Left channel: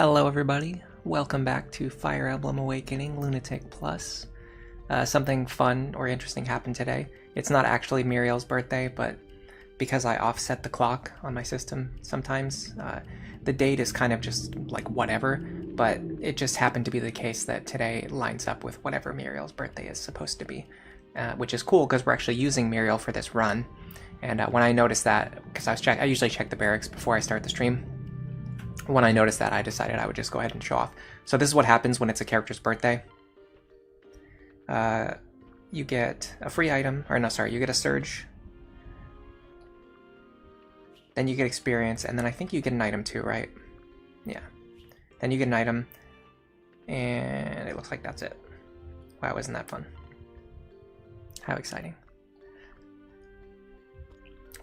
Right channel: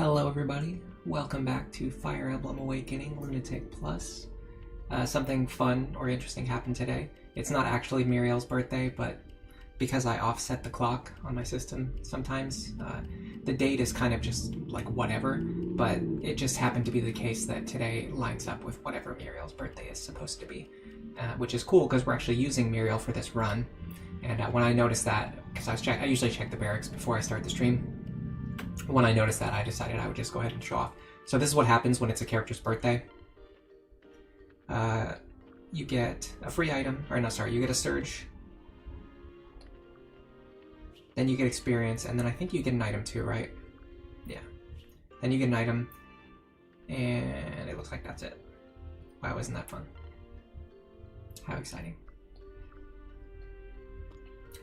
Hello everybody, welcome back to Fire Emblem Awakening Lunatic Plus. Something fun or interesting happened today. It's not actually Muriel's birthday, but because I offset the clock on my system sometimes, the date is kind of just like whatever, but it just happened to be the case that today lines up with whatever Muriel's birthday is supposed to be, which is cool because we're actually using Muriel for this run. And when I noticed that, because I usually check the barracks before I start the stream, when I noticed that, I decided I would just go ahead and show off. So this is what happens when it's a character's birthday. You get a free item, or no, sorry, you get a surge. Then you get experience, and then I think you get an item too, right? Yeah. Then you get an item, and it looks like that's it. Wow, isn't that fun? How exciting.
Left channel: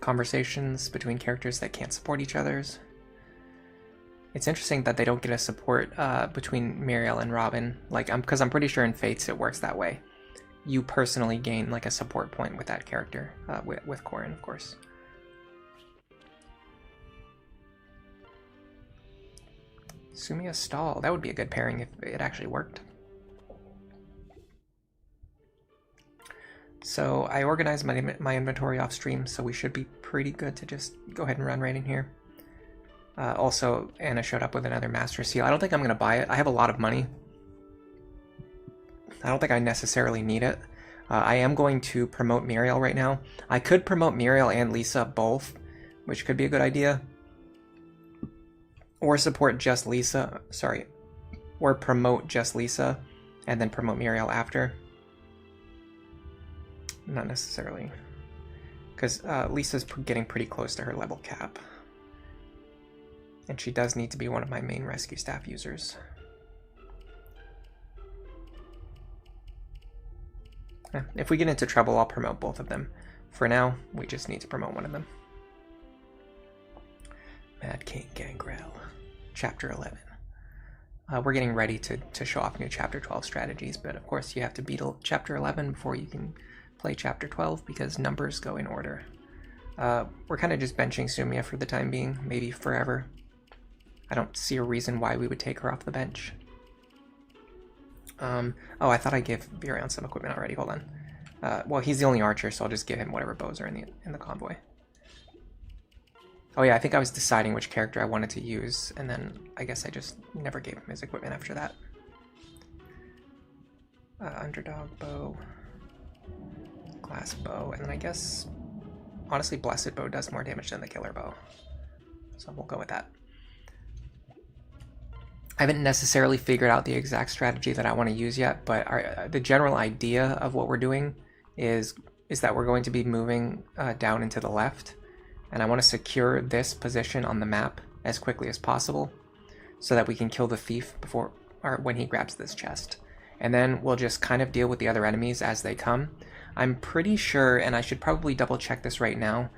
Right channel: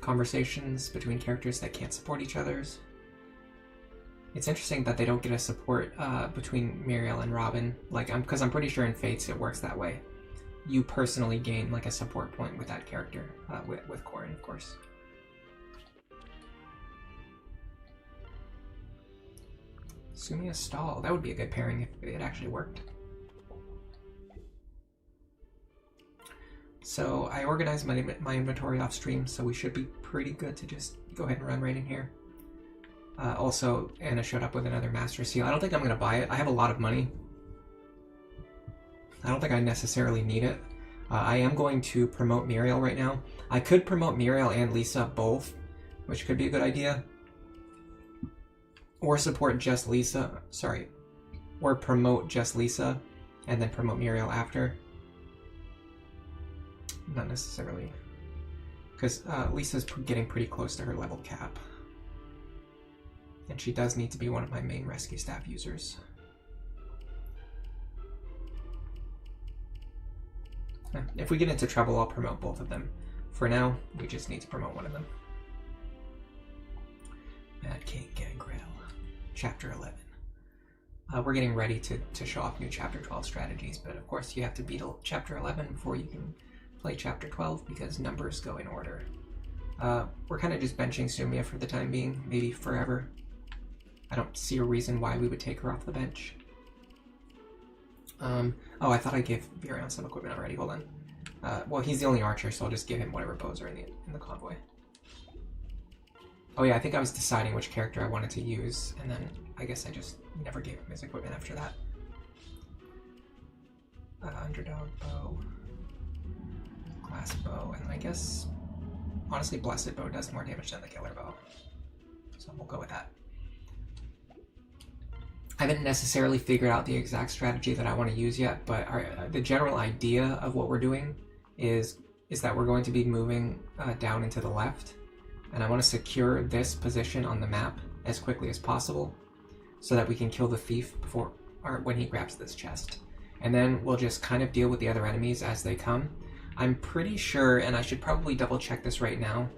Conversations between characters that can't support each other's. It's interesting that they don't get a support between Muriel and Robin, like because I'm pretty sure in Fates it works that way. You personally gain like a support point with that character, with Corin, of course. Sumia Stall, that would be a good pairing if it actually worked. So I organized my inventory off stream, so we should be pretty good to just go ahead and run right in here. Also, Anna showed up with another Master Seal. I don't think I'm going to buy it. I have a lot of money. I don't think I necessarily need it. I am going to promote Muriel right now. I could promote Muriel and Lisa both, which could be a good idea. Or support just Lisa. Sorry. Or promote just Lisa and then promote Muriel after. Not necessarily. Because Lisa's getting pretty close to her level cap. And she does need to be one of my main rescue staff users. If we get into trouble, I'll promote both of them. For now, we just need to promote one of them. Mad King Gangrel, Chapter 11. We're getting ready to show off new Chapter 12 strategies, but of course you have to beat Chapter 11 before you can play Chapter 12 because numbers go in order. We're kind of just benching Sumia for the time being, maybe forever. I don't see a reason why we would take her off the bench. Oh, I thought I gave Virion some equipment already. Hold on. Well, he's the only archer, so I'll just give him whatever bows are in the convoy. Oh yeah, I think I was deciding which character I wanted to use, and then I guess I just never gave him his equipment after that. Underdog bow, glass bow, and then I guess, honestly, blessed bow does more damage than the killer bow, so we'll go with that. I haven't necessarily figured out the exact strategy that I want to use yet, but the general idea of what we're doing is that we're going to be moving down into the left, and I want to secure this position on the map as quickly as possible so that we can kill the thief before or when he grabs this chest. And then we'll just kind of deal with the other enemies as they come. I'm pretty sure, and I should probably double check this right now,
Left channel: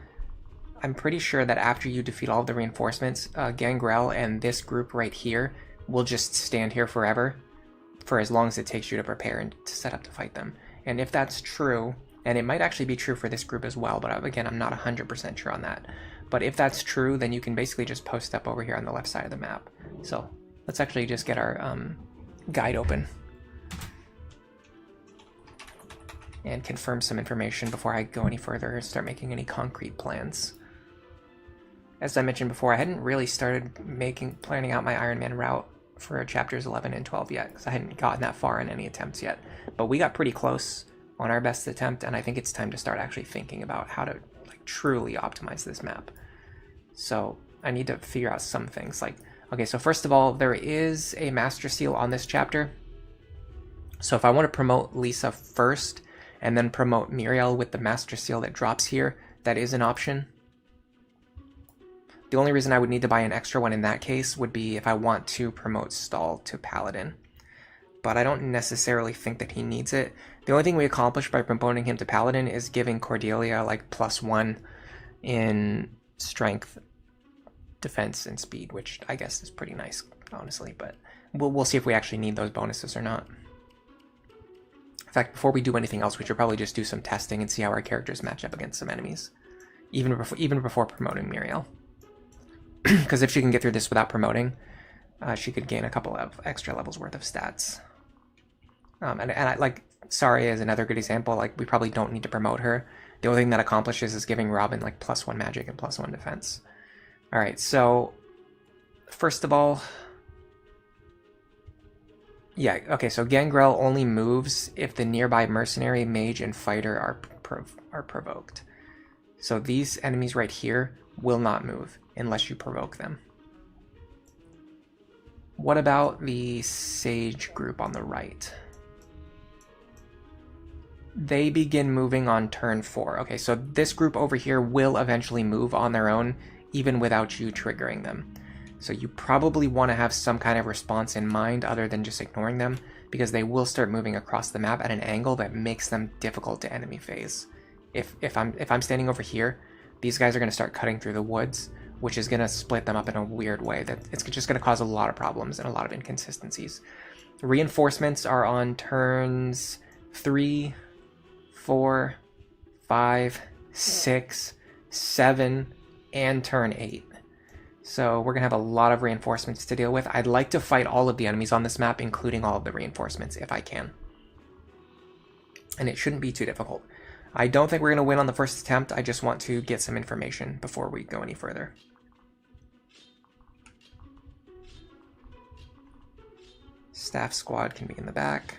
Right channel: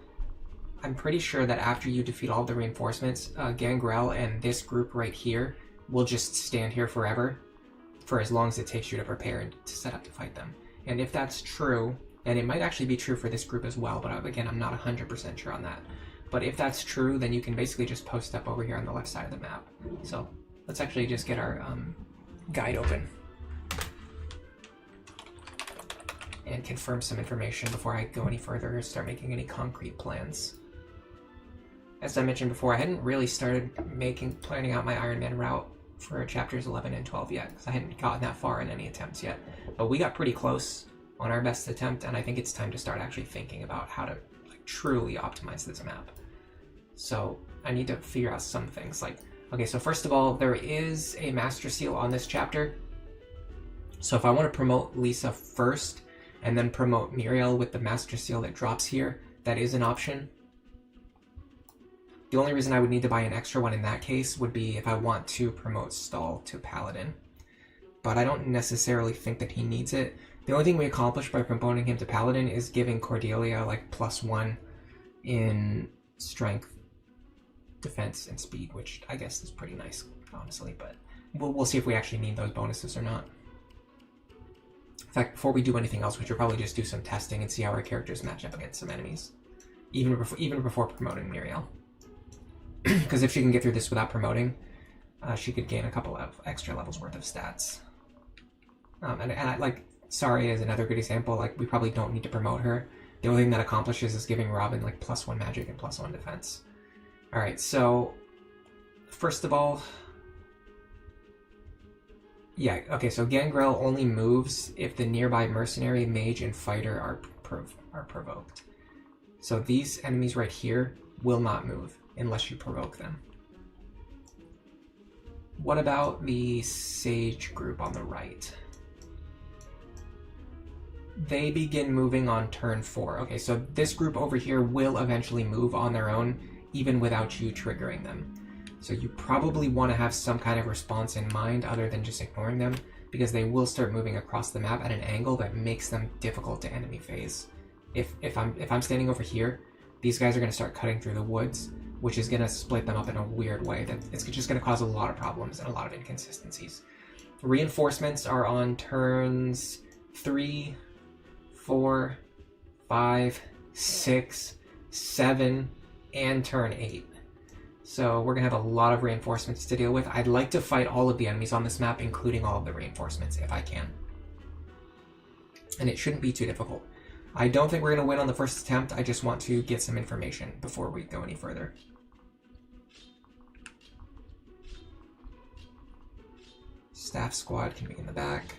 I'm pretty sure that after you defeat all of the reinforcements, Gangrel and this group right here will just stand here forever for as long as it takes you to prepare and to set up to fight them. And if that's true, and it might actually be true for this group as well, but again, I'm not 100% sure on that. But if that's true, then you can basically just post up over here on the left side of the map. So let's actually just get our guide open and confirm some information before I go any further or start making any concrete plans. As I mentioned before, I hadn't really started planning out my Iron Man route for chapters 11 and 12 yet, because I hadn't gotten that far in any attempts yet. But we got pretty close on our best attempt, and I think it's time to start actually thinking about how to like truly optimize this map. So I need to figure out some things. Like, okay, so first of all, there is a Master Seal on this chapter. So if I want to promote Lisa first, and then promote Muriel with the Master Seal that drops here, that is an option. The only reason I would need to buy an extra one in that case would be if I want to promote Stall to Paladin. But I don't necessarily think that he needs it. The only thing we accomplish by promoting him to Paladin is giving Cordelia like +1 in strength, defense, and speed, which I guess is pretty nice, honestly. But we'll see if we actually need those bonuses or not. In fact, before we do anything else, we should probably just do some testing and see how our characters match up against some enemies, even before promoting Muriel. Because if she can get through this without promoting, she could gain a couple of extra levels worth of stats. And I like Sari is another good example. Like we probably don't need to promote her. The only thing that accomplishes is giving Robin like +1 magic and +1 defense. All right, so first of all, yeah, okay. So Gangrel only moves if the nearby mercenary, mage, and fighter are provoked. So these enemies right here will not move unless you provoke them. What about the Sage group on the right? They begin moving on turn 4. Okay, so this group over here will eventually move on their own, even without you triggering them. So you probably want to have some kind of response in mind other than just ignoring them, because they will start moving across the map at an angle that makes them difficult to enemy phase. If I'm standing over here, these guys are going to start cutting through the woods, which is going to split them up in a weird way that it's just going to cause a lot of problems and a lot of inconsistencies. Reinforcements are on turns 3, 4, 5, 6, 7, and turn 8. So we're going to have a lot of reinforcements to deal with. I'd like to fight all of the enemies on this map, including all of the reinforcements, if I can. And it shouldn't be too difficult. I don't think we're going to win on the first attempt. I just want to get some information before we go any further. Staff squad can be in the back.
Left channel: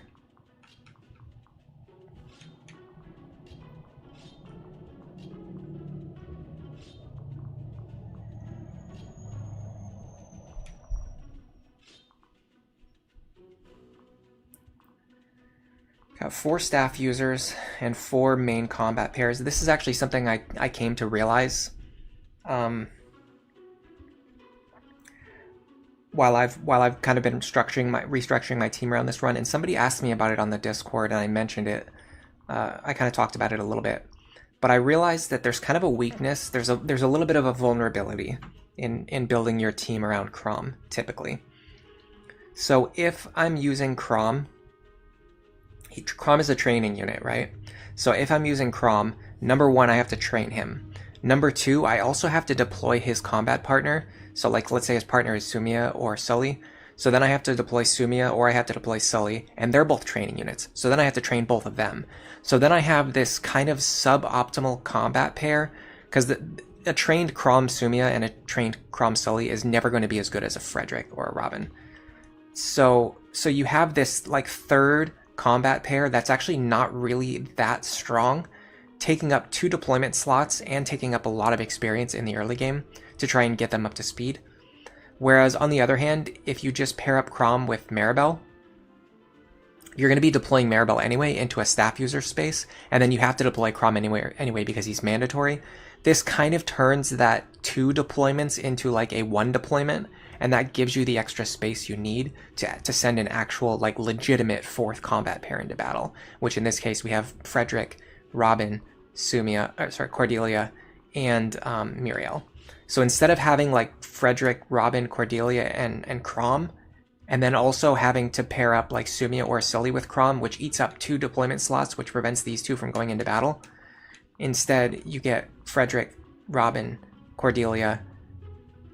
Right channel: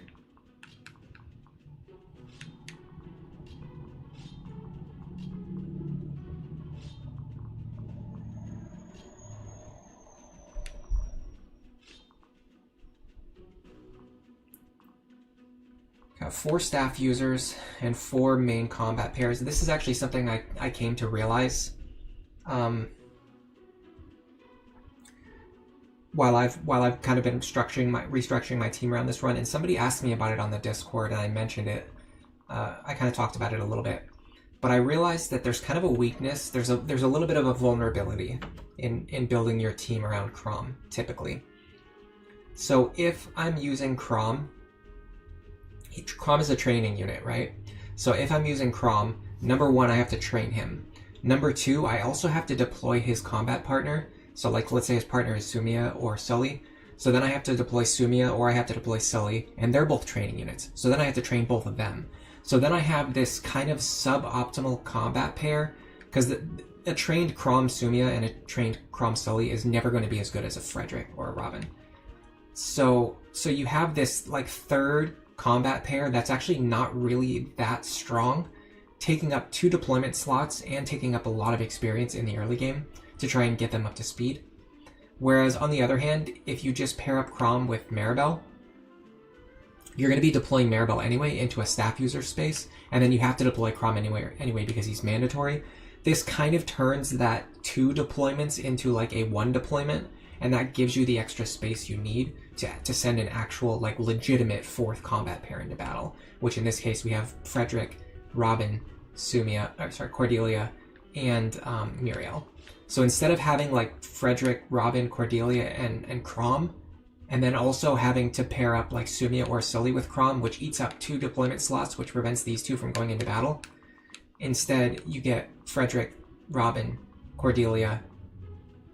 Got 4 staff users and 4 main combat pairs. This is actually something I came to realize while I've kind of been restructuring my team around this run, and somebody asked me about it on the Discord, and I mentioned it. I kind of talked about it a little bit, but I realized that there's kind of a weakness. There's a little bit of a vulnerability in building your team around Crom typically. So if I'm using Crom is a training unit, right? So if I'm using Crom, number 1, I have to train him. Number 2, I also have to deploy his combat partner. So like, let's say his partner is Sumia or Sully. So then I have to deploy Sumia or I have to deploy Sully, and they're both training units. So then I have to train both of them. So then I have this kind of suboptimal combat pair, because a trained Crom Sumia and a trained Crom Sully is never going to be as good as a Frederick or a Robin. So you have this like third combat pair that's actually not really that strong, taking up 2 deployment slots and taking up a lot of experience in the early game to try and get them up to speed. Whereas on the other hand, if you just pair up Crom with Maribel, you're going to be deploying Maribel anyway into a staff user space, and then you have to deploy Crom anyway because he's mandatory. This kind of turns that 2 deployments into like a 1 deployment, and that gives you the extra space you need to send an actual, like, legitimate 4th combat pair into battle, which in this case we have Frederick, Robin, Cordelia, and Muriel. So instead of having like Frederick, Robin, Cordelia, and Crom, and then also having to pair up like Sumia or Sully with Crom, which eats up 2 deployment slots, which prevents these 2 from going into battle, instead you get Frederick, Robin, Cordelia,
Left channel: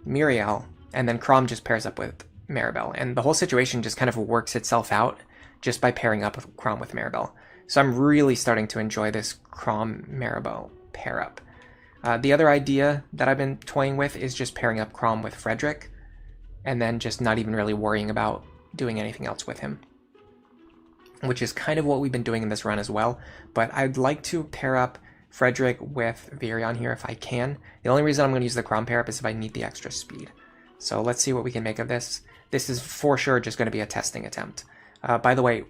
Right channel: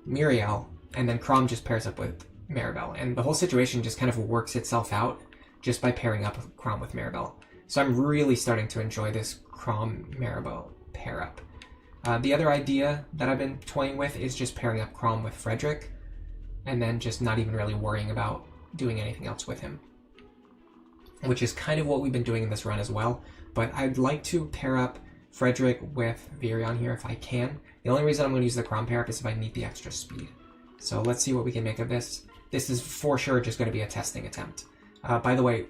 Muriel, and then Crom just pairs up with Maribel, and the whole situation just kind of works itself out just by pairing up with Crom with Maribel. So I'm really starting to enjoy this Crom-Maribel pair up. The other idea that I've been toying with is just pairing up Crom with Frederick, and then just not even really worrying about doing anything else with him, which is kind of what we've been doing in this run as well. But I'd like to pair up Frederick with Virion here if I can. The only reason I'm going to use the Crom pair up is if I need the extra speed. So let's see what we can make of this. This is for sure just going to be a testing attempt. By the way,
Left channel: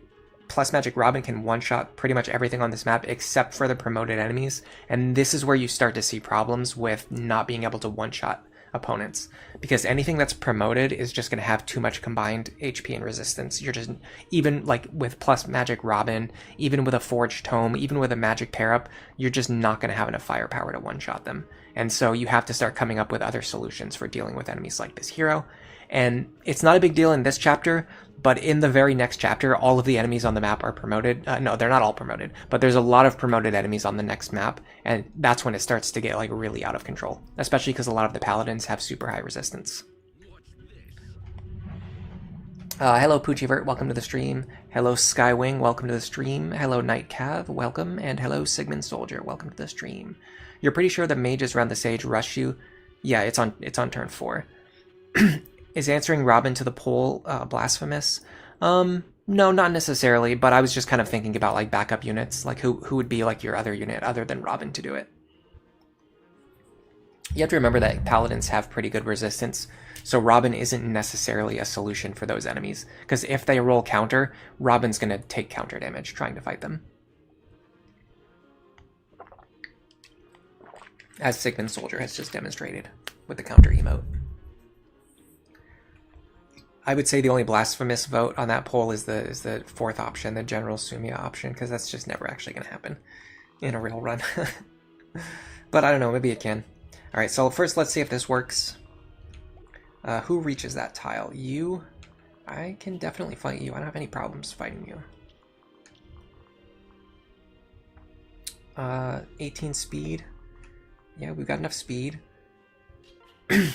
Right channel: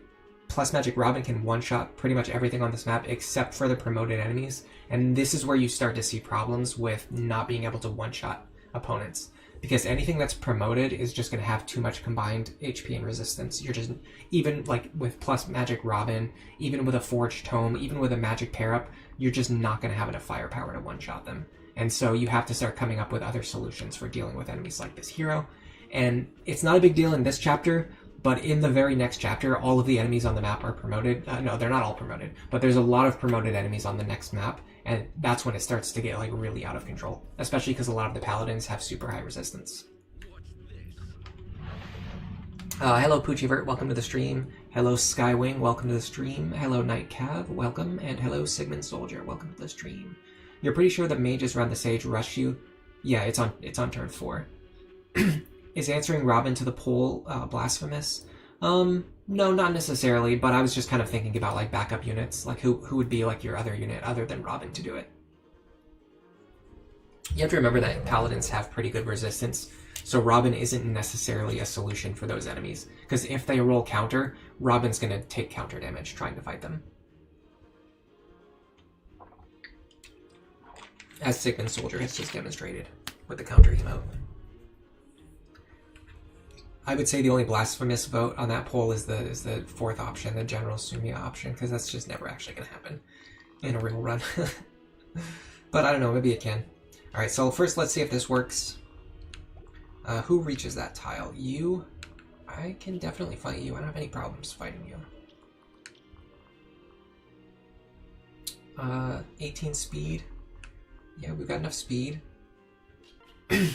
Plus Magic Robin can one-shot pretty much everything on this map except for the promoted enemies, and this is where you start to see problems with not being able to one-shot opponents, because anything that's promoted is just going to have too much combined HP and resistance. You're just, even like with Plus Magic Robin, even with a Forged Tome, even with a Magic pair-up, you're just not going to have enough firepower to one-shot them. And so you have to start coming up with other solutions for dealing with enemies like this hero. And it's not a big deal in this chapter, but in the very next chapter, all of the enemies on the map are promoted. No, they're not all promoted, but there's a lot of promoted enemies on the next map, and that's when it starts to get like really out of control, especially because a lot of the paladins have super high resistance. Hello Poochievert, welcome to the stream. Hello Skywing, welcome to the stream. Hello Night Cav, welcome. And hello Sigmund Soldier, welcome to the stream. You're pretty sure the mages around the sage rush you? Yeah, it's on turn 4. Is answering Robin to the poll blasphemous? No, not necessarily, but I was just kind of thinking about like backup units, like who would be like your other unit other than Robin to do it. You have to remember that paladins have pretty good resistance, so Robin isn't necessarily a solution for those enemies, because if they roll counter, Robin's going to take counter damage trying to fight them. As Sigmund Soldier has just demonstrated with the counter emote. I would say the only blasphemous vote on that poll is the fourth option, the General Sumia option, because that's just never actually going to happen in a real run. But I don't know, maybe it can. Alright, so first let's see if this works. Who reaches that tile? You? I can definitely fight you. I don't have any problems fighting you. 18 speed. Yeah, we've got enough speed.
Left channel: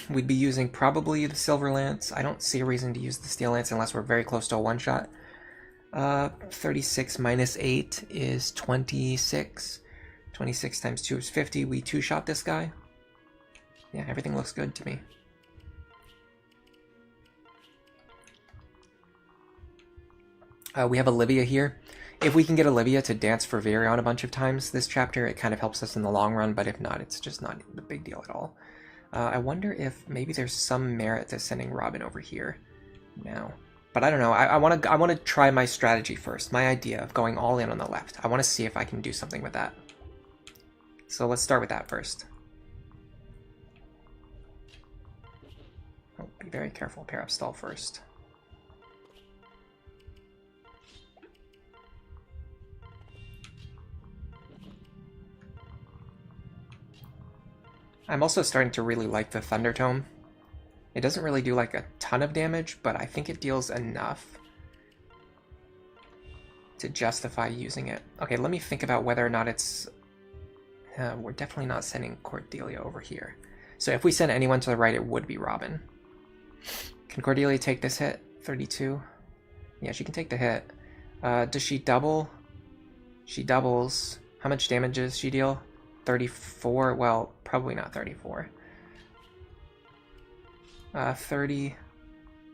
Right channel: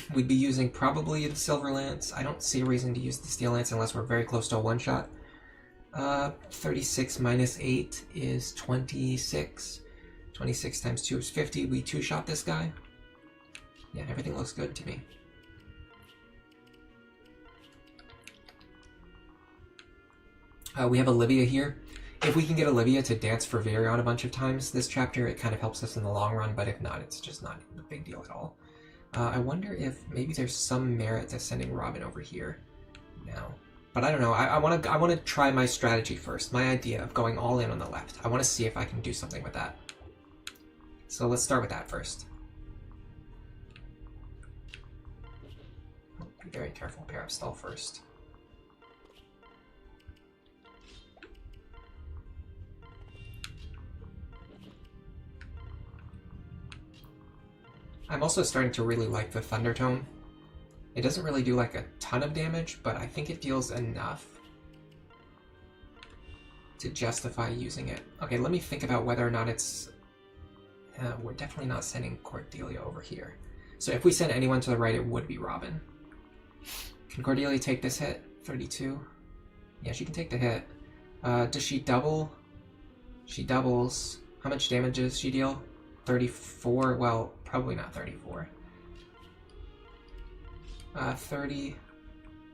We'd be using probably the Silver Lance. I don't see a reason to use the Steel Lance unless we're very close to a one-shot. 36 minus 8 is 26. 26 times 2 is 50. We two-shot this guy. Yeah, everything looks good to me. We have Olivia here. If we can get Olivia to dance for Virion a bunch of times this chapter, it kind of helps us in the long run, but if not, it's just not a big deal at all. I wonder if maybe there's some merit to sending Robin over here now. But I don't know. I want to try my strategy first. My idea of going all in on the left. I want to see if I can do something with that. So let's start with that first. Oh, be very careful. Pair up stall first. I'm also starting to really like the Thunder Tome. It doesn't really do like a ton of damage, but I think it deals enough to justify using it. Okay, let me think about whether or not it's... we're definitely not sending Cordelia over here. So if we send anyone to the right, it would be Robin. Can Cordelia take this hit? 32? Yeah, she can take the hit. Does she double? She doubles. How much damage does she deal? 34? Well, probably not 34. 30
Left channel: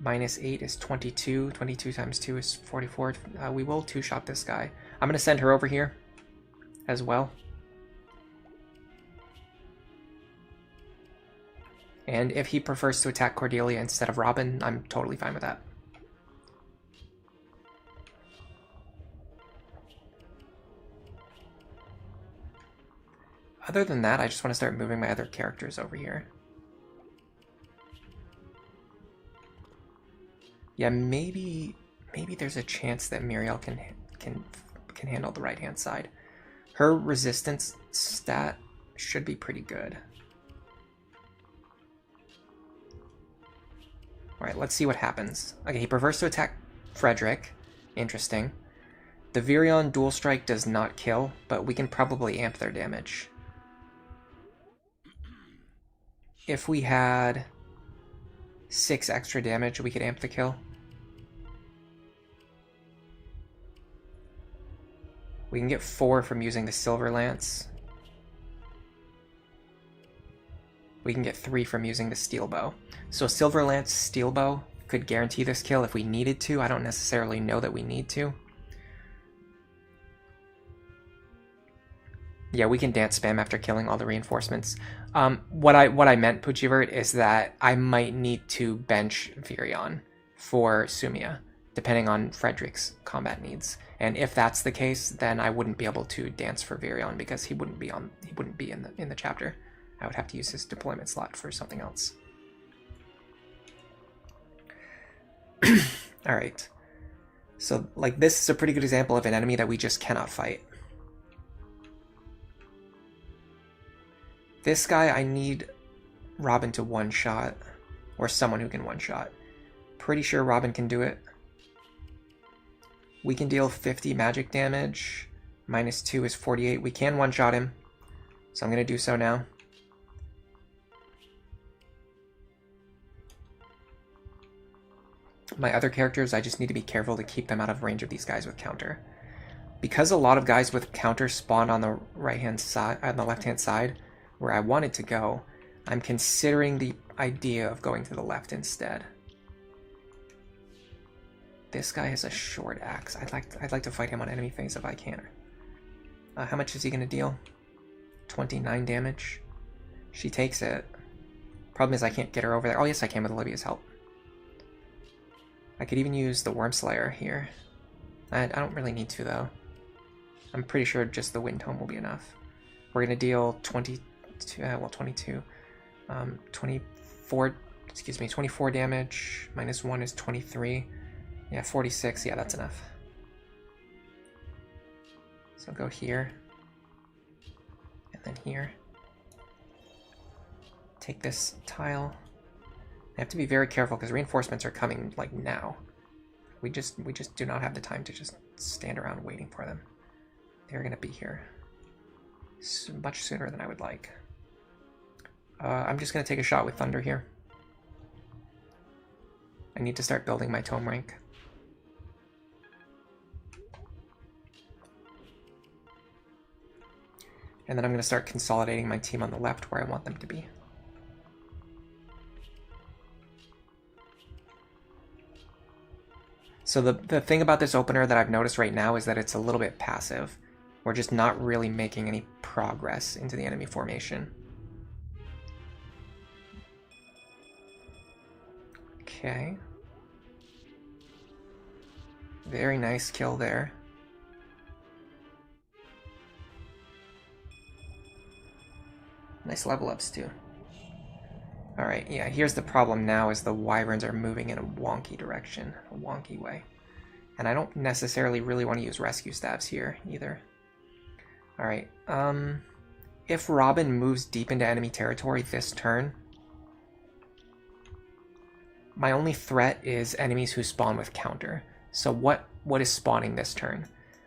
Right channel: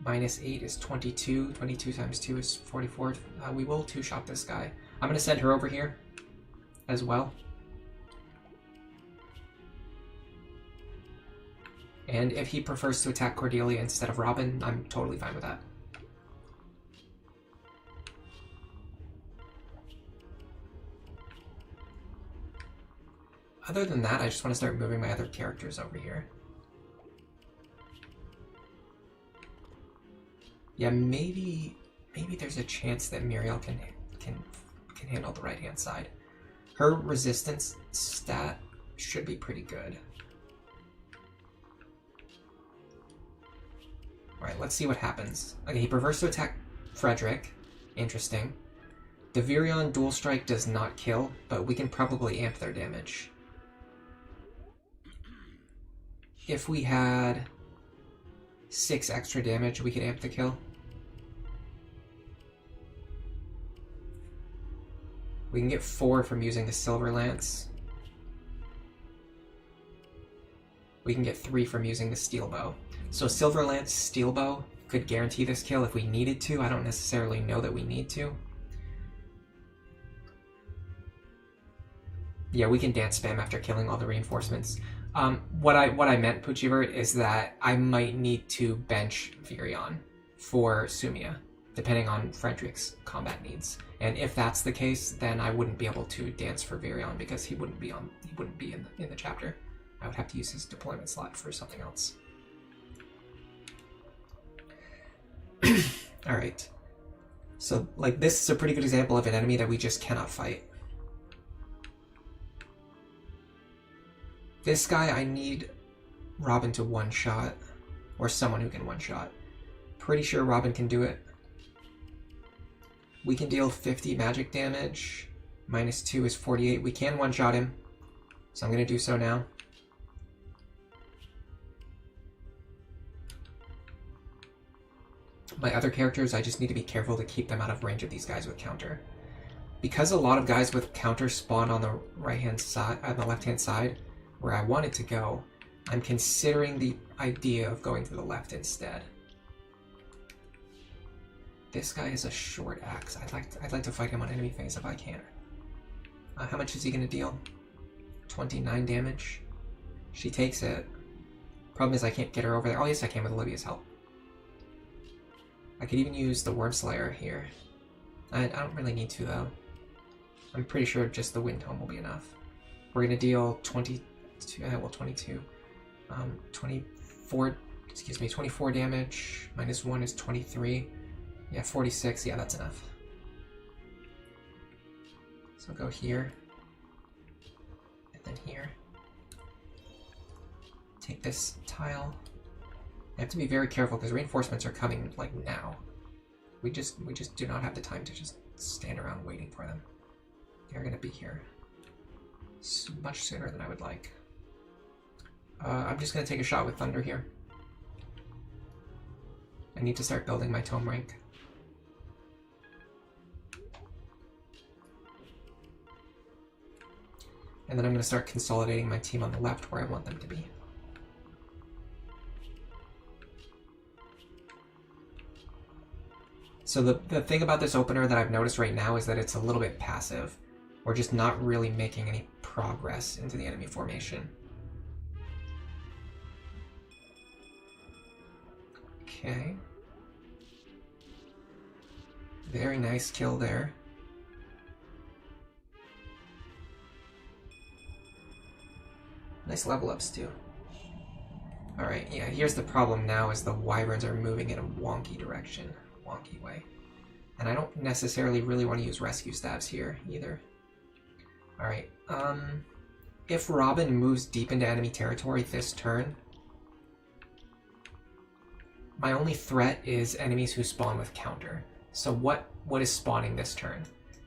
minus 8 is 22. 22 times 2 is 44. We will two-shot this guy. I'm going to send her over here as well. And if he prefers to attack Cordelia instead of Robin, I'm totally fine with that. Other than that, I just want to start moving my other characters over here. Yeah, maybe there's a chance that Muriel can handle the right-hand side. Her resistance stat should be pretty good. Alright, let's see what happens. Okay, he prefers to attack Frederick. Interesting. The Virion dual strike does not kill, but we can probably amp their damage. If we had 6 extra damage, we could amp the kill. We can get 4 from using the Silver Lance. We can get 3 from using the Steel Bow. So Silver Lance, Steel Bow could guarantee this kill if we needed to. I don't necessarily know that we need to. Yeah, we can dance spam after killing all the reinforcements. What I meant, Poochievert, is that I might need to bench Virion for Sumia, depending on Frederick's combat needs. And if that's the case, then I wouldn't be able to dance for Virion because he wouldn't be in the chapter. I would have to use his deployment slot for something else. All right. So like this is a pretty good example of an enemy that we just cannot fight. This guy, I need Robin to one-shot, or someone who can one-shot. Pretty sure Robin can do it. We can deal 50 magic damage. Minus 2 is 48. We can one-shot him, so I'm going to do so now. My other characters, I just need to be careful to keep them out of range of these guys with counter. Because a lot of guys with counter spawn on the right-hand side, on the left-hand side, where I wanted to go, I'm considering the idea of going to the left instead. This guy has a short axe. I'd like to fight him on enemy phase if I can. How much is he going to deal? 29 damage. She takes it. Problem is I can't get her over there. Oh yes, I can with Olivia's help. I could even use the Worm Slayer here. I don't really need to though. I'm pretty sure just the Wind Tome will be enough. We're going to deal 24 damage. Minus 1 is 23. Yeah, 46. Yeah, that's enough. So go here. And then here. Take this tile. I have to be very careful because reinforcements are coming like now. We just do not have the time to just stand around waiting for them. They're going to be here much sooner than I would like. I'm just going to take a shot with Thunder here. I need to start building my tome rank. And then I'm going to start consolidating my team on the left where I want them to be. So the thing about this opener that I've noticed right now is that it's a little bit passive. We're just not really making any progress into the enemy formation. Okay. Very nice kill there. Nice level ups too. Alright, yeah, here's the problem now is the wyverns are moving in a wonky direction, a wonky way. And I don't necessarily really want to use rescue staves here either. Alright, if Robin moves deep into enemy territory this turn, my only threat is enemies who spawn with counter. So what is spawning this turn?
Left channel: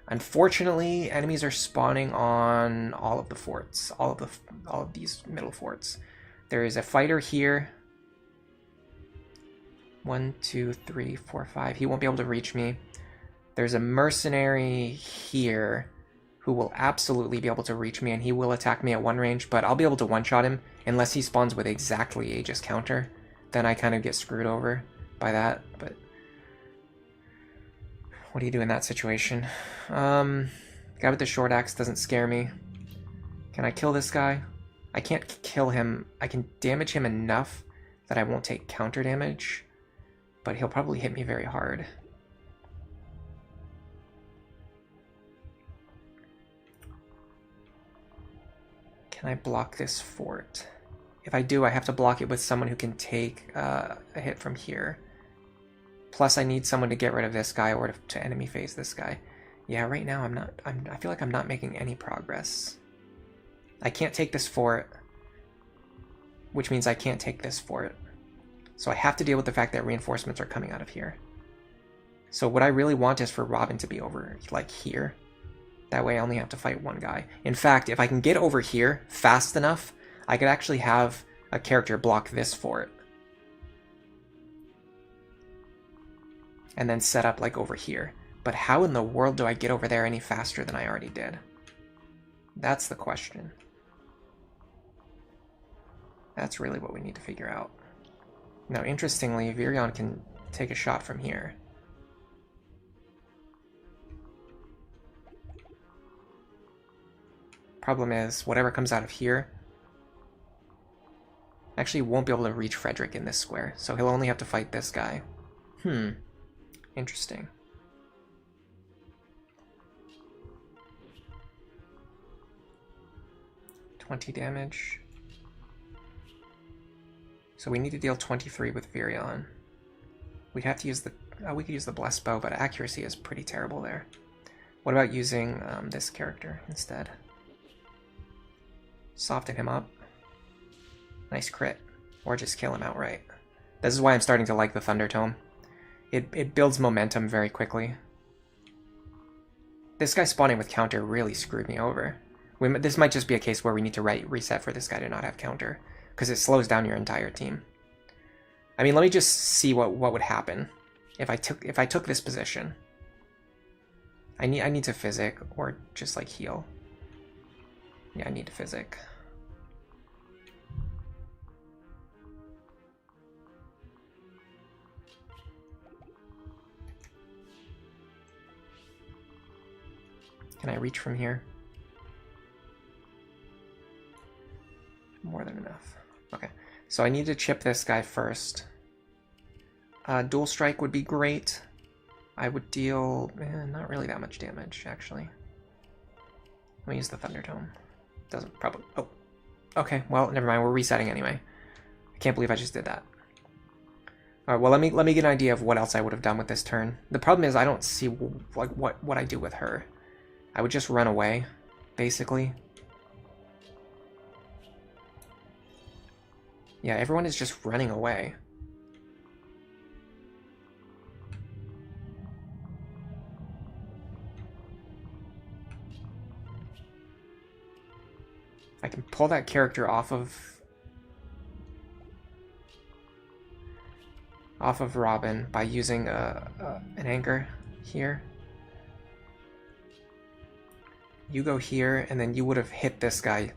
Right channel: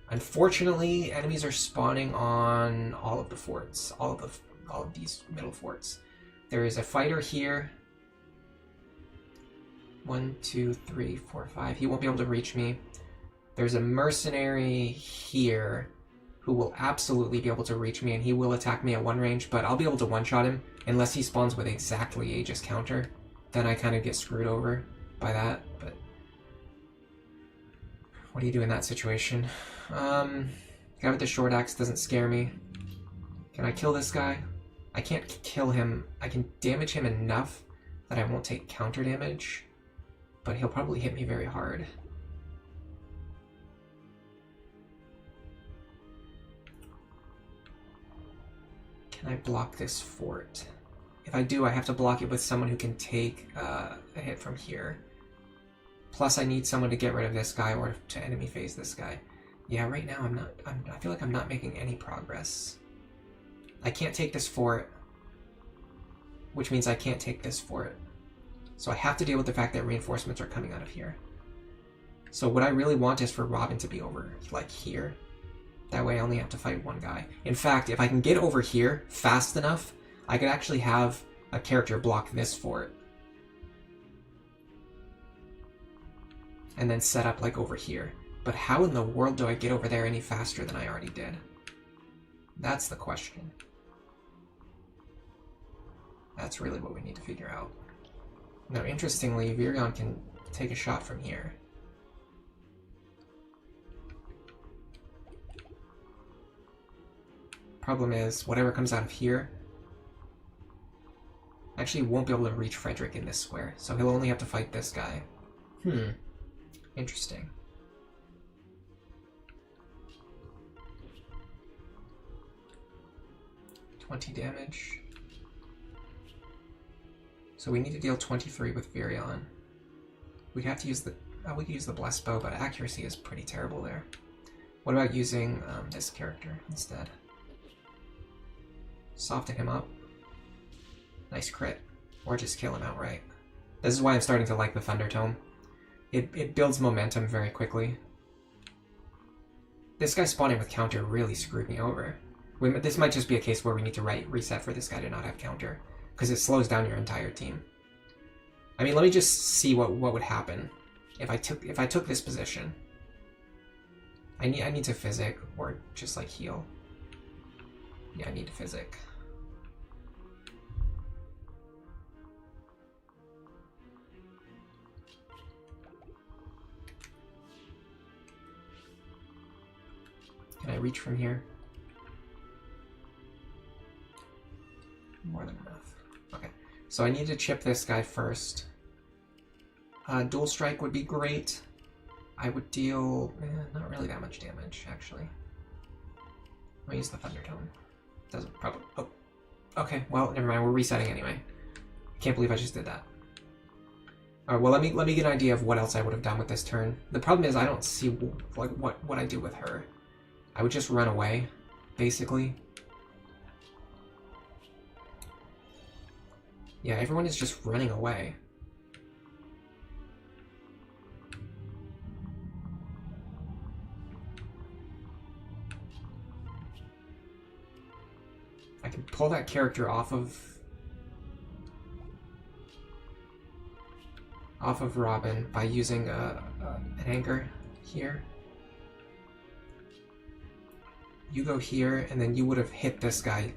Unfortunately, enemies are spawning on all of the forts, all of these middle forts. There is a fighter here. 1, 2, 3, 4, 5. He won't be able to reach me. There's a mercenary here who will absolutely be able to reach me, and he will attack me at one range, but I'll be able to one-shot him unless he spawns with exactly Aegis counter. Then I kind of get screwed over by that, but what do you do in that situation? Guy with the short axe doesn't scare me. Can I kill this guy? I can't kill him. I can damage him enough that I won't take counter damage, but he'll probably hit me very hard. Can I block this fort? If I do, I have to block it with someone who can take a hit from here. Plus, I need someone to get rid of this guy or to enemy phase this guy. Yeah, right now I feel like I'm not making any progress. I can't take this fort, which means I can't take this fort. So I have to deal with the fact that reinforcements are coming out of here. So what I really want is for Robin to be over, like, here. That way I only have to fight one guy. In fact, if I can get over here fast enough, I could actually have a character block this fort. And then set up, like, over here. But how in the world do I get over there any faster than I already did? That's the question. That's really what we need to figure out. Now, interestingly, Virion can take a shot from here. Problem is, whatever comes out of here actually won't be able to reach Frederick in this square, so he'll only have to fight this guy. Interesting. $20 damage. So we need to deal 23 with Virion. We'd have to use the... we could use the Blessed Bow, but accuracy is pretty terrible there. What about using this character instead? Soften him up. Nice crit. Or just kill him outright. This is why I'm starting to like the Thunder Tome. It builds momentum very quickly. This guy spawning with counter really screwed me over. This might just be a case where we need to reset for this guy to not have counter, because it slows down your entire team. I mean, let me just see what would happen if I took this position. I need to physic or just like heal. Yeah, I need to physic. Can I reach from here? More than enough. Okay, so I need to chip this guy first. Dual strike would be great. I would deal, not really that much damage, actually. Let me use the Thunder Tome. Doesn't probably, oh. Okay, well, never mind, we're resetting anyway. I can't believe I just did that. Alright, well, let me get an idea of what else I would have done with this turn. The problem is I don't see, like, what I do with her. I would just run away, basically. Yeah, everyone is just running away. I can pull that character off of Robin by using an anchor here. You go here, and then you would have hit this guy.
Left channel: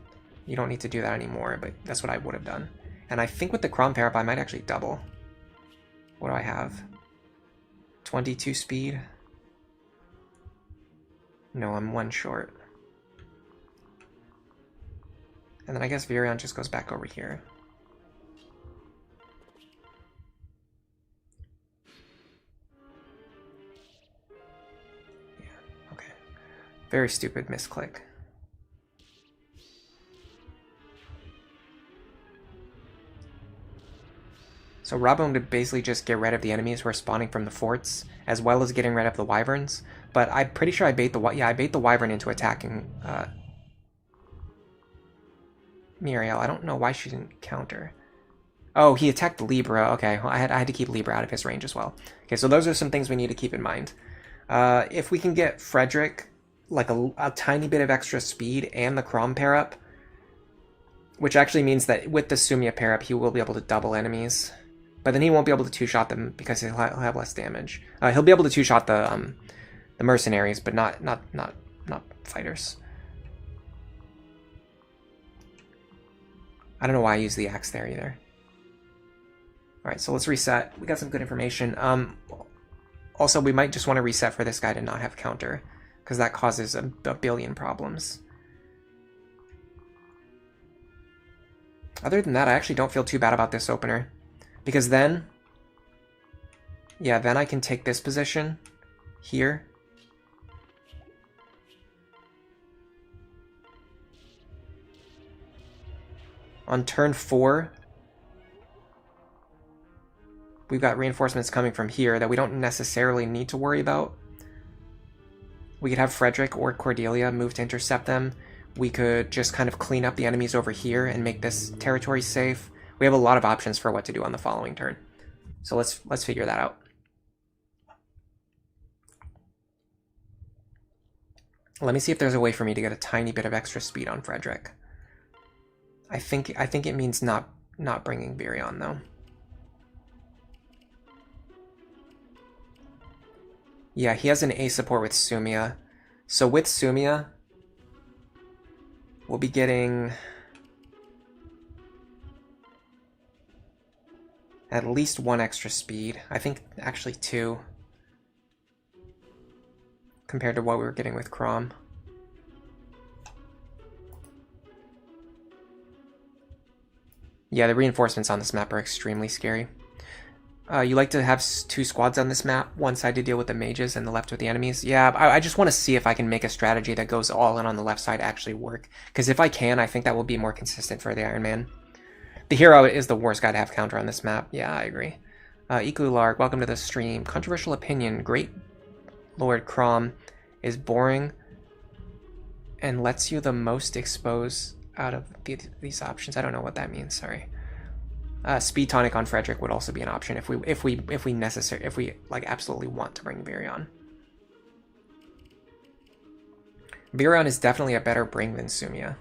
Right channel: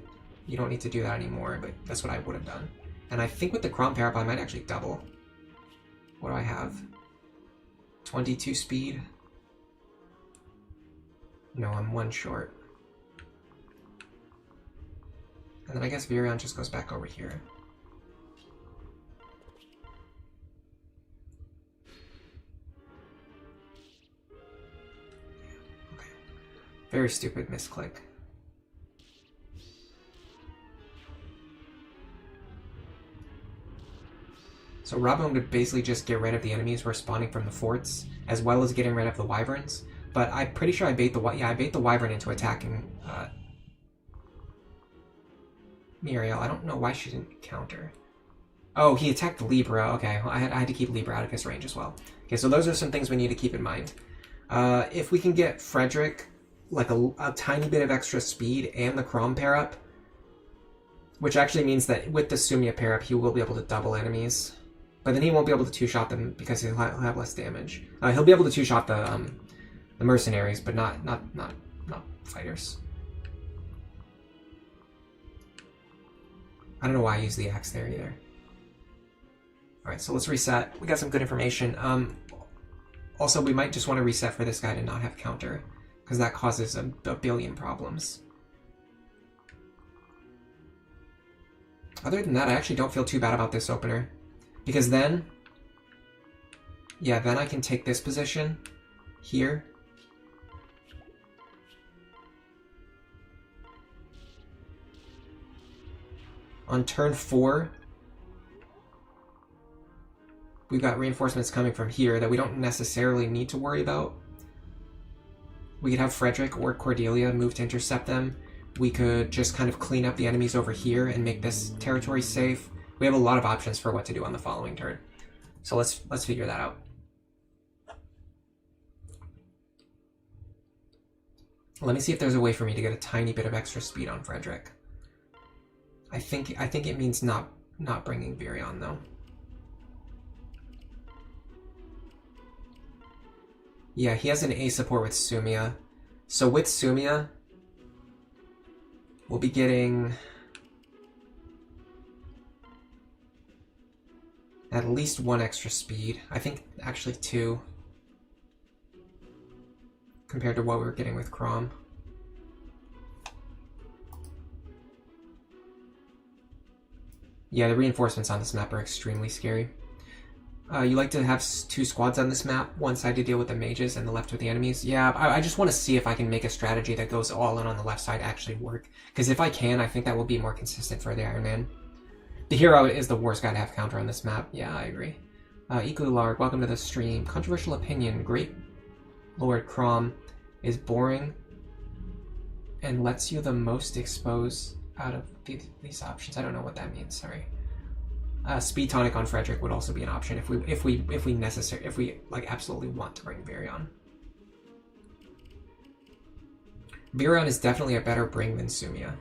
You don't need to do that anymore, but that's what I would have done. And I think with the Crom pair up, I might actually double. What do I have? 22 speed? No, I'm 1 short. And then I guess Virion just goes back over here. Yeah, okay. Very stupid misclick. So Robin would basically just get rid of the enemies who are spawning from the forts, as well as getting rid of the wyverns. But I'm pretty sure I bait the wyvern into attacking Muriel. I don't know why she didn't counter. Oh, he attacked Libra. Okay, well, I had to keep Libra out of his range as well. Okay, so those are some things we need to keep in mind. If we can get Frederick like a tiny bit of extra speed and the Crom pair up, which actually means that with the Sumia pair up, he will be able to double enemies. But then he won't be able to two-shot them because he'll have less damage. He'll be able to two-shot the mercenaries, but not fighters. I don't know why I used the axe there either. Alright, so let's reset. We got some good information. Also, we might just want to reset for this guy to not have counter, because that causes a billion problems. Other than that, I actually don't feel too bad about this opener. Because then, yeah, then I can take this position here. On turn 4, we've got reinforcements coming from here that we don't necessarily need to worry about. We could have Frederick or Cordelia move to intercept them. We could just kind of clean up the enemies over here and make this territory safe. We have a lot of options for what to do on the following turn. So let's figure that out. Let me see if there's a way for me to get a tiny bit of extra speed on Frederick. I think it means not bringing Virion though. Yeah, he has an A support with Sumia. So with Sumia, we'll be getting at least 1 extra speed. I think actually 2 compared to what we were getting with Crom. Yeah, the reinforcements on this map are extremely scary. You like to have 2 squads on this map, one side to deal with the mages and the left with the enemies. Yeah, I just want to see if I can make a strategy that goes all in on the left side actually work. Because if I can, I think that will be more consistent for the Iron Man. The hero is the worst guy to have counter on this map. Yeah, I agree. Ikulark, welcome to the stream. Controversial opinion. Great Lord Crom is boring and lets you the most expose out of these options. I don't know what that means, sorry. Speed tonic on Frederick would also be an option if we like absolutely want to bring Virion. Virion is definitely a better bring than Sumia.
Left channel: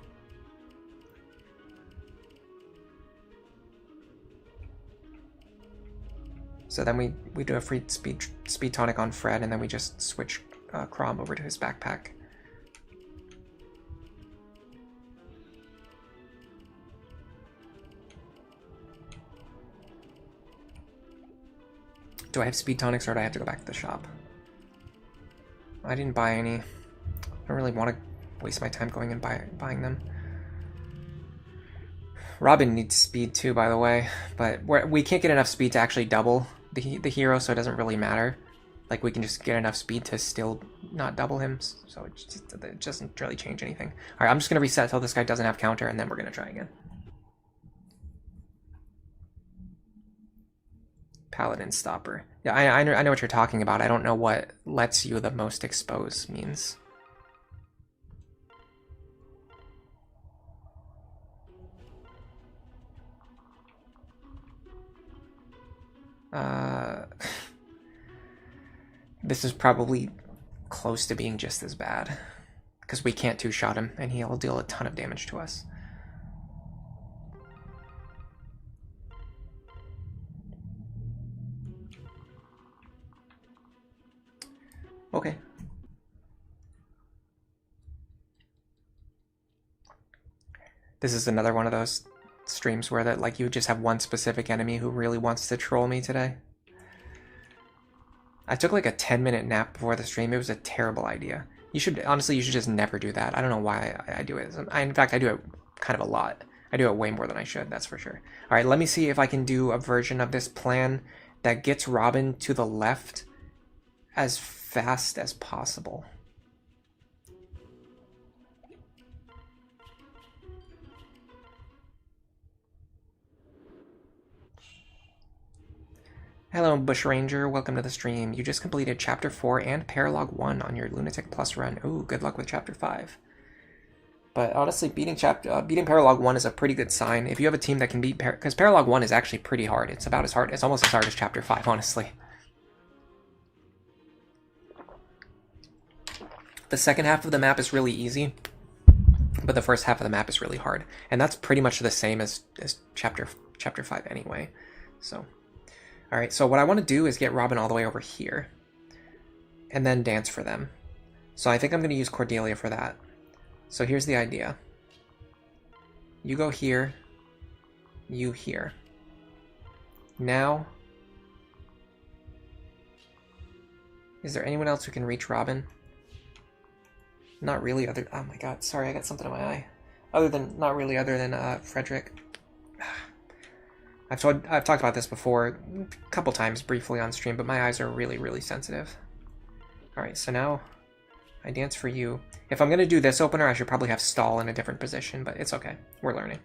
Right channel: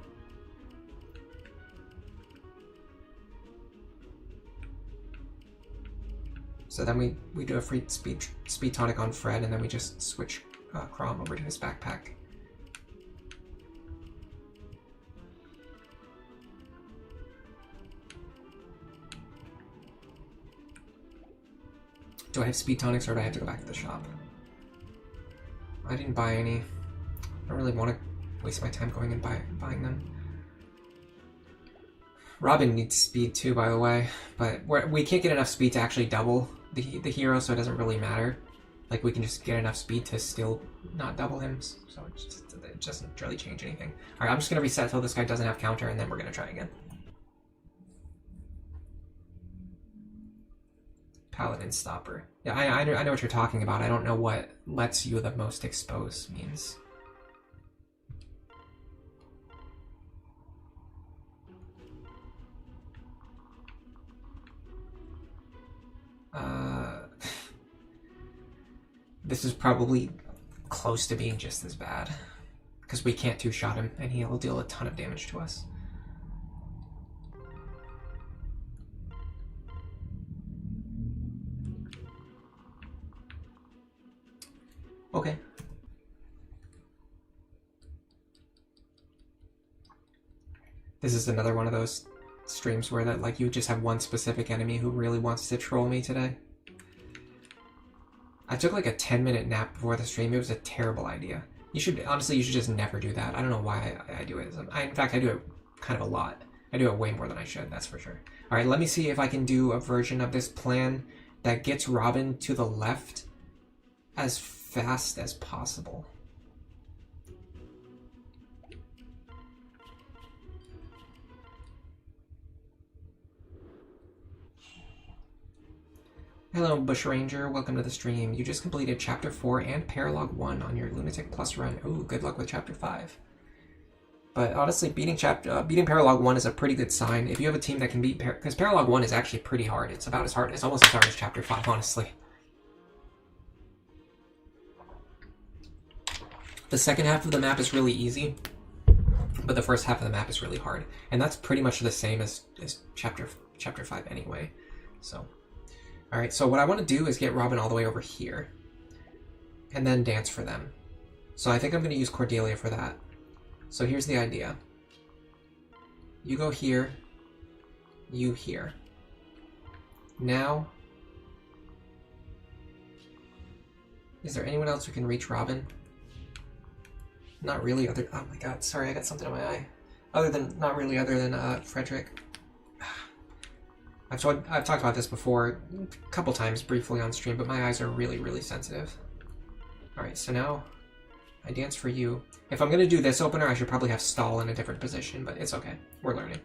So then we do a free speed tonic on Fred, and then we just switch Crom over to his backpack. Do I have speed tonics, or do I have to go back to the shop? I didn't buy any. I don't really want to waste my time going and buying them. Robin needs speed too, by the way, but we can't get enough speed to actually double the hero, so it doesn't really matter. Like, we can just get enough speed to still not double him, so it doesn't really change anything. Alright, I'm just going to reset till this guy doesn't have counter, and then we're going to try again. Paladin Stopper. Yeah, I know what you're talking about. I don't know what lets you the most expose means. This is probably close to being just as bad, because we can't two-shot him, and he'll deal a ton of damage to us. Okay. This is another one of those streams where that, like, you just have one specific enemy who really wants to troll me today. I took like a 10-minute nap before the stream. It was a terrible idea. Honestly, you should just never do that. I don't know why I do it. In fact, I do it kind of a lot. I do it way more than I should, that's for sure. All right, let me see if I can do a version of this plan that gets Robin to the left as fast as possible. Hello, Bushranger. Welcome to the stream. You just completed Chapter 4 and Paralog 1 on your Lunatic Plus run. Ooh, good luck with Chapter 5. But honestly, beating Paralog 1 is a pretty good sign. If you have a team that can beat because Paralog 1 is actually pretty hard. It's about as hard. It's almost as hard as Chapter 5, honestly. The second half of the map is really easy, but the first half of the map is really hard. And that's pretty much the same as Chapter 5 anyway. So... Alright, so what I want to do is get Robin all the way over here, and then dance for them. So I think I'm going to use Cordelia for that. So here's the idea. You go here, you here. Now, is there anyone else who can reach Robin? Not really oh my god, sorry, I got something in my eye. Other than Frederick. I've talked about this before a couple times briefly on stream, but my eyes are really, really sensitive. Alright, so now I dance for you. If I'm going to do this opener, I should probably have Stall in a different position, but it's okay. We're learning.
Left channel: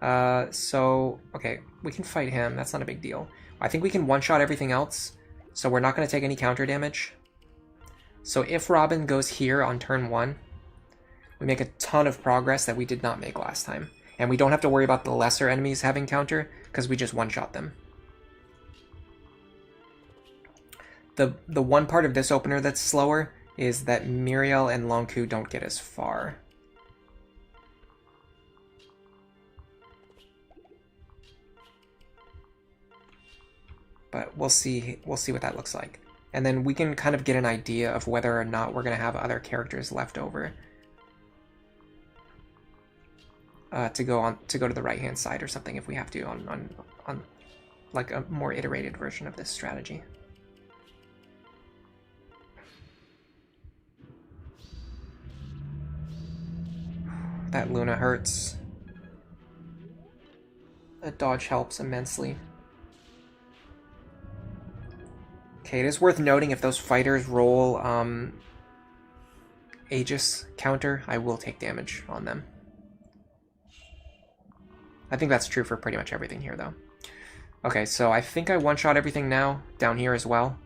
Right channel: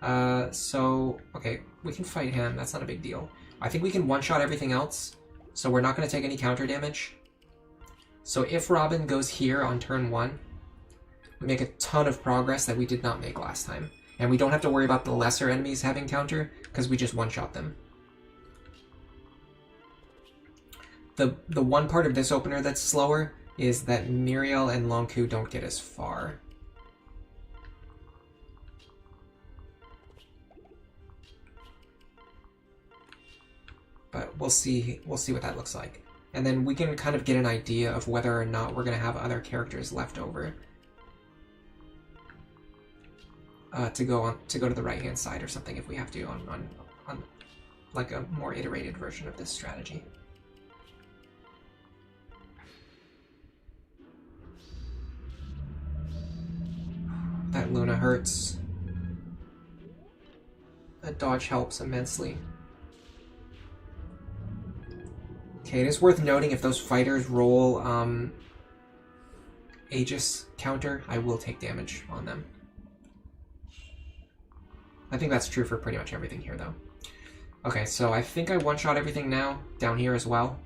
Okay, we can fight him. That's not a big deal. I think we can one-shot everything else, so we're not going to take any counter damage. So if Robin goes here on turn 1, we make a ton of progress that we did not make last time. And we don't have to worry about the lesser enemies having counter, because we just one-shot them. The one part of this opener that's slower is that Muriel and Longku don't get as far. But we'll see what that looks like. And then we can kind of get an idea of whether or not we're going to have other characters left over. To go to the right hand side or something if we have to on like a more iterated version of this strategy. That Luna hurts. That dodge helps immensely. Okay, it is worth noting if those fighters roll Aegis counter, I will take damage on them. I think that's true for pretty much everything here, though. Okay, so I think I one-shot everything now, down here as well.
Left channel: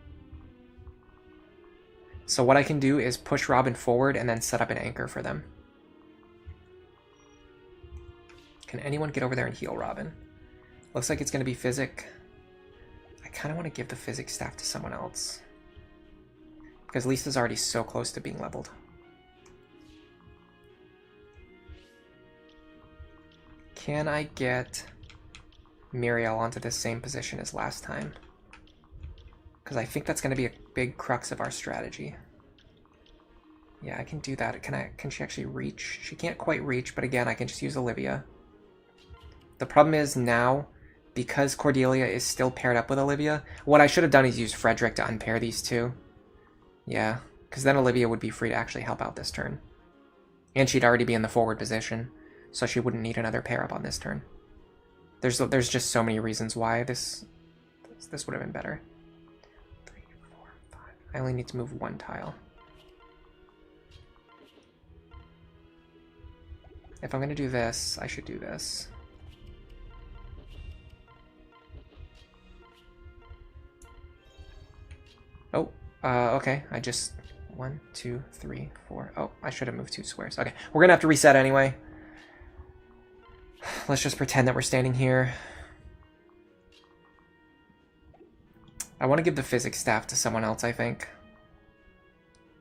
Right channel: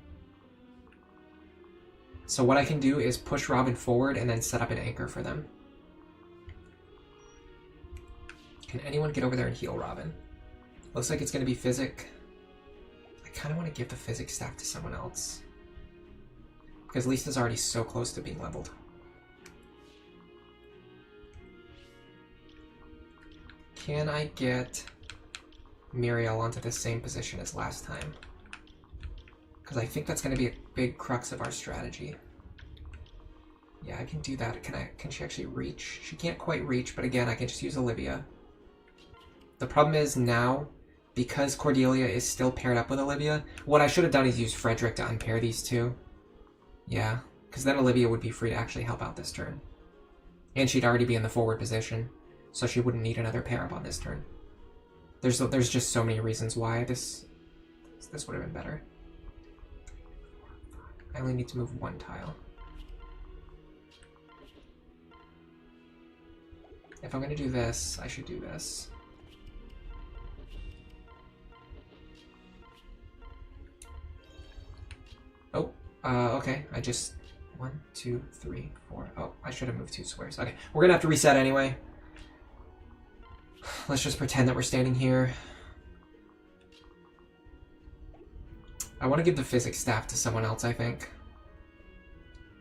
So what I can do is push Robin forward and then set up an anchor for them. Can anyone get over there and heal Robin? Looks like it's going to be Physic. I kind of want to give the Physic staff to someone else, because Lisa's already so close to being leveled. Can I get Muriel onto the same position as last time? Because I think that's going to be a big crux of our strategy. Yeah, I can do that. Can she actually reach? She can't quite reach, but again, I can just use Olivia. The problem is now, because Cordelia is still paired up with Olivia, what I should have done is use Frederick to unpair these two. Yeah, because then Olivia would be free to actually help out this turn. And she'd already be in the forward position, so she wouldn't need another pair up on this turn. There's just so many reasons why this would have been better. 3, 4, 5. I only need to move one tile. If I'm going to do this, I should do this. Oh, okay. I just... 1, 2, 3, 4. Oh, I should have moved 2 squares. Okay, we're going to have to reset anyway. Let's just pretend that we're standing here. I want to give the physics staff to someone else, I think.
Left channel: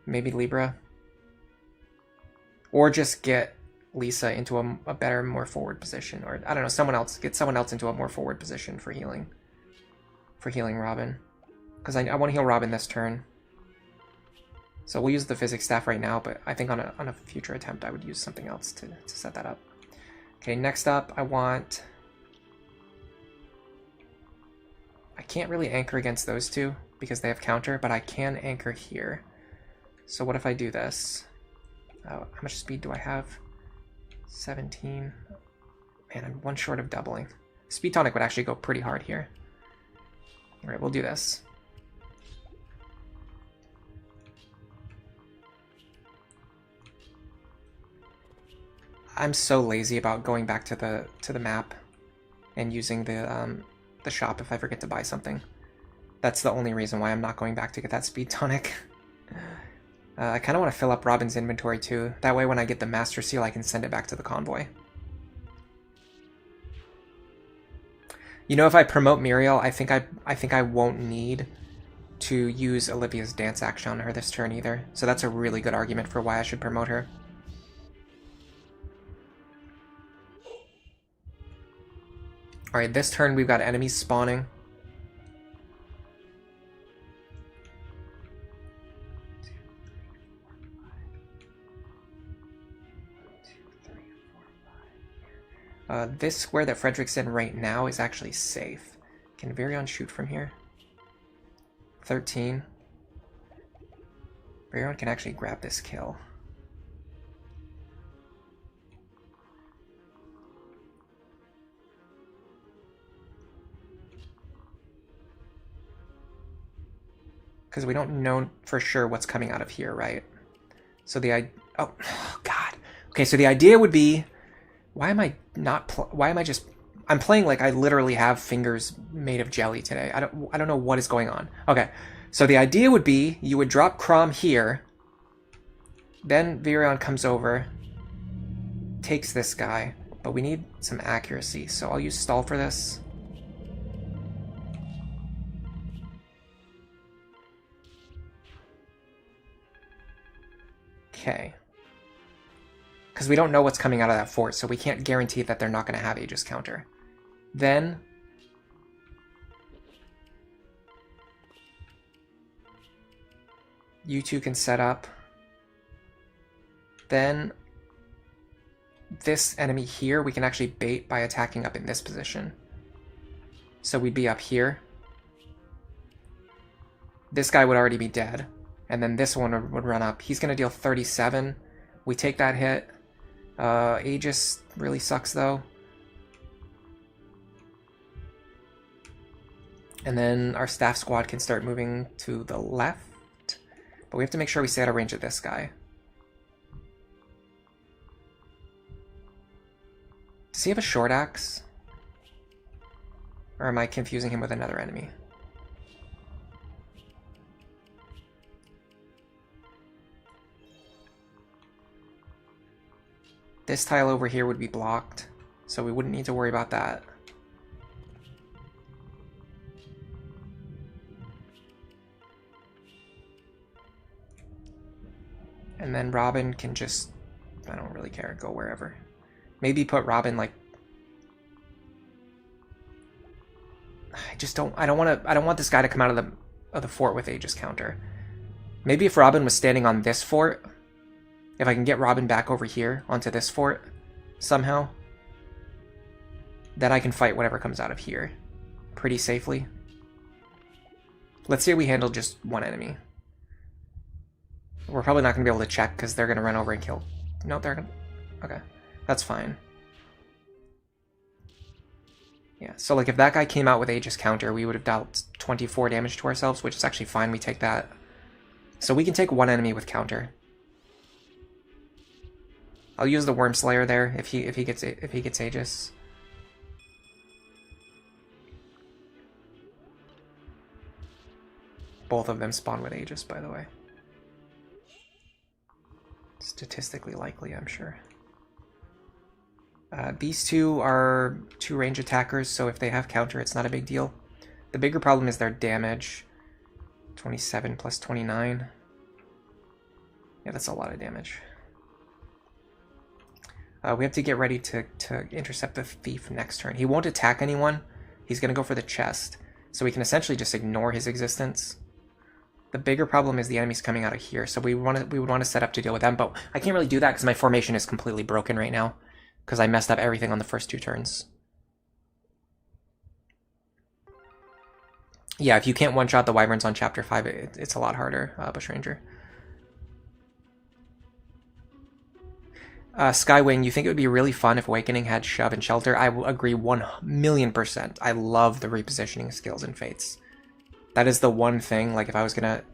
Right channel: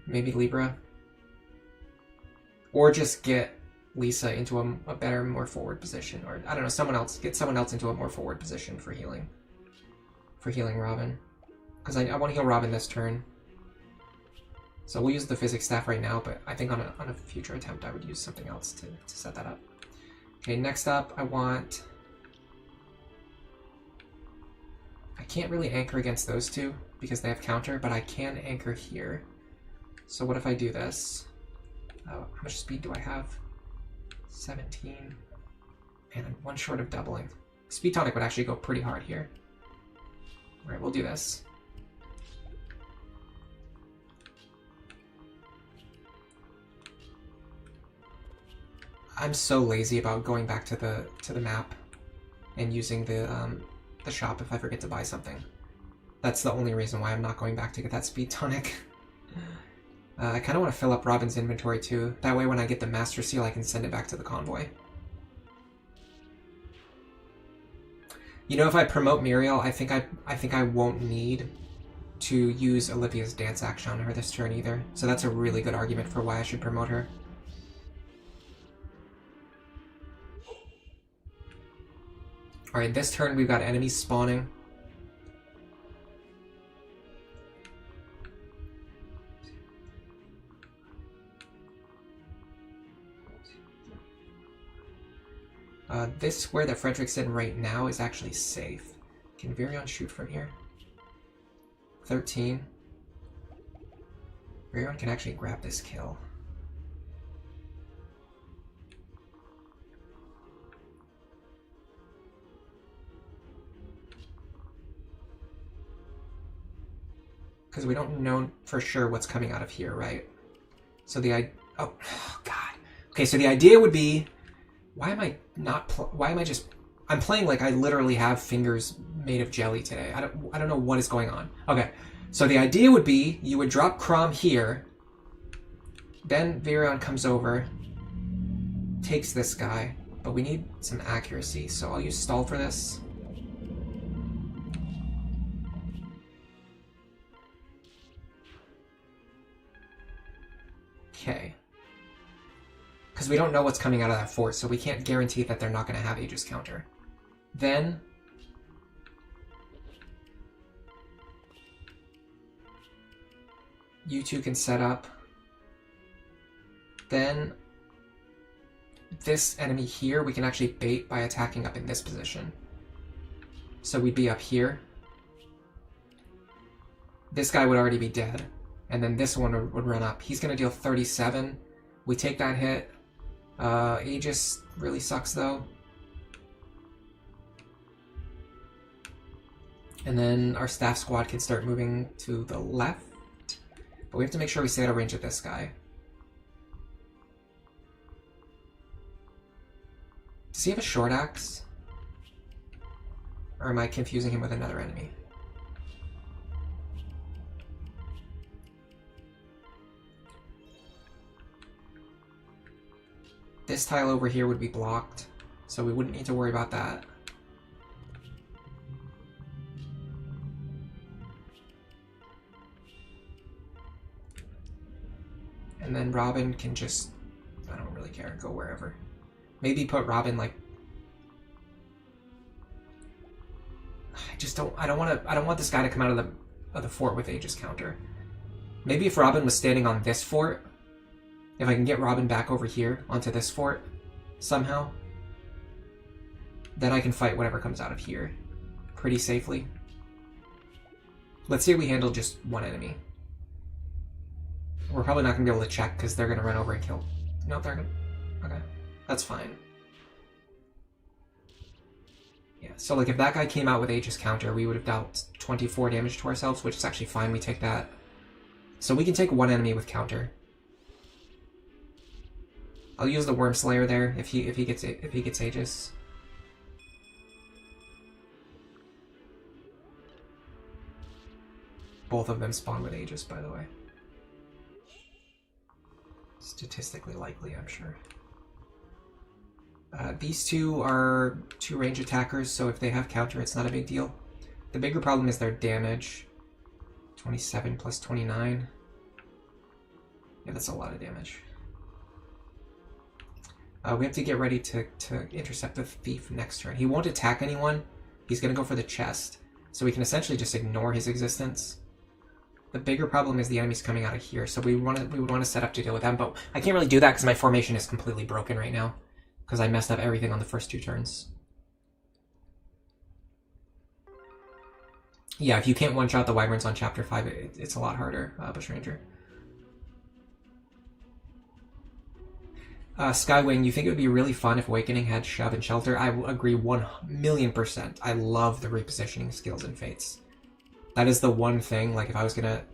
Maybe Libra. Or just get Lisa into a better, more forward position. Or, I don't know, someone else. Get someone else into a more forward position for healing. For healing Robin. Because I want to heal Robin this turn. So we'll use the physics staff right now, but I think on a future attempt I would use something else to set that up. Okay, next up I want... I can't really anchor against those two because they have counter, but I can anchor here. So what if I do this? How much speed do I have? 17. Man, I'm 1 short of doubling. Speed tonic would actually go pretty hard here. Alright, we'll do this. I'm so lazy about going back to the map and using the shop if I forget to buy something. That's the only reason why I'm not going back to get that speed tonic. I kind of want to fill up Robin's inventory too. That way when I get the Master Seal I can send it back to the convoy. You know, if I promote Muriel, I think I won't need to use Olivia's dance action on her this turn either. So that's a really good argument for why I should promote her. Alright, this turn we've got enemies spawning. This square that Frederick's in right now is actually safe. Can Virion shoot from here? 13. Virion can actually grab this kill. Because we don't know for sure what's coming out of here, right? So oh God. Okay, so the idea would be, why am I just... I'm playing like I literally have fingers made of jelly today. I don't know what is going on. Okay, so the idea would be you would drop Crom here, then Virion comes over, takes this guy, but we need some accuracy, so I'll use stall for this. Okay. Because we don't know what's coming out of that fort, so we can't guarantee that they're not going to have Aegis counter. Then... you two can set up. Then... this enemy here, we can actually bait by attacking up in this position. So we'd be up here. This guy would already be dead. And then this one would run up. He's going to deal 37. We take that hit. Aegis really sucks, though. And then our staff squad can start moving to the left. But we have to make sure we stay out of range of this guy. Does he have a short axe? Or am I confusing him with another enemy? This tile over here would be blocked, so we wouldn't need to worry about that. And then Robin can just, I don't really care, go wherever. Maybe put Robin like, I don't want this guy to come out of the the fort with Aegis counter. Maybe if Robin was standing on this fort, if I can get Robin back over here onto this fort somehow, then I can fight whatever comes out of here pretty safely. Let's say we handle just one enemy. We're probably not going to be able to check because they're going to run over and kill. No, they're going to... Okay, that's fine. Yeah, so like if that guy came out with Aegis counter, we would have dealt 24 damage to ourselves, which is actually fine. We take that. So we can take one enemy with counter. I'll use the Worm Slayer there if he gets Aegis. Both of them spawn with Aegis, by the way. Statistically likely, I'm sure. These two are 2 range attackers, so if they have counter, it's not a big deal. The bigger problem is their damage. 27 plus 29. Yeah, that's a lot of damage. We have to get ready to intercept the thief next turn. He won't attack anyone. He's going to go for the chest. So we can essentially just ignore his existence. The bigger problem is the enemy's coming out of here, so we would want to set up to deal with them, but I can't really do that because my formation is completely broken right now because I messed up everything on the first 2 turns. Yeah, if you can't one-shot the Wyverns on Chapter 5, it's a lot harder, Bushranger. Skywing, you think it would be really fun if Awakening had Shove and Shelter? I will agree 1,000,000%. I love the repositioning skills in Fates. That is the one thing, like if I was gonna...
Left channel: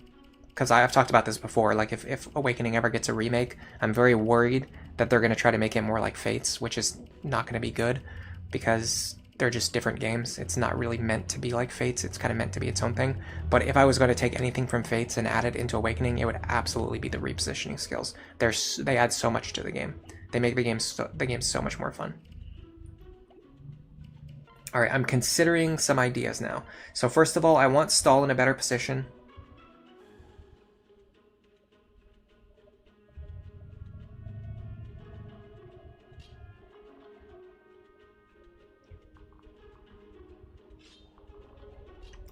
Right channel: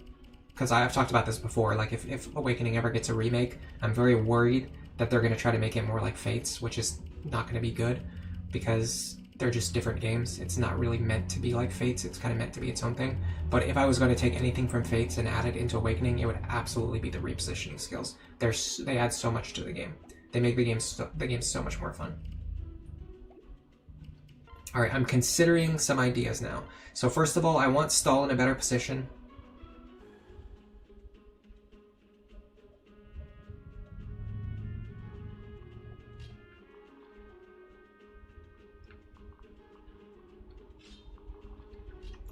Because I've talked about this before, like if Awakening ever gets a remake, I'm very worried that they're going to try to make it more like Fates, which is not going to be good, because they're just different games. It's not really meant to be like Fates, it's kind of meant to be its own thing. But if I was going to take anything from Fates and add it into Awakening, it would absolutely be the repositioning skills. They add so much to the game. They make the game so much more fun. Alright, I'm considering some ideas now. So first of all, I want Stall in a better position.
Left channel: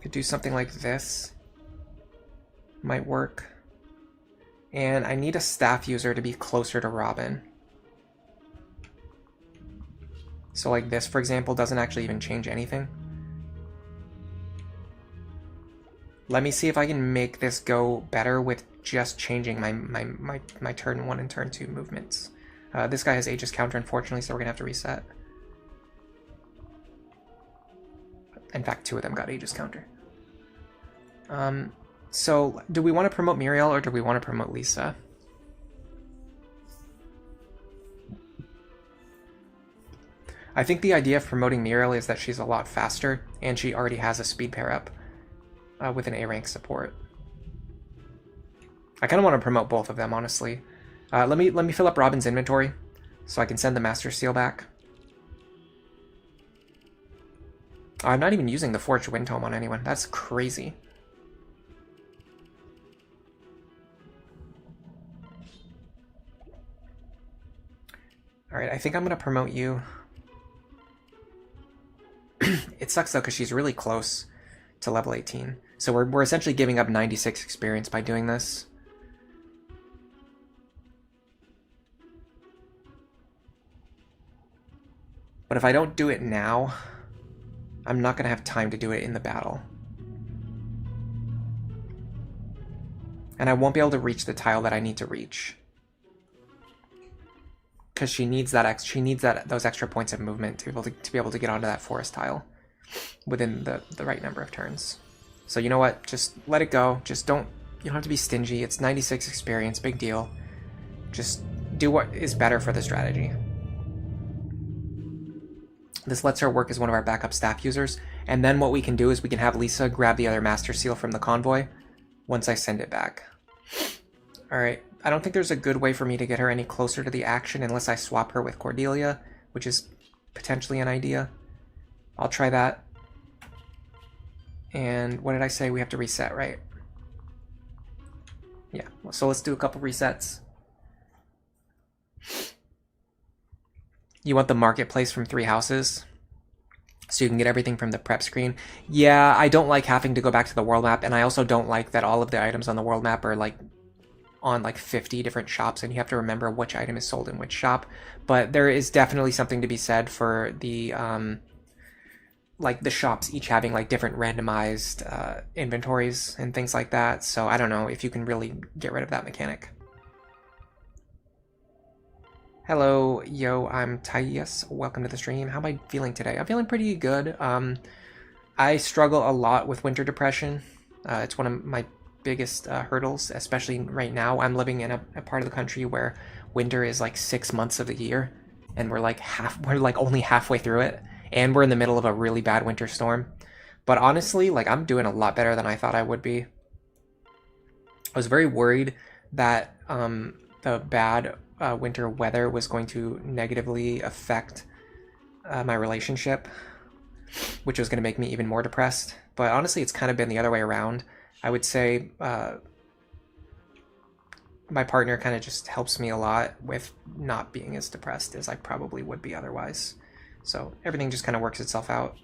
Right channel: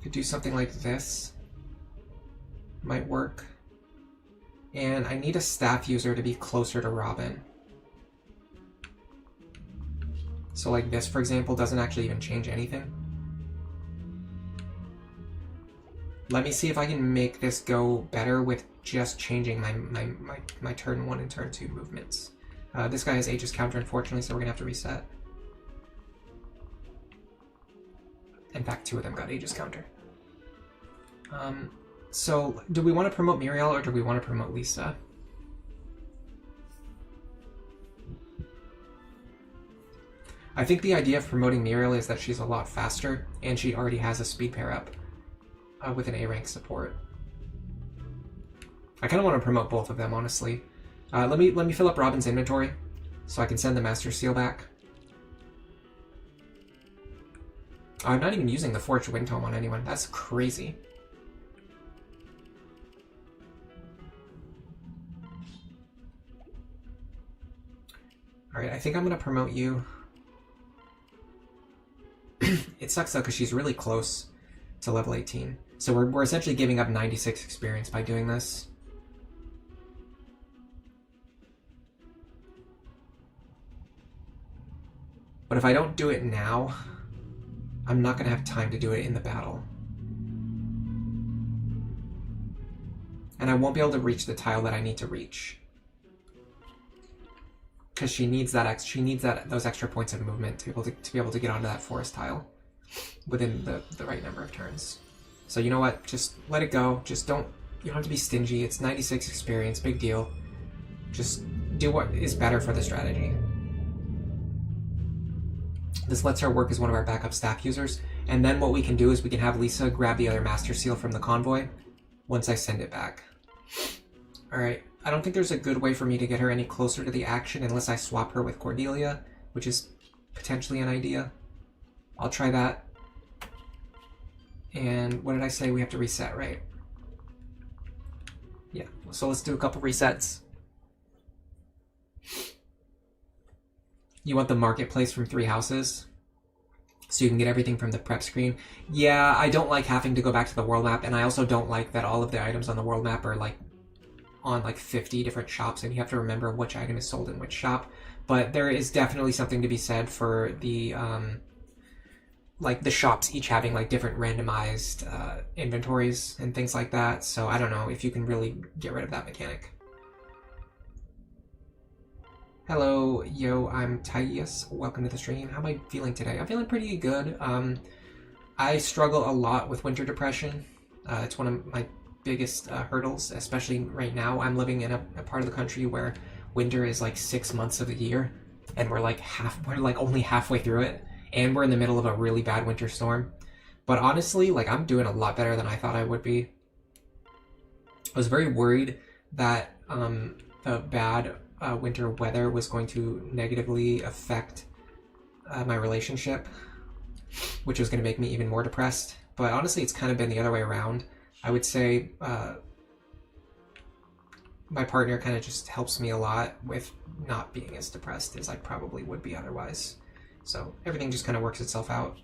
Could do something like this. Might work. And I need a staff user to be closer to Robin. So like this, for example, doesn't actually even change anything. Let me see if I can make this go better with just changing my turn 1 and turn 2 movements. This guy has Aegis counter, unfortunately, so we're gonna have to reset. In fact, 2 of them got Aegis counter. So do we want to promote Muriel or do we want to promote Lisa? I think the idea of promoting Muriel is that she's a lot faster, and she already has a speed pair up with an A rank support. I kind of want to promote both of them, honestly. Let me fill up Robin's inventory so I can send the Master Seal back. Oh, I'm not even using the Forged Wind Tome on anyone. That's crazy. Alright, I think I'm going to promote you. It sucks though because she's really close to level 18. So we're essentially giving up 96 experience by doing this. But if I don't do it now, I'm not going to have time to do it in the battle. And I won't be able to reach the tile that I need to reach. Because she needs those extra points of movement to be able to get onto that forest tile within the right number of turns. So you know what? Just let it go. You don't have to be stingy. It's 96 experience, big deal. Just do what is better for the strategy. This lets her work as one of our backup staff users, and then what we can do is we can have Lisa grab the other Master Seal from the convoy once I send it back. Alright, I don't think there's a good way for me to get her any closer to the action unless I swap her with Cordelia, which is potentially an idea. I'll try that. And what did I say? We have to reset, right? Yeah, so let's do a couple resets. You want the marketplace from 3 houses? so you can get everything from the prep screen. Yeah, I don't like having to go back to the world map, and I also don't like that all of the items on the world map are like on like 50 different shops, and you have to remember which item is sold in which shop. But there is definitely something to be said for the like the shops each having like different randomized inventories and things like that. So I don't know if you can really get rid of that mechanic. Hello, yo, I'm Tyus. Welcome to the stream. How am I feeling today? I'm feeling pretty good. I struggle a lot with winter depression. It's one of my biggest hurdles, especially right now. I'm living in a part of the country where winter is like 6 months of the year, and we're like only halfway through it, and we're in the middle of a really bad winter storm. But honestly, like I'm doing a lot better than I thought I would be. I was very worried that the bad winter weather was going to negatively affect my relationship, which was going to make me even more depressed. But honestly, it's kind of been the other way around. I would say my partner kind of just helps me a lot with not being as depressed as I probably would be otherwise. So everything just kind of works itself out.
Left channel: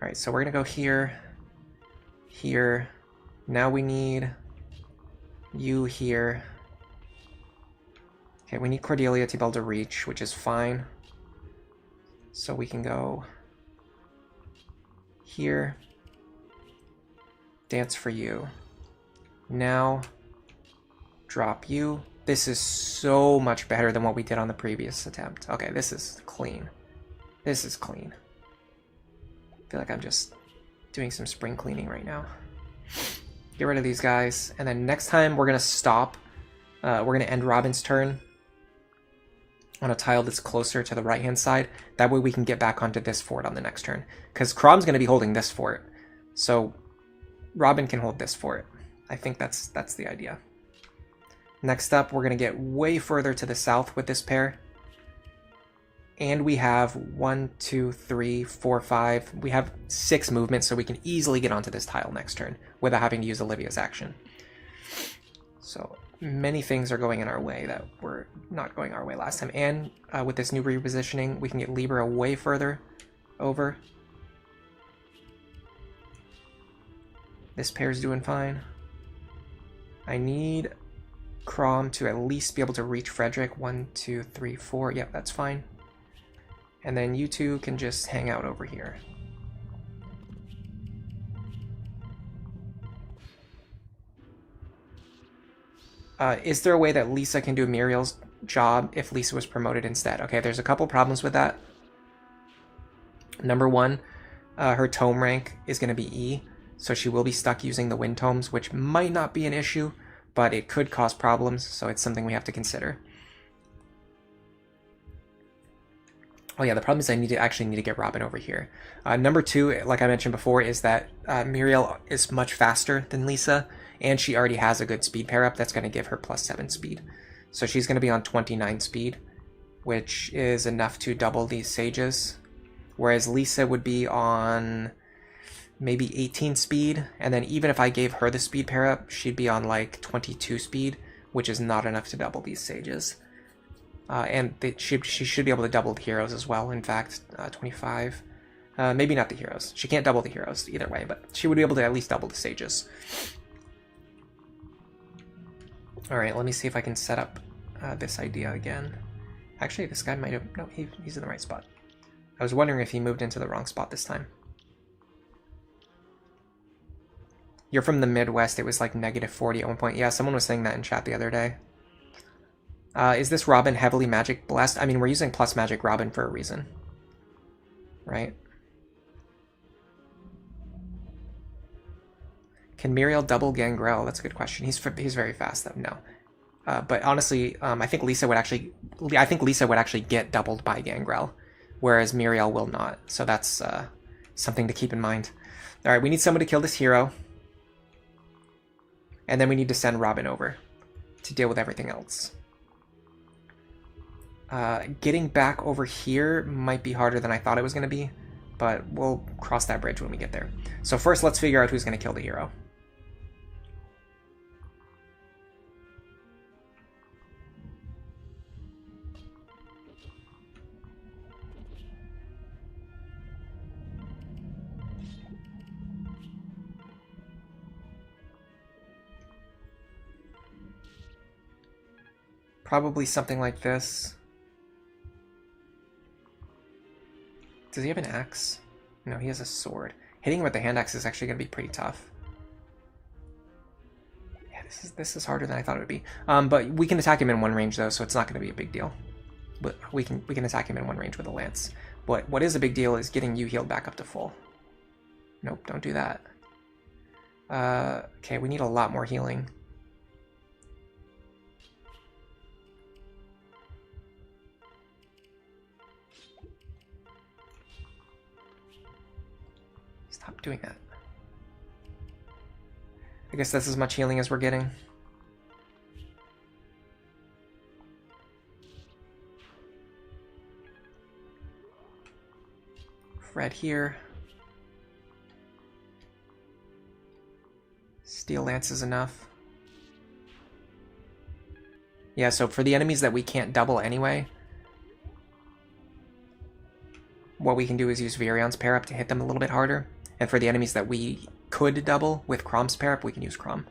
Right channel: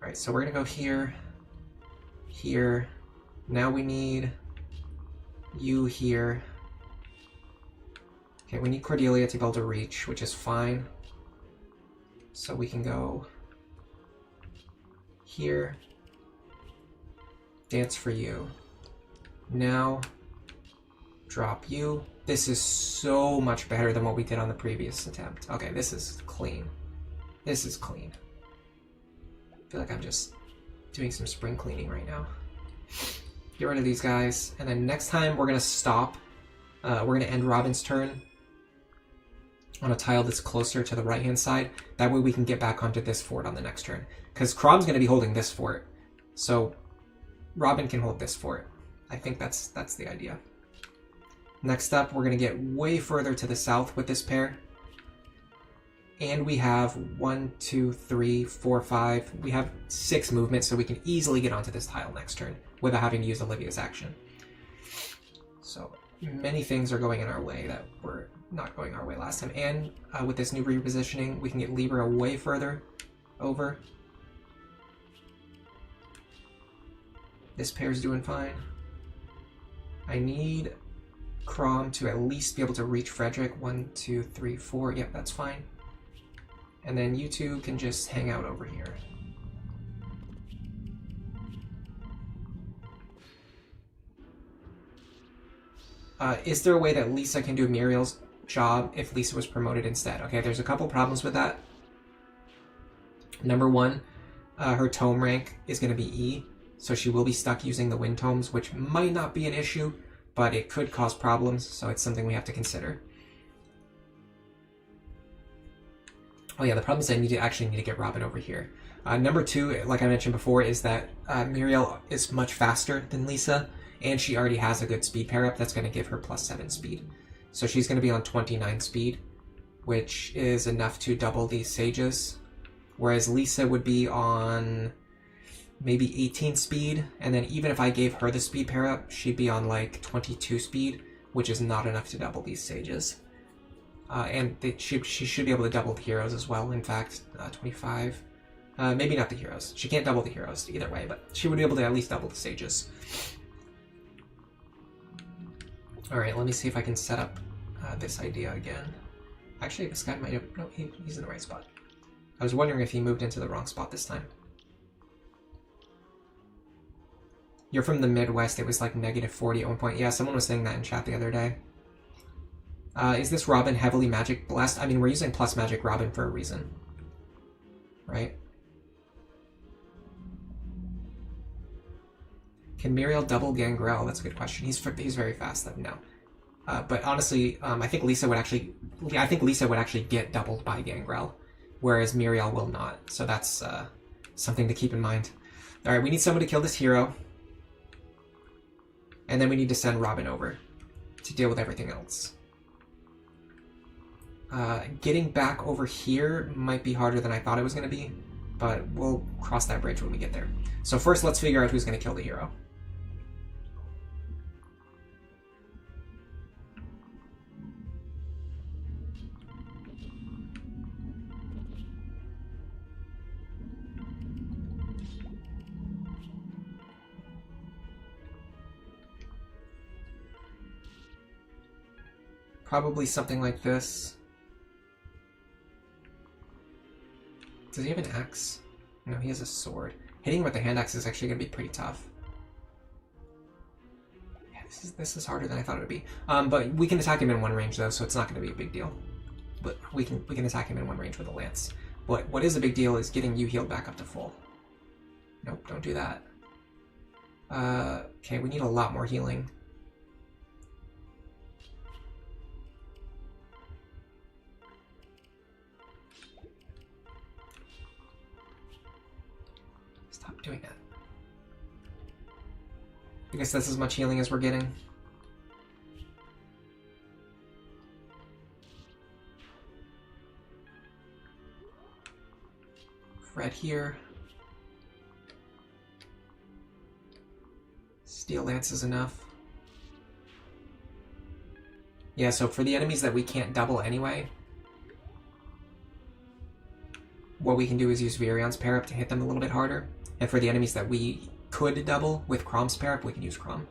All right, so we're going to go here, here. Now we need you here. Okay, we need Cordelia to be able to reach, which is fine. So we can go here. Dance for you. Now, drop you. This is so much better than what we did on the previous attempt. Okay, this is clean. This is clean. I feel like I'm just doing some spring cleaning right now. Get rid of these guys, and then next time we're gonna stop. We're gonna end Robin's turn on a tile that's closer to the right-hand side. That way we can get back onto this fort on the next turn. Because Crom's gonna be holding this fort. So Robin can hold this fort. I think that's the idea. Next up, we're gonna get way further to the south with this pair. And we have 1, 2, 3, 4, 5. We have 6 movements, so we can easily get onto this tile next turn without having to use Olivia's action. So many things are going in our way that were not going our way last time. And with this new repositioning, we can get Libra way further over. This pair's doing fine. I need Crom to at least be able to reach Frederick. 1, 2, 3, 4. Yep, that's fine. And then you two can just hang out over here. Is there a way that Lisa can do Muriel's job if Lisa was promoted instead? Okay, there's a couple problems with that. Number one, her tome rank is going to be E, so she will be stuck using the wind tomes, which might not be an issue, but it could cause problems, so it's something we have to consider. Oh yeah, the problem is I actually need to get Robin over here. Number two, like I mentioned before, is that Muriel is much faster than Lisa, and she already has a good speed pair up that's going to give her +7 speed. So she's going to be on 29 speed, which is enough to double these sages, whereas Lisa would be on maybe 18 speed, and then even if I gave her the speed pair up, she'd be on like 22 speed, which is not enough to double these sages. And she should be able to double the heroes as well. In fact, 25. Maybe not the heroes. She can't double the heroes either way, but she would be able to at least double the sages. Alright, let me see if I can set up this idea again. Actually, this guy might have... No, he's in the right spot. I was wondering if he moved into the wrong spot this time. You're from the Midwest. It was like -40 at one point. Yeah, someone was saying that in chat the other day. Is this Robin heavily magic blessed? I mean, we're using plus magic Robin for a reason. Right? Can Muriel double Gangrel? That's a good question. He's very fast though. No. But honestly, I think Lisa would actually get doubled by Gangrel, whereas Muriel will not. So that's something to keep in mind. All right, we need someone to kill this hero. And then we need to send Robin over to deal with everything else. Getting back over here might be harder than I thought it was going to be, but we'll cross that bridge when we get there. So first, let's figure out who's going to kill the hero. Probably something like this. Does he have an axe? No, he has a sword. Hitting him with the hand axe is actually going to be pretty tough. Yeah, this is harder than I thought it would be. But we can attack him in one range though, so it's not going to be a big deal. But we can attack him in one range with a lance. But what is a big deal is getting you healed back up to full. Nope, don't do that. Okay, we need a lot more healing. Stop doing that. I guess that's as much healing as we're getting. Fred here. Steel Lance is enough. Yeah, so for the enemies that we can't double anyway, what we can do is use Virion's pair up to hit them a little bit harder. And for the enemies that we could double with Crom's pair up, we can use Crom.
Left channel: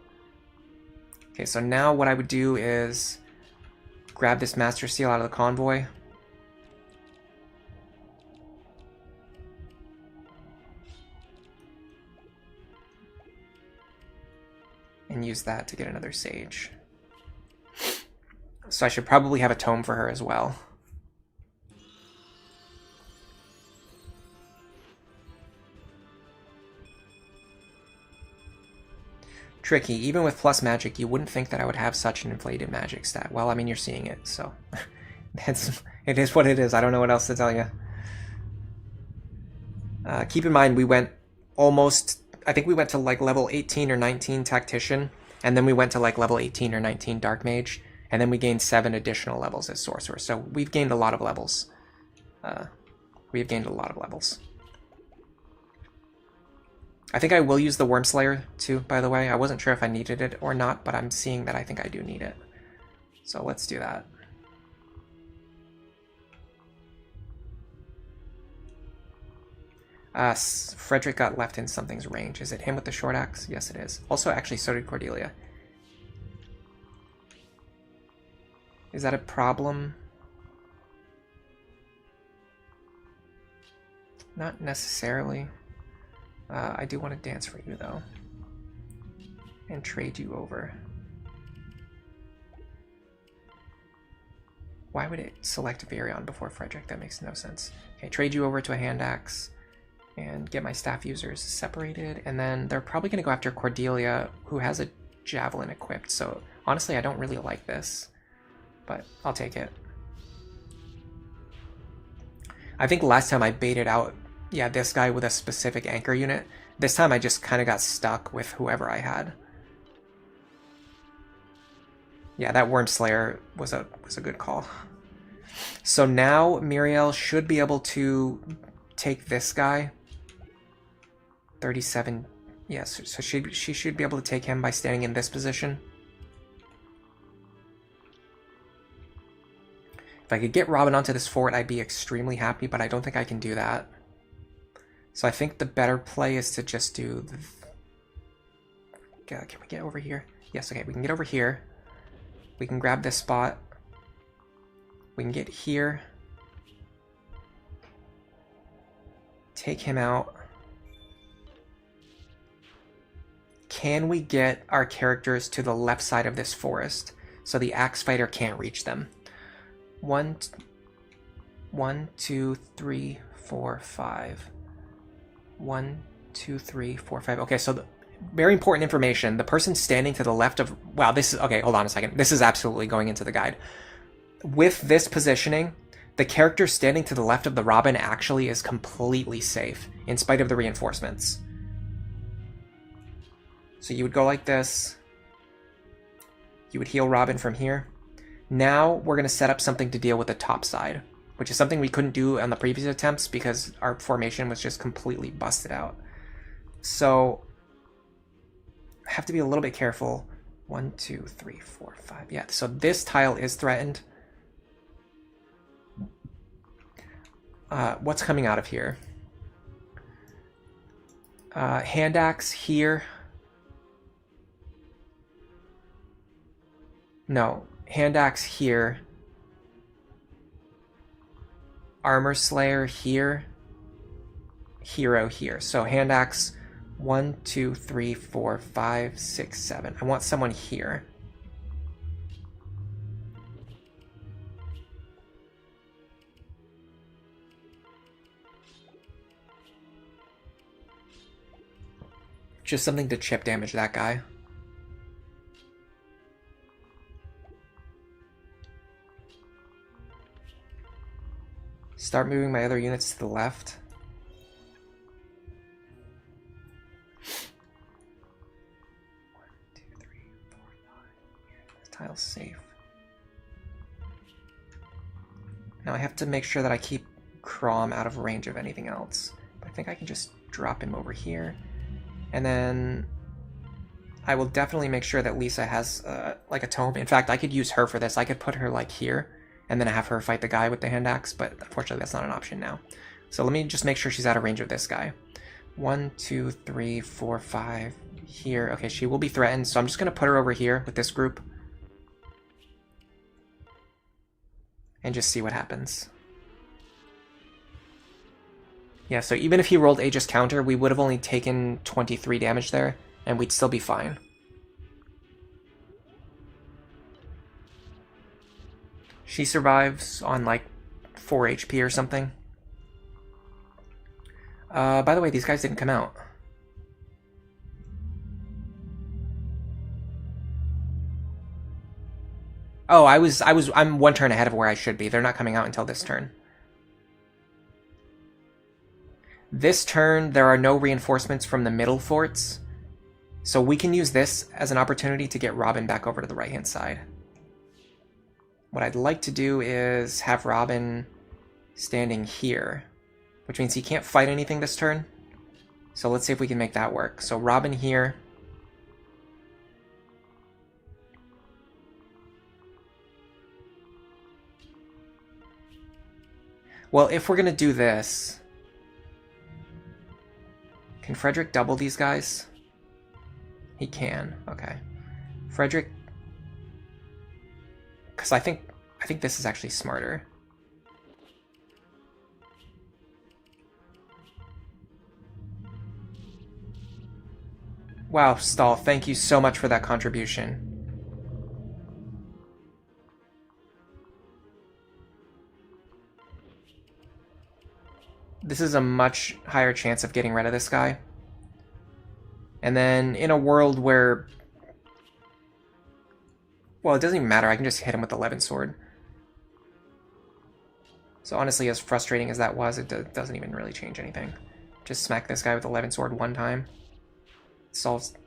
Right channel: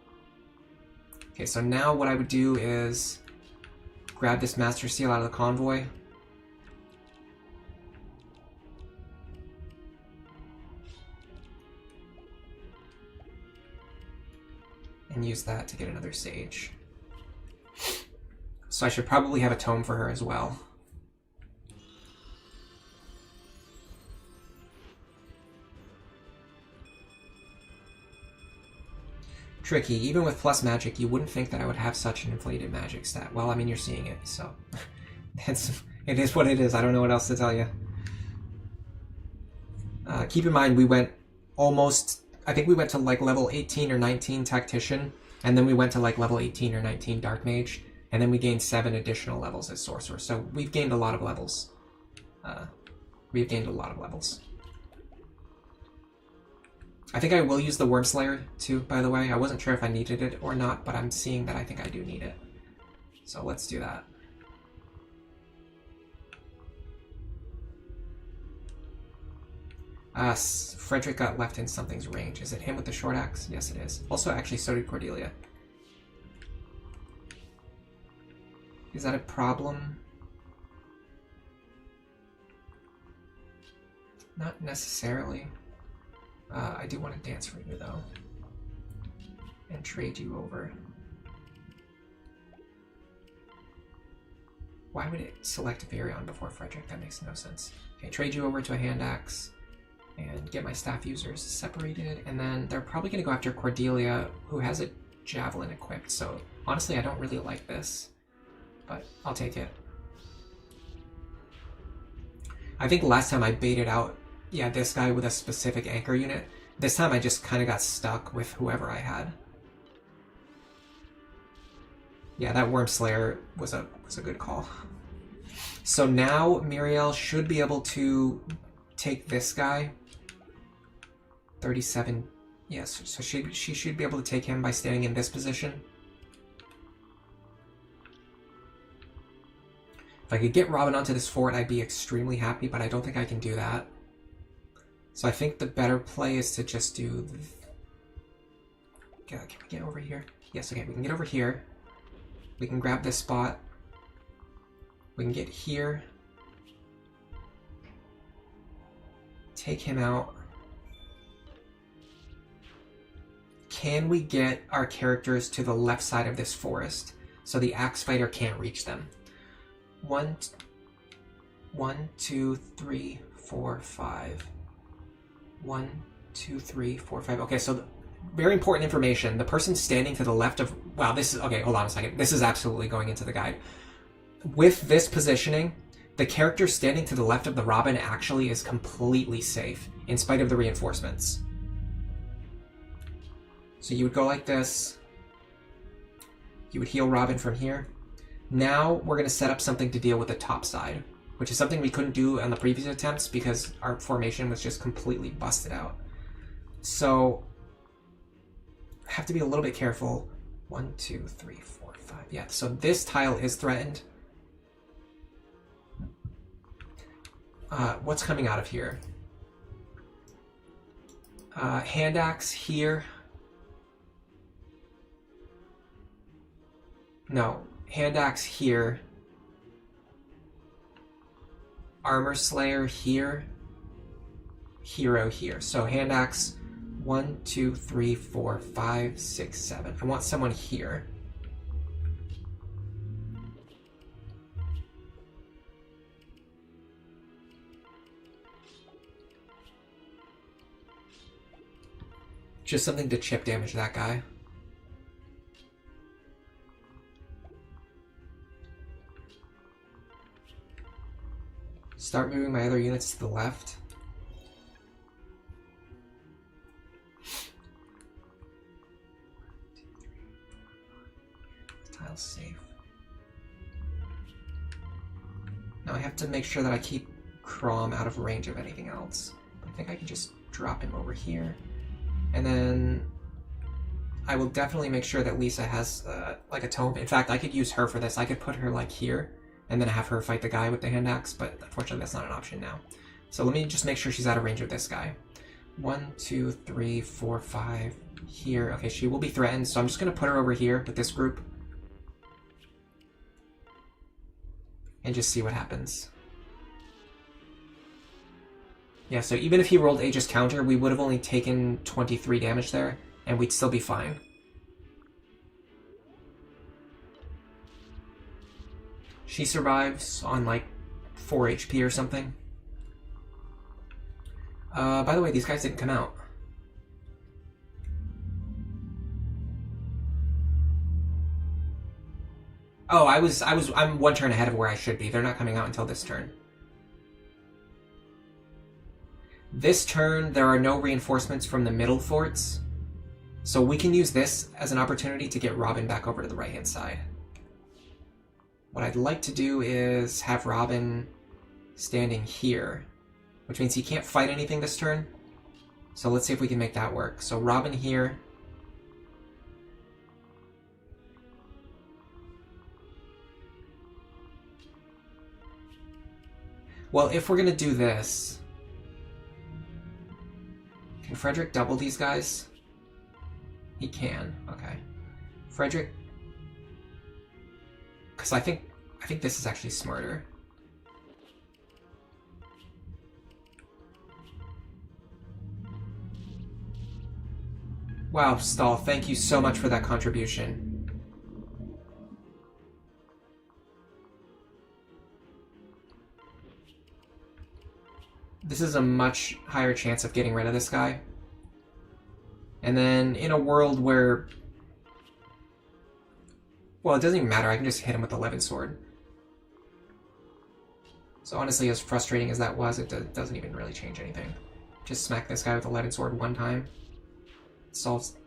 Okay, so now what I would do is grab this Master Seal out of the convoy. And use that to get another Sage. So I should probably have a tome for her as well. Tricky. Even with plus magic, you wouldn't think that I would have such an inflated magic stat. Well, I mean, you're seeing it, so it is what it is. I don't know what else to tell you. Keep in mind, we went almost... I think we went to like level 18 or 19 Tactician, and then we went to like level 18 or 19 Dark Mage, and then we gained 7 additional levels as Sorcerer. So we've gained a lot of levels. We've gained a lot of levels. I think I will use the Wormslayer too, by the way. I wasn't sure if I needed it or not, but I'm seeing that I think I do need it. So let's do that. Frederick got left in something's range. Is it him with the short axe? Yes, it is. Also, actually, so did Cordelia. Is that a problem? Not necessarily. I do want to dance for you, though. And trade you over. Why would it select Virion before Frederick? That makes no sense. Okay, trade you over to a hand axe. And get my staff users separated, and then they're probably going to go after Cordelia, who has a javelin equipped, so honestly I don't really like this, but I'll take it. I think last time I baited out, yeah, this guy with a specific anchor unit. This time I just kind of got stuck with whoever I had. Yeah, that Wormslayer was a good call. So now Muriel should be able to take this guy. 37, yes, so she should be able to take him by standing in this position. If I could get Robin onto this fort, I'd be extremely happy, but I don't think I can do that. So I think the better play is to just do the... Can we get over here? Yes, okay, we can get over here. We can grab this spot. We can get here. Take him out. Can we get our characters to the left side of this forest so the axe fighter can't reach them? 1, 2, 3, 4, 5. 1, 2, 3, 4, 5. Okay, so very important information. The person standing to the left of... Wow, this is... Okay, hold on a second. This is absolutely going into the guide. With this positioning, the character standing to the left of the Robin actually is completely safe, in spite of the reinforcements. So you would go like this. You would heal Robin from here. Now we're going to set up something to deal with the top side, which is something we couldn't do on the previous attempts because our formation was just completely busted out. So I have to be a little bit careful. 1, 2, 3, 4, 5. Yeah, so this tile is threatened. What's coming out of here? Hand axe here. No, Hand Axe here. Armor Slayer here. Hero here. So Hand Axe 1, 2, 3, 4, 5, 6, 7. I want someone here. Just something to chip damage that guy. Start moving my other units to the left. This tile's safe. Now I have to make sure that I keep Crom out of range of anything else. But I think I can just drop him over here. And then I will definitely make sure that Lisa has like a tome. In fact, I could use her for this. I could put her like here and then have her fight the guy with the hand axe, but unfortunately that's not an option now. So let me just make sure she's out of range of this guy. 1, 2, 3, 4, 5 here. Okay, she will be threatened, so I'm just going to put her over here with this group and just see what happens. Yeah, so even if he rolled Aegis counter, we would have only taken 23 damage there, and we'd still be fine. She survives on like 4 HP or something. By the way, these guys didn't come out. Oh, I'm one turn ahead of where I should be. They're not coming out until this turn. This turn, there are no reinforcements from the middle forts, so we can use this as an opportunity to get Robin back over to the right-hand side. What I'd like to do is have Robin standing here, which means he can't fight anything this turn. So let's see if we can make that work. So Robin here. Well, if we're going to do this... Can Frederick double these guys? He can. Okay. Frederick... Because I think this is actually smarter. Wow, Stahl, thank you so much for that contribution. This is a much higher chance of getting rid of this guy. And then in a world where... Well, it doesn't even matter. I can just hit him with the Levin Sword. So honestly, as frustrating as that was, it doesn't even really change anything. Just smack this guy with the Levin Sword one time.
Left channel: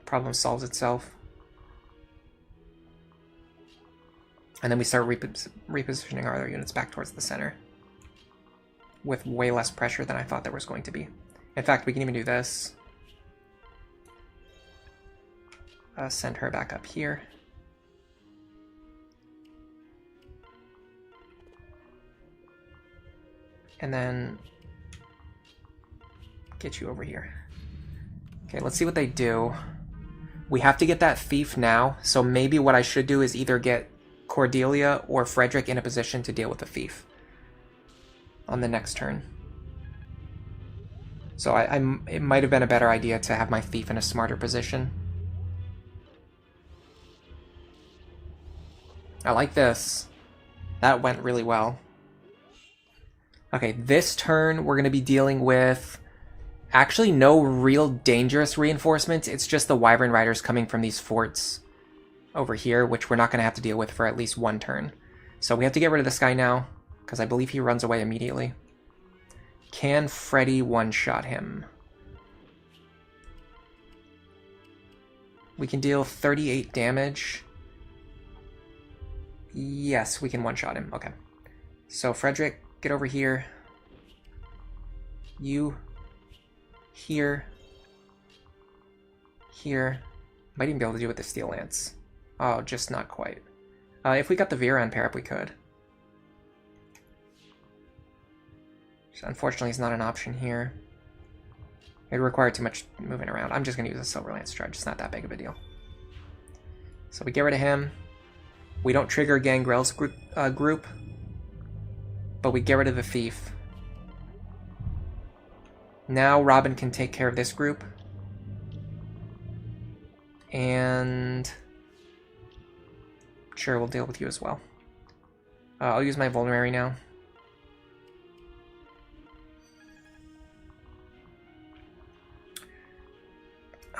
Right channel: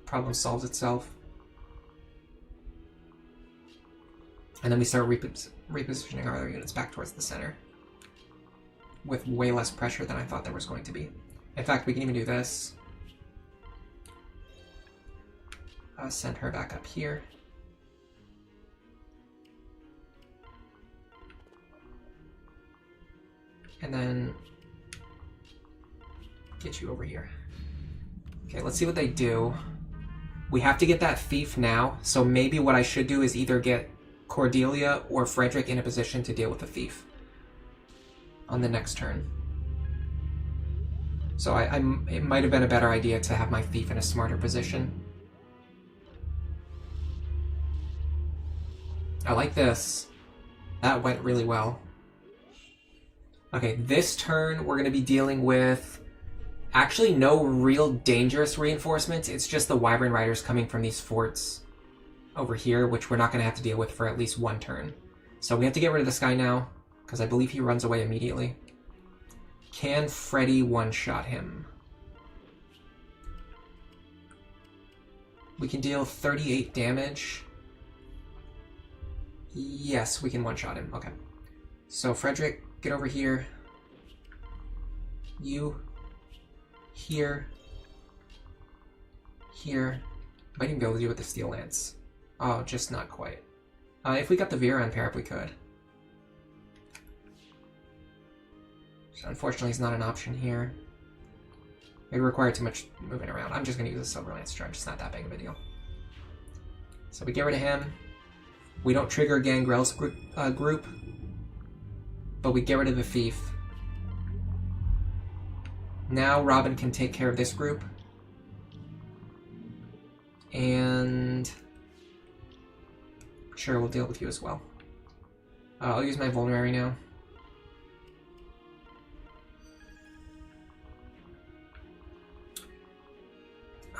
Problem solves itself. And then we start repositioning our other units back towards the center. With way less pressure than I thought there was going to be. In fact, we can even do this. Send her back up here. And then get you over here. Okay, let's see what they do. We have to get that thief now, so maybe what I should do is either get Cordelia or Frederick in a position to deal with the thief on the next turn. So it might have been a better idea to have my thief in a smarter position. I like this. That went really well. Okay, this turn we're going to be dealing with actually no real dangerous reinforcements. It's just the Wyvern Riders coming from these forts over here, which we're not going to have to deal with for at least one turn. So we have to get rid of this guy now, because I believe he runs away immediately. Can Freddy one-shot him? We can deal 38 damage. Yes, we can one-shot him. Okay. So Frederick, get over here. You. Here. Here. Might even be able to do it with the Steel Lance. Oh, just not quite. If we got the Vera pair up, we could. Unfortunately, it's not an option here. It would require too much moving around. I'm just going to use a Silver Lance Trudge. It's not that big of a deal. So we get rid of him. We don't trigger Gangrel's group, but we get rid of the thief. Now Robin can take care of this group. And sure, we'll deal with you as well. I'll use my vulnerary now.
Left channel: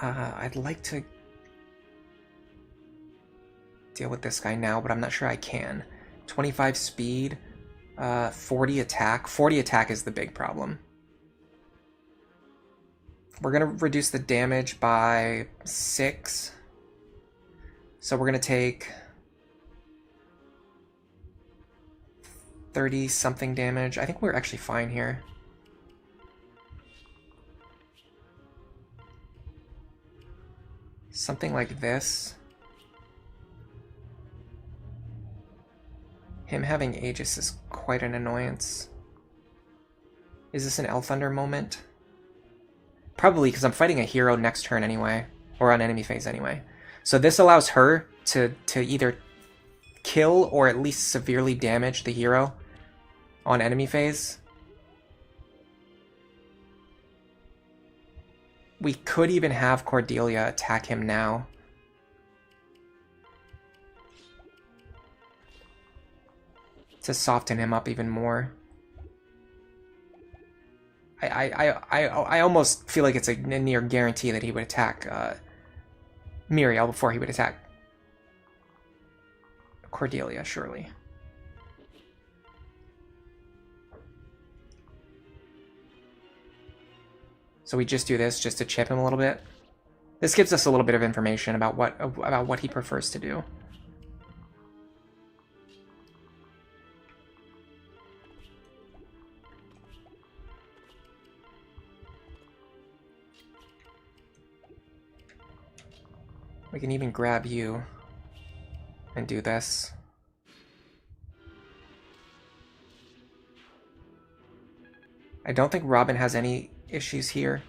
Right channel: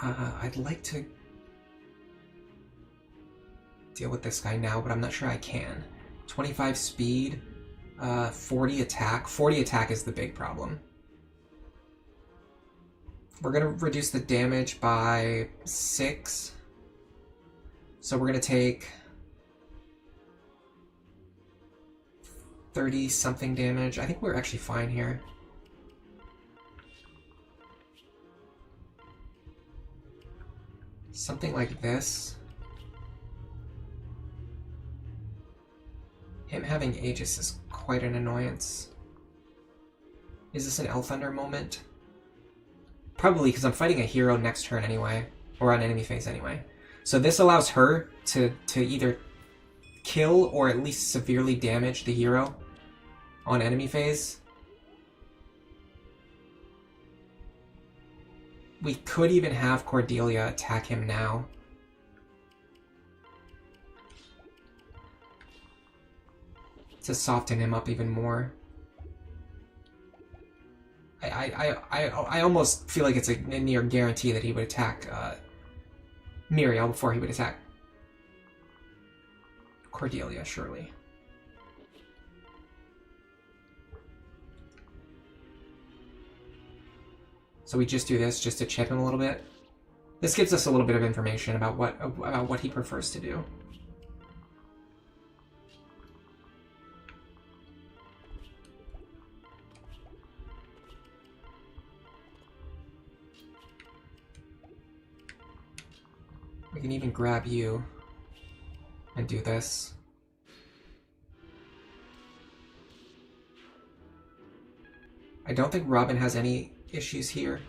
I'd like to deal with this guy now, but I'm not sure I can. 25 speed, 40 attack. 40 attack is the big problem. We're going to reduce the damage by 6. So we're going to take 30-something damage. I think we're actually fine here. Something like this. Him having Aegis is quite an annoyance. Is this an Elthunder moment? Probably, because I'm fighting a hero next turn anyway, or on enemy phase anyway. So this allows her to either kill or at least severely damage the hero on enemy phase. We could even have Cordelia attack him now. To soften him up even more. I almost feel like it's a near guarantee that he would attack Muriel before he would attack Cordelia, surely. So we just do this just to chip him a little bit. This gives us a little bit of information about what he prefers to do. We can even grab you and do this. I don't think Robin has any issues here.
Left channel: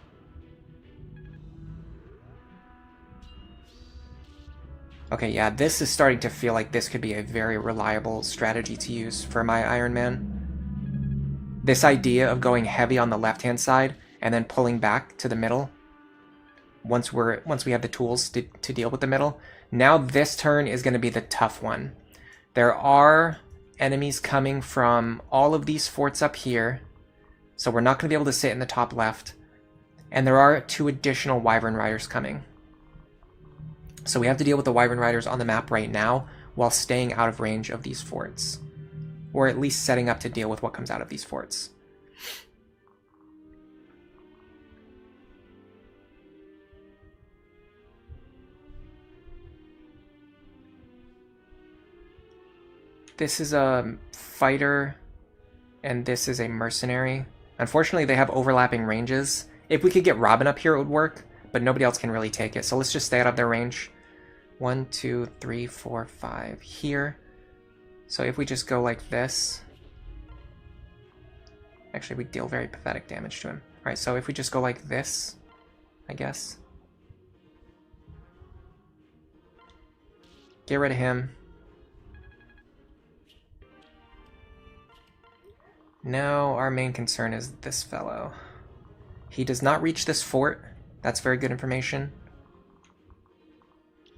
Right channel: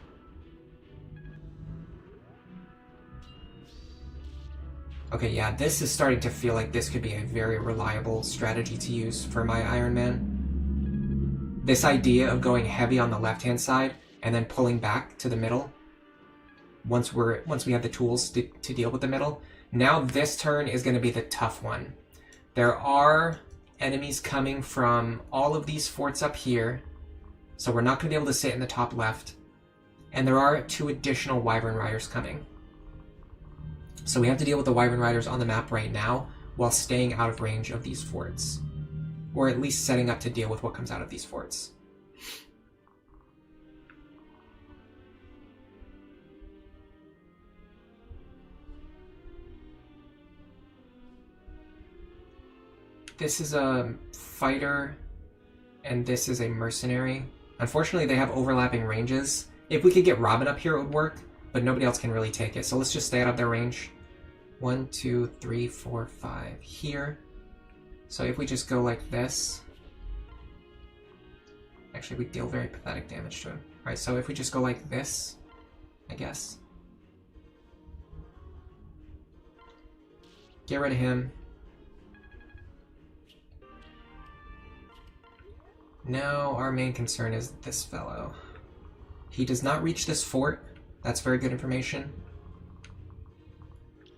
Okay, yeah, this is starting to feel like this could be a very reliable strategy to use for my Iron Man. This idea of going heavy on the left-hand side and then pulling back to the middle once we have the tools to deal with the middle. Now this turn is going to be the tough one. There are enemies coming from all of these forts up here, so we're not going to be able to sit in the top left. And there are 2 additional Wyvern Riders coming. So we have to deal with the Wyvern Riders on the map right now while staying out of range of these forts. Or at least setting up to deal with what comes out of these forts. This is a fighter, and this is a mercenary. Unfortunately, they have overlapping ranges. If we could get Robin up here, it would work, but nobody else can really take it. So let's just stay out of their range. 1, 2, 3, 4, 5 here. So if we just go like this... Actually, we deal very pathetic damage to him. Alright, so if we just go like this, I guess. Get rid of him. Now our main concern is this fellow. He does not reach this fort. That's very good information.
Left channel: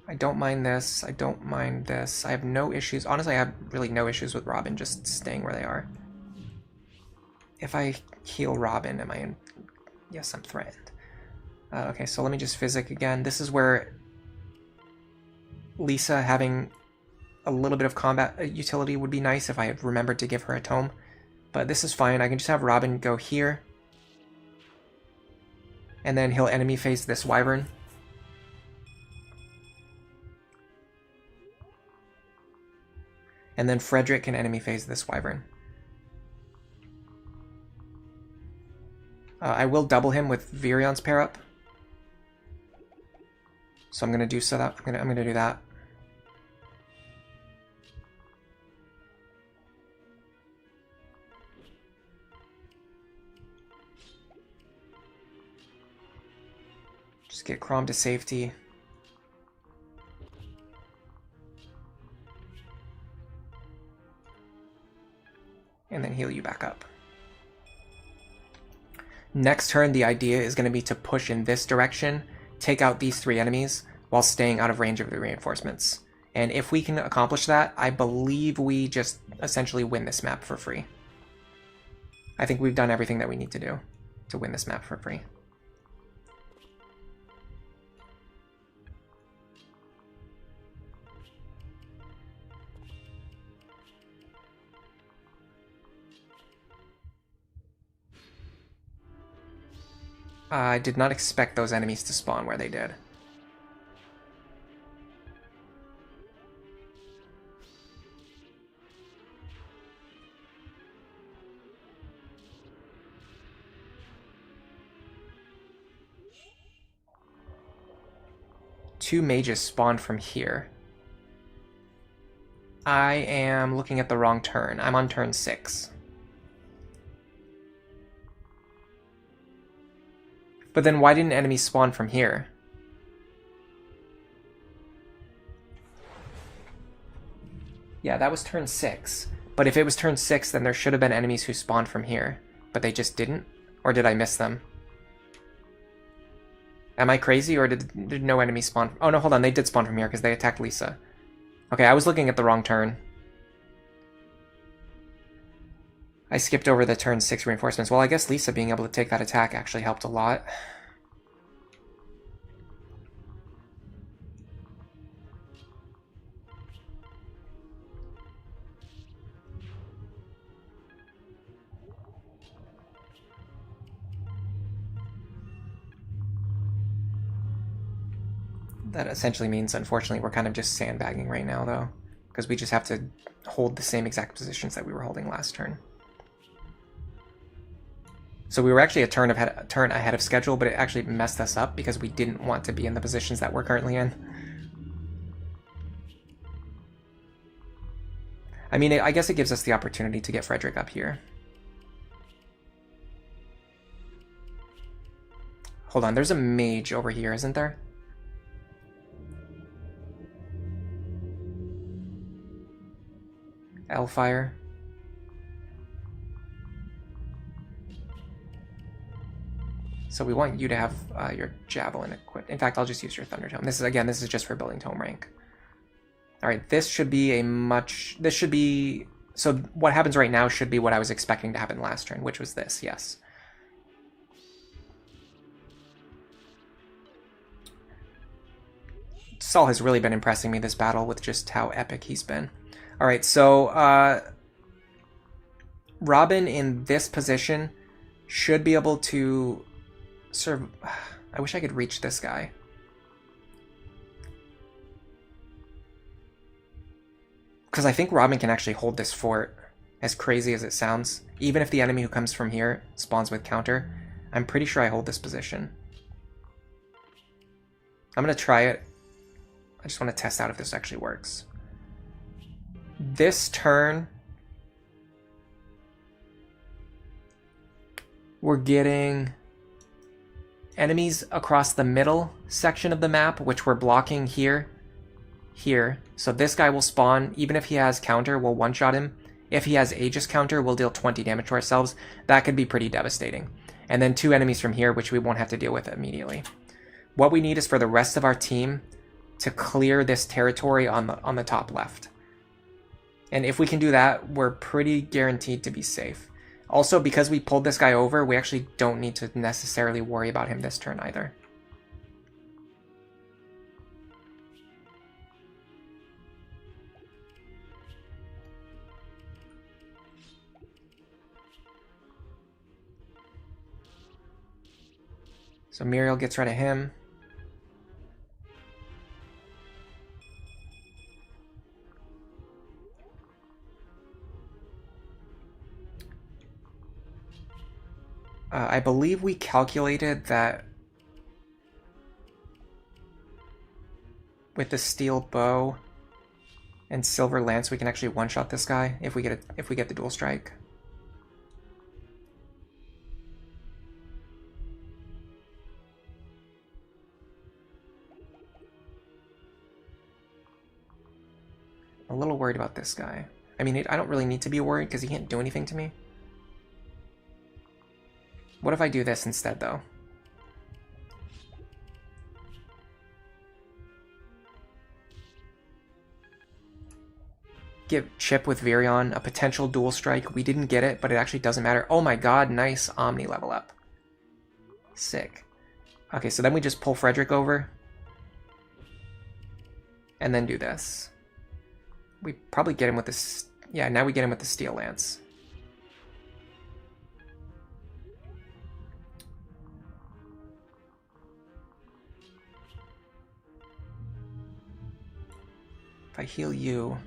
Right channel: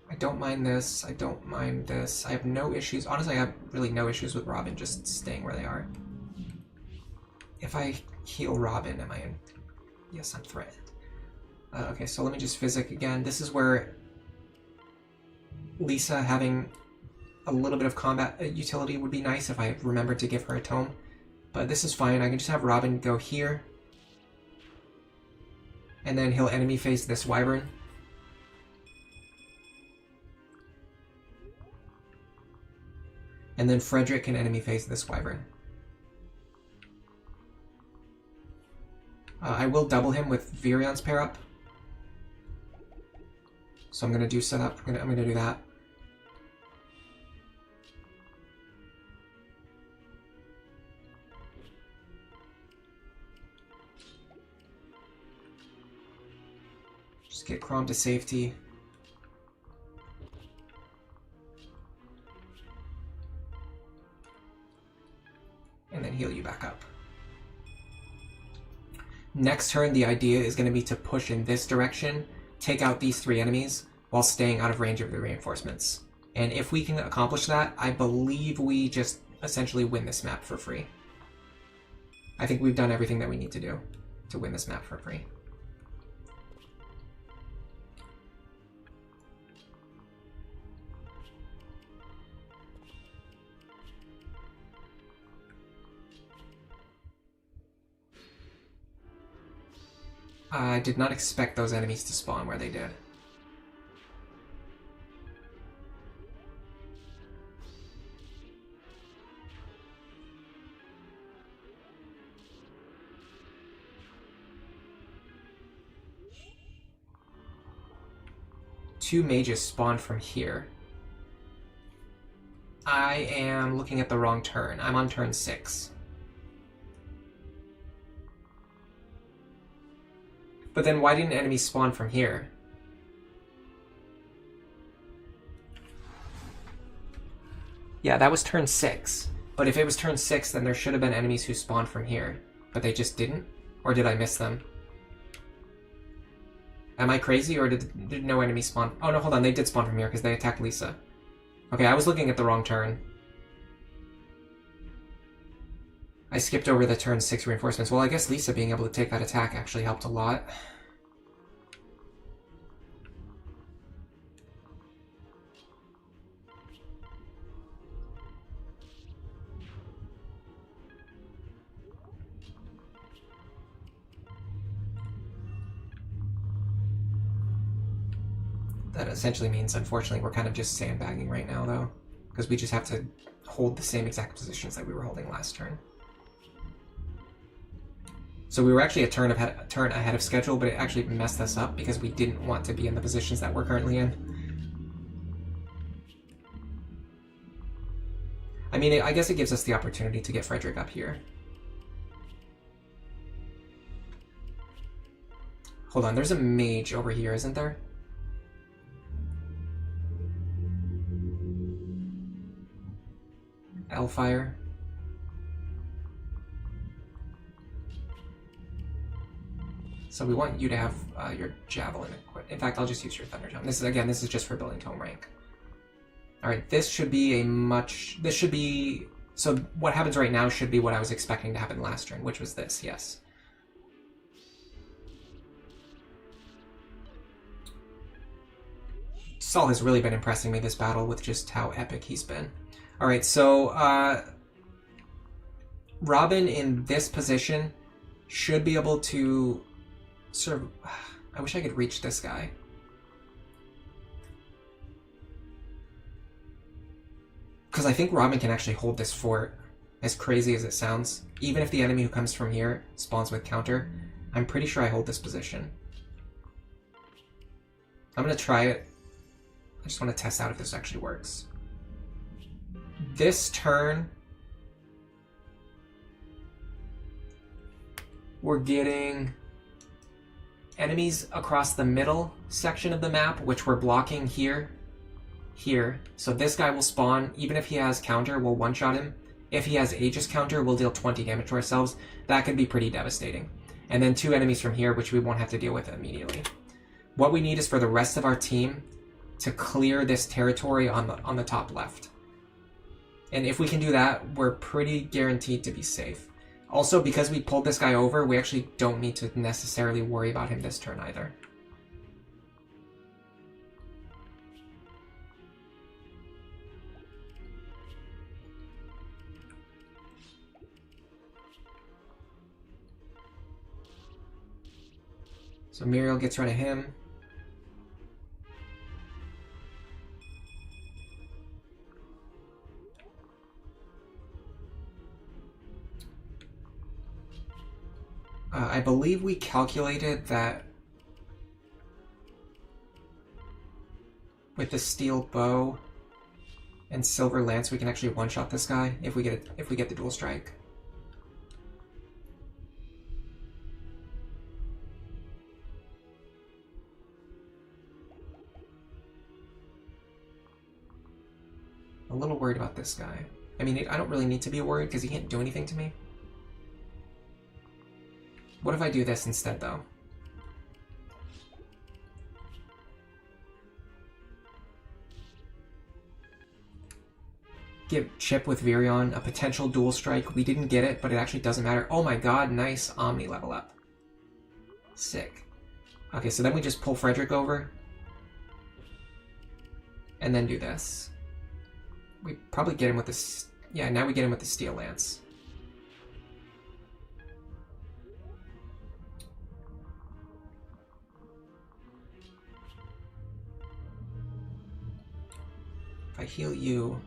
I don't mind this. I don't mind this. I have no issues. Honestly, I have really no issues with Robin just staying where they are. If I heal Robin, am I in... Yes, I'm threatened. Okay, so let me just physic again. This is where Lisa having a little bit of combat utility would be nice if I had remembered to give her a tome. But this is fine. I can just have Robin go here. And then he'll enemy face this Wyvern. And then Frederick can enemy face this Wyvern. I will double him with Virion's pair up. So I'm gonna do so that I'm gonna do that. Just get Crom to safety. and then heal you back up. Next turn, the idea is going to be to push in this direction, take out these 3 enemies, while staying out of range of the reinforcements. And if we can accomplish that, I believe we just essentially win this map for free. I think we've done everything that we need to do to win this map for free. I did not expect those enemies to spawn where they did. Two mages spawned from here. I am looking at the wrong turn. I'm on turn 6. But then why didn't enemies spawn from here? Yeah, that was turn 6. But if it was turn 6, then there should have been enemies who spawned from here. But they just didn't? Or did I miss them? Am I crazy, or did no enemies spawn? Oh no, hold on, they did spawn from here because they attacked Lisa. Okay, I was looking at the wrong turn. I skipped over the turn 6 reinforcements. Well, I guess Lisa being able to take that attack actually helped a lot. That essentially means, unfortunately, we're kind of just sandbagging right now, though. Because we just have to hold the same exact positions that we were holding last turn. So we were actually a turn ahead of schedule, but it actually messed us up because we didn't want to be in the positions that we're currently in. I mean, I guess it gives us the opportunity to get Frederick up here. Hold on, there's a mage over here, isn't there? Hellfire. So we want you to have your javelin equipped. In fact, I'll just use your thunder tome. This is just for building tome rank. All right, this should be so what happens right now should be what I was expecting to happen last turn, which was this, yes. Saul has really been impressing me this battle with just how epic he's been. All right, so Robin in this position should be able to sort of... I wish I could reach this guy. Because I think Robin can actually hold this fort, as crazy as it sounds. Even if the enemy who comes from here spawns with counter, I'm pretty sure I hold this position. I'm going to try it. I just want to test out if this actually works. This turn, we're getting enemies across the middle section of the map, which we're blocking here. So this guy will spawn. Even if he has counter, we'll one-shot him. If he has Aegis counter, we'll deal 20 damage to ourselves. That could be pretty devastating. And then 2 enemies from here, which we won't have to deal with immediately. What we need is for the rest of our team to clear this territory on the top left. And if we can do that, we're pretty guaranteed to be safe. Also, because we pulled this guy over, we actually don't need to necessarily worry about him this turn either. So Muriel gets rid of him. I believe we calculated that with the steel bow and silver lance, we can actually one-shot this guy if we get the dual strike. A little worried about this guy. I mean, I don't really need to be worried because he can't do anything to me. What if I do this instead, though? Give Chip with Virion a potential dual strike. We didn't get it, but it actually doesn't matter. Oh my god, nice Omni level up. Sick. Okay, so then we just pull Frederick over. And then do this. We probably get him with this. Yeah, now we get him with the Steel Lance. If I heal you...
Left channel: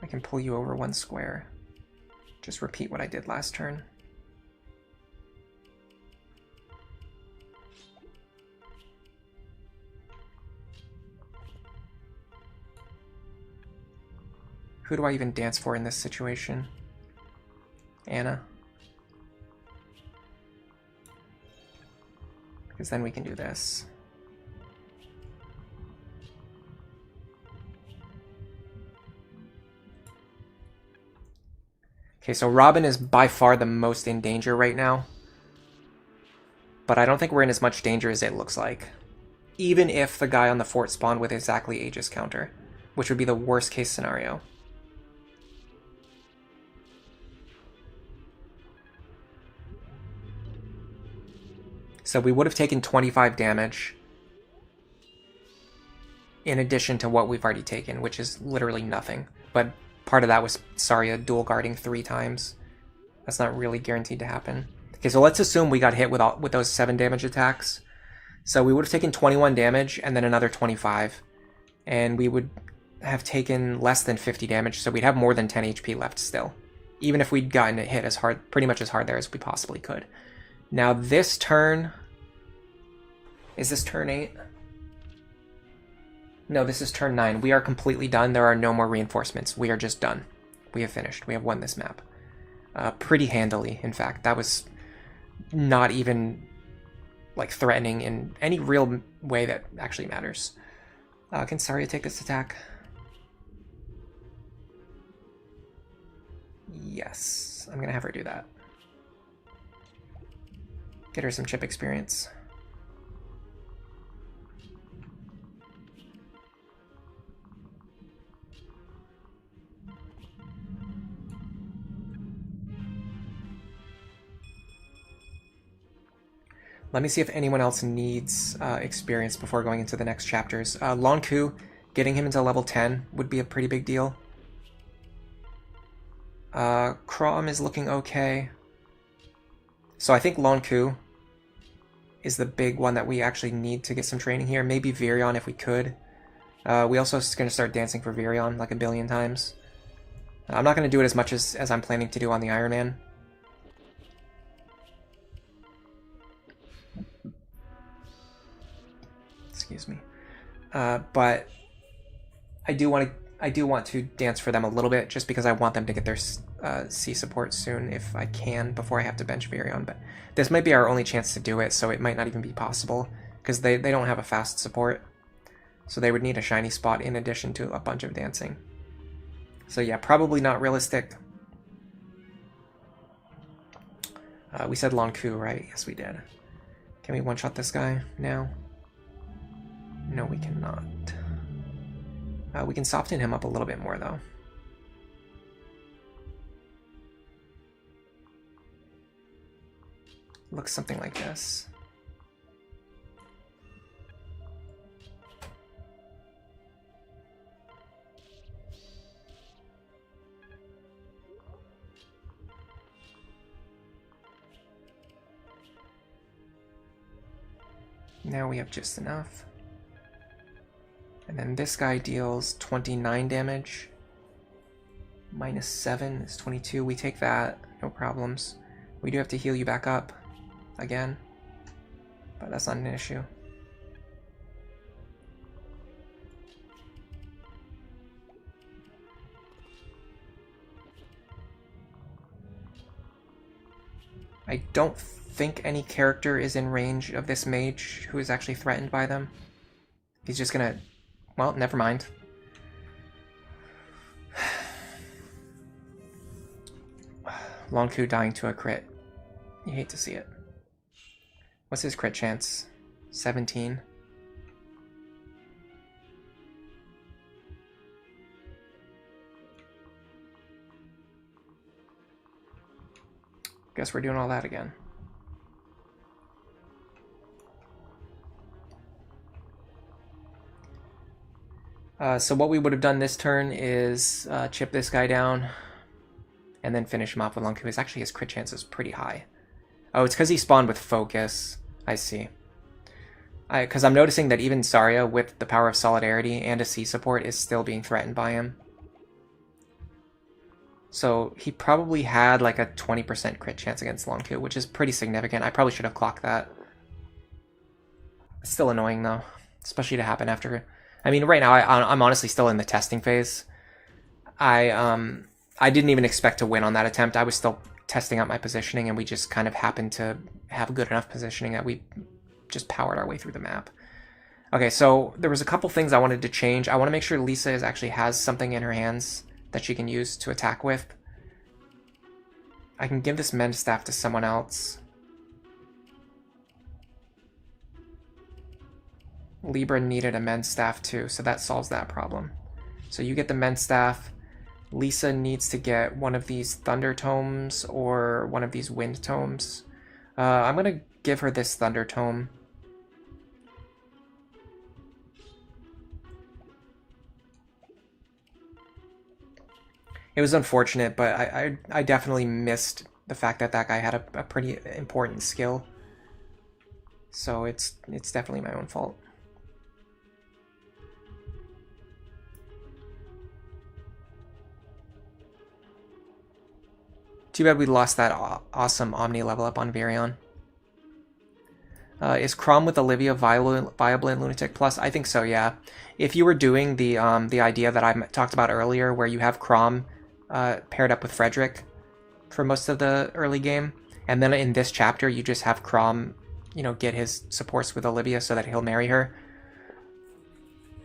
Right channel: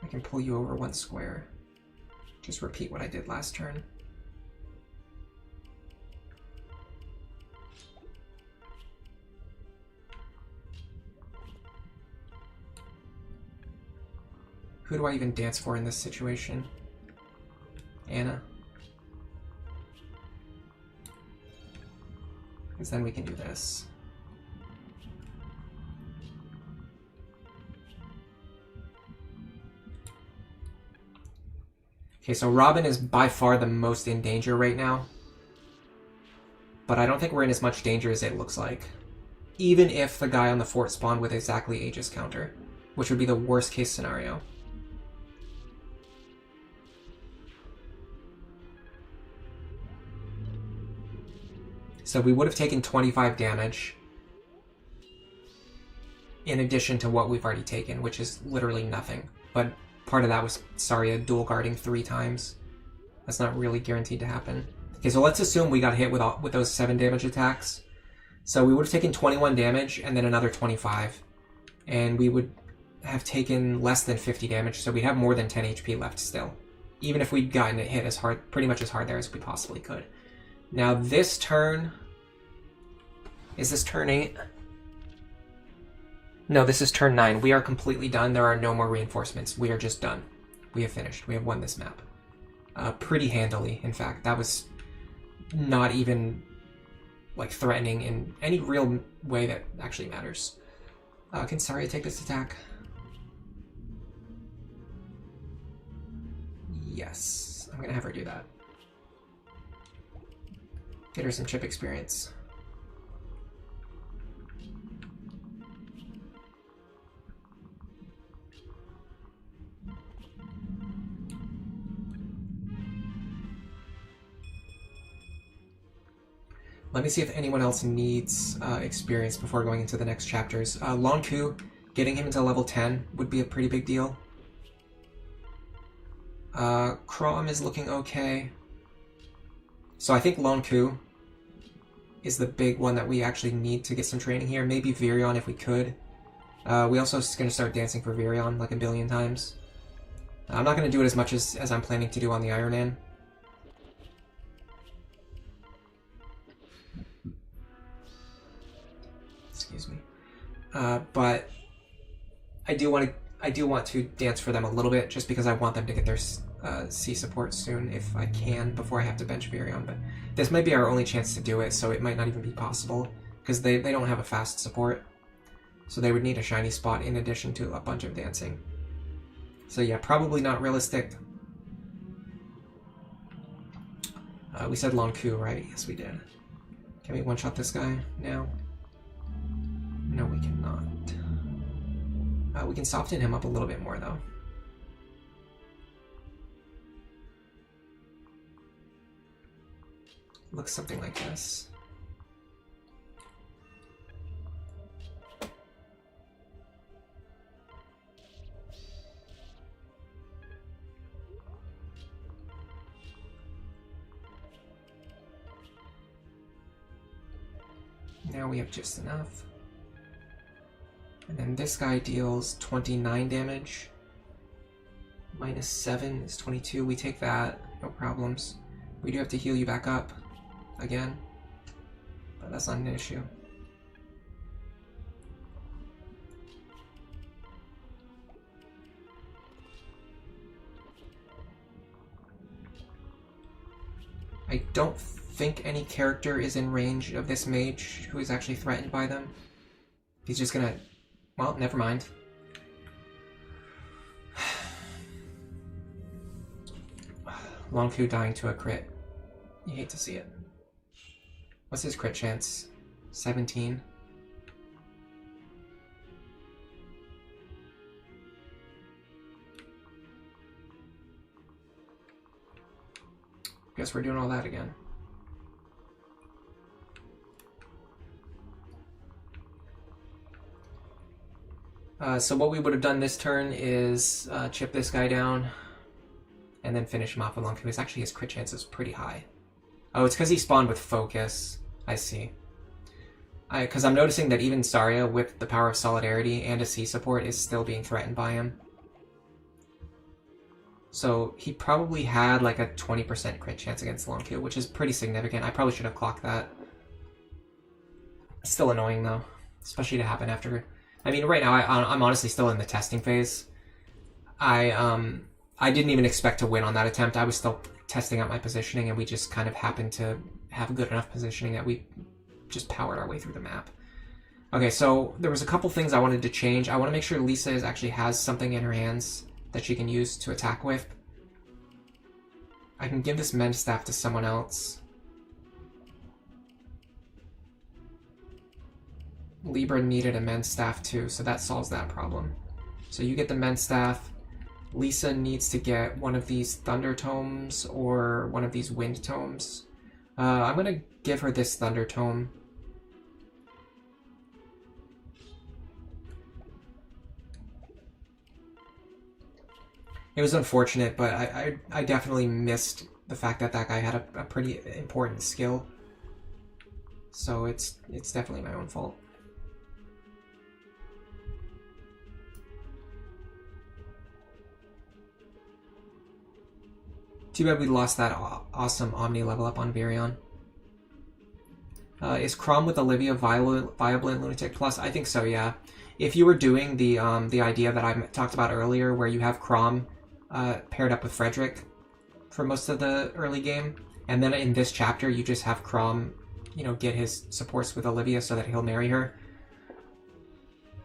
I can pull you over 1 square. Just repeat what I did last turn. Who do I even dance for in this situation? Anna? Because then we can do this. Okay, so Robin is by far the most in danger right now. But I don't think we're in as much danger as it looks like. Even if the guy on the fort spawned with exactly Aegis counter, which would be the worst case scenario. So we would have taken 25 damage in addition to what we've already taken, which is literally nothing. But part of that was Saria dual guarding 3 times. That's not really guaranteed to happen. Okay, so let's assume we got hit with those 7 damage attacks. So we would have taken 21 damage and then another 25. And we would have taken less than 50 damage, so we'd have more than 10 HP left still. Even if we'd gotten it hit as hard, pretty much as hard there as we possibly could. Now this turn... Is this turn 8? No, this is turn 9. We are completely done. There are no more reinforcements. We are just done. We have finished. We have won this map. Pretty handily, in fact. That was not even like threatening in any real way that actually matters. Can Saria take this attack? Yes. I'm gonna have her do that. Get her some chip experience. Let me see if anyone else needs experience before going into the next chapters. Lonku, getting him into level 10 would be a pretty big deal. Crom is looking okay. So I think Lonku is the big one that we actually need to get some training here. Maybe Virion if we could. We also are going to start dancing for Virion like a billion times. I'm not going to do it as much as I'm planning to do on the Iron Man. Excuse me. But I do want to dance for them a little bit, just because I want them to get their C support soon if I can, before I have to bench Virion. But this might be our only chance to do it, so it might not even be possible, because they don't have a fast support. So they would need a shiny spot in addition to a bunch of dancing. So yeah, probably not realistic. We said Lonku, right? Yes, we did. Can we one-shot this guy now? No, we cannot. We can soften him up a little bit more, though. Looks something like this. Now we have just enough. And then this guy deals 29 damage. Minus 7 is 22. We take that, no problems. We do have to heal you back up again, but that's not an issue. I don't think any character is in range of this mage who is actually threatened by them. He's just gonna... Well, never mind. Longku dying to a crit. You hate to see it. What's his crit chance? 17. Guess we're doing all that again. So what we would have done this turn is chip this guy down and then finish him off with Longku. Actually, his crit chance is pretty high. Oh, it's because he spawned with focus. I see. Because I'm noticing that even Saria, with the power of Solidarity and a C support, is still being threatened by him. So he probably had like a 20% crit chance against Longku, which is pretty significant. I probably should have clocked that. Still annoying though, especially to happen after. I mean, right now I'm honestly still in the testing phase. I didn't even expect to win on that attempt. I was still testing out my positioning, and we just kind of happened to have good enough positioning that we just powered our way through the map. Okay, so there was a couple things I wanted to change. I want to make sure Lisa actually has something in her hands that she can use to attack with. I can give this Mend Staff to someone else. Libra needed a Mend Staff too, so that solves that problem. So you get the Mend Staff. Lisa needs to get one of these Thunder Tomes or one of these Wind Tomes. I'm going to give her this Thunder Tome. It was unfortunate, but I definitely missed the fact that that guy had a pretty important skill. So it's definitely my own fault. Too bad we lost that awesome Omni level up on Virion. Is Chrom with Olivia viable in Lunatic Plus? I think so, yeah. If you were doing the idea that I talked about earlier, where you have Chrom paired up with Frederick for most of the early game, and then in this chapter you just have Chrom, you know, get his supports with Olivia so that he'll marry her.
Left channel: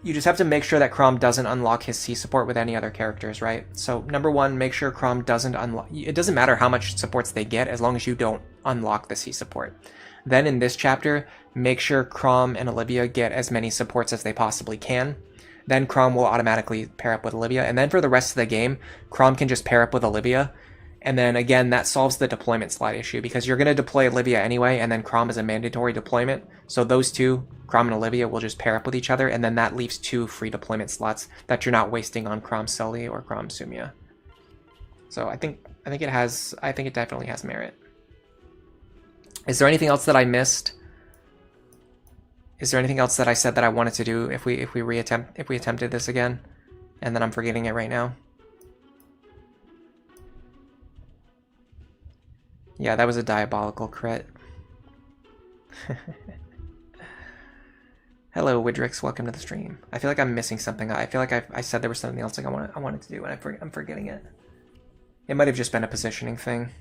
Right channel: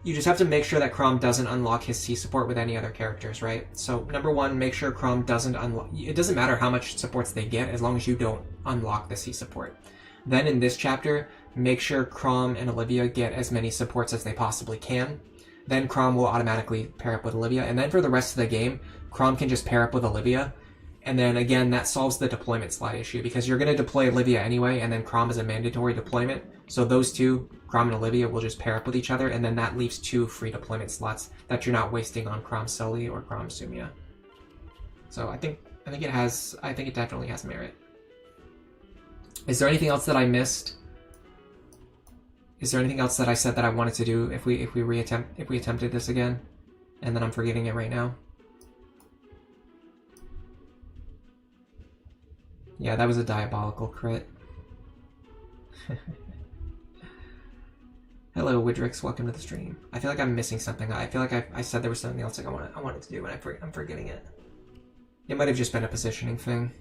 You just have to make sure that Chrom doesn't unlock his C support with any other characters, right? So number one, make sure Chrom doesn't unlock... It doesn't matter how much supports they get as long as you don't unlock the C support. Then in this chapter, make sure Chrom and Olivia get as many supports as they possibly can. Then Chrom will automatically pair up with Olivia. And then for the rest of the game, Chrom can just pair up with Olivia. And then again, that solves the deployment slot issue because you're going to deploy Olivia anyway, and then Chrom is a mandatory deployment. So those two, Chrom and Olivia, will just pair up with each other, and then that leaves 2 free deployment slots that you're not wasting on Chrom Sully or Chrom Sumia. So I think it definitely has merit. Is there anything else that I missed? Is there anything else that I said that I wanted to do if we attempted this again, and then I'm forgetting it right now? Yeah, that was a diabolical crit. Hello, Widrix. Welcome to the stream. I feel like I'm missing something. I feel like I said there was something else like I wanted to do, and I'm forgetting it. It might have just been a positioning thing.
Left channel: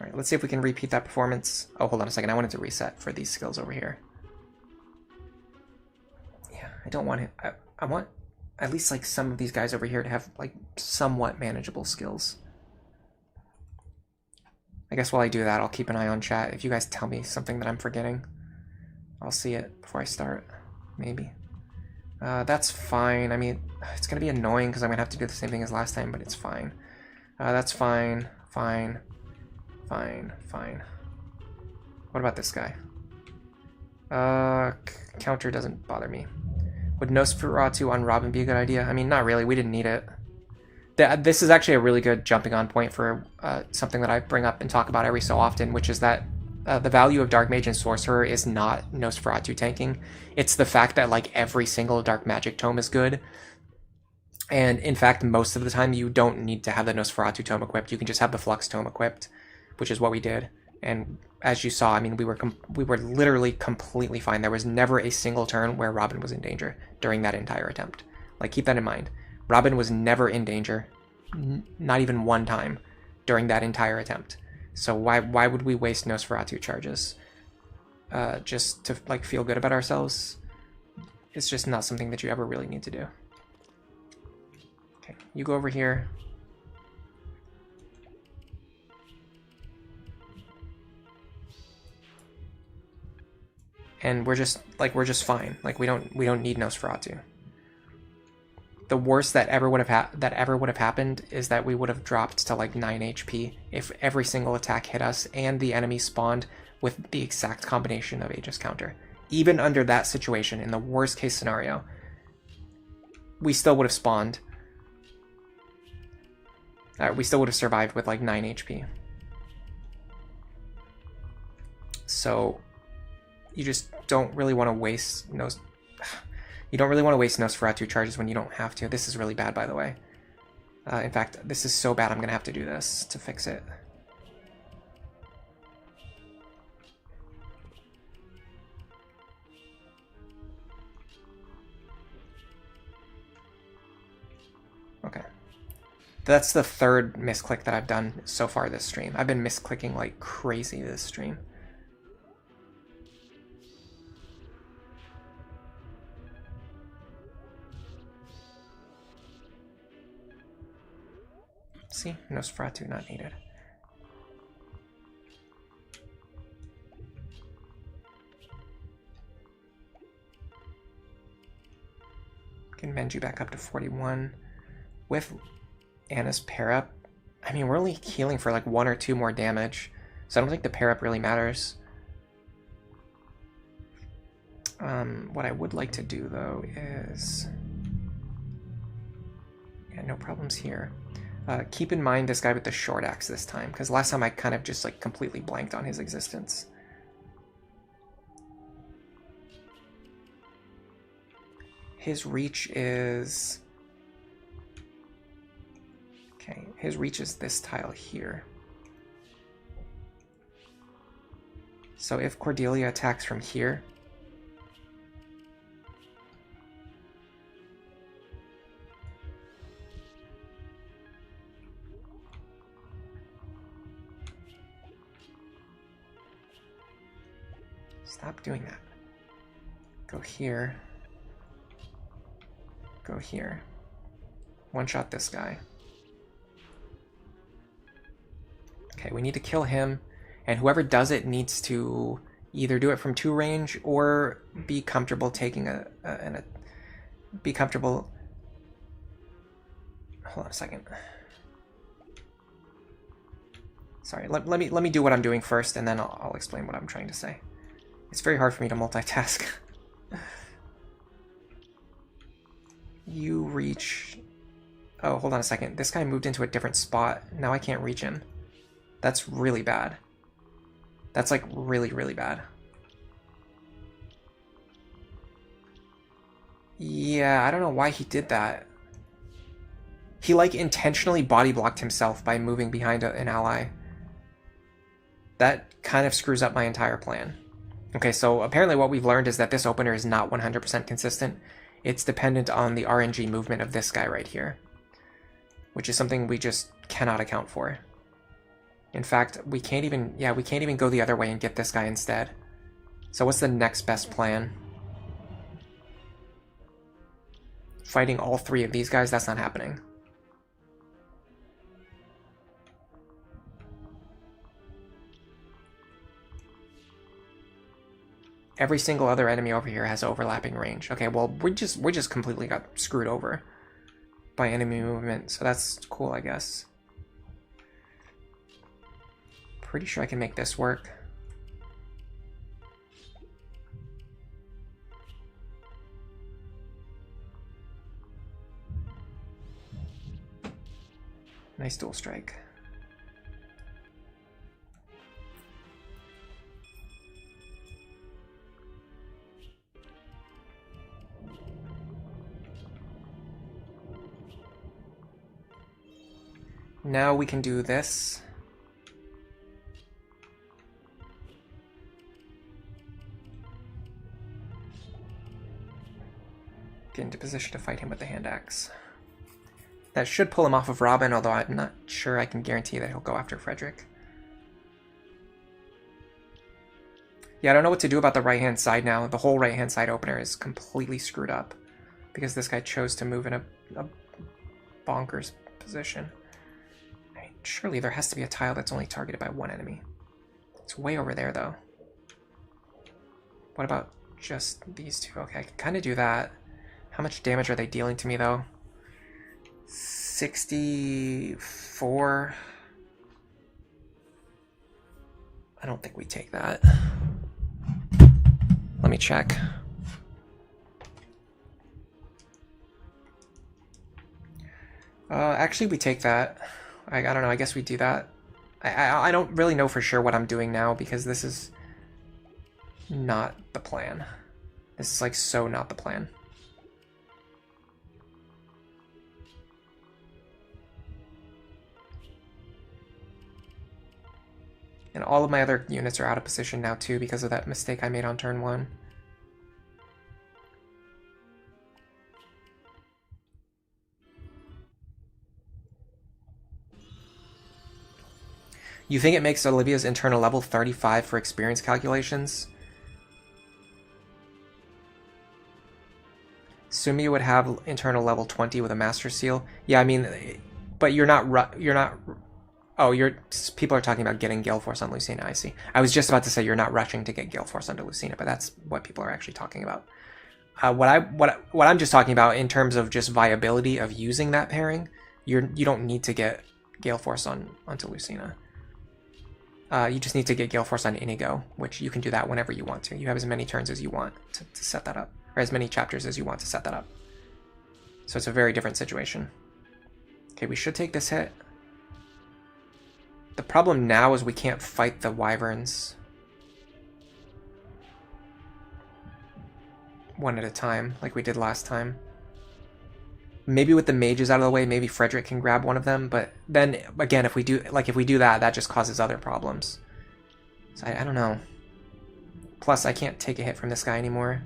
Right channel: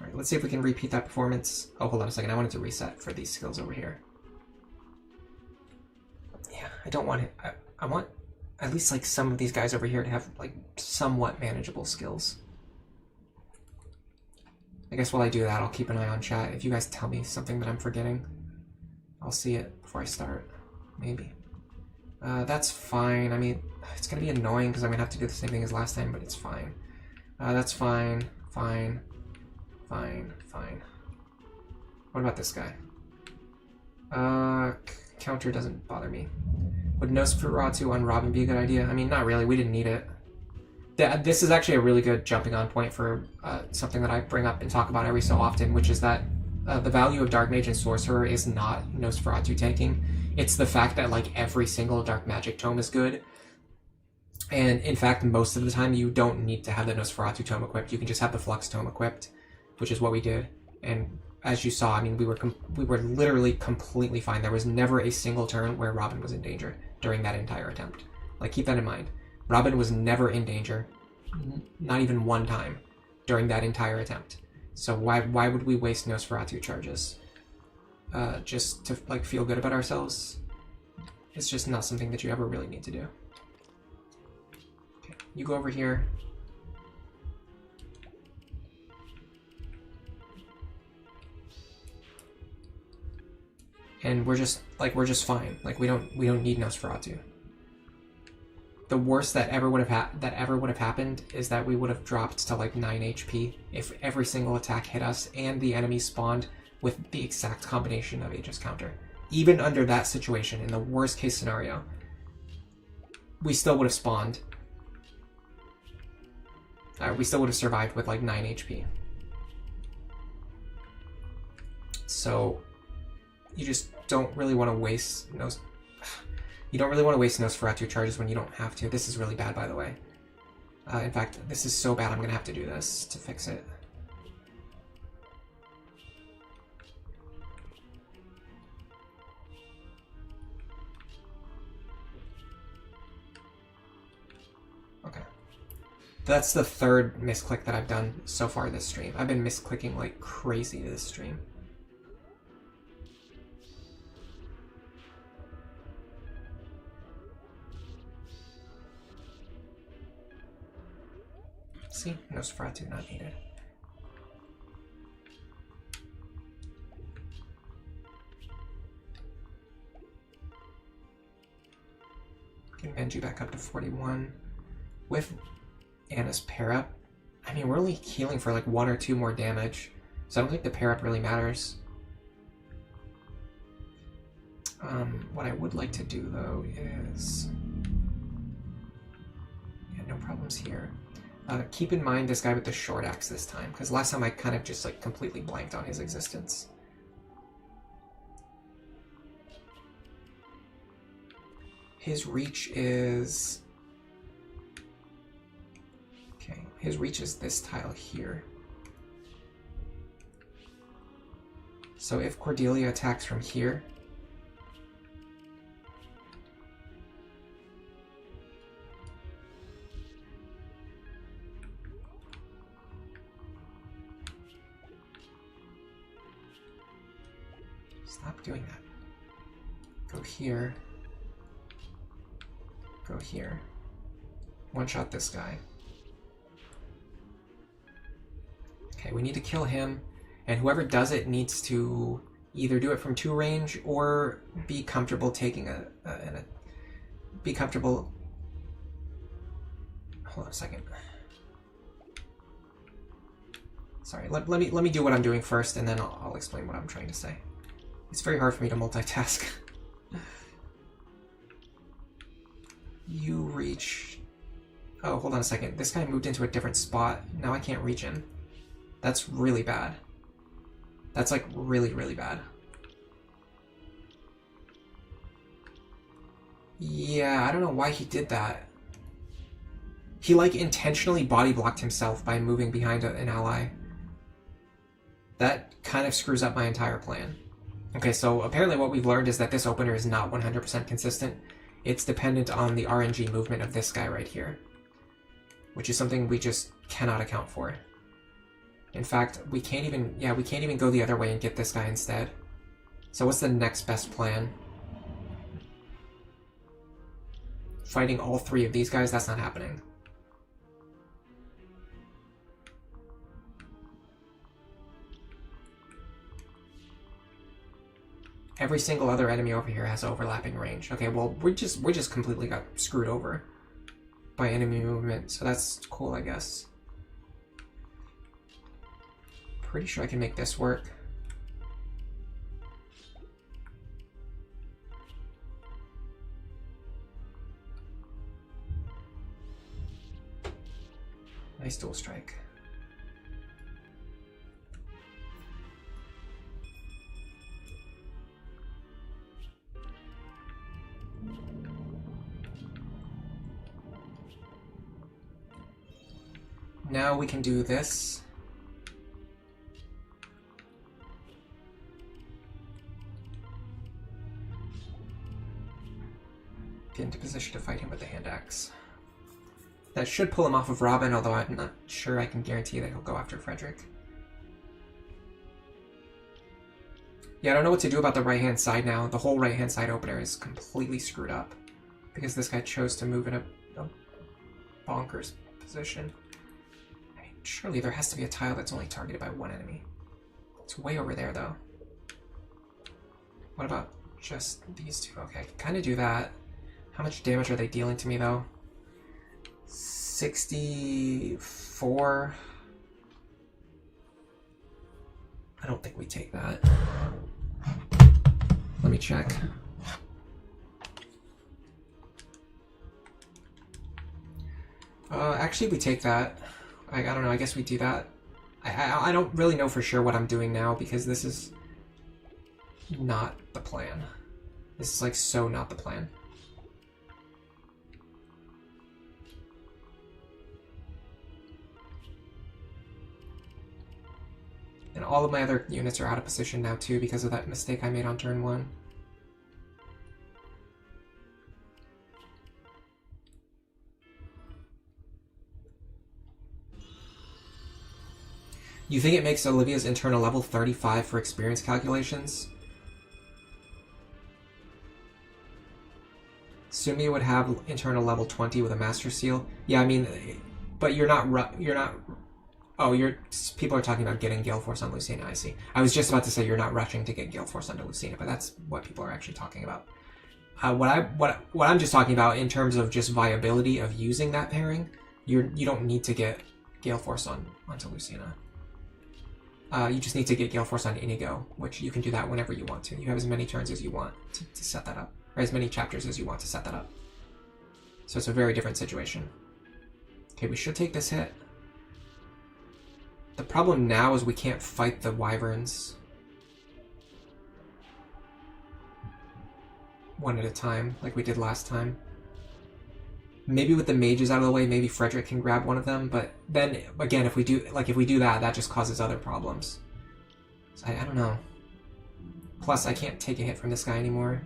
All right, let's see if we can repeat that performance. Oh, hold on a second. I wanted to reset for these skills over here. Yeah, I don't want it. I want at least like some of these guys over here to have like somewhat manageable skills. I guess while I do that, I'll keep an eye on chat. If you guys tell me something that I'm forgetting, I'll see it before I start, maybe. That's fine. I mean, it's gonna be annoying because I'm gonna have to do the same thing as last time, but it's fine. That's fine. Fine. What about this guy? Counter doesn't bother me. Would Nosferatu on Robin be a good idea? I mean, not really. We didn't need it. This is actually a really good jumping on point for something that I bring up and talk about every so often, which is that the value of Dark Mage and Sorcerer is not Nosferatu tanking. It's the fact that like every single Dark Magic tome is good. And in fact, most of the time you don't need to have the Nosferatu tome equipped. You can just have the Flux tome equipped, which is what we did. And as you saw, I mean, we were literally completely fine. There was never a single turn where Robin was in danger during that entire attempt. Like, keep that in mind. Robin was never in danger, not even one time during that entire attempt. So why would we waste Nosferatu charges? Just to like feel good about ourselves? It's just not something that you ever really need to do. Okay, you go over here. And we're just fine. Like we don't need Nosferatu. The worst that ever would have happened is that we would have dropped to like 9 HP if every single attack hit us and the enemy spawned with the exact combination of Aegis counter. Even under that situation, in the worst case scenario, we still would have spawned. We still would have survived with like 9 HP. So you just don't really want to waste You don't really want to waste Nosferatu charges when you don't have to. This is really bad, by the way. In fact, this is so bad I'm going to have to do this to fix it. Okay. That's the third misclick that I've done so far this stream. I've been misclicking like crazy this stream. See, Nosferatu not needed. Can mend you back up to 41. With Anna's pair up, I mean, we're only healing for like 1 or 2 more damage, so I don't think the pair up really matters. What I would like to do though is, yeah, no problems here. Keep in mind this guy with the short axe this time, because last time I kind of just like completely blanked on his existence. His reach is... Okay, his reach is this tile here. So if Cordelia attacks from here, stop doing that. Go here. Go here. One-shot this guy. Okay, we need to kill him, and whoever does it needs to either do it from 2 range or be comfortable taking be comfortable. Hold on a second. Sorry, let me do what I'm doing first, and then I'll explain what I'm trying to say. It's very hard for me to multitask. You reach... Oh, hold on a second. This guy moved into a different spot. Now I can't reach him. That's really bad. That's like really, really bad. Yeah, I don't know why he did that. He like intentionally body blocked himself by moving behind an ally. That kind of screws up my entire plan. Okay, so apparently what we've learned is that this opener is not 100% consistent. It's dependent on the RNG movement of this guy right here, which is something we just cannot account for. In fact, we can't even go the other way and get this guy instead. So what's the next best plan? Fighting all 3 of these guys? That's not happening. Every single other enemy over here has overlapping range. Okay, well, we just completely got screwed over by enemy movement, so that's cool, I guess. Pretty sure I can make this work. Nice dual strike. Now we can do this. Get into position to fight him with the hand axe. That should pull him off of Robin, although I'm not sure I can guarantee that he'll go after Frederick. Yeah, I don't know what to do about the right-hand side now. The whole right-hand side opener is completely screwed up because this guy chose to move in a bonkers position. I mean, surely there has to be a tile that's only targeted by one enemy. It's way over there, though. What about just these two? Okay, I can kind of do that. How much damage are they dealing to me, though? 64. I don't think we take that. Let me check. Actually, we take that. I don't know. I guess we do that. I don't really know for sure what I'm doing now because this is not the plan. This is like so not the plan. And all of my other units are out of position now too because of that mistake I made on turn 1. You think it makes Olivia's internal level 35 for experience calculations? Sumia would have internal level 20 with a master seal. Yeah, I mean, but you're not. Oh, people are talking about getting Gale Force on Lucina. I see. I was just about to say you're not rushing to get Gale Force onto Lucina, but that's what people are actually talking about. What I'm just talking about in terms of just viability of using that pairing, you don't need to get Gale Force onto Lucina. You just need to get Gale Force on Inigo, which you can do that whenever you want to. You have as many turns as you want to set that up, or as many chapters as you want to set that up. So it's a very different situation. Okay, we should take this hit. The problem now is we can't fight the Wyverns one at a time like we did last time. Maybe with the mages out of the way, maybe Frederick can grab one of them, but then again, if we do that, that just causes other problems. So I don't know. Plus, I can't take a hit from this guy anymore.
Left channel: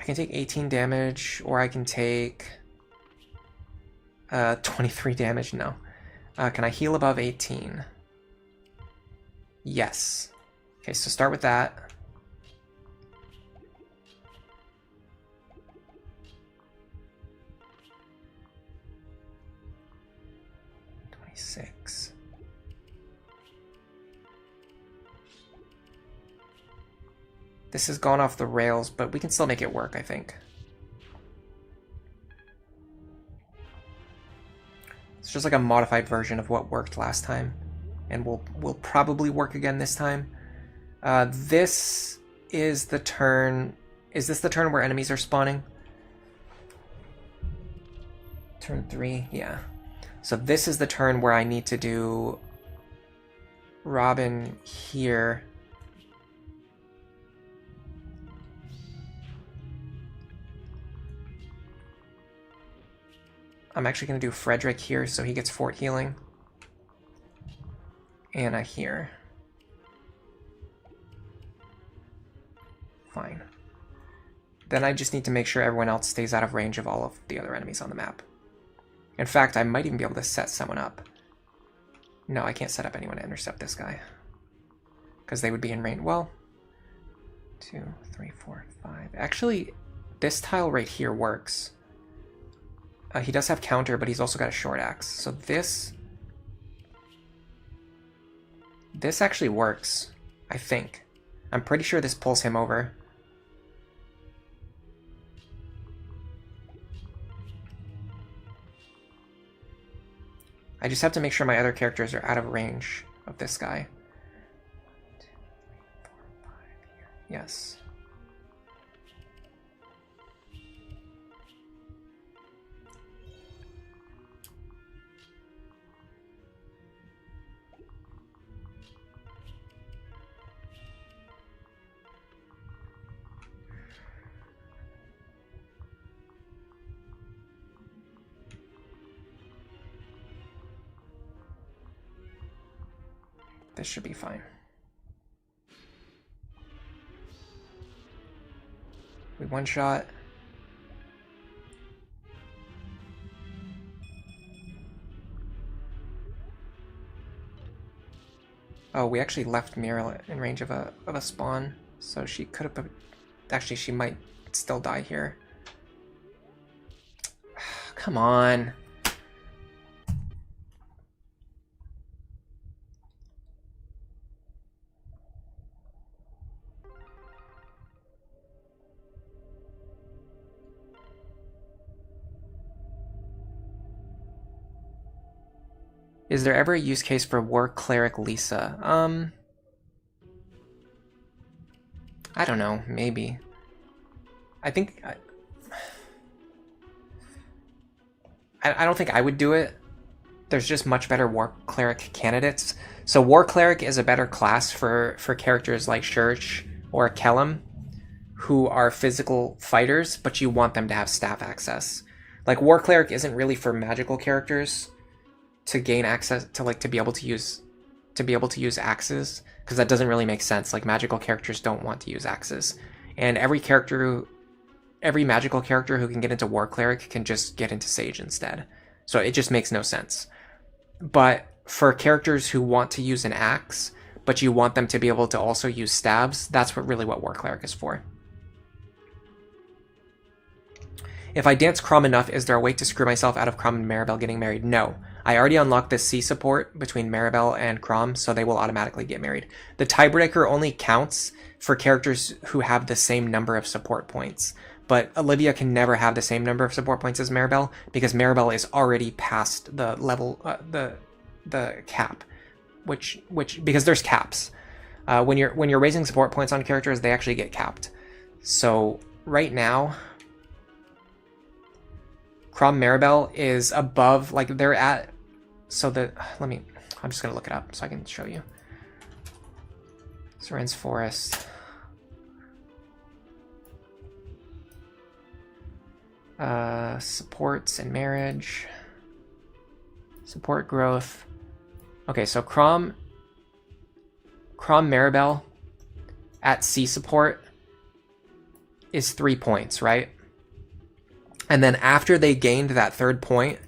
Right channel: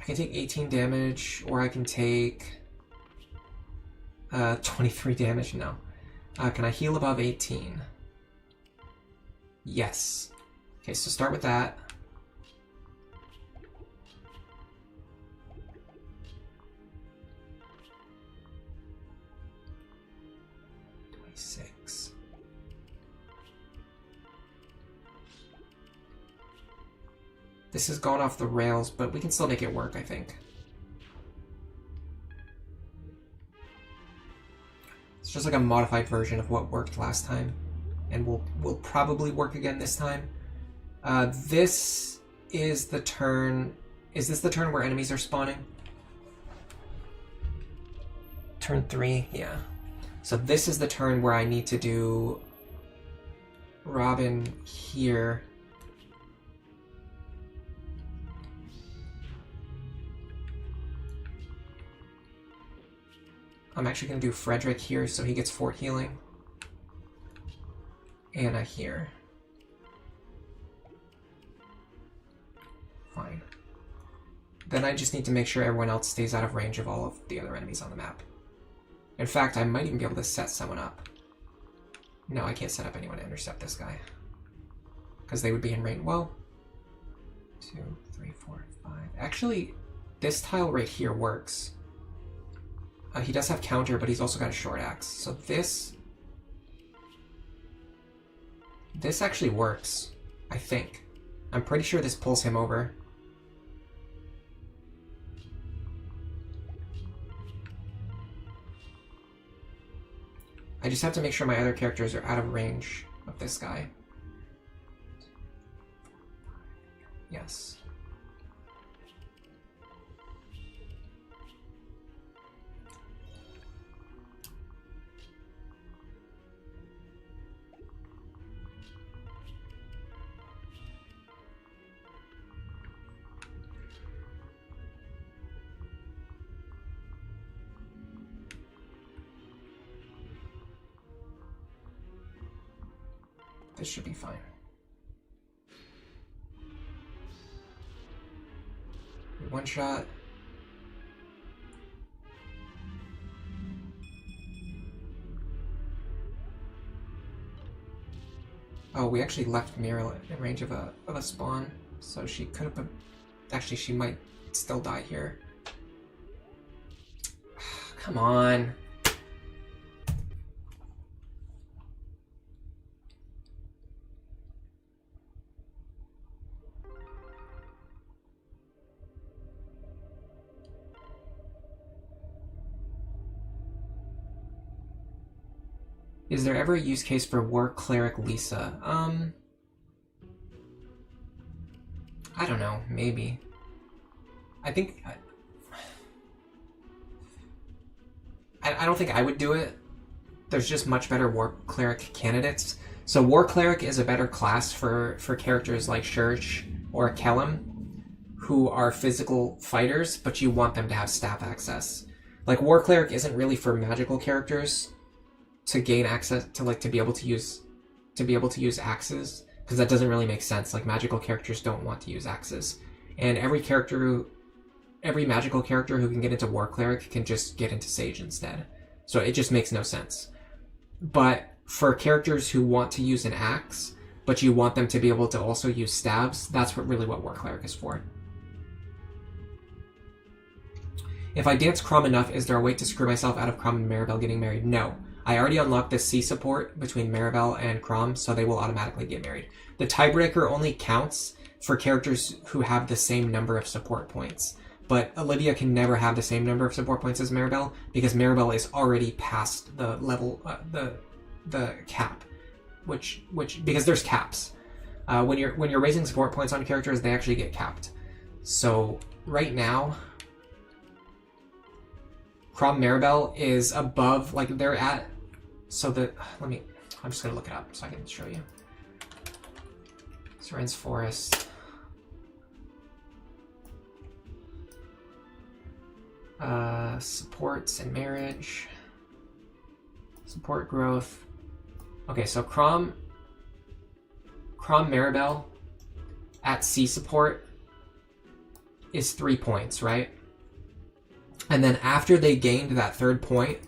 I can take 18 damage, or I can take 23 damage. No. Can I heal above 18? Yes. Okay, so start with that. This has gone off the rails, but we can still make it work, I think. It's just like a modified version of what worked last time, and will probably work again this time. This is the turn... Is this the turn where enemies are spawning? Turn 3, yeah. So this is the turn where I need to do Robin here. I'm actually going to do Frederick here so he gets fort healing. Anna here. Fine. Then I just need to make sure everyone else stays out of range of all of the other enemies on the map. In fact, I might even be able to set someone up. No, I can't set up anyone to intercept this guy. Because they would be in range. Well, 2, 3, 4, 5. Actually, this tile right here works. He does have counter, but he's also got a short axe. So this actually works, I think. I'm pretty sure this pulls him over. I just have to make sure my other characters are out of range of this guy. 2, 3, 4, 5. Yes. This should be fine. We one shot. Oh, we actually left Mira in range of a spawn, so she could have... Actually, she might still die here. Come on. Is there ever a use case for War Cleric Lisa? I don't know, maybe. I think... I don't think I would do it. There's just much better War Cleric candidates. So War Cleric is a better class for characters like Church or Kellum, who are physical fighters, but you want them to have staff access. Like, War Cleric isn't really for magical characters to gain access to, like, to be able to use axes, because that doesn't really make sense. Like, magical characters don't want to use axes. And every magical character who can get into War Cleric can just get into Sage instead. So it just makes no sense. But for characters who want to use an axe, but you want them to be able to also use stabs, that's really what War Cleric is for. If I dance Crom enough, is there a way to screw myself out of Crom and Maribel getting married? No. I already unlocked the C support between Maribel and Crom, so they will automatically get married. The tiebreaker only counts for characters who have the same number of support points. But Olivia can never have the same number of support points as Maribel, because Maribel is already past the level, the cap, which because there's caps. When you're raising support points on characters, they actually get capped. So right now, Crom Maribel is above, like, they're at, so I'm just gonna look it up so I can show you. Seren's Forest. Supports and marriage. Support growth. Okay, so Crom Maribel at C support is 3 points, right? And then after they gained that third point,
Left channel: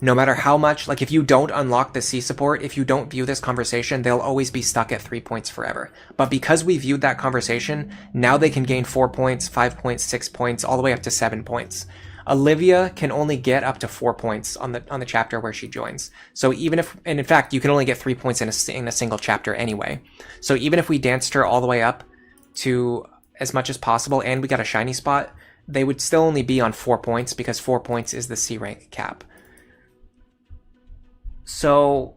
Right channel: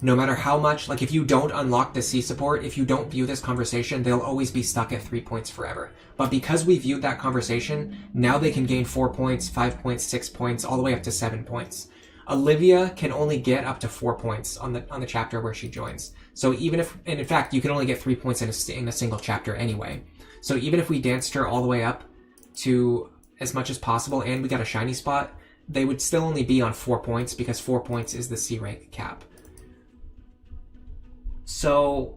no matter how much, like, if you don't unlock the C support, if you don't view this conversation, they'll always be stuck at 3 points forever. But because we viewed that conversation, now they can gain 4 points, 5 points, 6 points, all the way up to 7 points. Olivia can only get up to 4 points on the chapter where she joins. So even if, and in fact, you can only get 3 points in a single chapter anyway. So even if we danced her all the way up to as much as possible and we got a shiny spot, they would still only be on 4 points, because 4 points is the C rank cap. So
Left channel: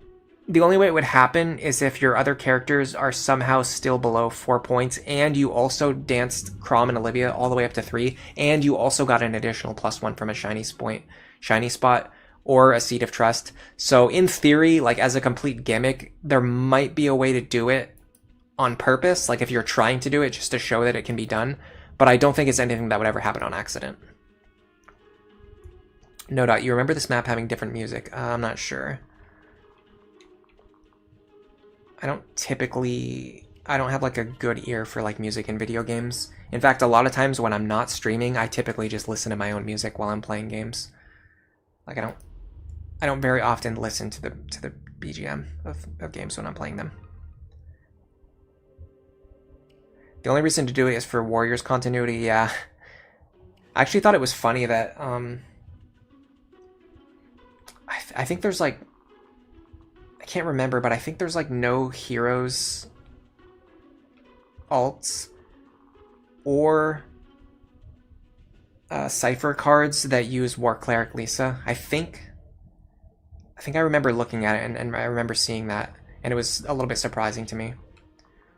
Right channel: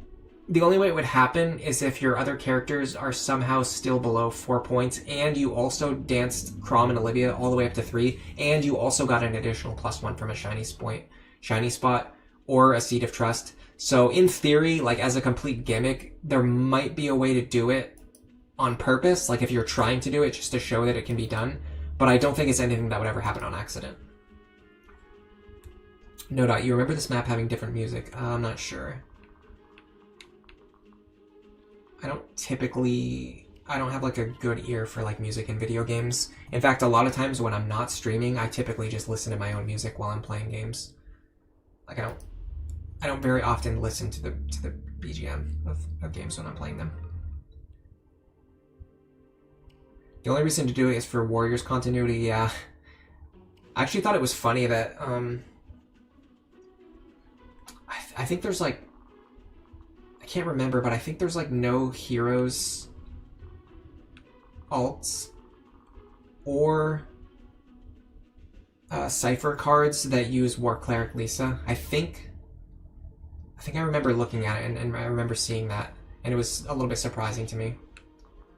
the only way it would happen is if your other characters are somehow still below 4 points, and you also danced Crom and Olivia all the way up to 3, and you also got an additional +1 from a shiny spot, or a Seed of Trust. So in theory, like, as a complete gimmick, there might be a way to do it on purpose, like if you're trying to do it just to show that it can be done, but I don't think it's anything that would ever happen on accident. No doubt, you remember this map having different music? I'm not sure. I don't have, like, a good ear for, like, music in video games. In fact, a lot of times when I'm not streaming, I typically just listen to my own music while I'm playing games. Like, I don't very often listen to the BGM of games when I'm playing them. The only reason to do it is for Warriors continuity, yeah. I actually thought it was funny that, I think there's, like, I can't remember, but I think there's, like, no heroes alts or cipher cards that use War Cleric Lisa. I think I remember looking at it, and I remember seeing that, and it was a little bit surprising to me.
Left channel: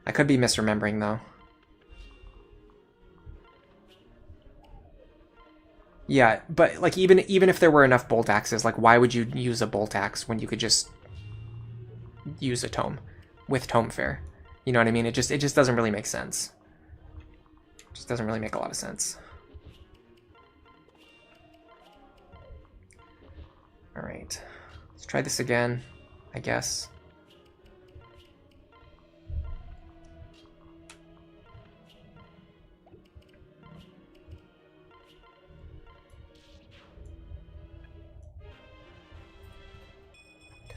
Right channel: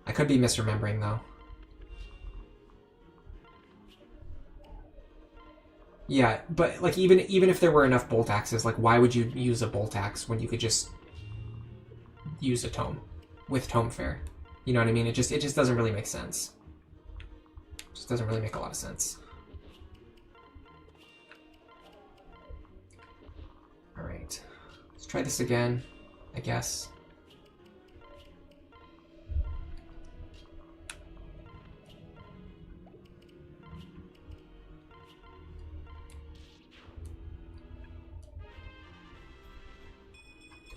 I could be misremembering, though. Yeah, but, like, even if there were enough bolt axes, like, why would you use a bolt axe when you could just use a tome with tome fair? You know what I mean? It just doesn't really make sense. It just doesn't really make a lot of sense. All right, let's try this again, I guess.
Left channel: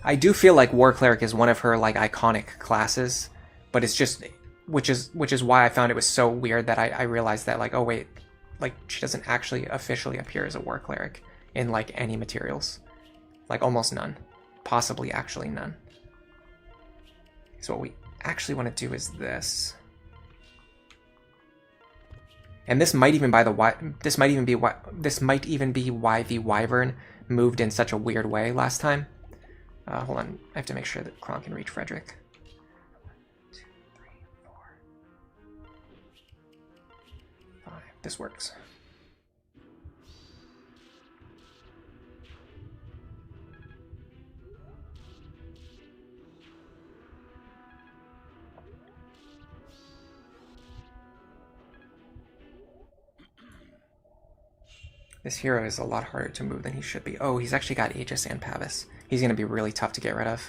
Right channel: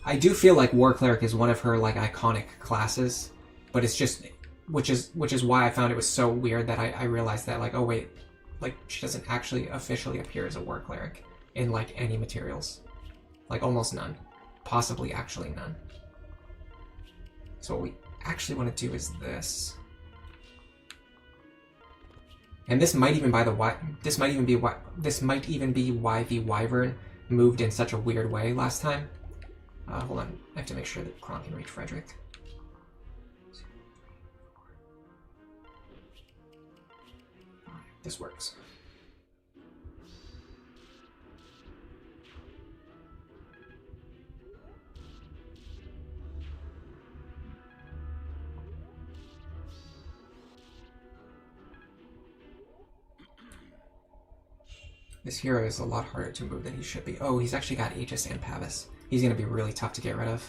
I do feel like War Cleric is one of her like iconic classes, but it's just which is why I found it was so weird that I realized that like, oh wait, like she doesn't actually officially appear as a War Cleric in like any materials. Like almost none. Possibly actually none. So what we actually want to do is this. And this might even be why the Wyvern moved in such a weird way last time. Hold on, I have to make sure that Kron can reach Frederick. 1, 2, 3, 4, 5. This works. This hero is a lot harder to move than he should be. Oh, he's actually got Aegis and Pavis. He's going to be really tough to get rid of.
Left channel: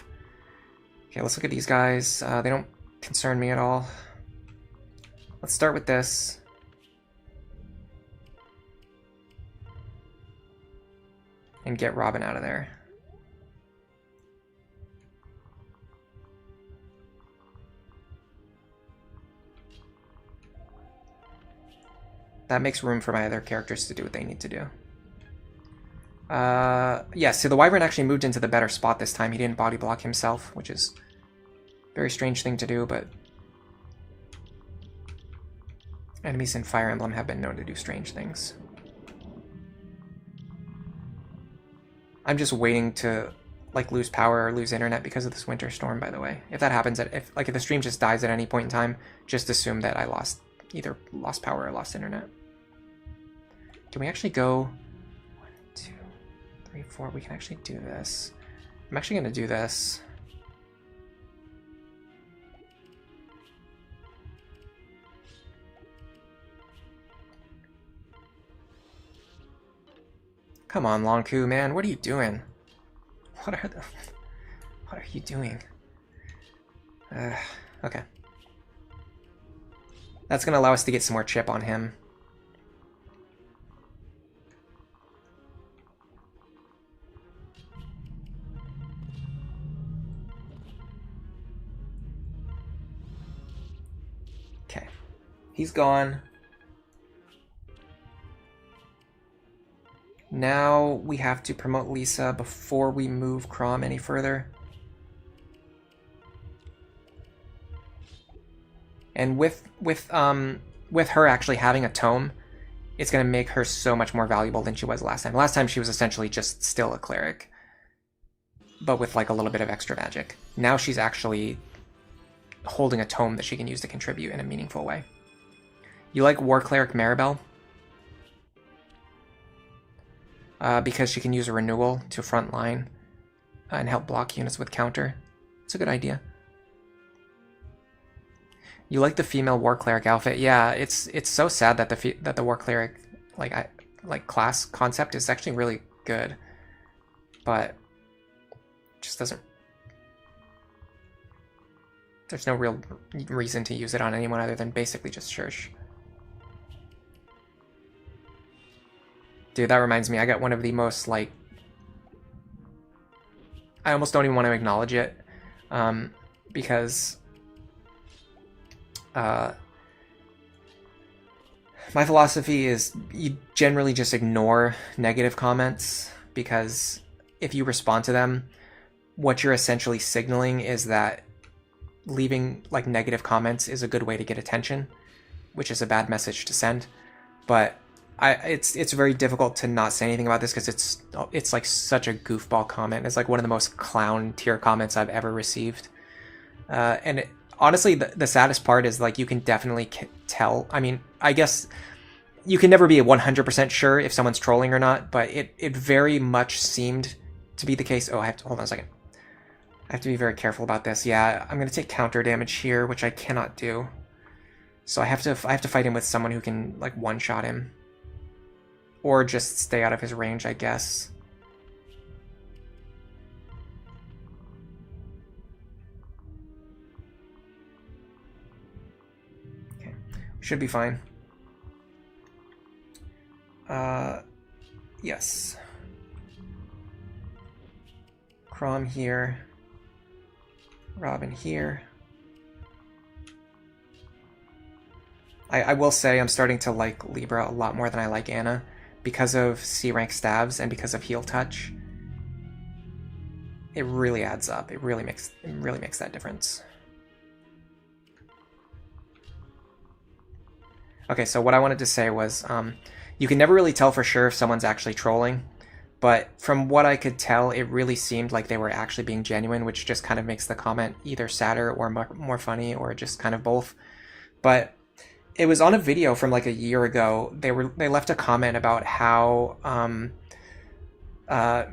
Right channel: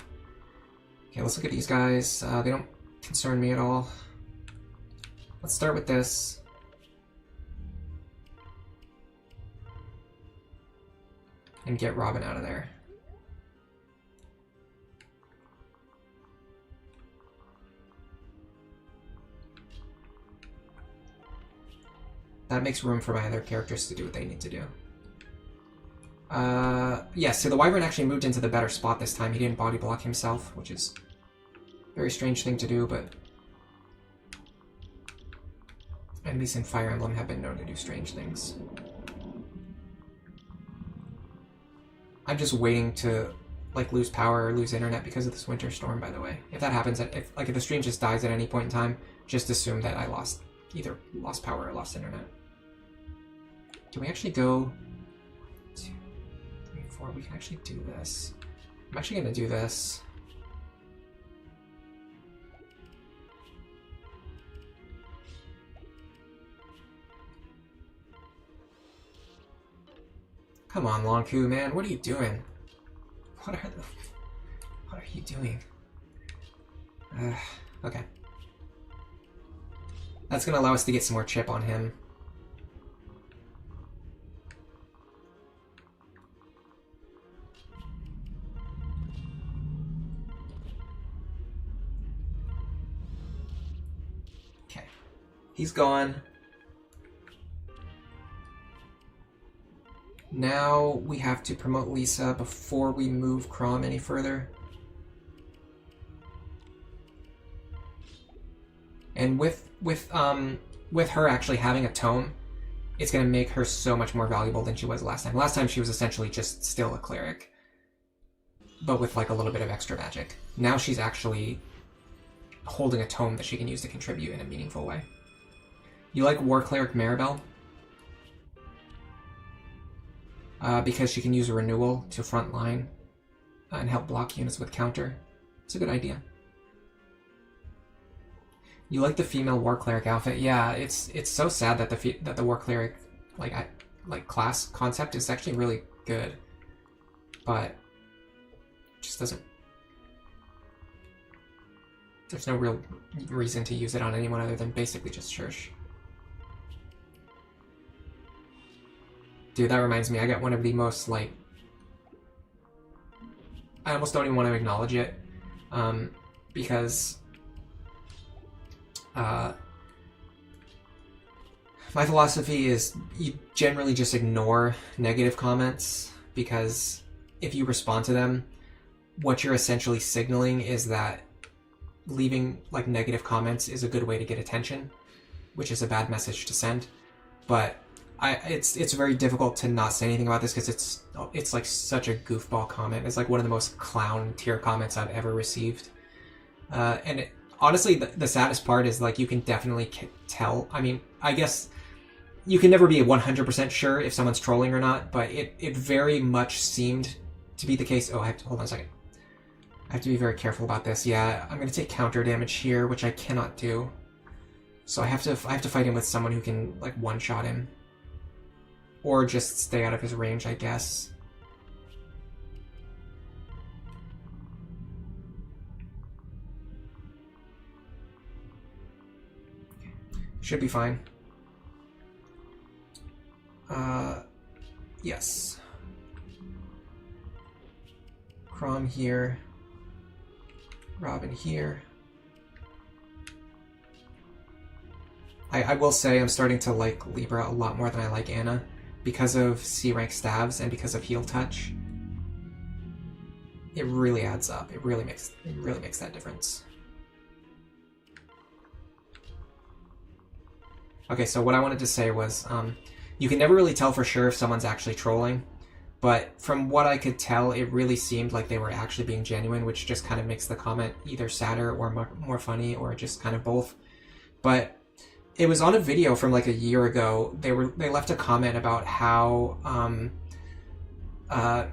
Okay, let's look at these guys. They don't concern me at all. Let's start with this. And get Robin out of there. That makes room for my other characters to do what they need to do. Yeah, so the Wyvern actually moved into the better spot this time. He didn't body block himself, which is a very strange thing to do, but enemies in Fire Emblem have been known to do strange things. I'm just waiting to like lose power or lose internet because of this winter storm, by the way. If that happens, if the stream just dies at any point in time, just assume that I either lost power or lost internet. Do we actually go 1, 2, 3, 4? We can actually do this. I'm actually going to do this. Come on, Longku, man. What are you doing? What are you doing? Okay. That's going to allow us to get some more chip on him. Okay. He's gone. Now we have to promote Lisa before we move Crom any further. And with her actually having a tome, it's going to make her so much more valuable than she was last time. Last time she was essentially just still a cleric, but with like a little bit of extra magic. Now she's actually holding a tome that she can use to contribute in a meaningful way. You like War Cleric Maribel? Because she can use a renewal to front line and help block units with counter. It's a good idea. You like the female War Cleric outfit? Yeah, it's so sad that the War Cleric class concept is actually really good, but it just doesn't. There's no real reason to use it on anyone other than basically just Church. Dude, that reminds me, I got one of the most, like... I almost don't even want to acknowledge it, because... my philosophy is you generally just ignore negative comments, because if you respond to them, what you're essentially signaling is that leaving, like, negative comments is a good way to get attention, which is a bad message to send, but... it's very difficult to not say anything about this because it's like such a goofball comment. It's like one of the most clown tier comments I've ever received. And honestly, the saddest part is like you can definitely tell. I mean, I guess you can never be 100% sure if someone's trolling or not, but it very much seemed to be the case. Oh, I have to hold on a second. I have to be very careful about this. Yeah, I'm going to take counter damage here, which I cannot do. So I have to fight him with someone who can like one-shot him. Or just stay out of his range, I guess. Okay. Should be fine. Yes. Crom Rom here. Robin here. I will say I'm starting to like Libra a lot more than I like Anna because of C-rank Staves and because of Heal Touch. It really adds up. It really makes that difference. Okay, so what I wanted to say was you can never really tell for sure if someone's actually trolling, but from what I could tell, it really seemed like they were actually being genuine, which just kind of makes the comment either sadder or more funny or just kind of both. But it was on a video from like a year ago. They left a comment about how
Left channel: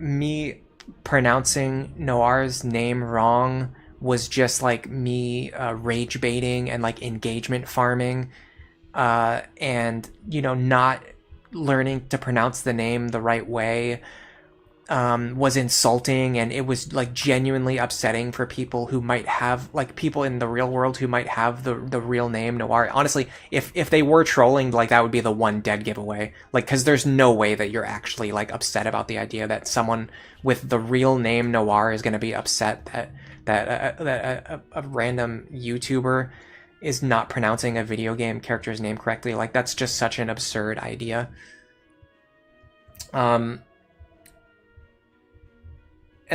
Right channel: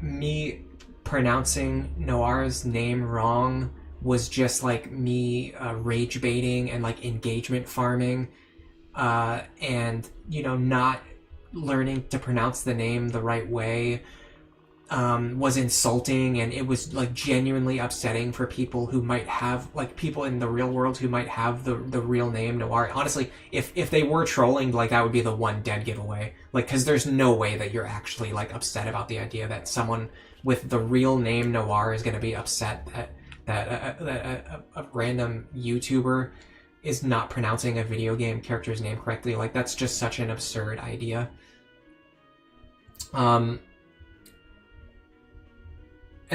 me pronouncing Noir's name wrong was just like me rage baiting and like engagement farming, and you know, not learning to pronounce the name the right way was insulting, and it was like genuinely upsetting for people who might have, like, people in the real world who might have the real name Noir. Honestly, if they were trolling, like, that would be the one dead giveaway, like, because there's no way that you're actually like upset about the idea that someone with the real name Noir is going to be upset that a random YouTuber is not pronouncing a video game character's name correctly. Like, that's just such an absurd idea. And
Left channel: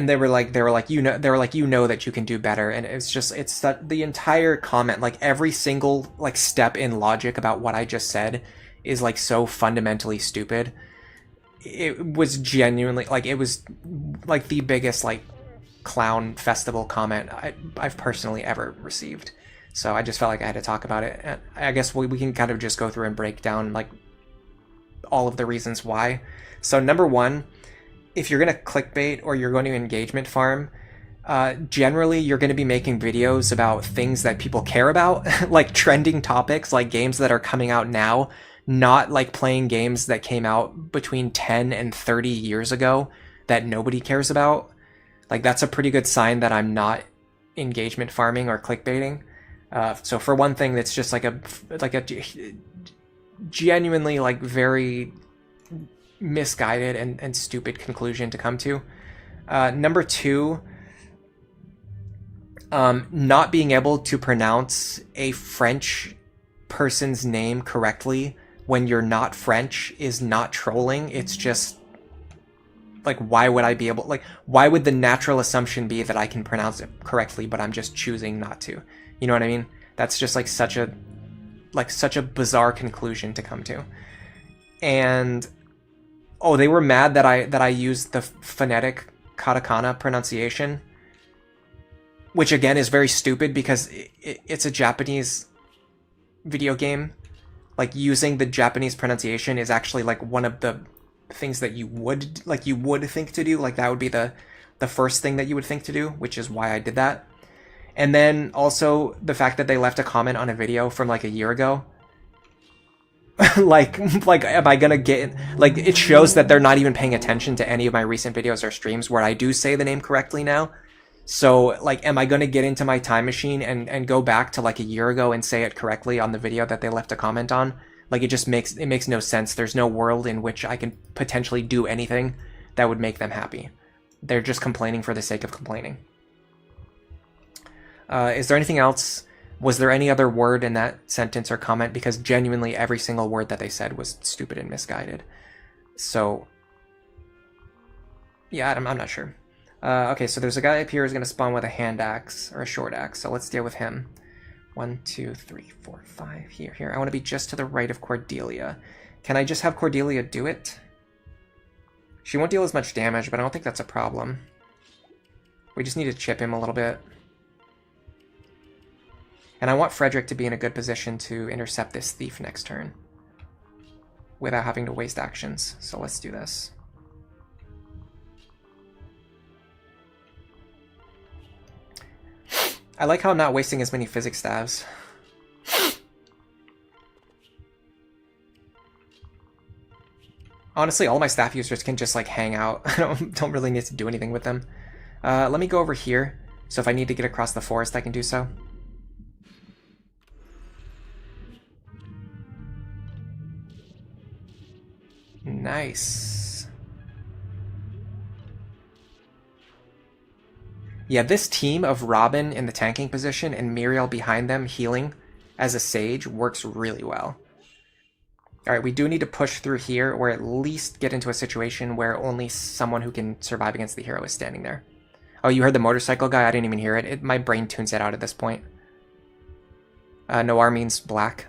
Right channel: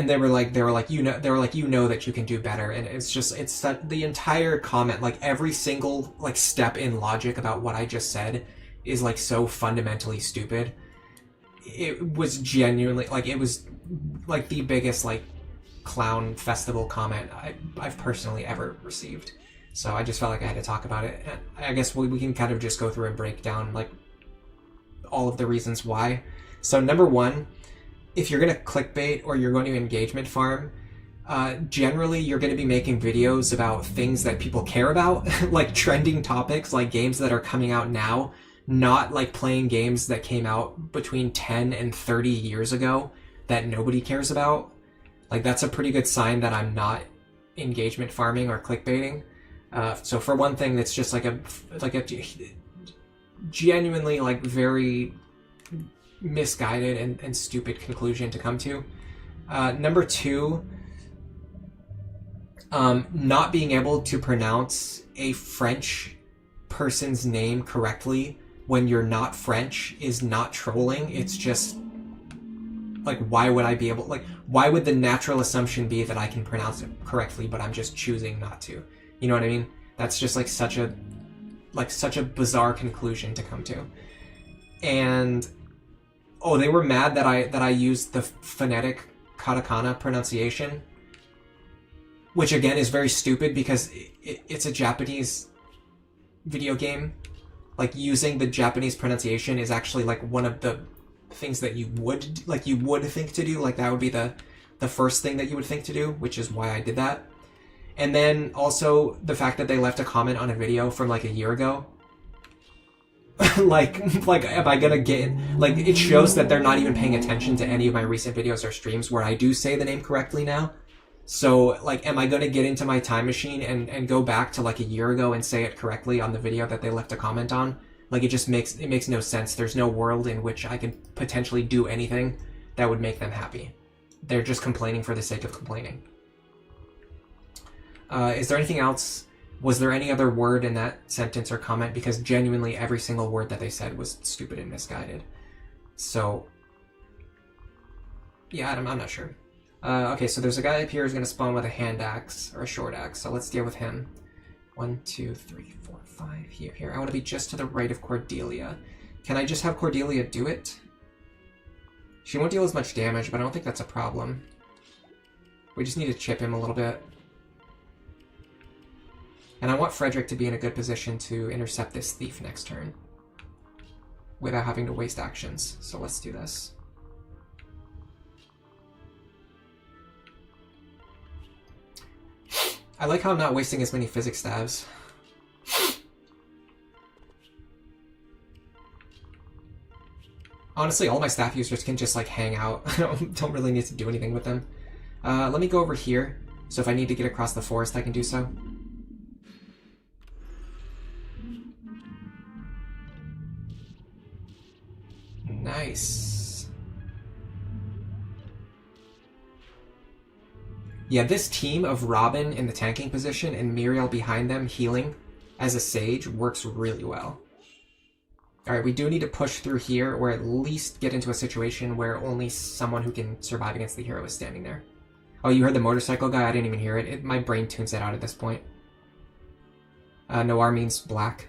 they were like, you know that you can do better. And it's the entire comment, like every single like step in logic about what I just said is like so fundamentally stupid. It was genuinely like, it was like the biggest like clown festival comment I've personally ever received. So I just felt like I had to talk about it. And I guess we can kind of just go through and break down like all of the reasons why. So number one, if you're going to clickbait or you're going to engagement farm, generally you're going to be making videos about things that people care about, like trending topics, like games that are coming out now, not like playing games that came out between 10 and 30 years ago that nobody cares about. Like, that's a pretty good sign that I'm not engagement farming or clickbaiting. So for one thing, that's just like a genuinely like very misguided and stupid conclusion to come to. Number two, not being able to pronounce a French person's name correctly when you're not French is not trolling. It's just like, why would I be able, like, why would the natural assumption be that I can pronounce it correctly, but I'm just choosing not to? You know what I mean? That's just like such a bizarre conclusion to come to. And oh, they were mad that I used the phonetic katakana pronunciation, which again is very stupid because it's a Japanese video game. Like, using the Japanese pronunciation is actually like one of the things that you would think to do. Like, that would be the first thing that you would think to do, which is why I did that. And then also the fact that they left a comment on a video from like a year ago. like am I gonna get, like, it shows that they're not even paying attention to any of my recent videos or streams where I do say the name correctly now. So like, am I gonna get into my time machine and go back to like a year ago and say it correctly on the video that they left a comment on? Like, it makes no sense. There's no world in which I can potentially do anything that would make them happy. They're just complaining for the sake of complaining. Is there anything else? Was there any other word in that sentence or comment? Because genuinely every single word that they said was stupid and misguided. So yeah, I'm not sure. Okay, so there's a guy up here who's going to spawn with a hand axe or a short axe. So let's deal with him. 1, 2, 3, 4, 5. Here. I want to be just to the right of Cordelia. Can I just have Cordelia do it? She won't deal as much damage, but I don't think that's a problem. We just need to chip him a little bit. And I want Frederick to be in a good position to intercept this thief next turn without having to waste actions. So let's do this. I like how I'm not wasting as many physics stabs. Honestly, all my staff users can just like hang out. I don't really need to do anything with them. Let me go over here. So if I need to get across the forest, I can do so. Nice. Yeah, this team of Robin in the tanking position and Muriel behind them healing as a Sage works really well. Alright, we do need to push through here, or at least get into a situation where only someone who can survive against the hero is standing there. Oh, you heard the motorcycle guy? I didn't even hear it. My brain tunes it out at this point. Noir means black.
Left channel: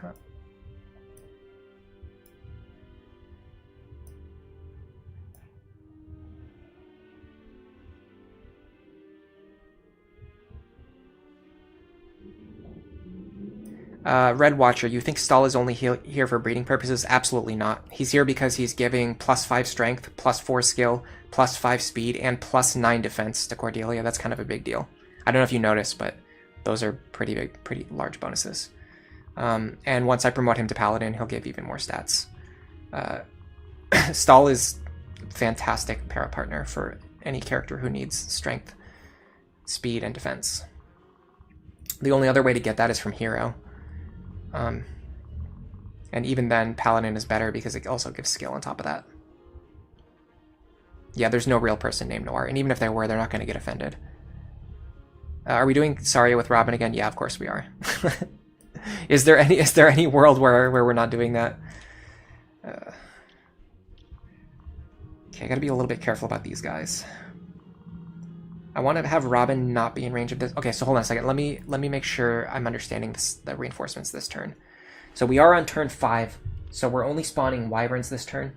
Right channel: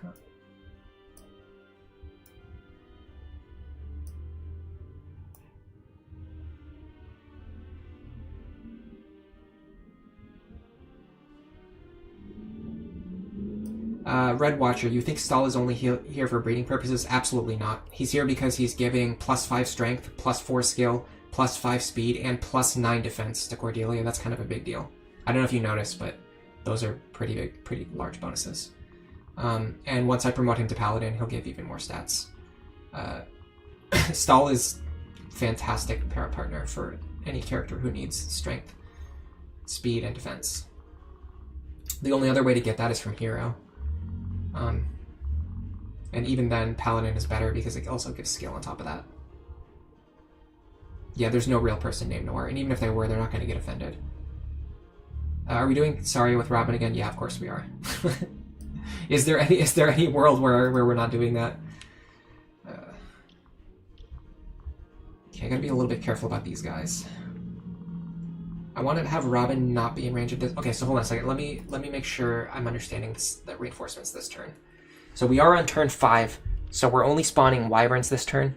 Red Watcher, you think Stahl is only here for breeding purposes? Absolutely not. He's here because he's giving +5 strength, +4 skill, +5 speed, and +9 defense to Cordelia. That's kind of a big deal. I don't know if you noticed, but those are pretty big, pretty large bonuses. And once I promote him to Paladin, he'll give even more stats. Stahl is fantastic para partner for any character who needs strength, speed, and defense. The only other way to get that is from hero. And even then, Paladin is better because it also gives skill on top of that. Yeah, there's no real person named Noir, and even if there were, they're not going to get offended. Are we doing Saria with Robin again? Yeah, of course we are. Is there any world where we're not doing that? Okay, I gotta be a little bit careful about these guys. I want to have Robin not be in range of this. Okay, so hold on a second. Let me make sure I'm understanding the reinforcements this turn. So we are on turn 5, so we're only spawning wyverns this turn.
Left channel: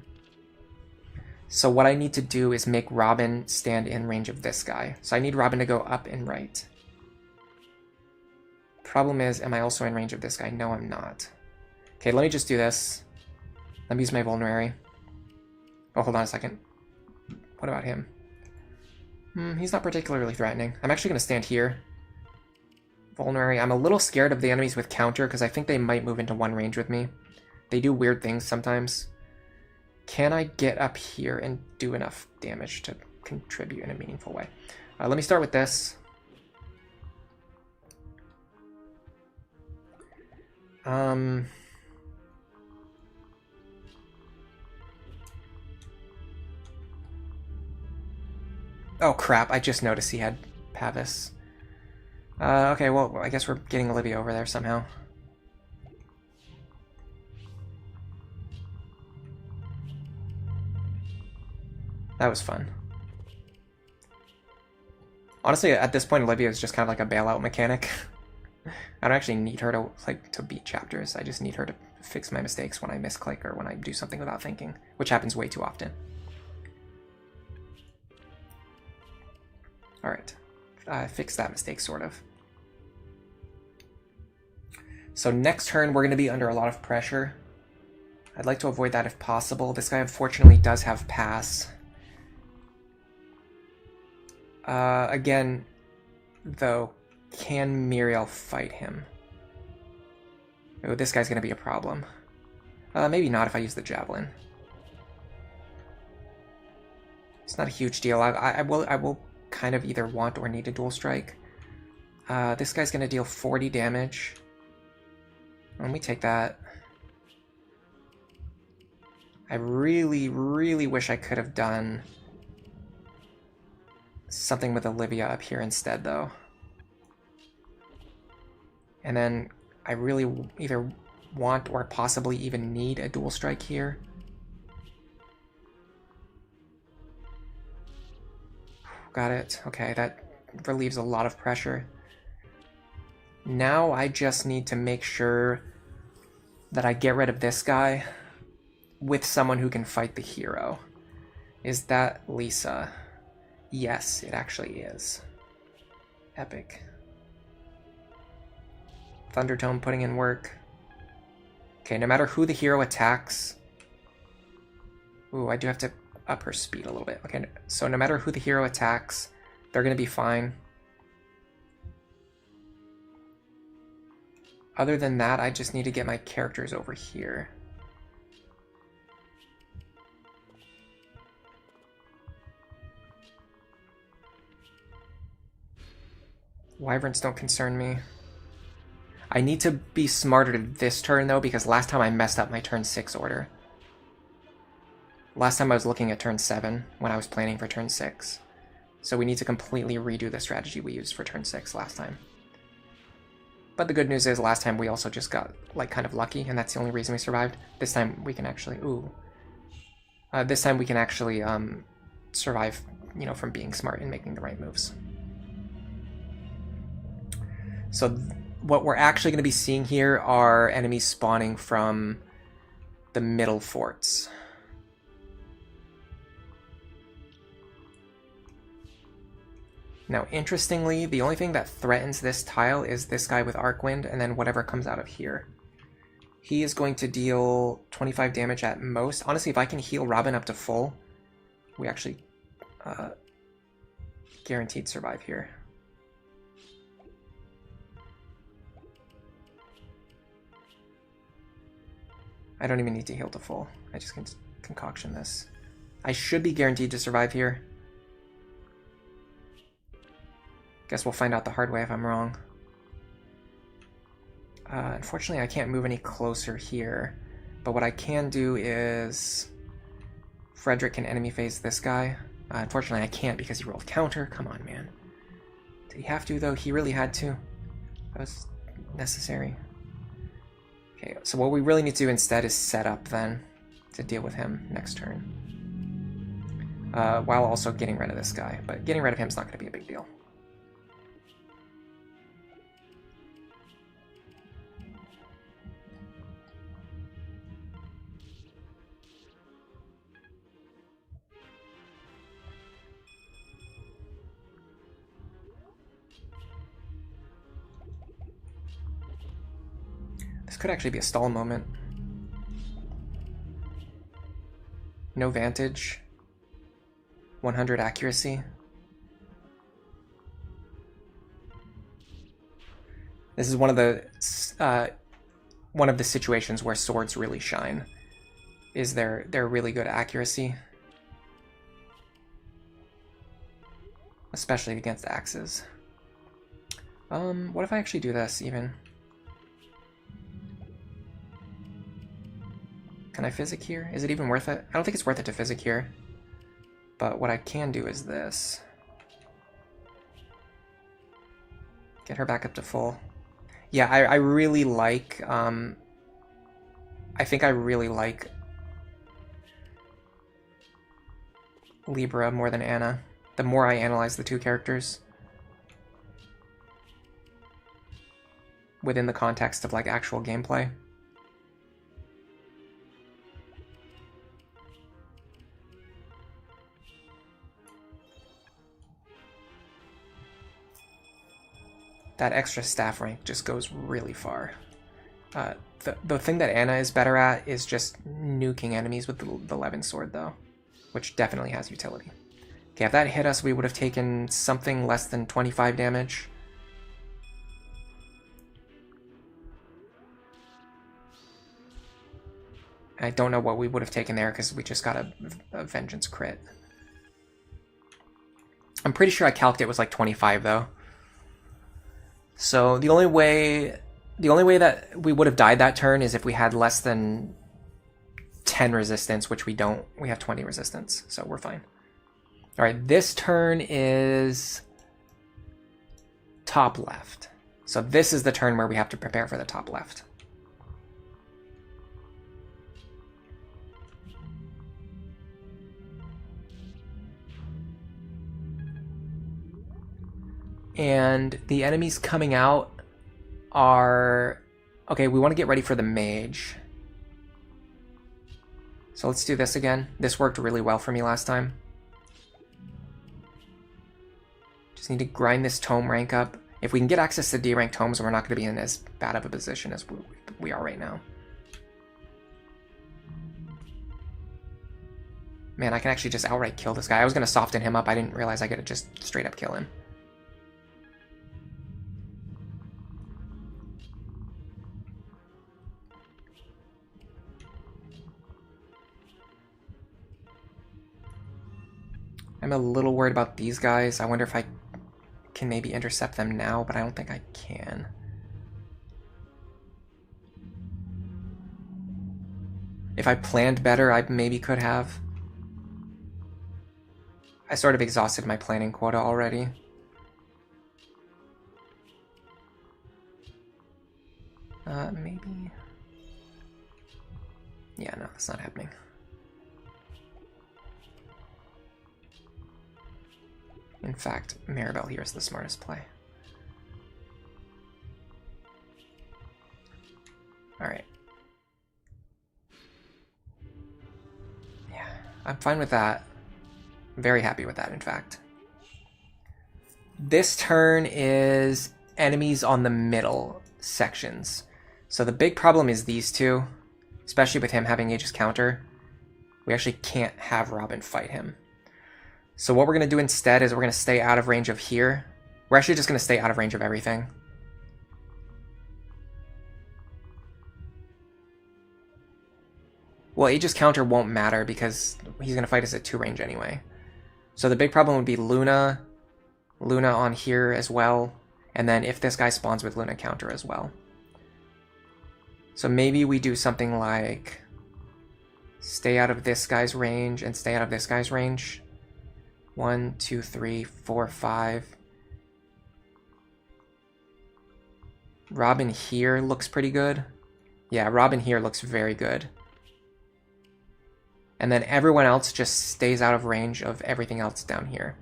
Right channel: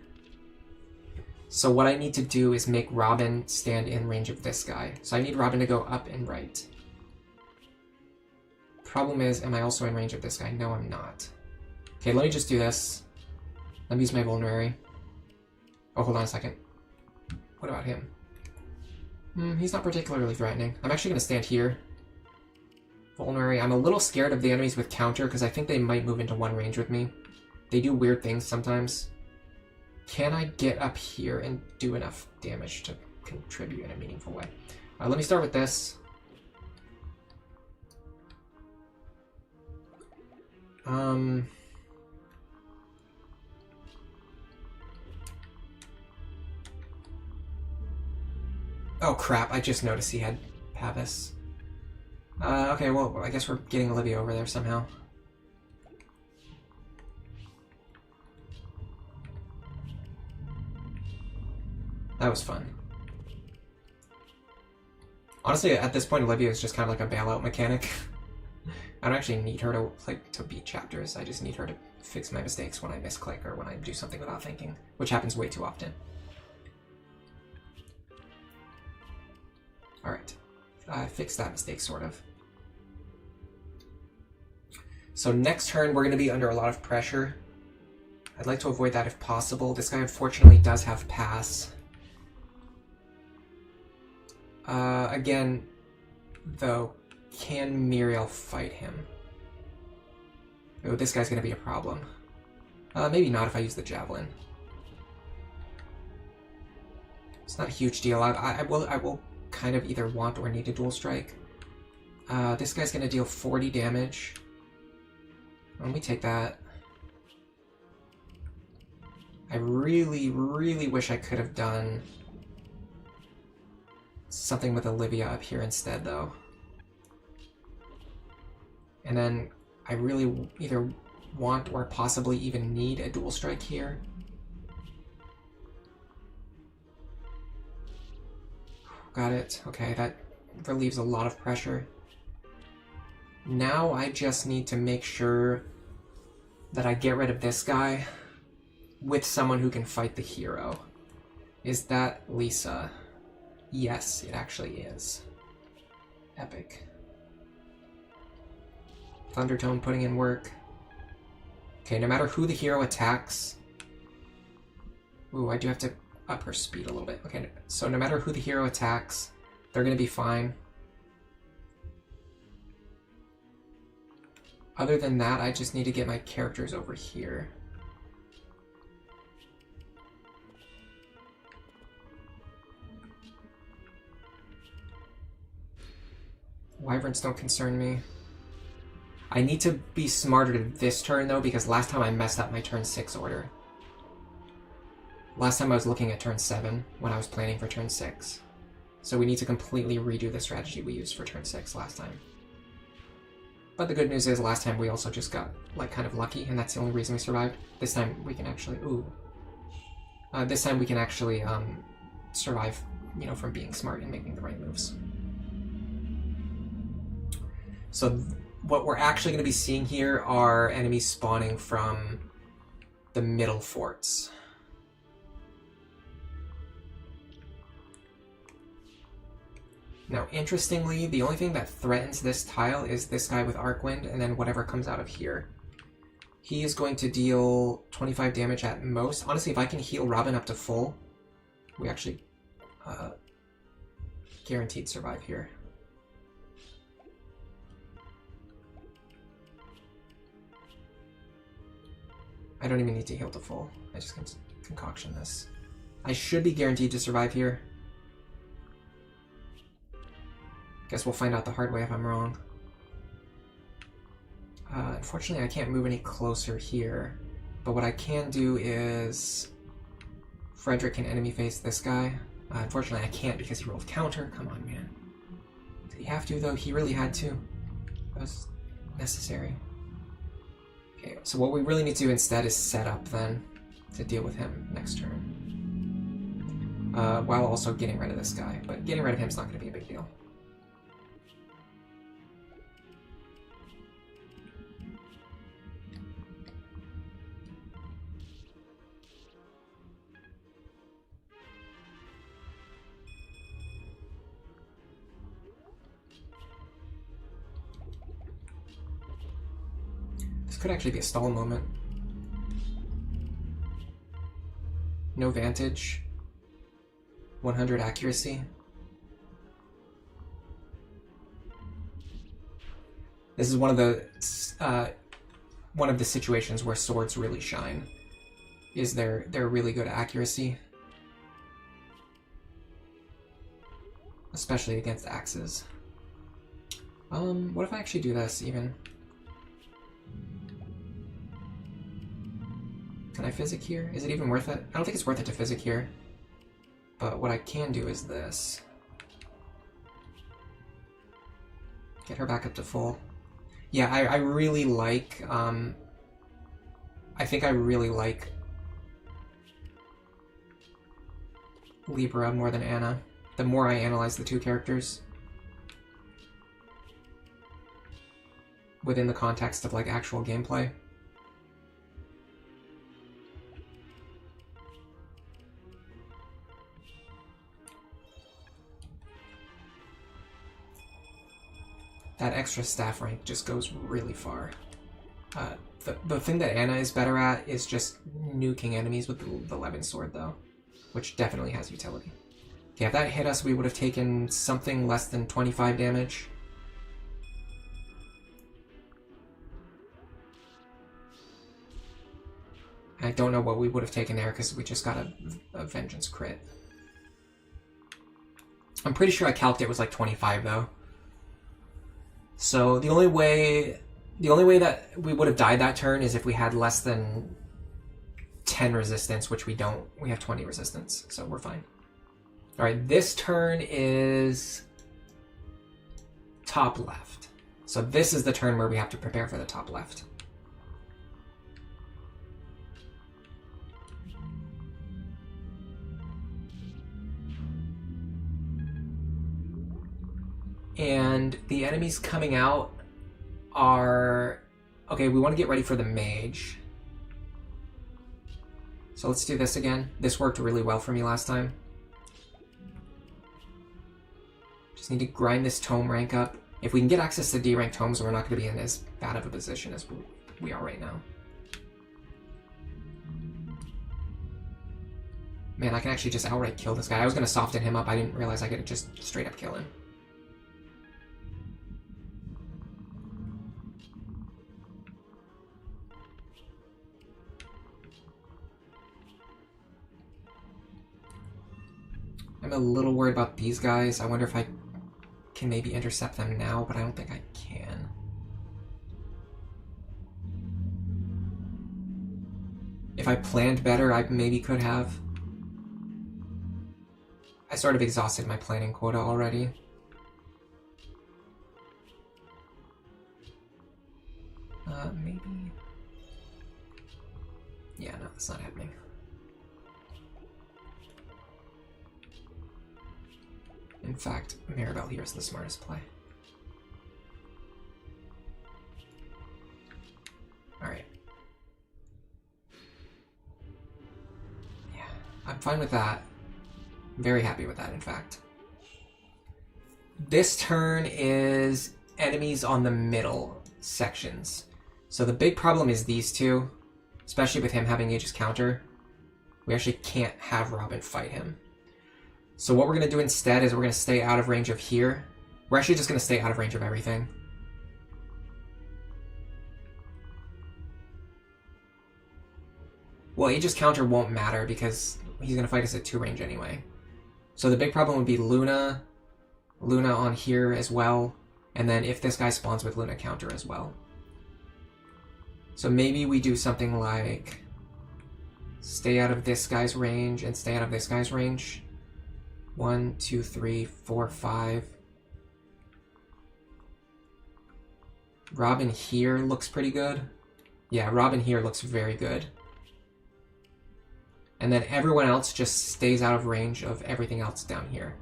So what I need to do is make Robin stand in range of this guy. So I need Robin to go up and right. Problem is, am I also in range of this guy? No, I'm not. Okay, let me just do this. Let me use my vulnerary. Oh, hold on a second. What about him? He's not particularly threatening. I'm actually going to stand here. Vulnerary. I'm a little scared of the enemies with counter because I think they might move into one range with me. They do weird things sometimes. Can I get up here and do enough damage to contribute in a meaningful way? Let me start with this. Oh crap, I just noticed he had Pavis. Okay, well, I guess we're getting Olivia over there somehow. That was fun. Honestly, at this point, Olivia is just kind of like a bailout mechanic. I don't actually need her to beat chapters. I just need her to fix my mistakes when I misclick or when I do something without thinking, which happens way too often. Alright. I fixed that mistake, sort of. So next turn, we're going to be under a lot of pressure. I'd like to avoid that if possible. This guy, unfortunately, does have pass. Again, though, can Muriel fight him? Oh, this guy's going to be a problem. Maybe not if I use the Javelin. It's not a huge deal. I will kind of either want or need a dual strike. This guy's going to deal 40 damage. Let me take that. I really, really wish I could have done something with Olivia up here instead, though. And then I really either want or possibly even need a dual strike here. Got it. Okay, that relieves a lot of pressure. Now I just need to make sure that I get rid of this guy with someone who can fight the hero. Is that Lisa? Yes, it actually is. Epic. Thundertone putting in work. Okay, no matter who the hero attacks... Ooh, I do have to up her speed a little bit. Okay, so no matter who the hero attacks, they're going to be fine. Other than that, I just need to get my characters over here. Wyverns don't concern me. I need to be smarter this turn, though, because last time I messed up my turn 6 order. Last time I was looking at turn 7 when I was planning for turn 6. So we need to completely redo the strategy we used for turn 6 last time. But the good news is last time we also just got like kind of lucky, and that's the only reason we survived. This time we can actually this time we can actually survive, you know, from being smart and making the right moves. So what we're actually going to be seeing here are enemies spawning from the middle forts. Now, interestingly, the only thing that threatens this tile is this guy with Arcwind, and then whatever comes out of here. He is going to deal 25 damage at most. Honestly, if I can heal Robin up to full, we actually guaranteed survive here. I don't even need to heal to full. I just can concoction this. I should be guaranteed to survive here. Guess we'll find out the hard way if I'm wrong. Unfortunately, I can't move any closer here. But what I can do is... Frederick can enemy face this guy. Unfortunately, I can't because he rolled counter. Come on, man. Did he have to, though? He really had to. That was necessary. Okay, so what we really need to do instead is set up, then, to deal with him next turn. While also getting rid of this guy. But getting rid of him is not going to be a big deal. This could actually be a stall moment. No vantage. 100 accuracy. This is one of the situations where swords really shine. Is their really good accuracy, especially against axes. What if I actually do this even? Can I physic here? Is it even worth it? I don't think it's worth it to physic here. But what I can do is this. Get her back up to full. Yeah, I really like, I think I really like Libra more than Anna. The more I analyze the two characters. Within the context of, like, actual gameplay. That extra staff rank just goes really far. The thing that Anna is better at is just nuking enemies with the Levin sword, though, which definitely has utility. Okay, if that hit us, we would have taken something less than 25 damage. I don't know what we would have taken there because we just got a Vengeance crit. I'm pretty sure I calced it was like 25, though. So the only way that we would have died that turn is if we had less than 10 resistance, which we don't. We have 20 resistance, so we're fine. All right, this turn is top left. So this is the turn where we have to prepare for the top left. And the enemies coming out are... Okay, we want to get ready for the mage. So let's do this again. This worked really well for me last time. Just need to grind this tome rank up. If we can get access to D-rank tomes, we're not going to be in as bad of a position as we are right now. Man, I can actually just outright kill this guy. I was going to soften him up. I didn't realize I could just straight up kill him. I'm a little worried about these guys. I wonder if I can maybe intercept them now, but I don't think I can. If I planned better, I maybe could have. I sort of exhausted my planning quota already. Maybe... Yeah, no, that's not happening. In fact, Maribel here is the smartest play. Alright. Yeah, I'm fine with that. I'm very happy with that, in fact. This turn is enemies on the middle sections. So the big problem is these two, especially with him having Aegis counter. We actually can't have Robin fight him. So what we're going to do instead is we're going to stay out of range of here. We're actually just going to stay out of range of everything. Well, Aegis counter won't matter because he's going to fight us at 2 range anyway. So the big problem would be Luna on here as well, and then if this guy spawns with Luna counter as well. So maybe we do something like stay out of this guy's range and stay out of this guy's range. 1, 2, 3, 4, 5. Robin here looks pretty good. Yeah, Robin here looks very good. And then everyone else just stays out of range of everything else down here.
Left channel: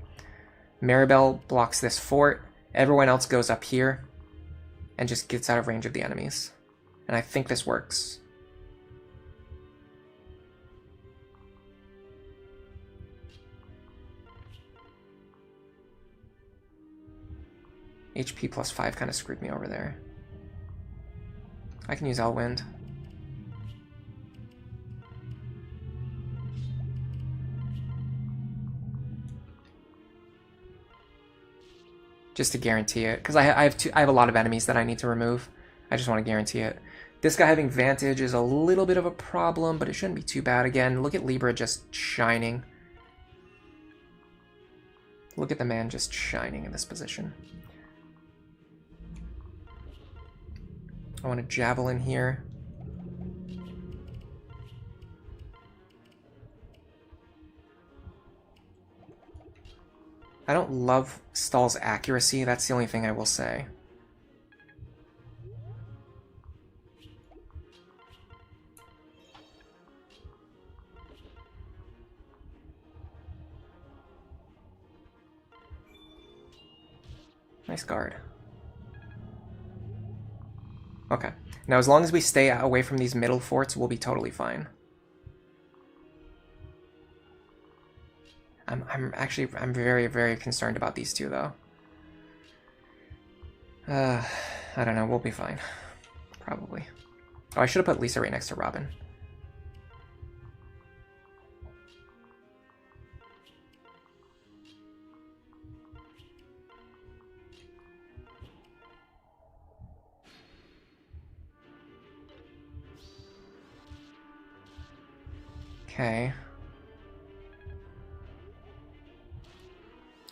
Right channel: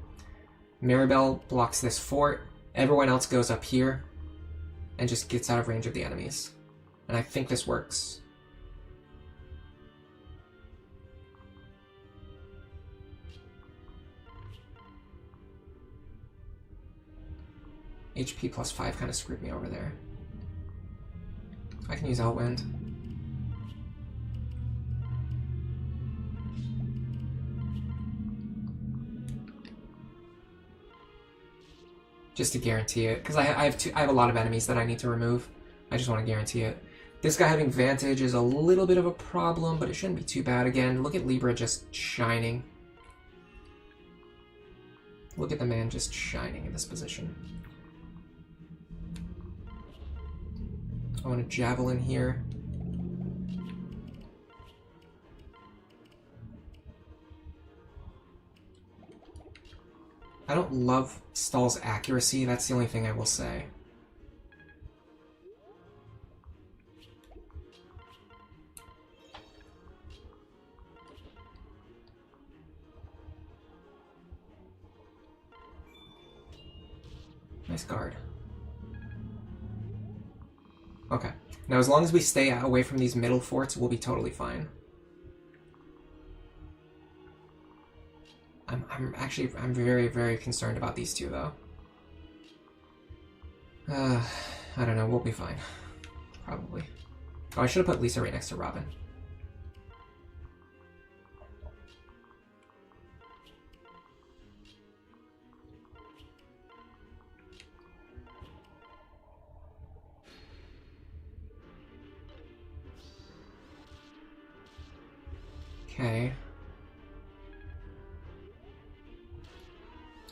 Maribel blocks this fort. Everyone else goes up here and just gets out of range of the enemies. And I think this works. HP plus 5 kind of screwed me over there. I can use Outwind. Just to guarantee it, because I have a lot of enemies that I need to remove. I just want to guarantee it. This guy having Vantage is a little bit of a problem, but it shouldn't be too bad. Again, look at Libra just shining. Look at the man just shining in this position. I want a Javelin here. I don't love Stall's accuracy, that's the only thing I will say. Nice guard. Okay. Now as long as we stay away from these middle forts, we'll be totally fine. I'm very, very concerned about these two, though. I don't know, we'll be fine. Probably. Oh, I should have put Lisa right next to Robin. Okay.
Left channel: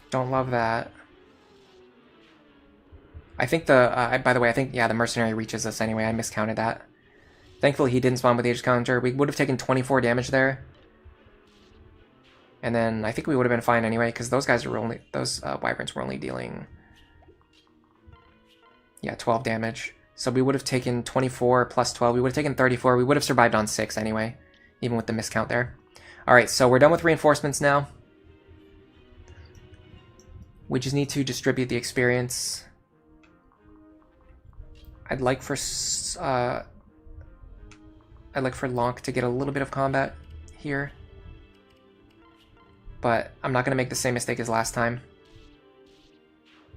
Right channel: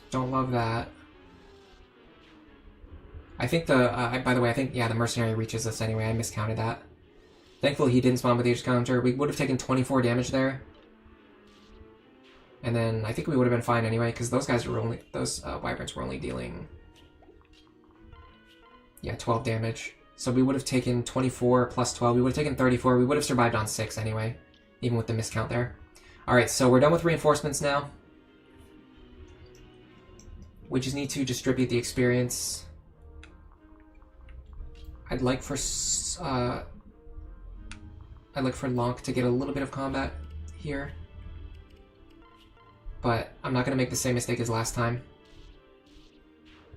Don't love that. I think the, by the way, I think, yeah, the mercenary reaches us anyway. I miscounted that. Thankfully, he didn't spawn with the Aegis counter. We would have taken 24 damage there. And then I think we would have been fine anyway, because those guys were only, those wyverns were only dealing, yeah, 12 damage. So we would have taken 24 plus 12. We would have taken 34. We would have survived on 6 anyway, even with the miscount there. All right, so we're done with reinforcements now. We just need to distribute the experience. I'd like for Lonk to get a little bit of combat here, but I'm not going to make the same mistake as last time.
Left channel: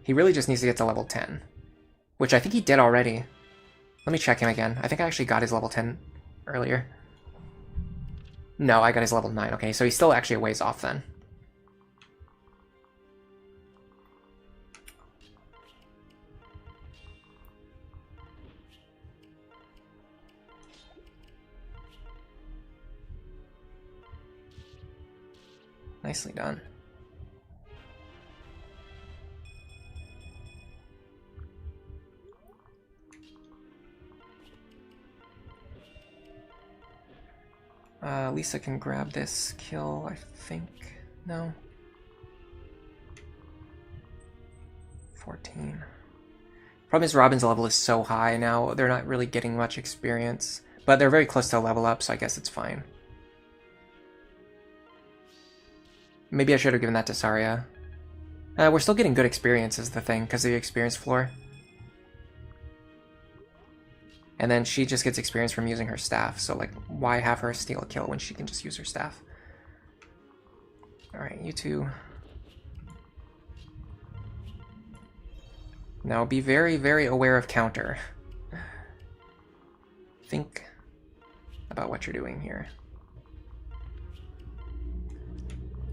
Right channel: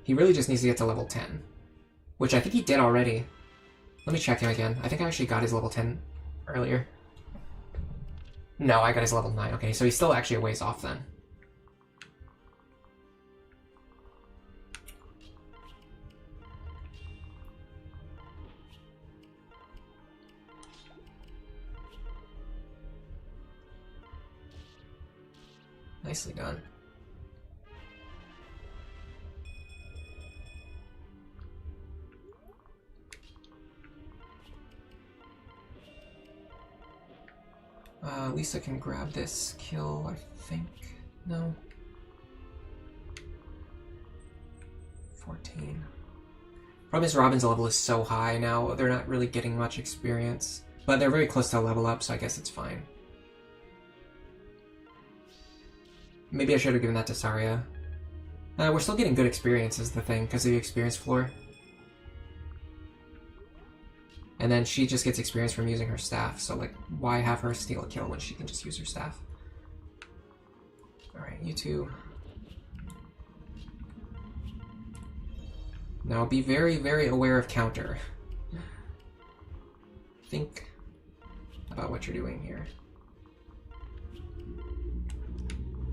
He really just needs to get to level 10, which I think he did already. Let me check him again. I think I actually got his level 10 earlier. No, I got his level 9. Okay, so he's still actually a ways off then. Nicely done. Lisa can grab this kill, I think. No. 14. Problem is Robin's level is so high now, they're not really getting much experience. But they're very close to a level up, so I guess it's fine. Maybe I should have given that to Saria. We're still getting good experience is the thing, because of the experience floor. And then she just gets experience from using her staff, so like, why have her steal a kill when she can just use her staff? Alright, you two. Now be very, very aware of counter. Think about what you're doing here.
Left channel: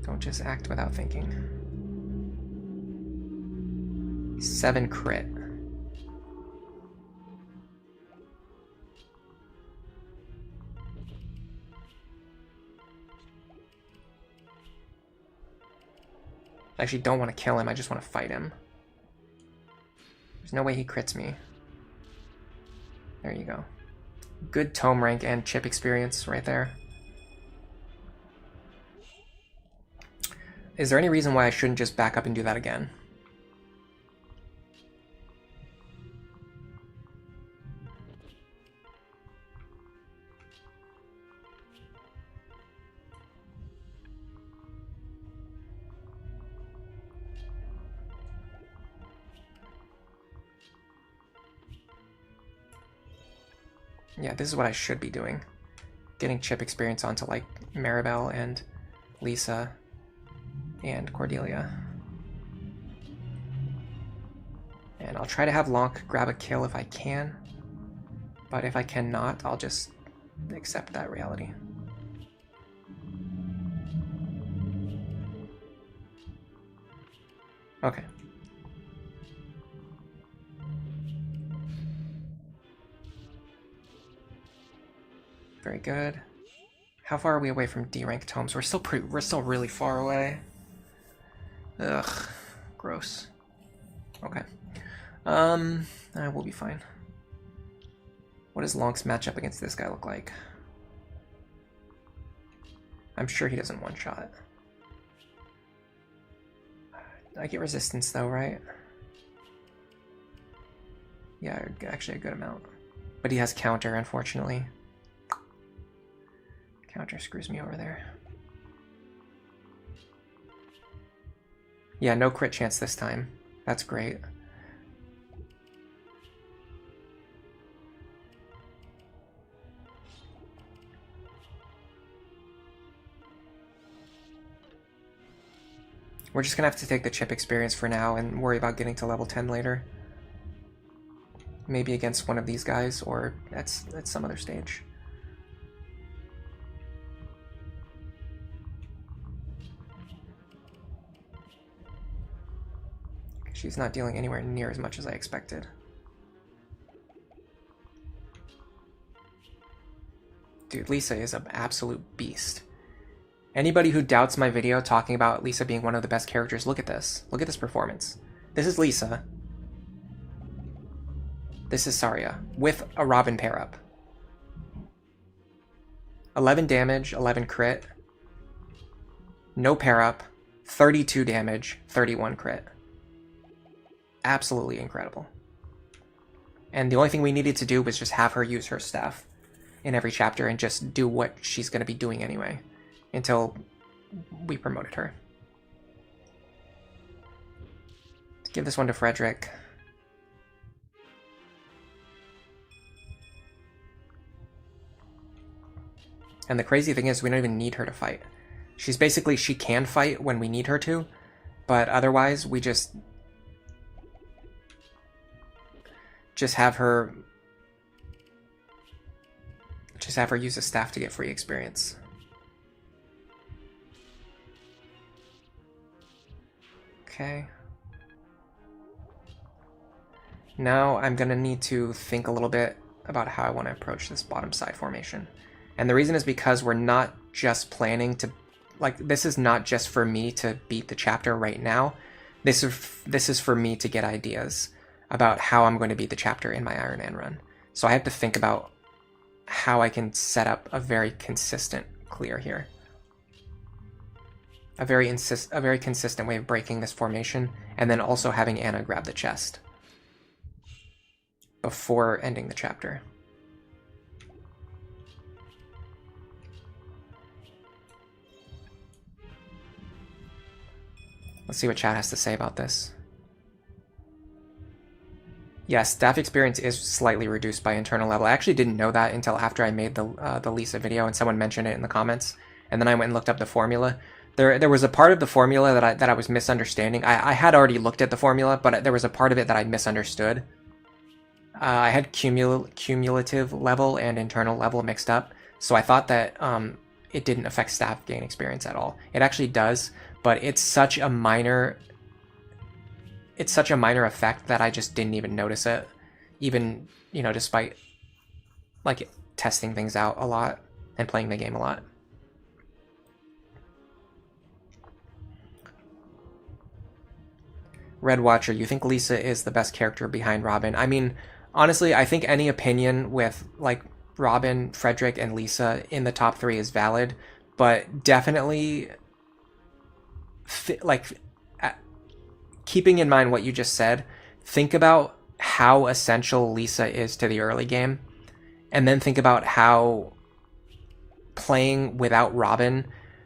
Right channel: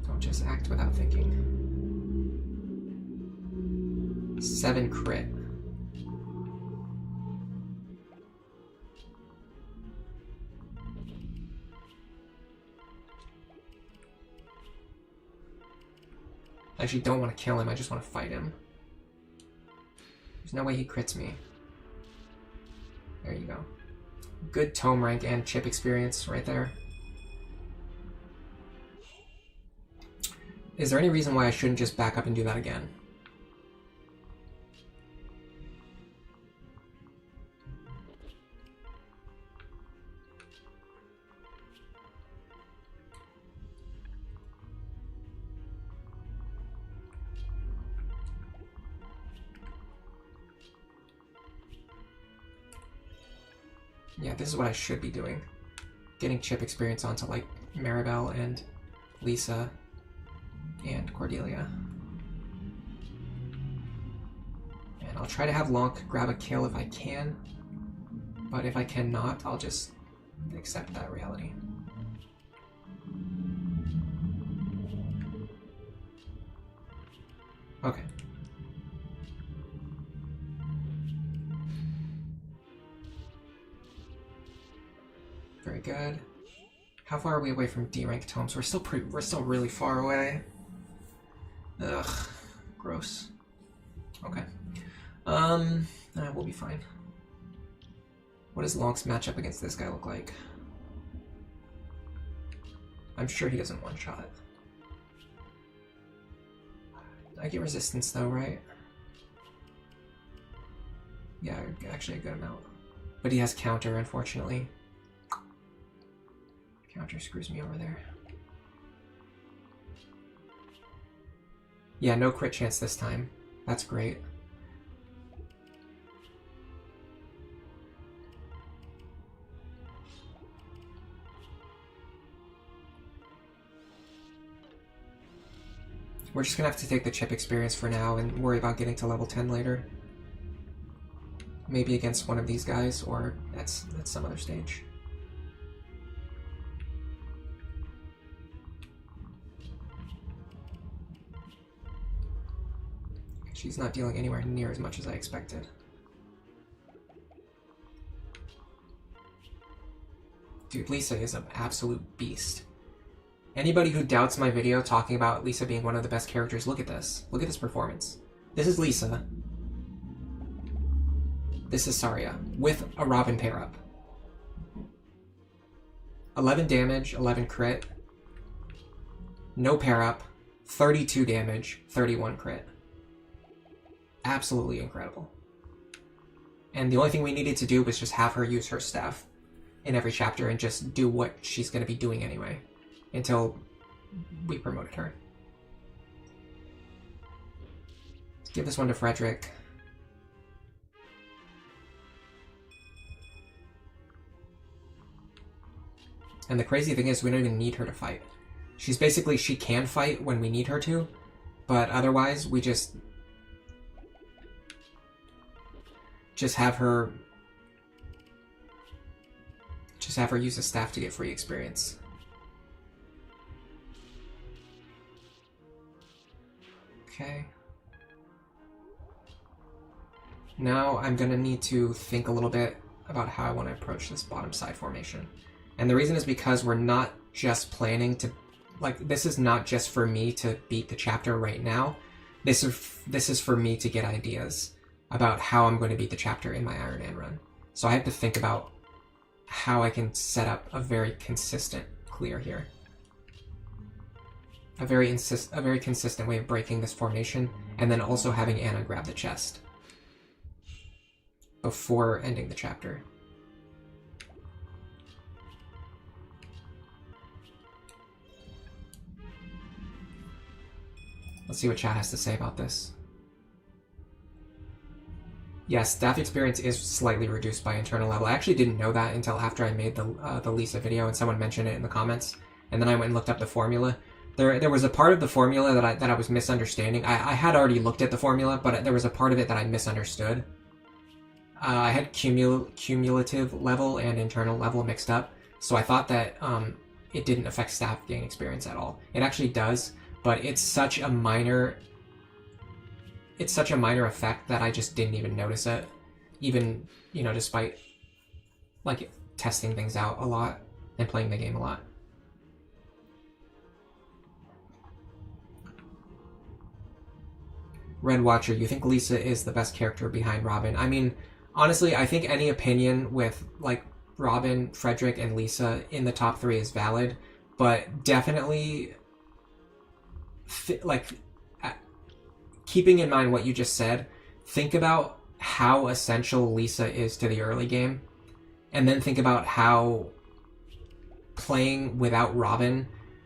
Don't just act without thinking. 7 crit. I actually don't want to kill him, I just want to fight him. There's no way he crits me. There you go. Good tome rank and chip experience right there. Is there any reason why I shouldn't just back up and do that again? Yeah, this is what I should be doing. Getting chip experience onto like Maribel and Lisa and Cordelia. And I'll try to have Lonk grab a kill if I can, but if I cannot, I'll just accept that reality. Okay. Very good. How far are we away from D rank tomes? We're still really far away. Ugh, gross. Okay. We'll be fine. What does Lonk's matchup against this guy look like? I'm sure he doesn't one-shot. I get resistance though, right? Yeah, actually a good amount. But he has counter, unfortunately. Counter screws me over there. Yeah, no crit chance this time. That's great. We're just gonna have to take the chip experience for now and worry about getting to level 10 later. Maybe against one of these guys or at some other stage. She's not dealing anywhere near as much as I expected. Dude, Lisa is an absolute beast. Anybody who doubts my video talking about Lisa being one of the best characters, look at this. Look at this performance. This is Lisa. This is Saria with a Robin pair up. 11 damage, 11 crit. No pair up, 32 damage, 31 crit. Absolutely incredible. And the only thing we needed to do was just have her use her staff in every chapter and just do what she's going to be doing anyway until we promoted her. Let's give this one to Frederick. And the crazy thing is we don't even need her to fight. She's basically, she can fight when we need her to, but otherwise we just have her use a staff to get free experience. Okay. Now I'm gonna need to think a little bit about how I want to approach this bottom side formation. And the reason is because we're not just planning to, like, this is not just for me to beat the chapter right now. This is for me to get ideas about how I'm going to beat the chapter in my Iron Man run. So I have to think about how I can set up a very consistent clear here. a very consistent way of breaking this formation, and then also having Anna grab the chest before ending the chapter. Let's see what chat has to say about this. Yes, staff experience is slightly reduced by internal level. I actually didn't know that until after I made the Lisa video and someone mentioned it in the comments. And then I went and looked up the formula. There was a part of the formula that I was misunderstanding. I had already looked at the formula, but there was a part of it that I misunderstood. I had cumulative level and internal level mixed up, so I thought that it didn't affect staff gain experience at all. It actually does, but it's such a minor effect that I just didn't even notice it, even, you know, despite like testing things out a lot and playing the game a lot. Red Watcher, you think Lisa is the best character behind Robin? I mean, honestly, I think any opinion with like Robin, Frederick, and Lisa in the top 3 is valid, but definitely keeping in mind what you just said, think about how essential Lisa is to the early game, and then think about how playing without Robin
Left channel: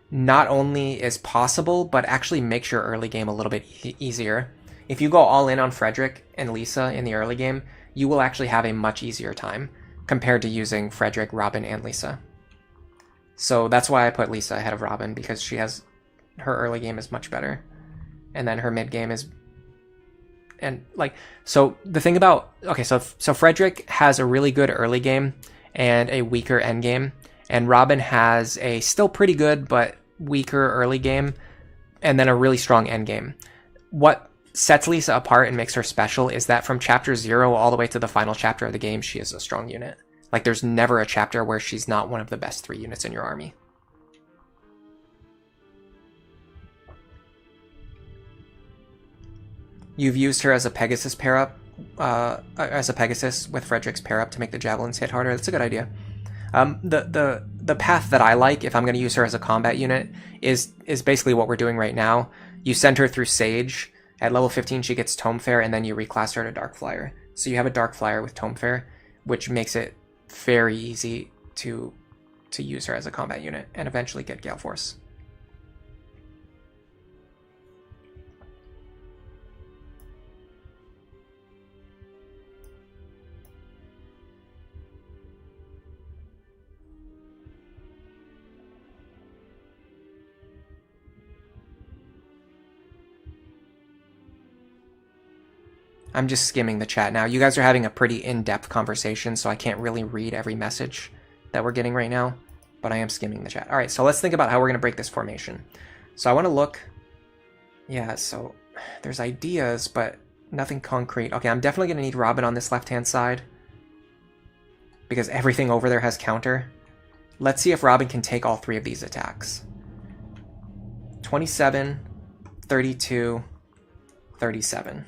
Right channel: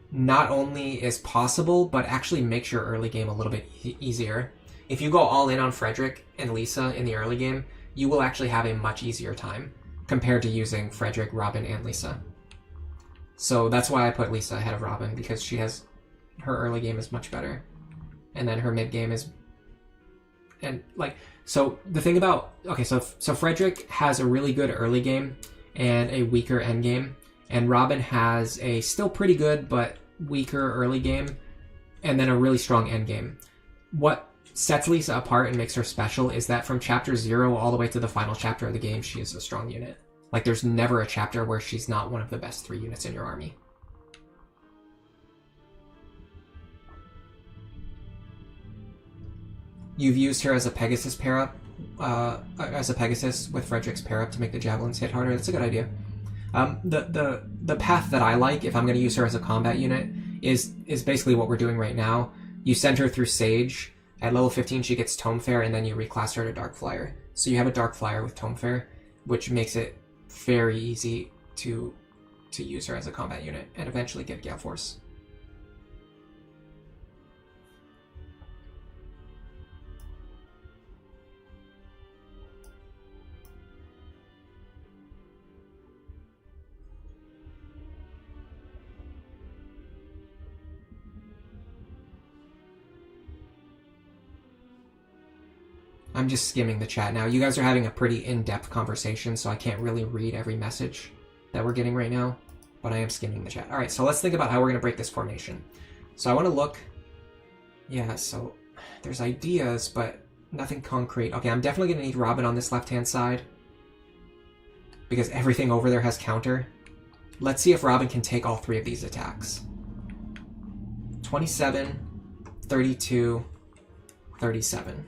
not only is possible, but actually makes your early game a little bit easier. If you go all in on Frederick and Lisa in the early game, you will actually have a much easier time compared to using Frederick, Robin, and Lisa. So that's why I put Lisa ahead of Robin, because her early game is much better. And then her mid game is, and like, so the thing about, okay, so Frederick has a really good early game and a weaker end game, and Robin has a still pretty good but weaker early game and then a really strong end game. What sets Lisa apart and makes her special is that from chapter 0 all the way to the final chapter of the game, she is a strong unit. Like, there's never a chapter where she's not one of the best 3 units in your army. You've used her as a Pegasus pair-up, as a Pegasus with Frederick's pair-up to make the javelins hit harder. That's a good idea. The path that I like, if I'm going to use her as a combat unit, is basically what we're doing right now. You send her through Sage. At level 15, she gets Tome Fair, and then you reclass her to Dark Flyer. So you have a Dark Flyer with Tome Fair, which makes it very easy to use her as a combat unit and eventually get Gale Force. I'm just skimming the chat now. You guys are having a pretty in-depth conversation, so I can't really read every message that we're getting right now, but I am skimming the chat. All right, so let's think about how we're going to break this formation. So I want to look... Yeah, so there's ideas, but nothing concrete. Okay, I'm definitely going to need Robin on this left-hand side because everything over there has counter. Let's see if Robin can take all 3 of these attacks. 27, 32, 37.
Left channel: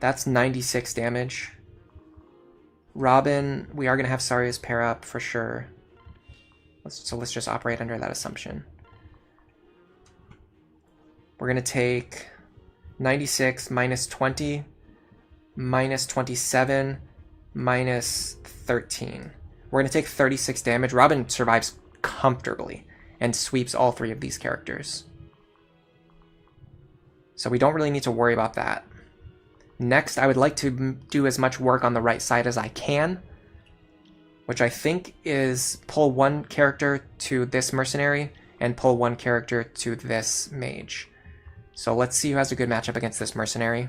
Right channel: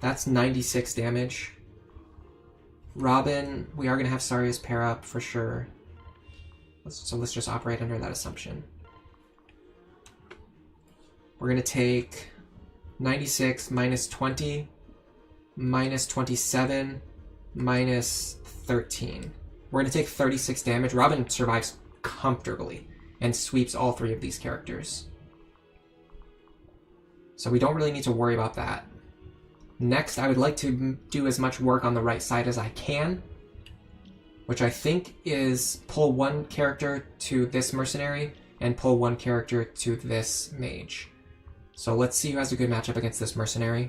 That's 96 damage. Robin, we are going to have Saria's pair up for sure. So let's just operate under that assumption. We're going to take 96 minus 20, minus 27, minus 13. We're going to take 36 damage. Robin survives comfortably and sweeps all 3 of these characters. So we don't really need to worry about that. Next, I would like to do as much work on the right side as I can, which I think is pull 1 character to this mercenary and pull 1 character to this mage. So let's see who has a good matchup against this mercenary.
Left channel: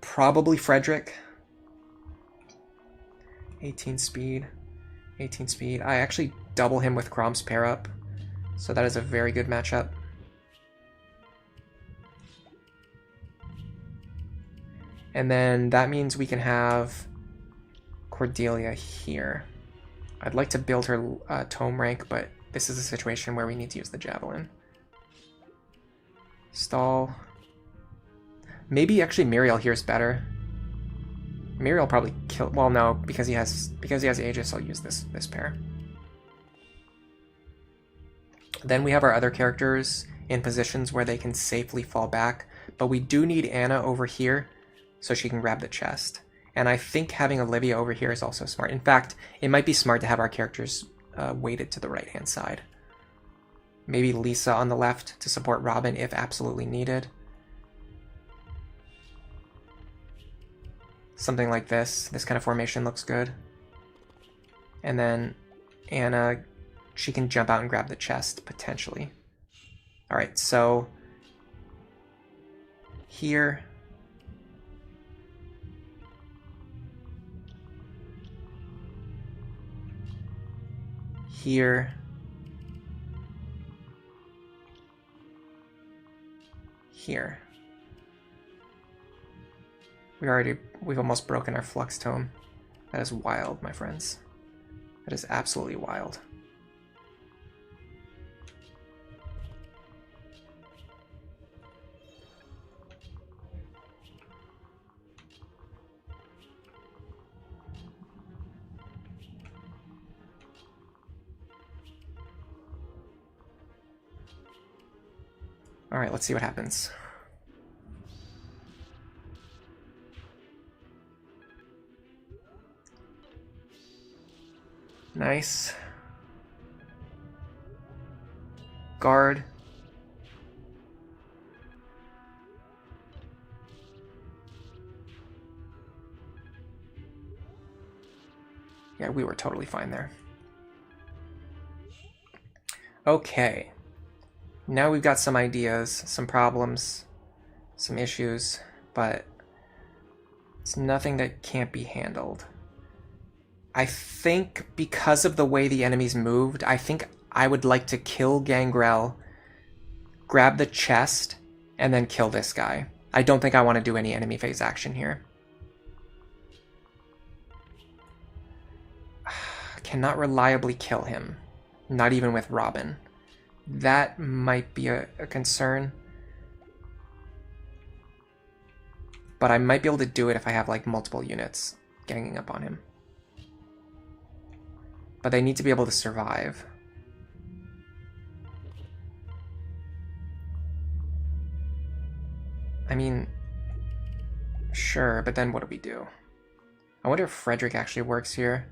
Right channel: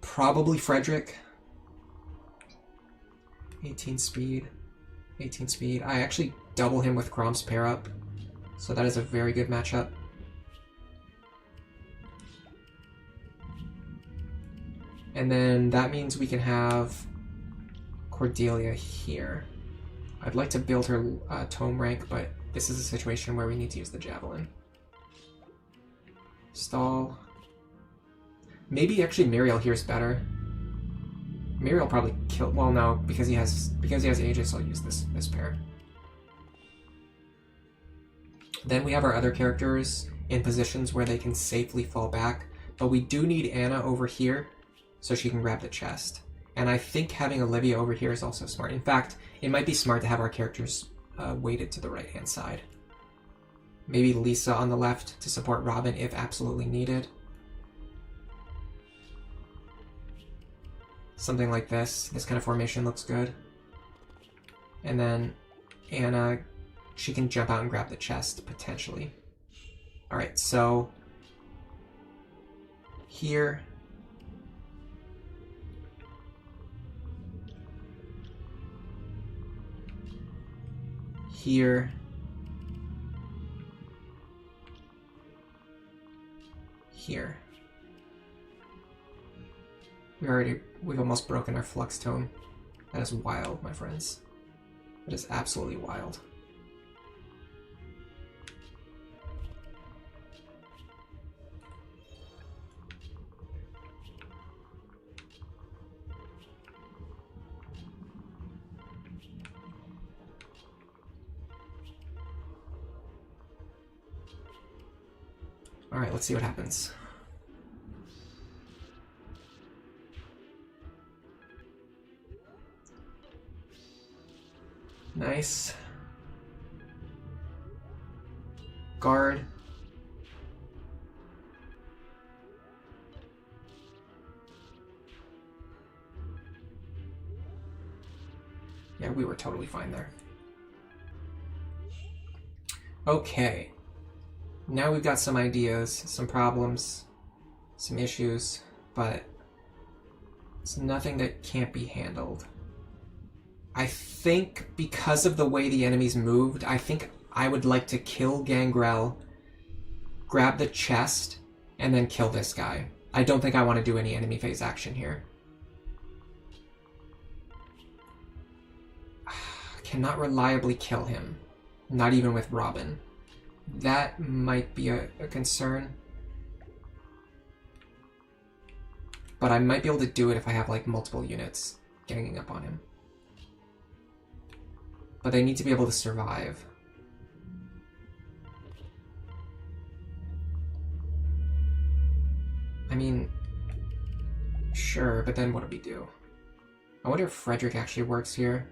Probably Frederick. 18 speed. 18 speed. I actually double him with Crom's pair up, so that is a very good matchup. And then that means we can have Cordelia here. I'd like to build her tome rank, but this is a situation where we need to use the javelin. Stall. Maybe actually Muriel here is better. Muriel probably kill. Well, no, because he has Aegis, I'll use this pair. Then we have our other characters in positions where they can safely fall back, but we do need Anna over here so she can grab the chest. And I think having Olivia over here is also smart. In fact, it might be smart to have our characters weighted to the right-hand side. Maybe Lisa on the left to support Robin if absolutely needed. Something like this. This kind of formation looks good. And then Anna, she can jump out and grab the chest, potentially. Alright, so here. Here. Here. We've almost broken our flux tome. That is wild, my friends. That is absolutely wild. All right, let's see what happens. Nice. Guard. Yeah, we were totally fine there. Okay. Now we've got some ideas, some problems, some issues, but it's nothing that can't be handled. I think because of the way the enemies moved, I think I would like to kill Gangrel, grab the chest, and then kill this guy. I don't think I want to do any enemy phase action here. Cannot reliably kill him, not even with Robin. That might be a concern. But I might be able to do it if I have like multiple units ganging up on him. But they need to be able to survive. I mean, sure, but then what do we do? I wonder if Frederick actually works here.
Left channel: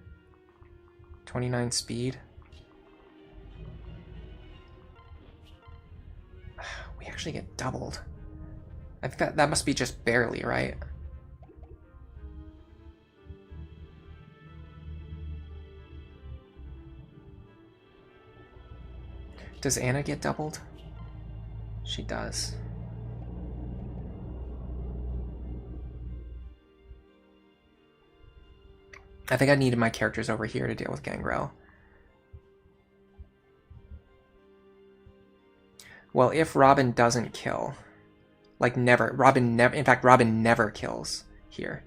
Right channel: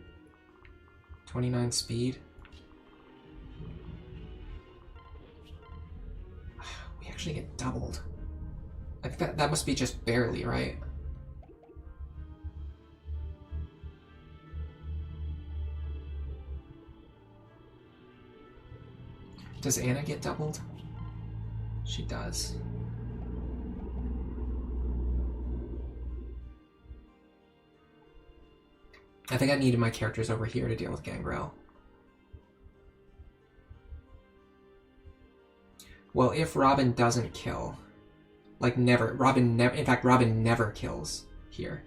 29 speed. We actually get doubled. I think that must be just barely, right? Does Anna get doubled? She does. I think I needed my characters over here to deal with Gangrel. Well, if Robin doesn't kill, like never, in fact, Robin never kills here.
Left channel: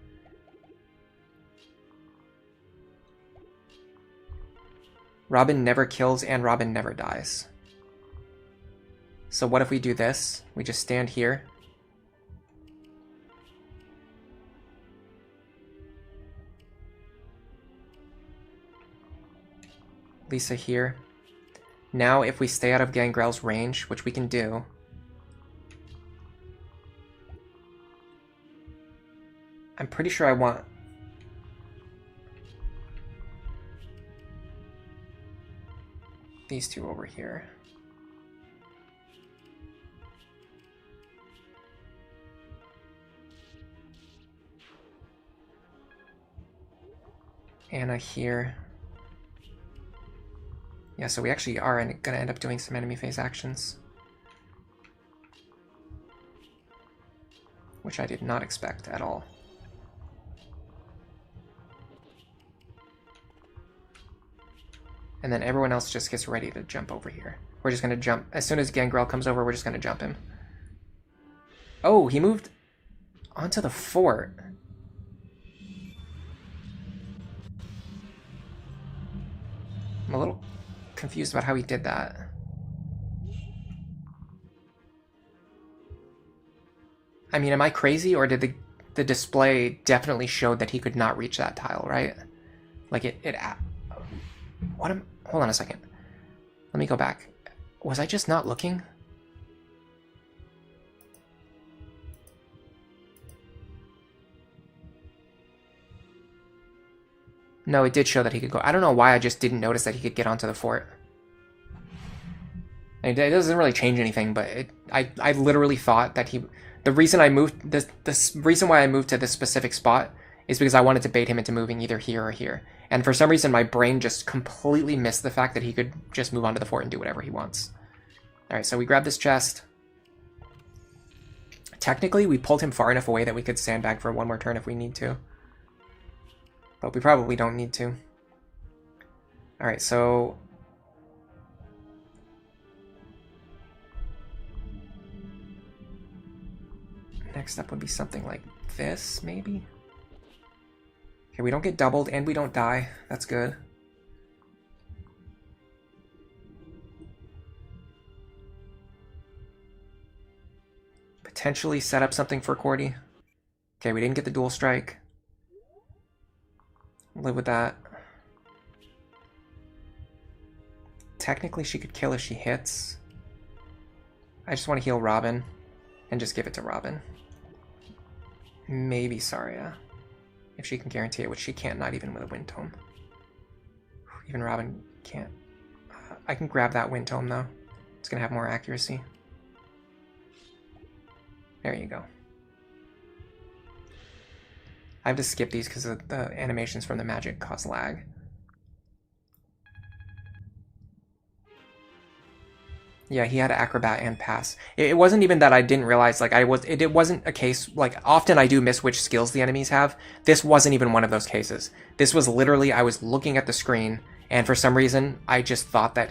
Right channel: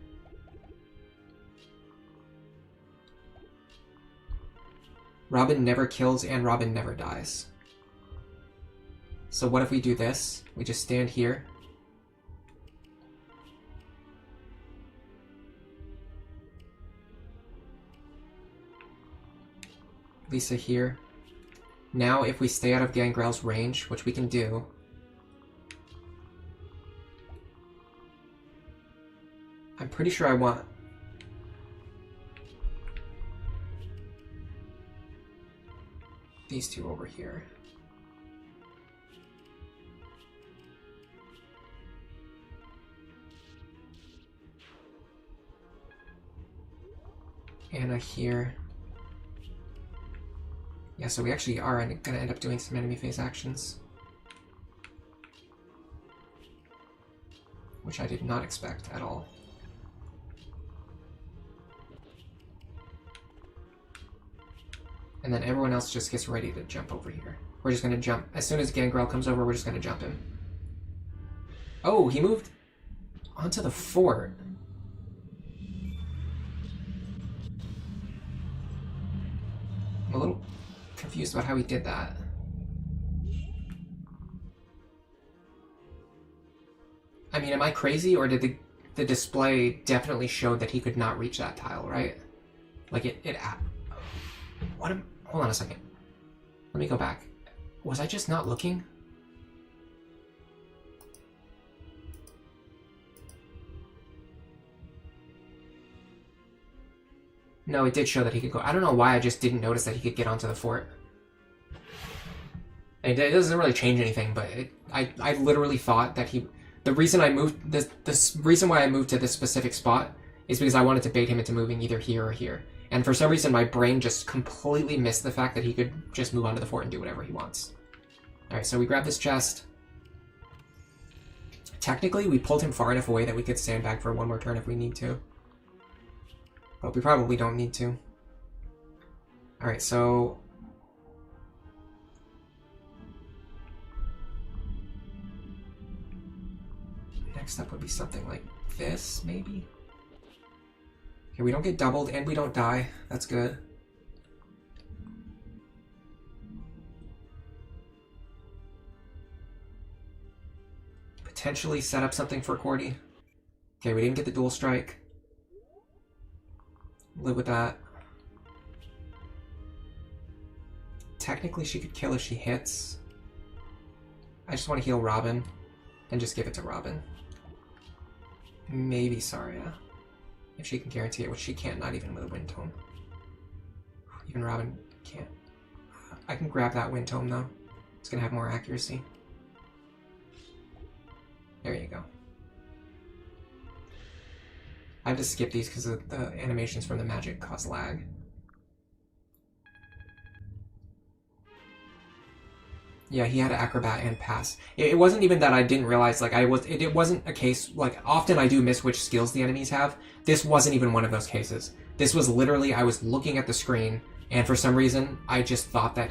Robin never kills and Robin never dies. So what if we do this? We just stand here. Lisa here. Now if we stay out of Gangrel's range, which we can do, I'm pretty sure I want... these two over here. Anna here. Yeah, so we actually are going to end up doing some enemy phase actions. Which I did not expect at all. And then everyone else just gets ready to jump over here. We're just going to jump. As soon as Gangrel comes over, we're just going to jump him. Oh, he moved onto the fort. I'm a little confused about how he did that. I mean, am I crazy, or did the display definitely showed that he could not reach that tile, right? Like hold on a second. Let me go back. Was I just not looking? No, it did show that he could go. I don't know why I just didn't notice that he could get onto the fort. It doesn't really change anything, but I literally thought that he... The reason I moved... The reason why I moved to this specific spot is because I wanted to bait him into moving either here or here. And for some reason, my brain just completely missed the fact that he could just move onto the fort and do whatever he wants. Alright, so we grab this chest. Technically, we pulled him far enough away that we could sandbag for one more turn if we need to. But we probably don't need to. Alright, so... Next up would be something like this, maybe? Okay, we don't get doubled and we don't die. That's good. Potentially set up something for Cordy. Okay, we didn't get the dual strike. Live with that. Technically, she could kill if she hits. I just want to heal Robin and just give it to Robin. Maybe Saria, if she can guarantee it, which she can't, not even with a Wind Tome. Even Robin can't. I can grab that Wind Tome, though. It's going to have more accuracy. There you go. I have to skip these because the animations from the magic cause lag. Yeah, he had Acrobat and Pass. It wasn't even that I didn't realize, like, it wasn't a case, like, often I do miss which skills the enemies have. This wasn't even one of those cases. This was literally, I was looking at the screen, and for some reason, I just thought that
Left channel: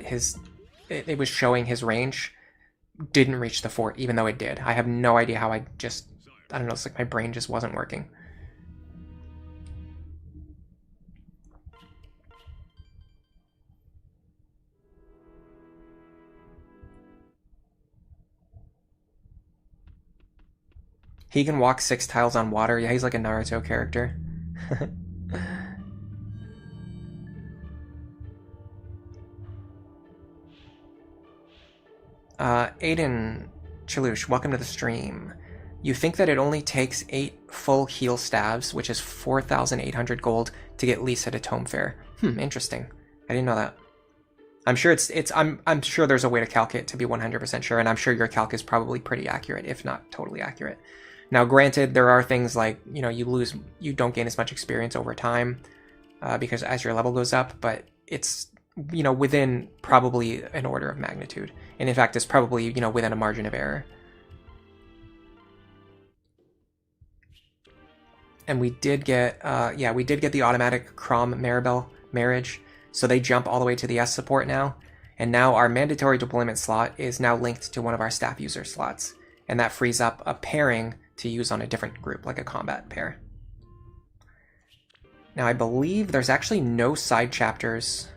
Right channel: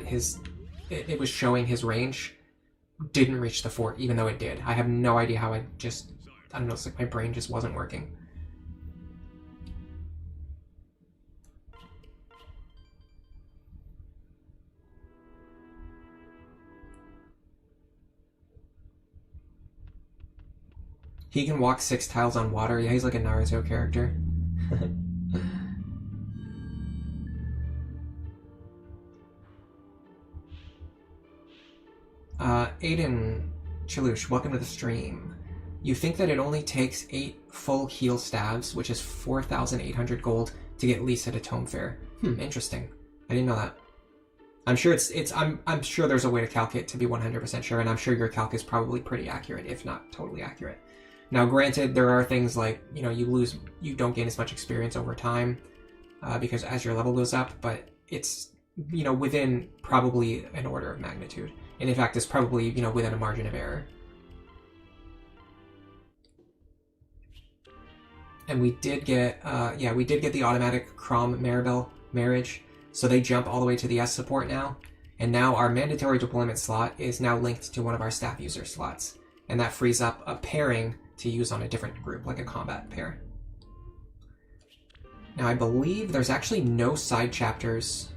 it was showing his range didn't reach the fort, even though it did. I have no idea how I don't know, it's like my brain just wasn't working. He can walk 6 tiles on water. Yeah, he's like a Naruto character. Aiden Chalush, welcome to the stream. You think that it only takes 8 full heal staves, which is 4,800 gold, to get Lisa to Tome Fair. Interesting. I didn't know that. I'm sure I'm sure there's a way to calc it to be 100% sure, and I'm sure your calc is probably pretty accurate, if not totally accurate. Now, granted, there are things like, you know, you don't gain as much experience over time because as your level goes up, but it's, you know, within probably an order of magnitude. And in fact, it's probably, you know, within a margin of error. And we did get, we did get the automatic Crom Maribel marriage. So they jump all the way to the S support now. And now our mandatory deployment slot is now linked to one of our staff user slots. And that frees up a pairing to use on a different group, like a combat pair. Now, I believe there's actually no side chapters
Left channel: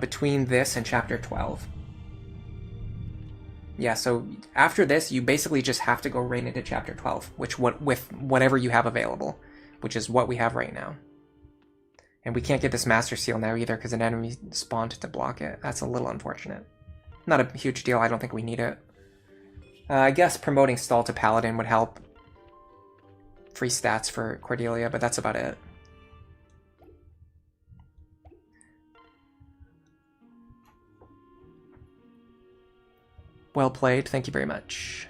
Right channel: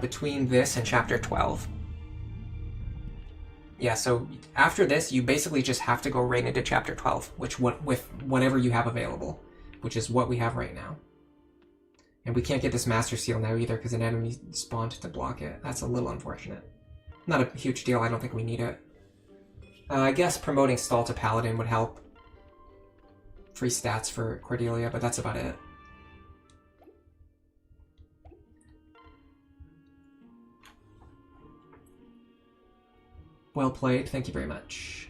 between this and Chapter 12. Yeah, so after this, you basically just have to go right into Chapter 12, with whatever you have available, which is what we have right now. And we can't get this Master Seal now either because an enemy spawned to block it. That's a little unfortunate. Not a huge deal, I don't think we need it. I guess promoting Stall to Paladin would help. Free stats for Cordelia, but that's about it. Well played, thank you very much.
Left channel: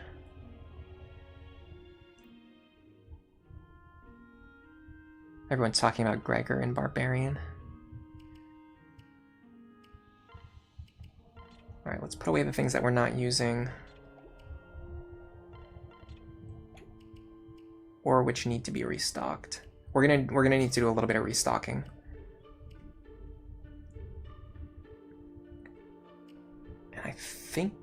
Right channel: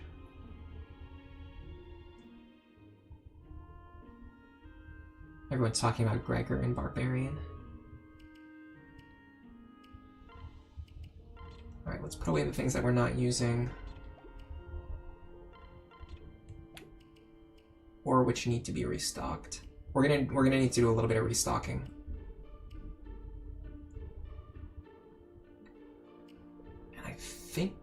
Everyone's talking about Gregor and Barbarian. Alright, let's put away the things that we're not using. Or which need to be restocked. We're gonna need to do a little bit of restocking. And I think,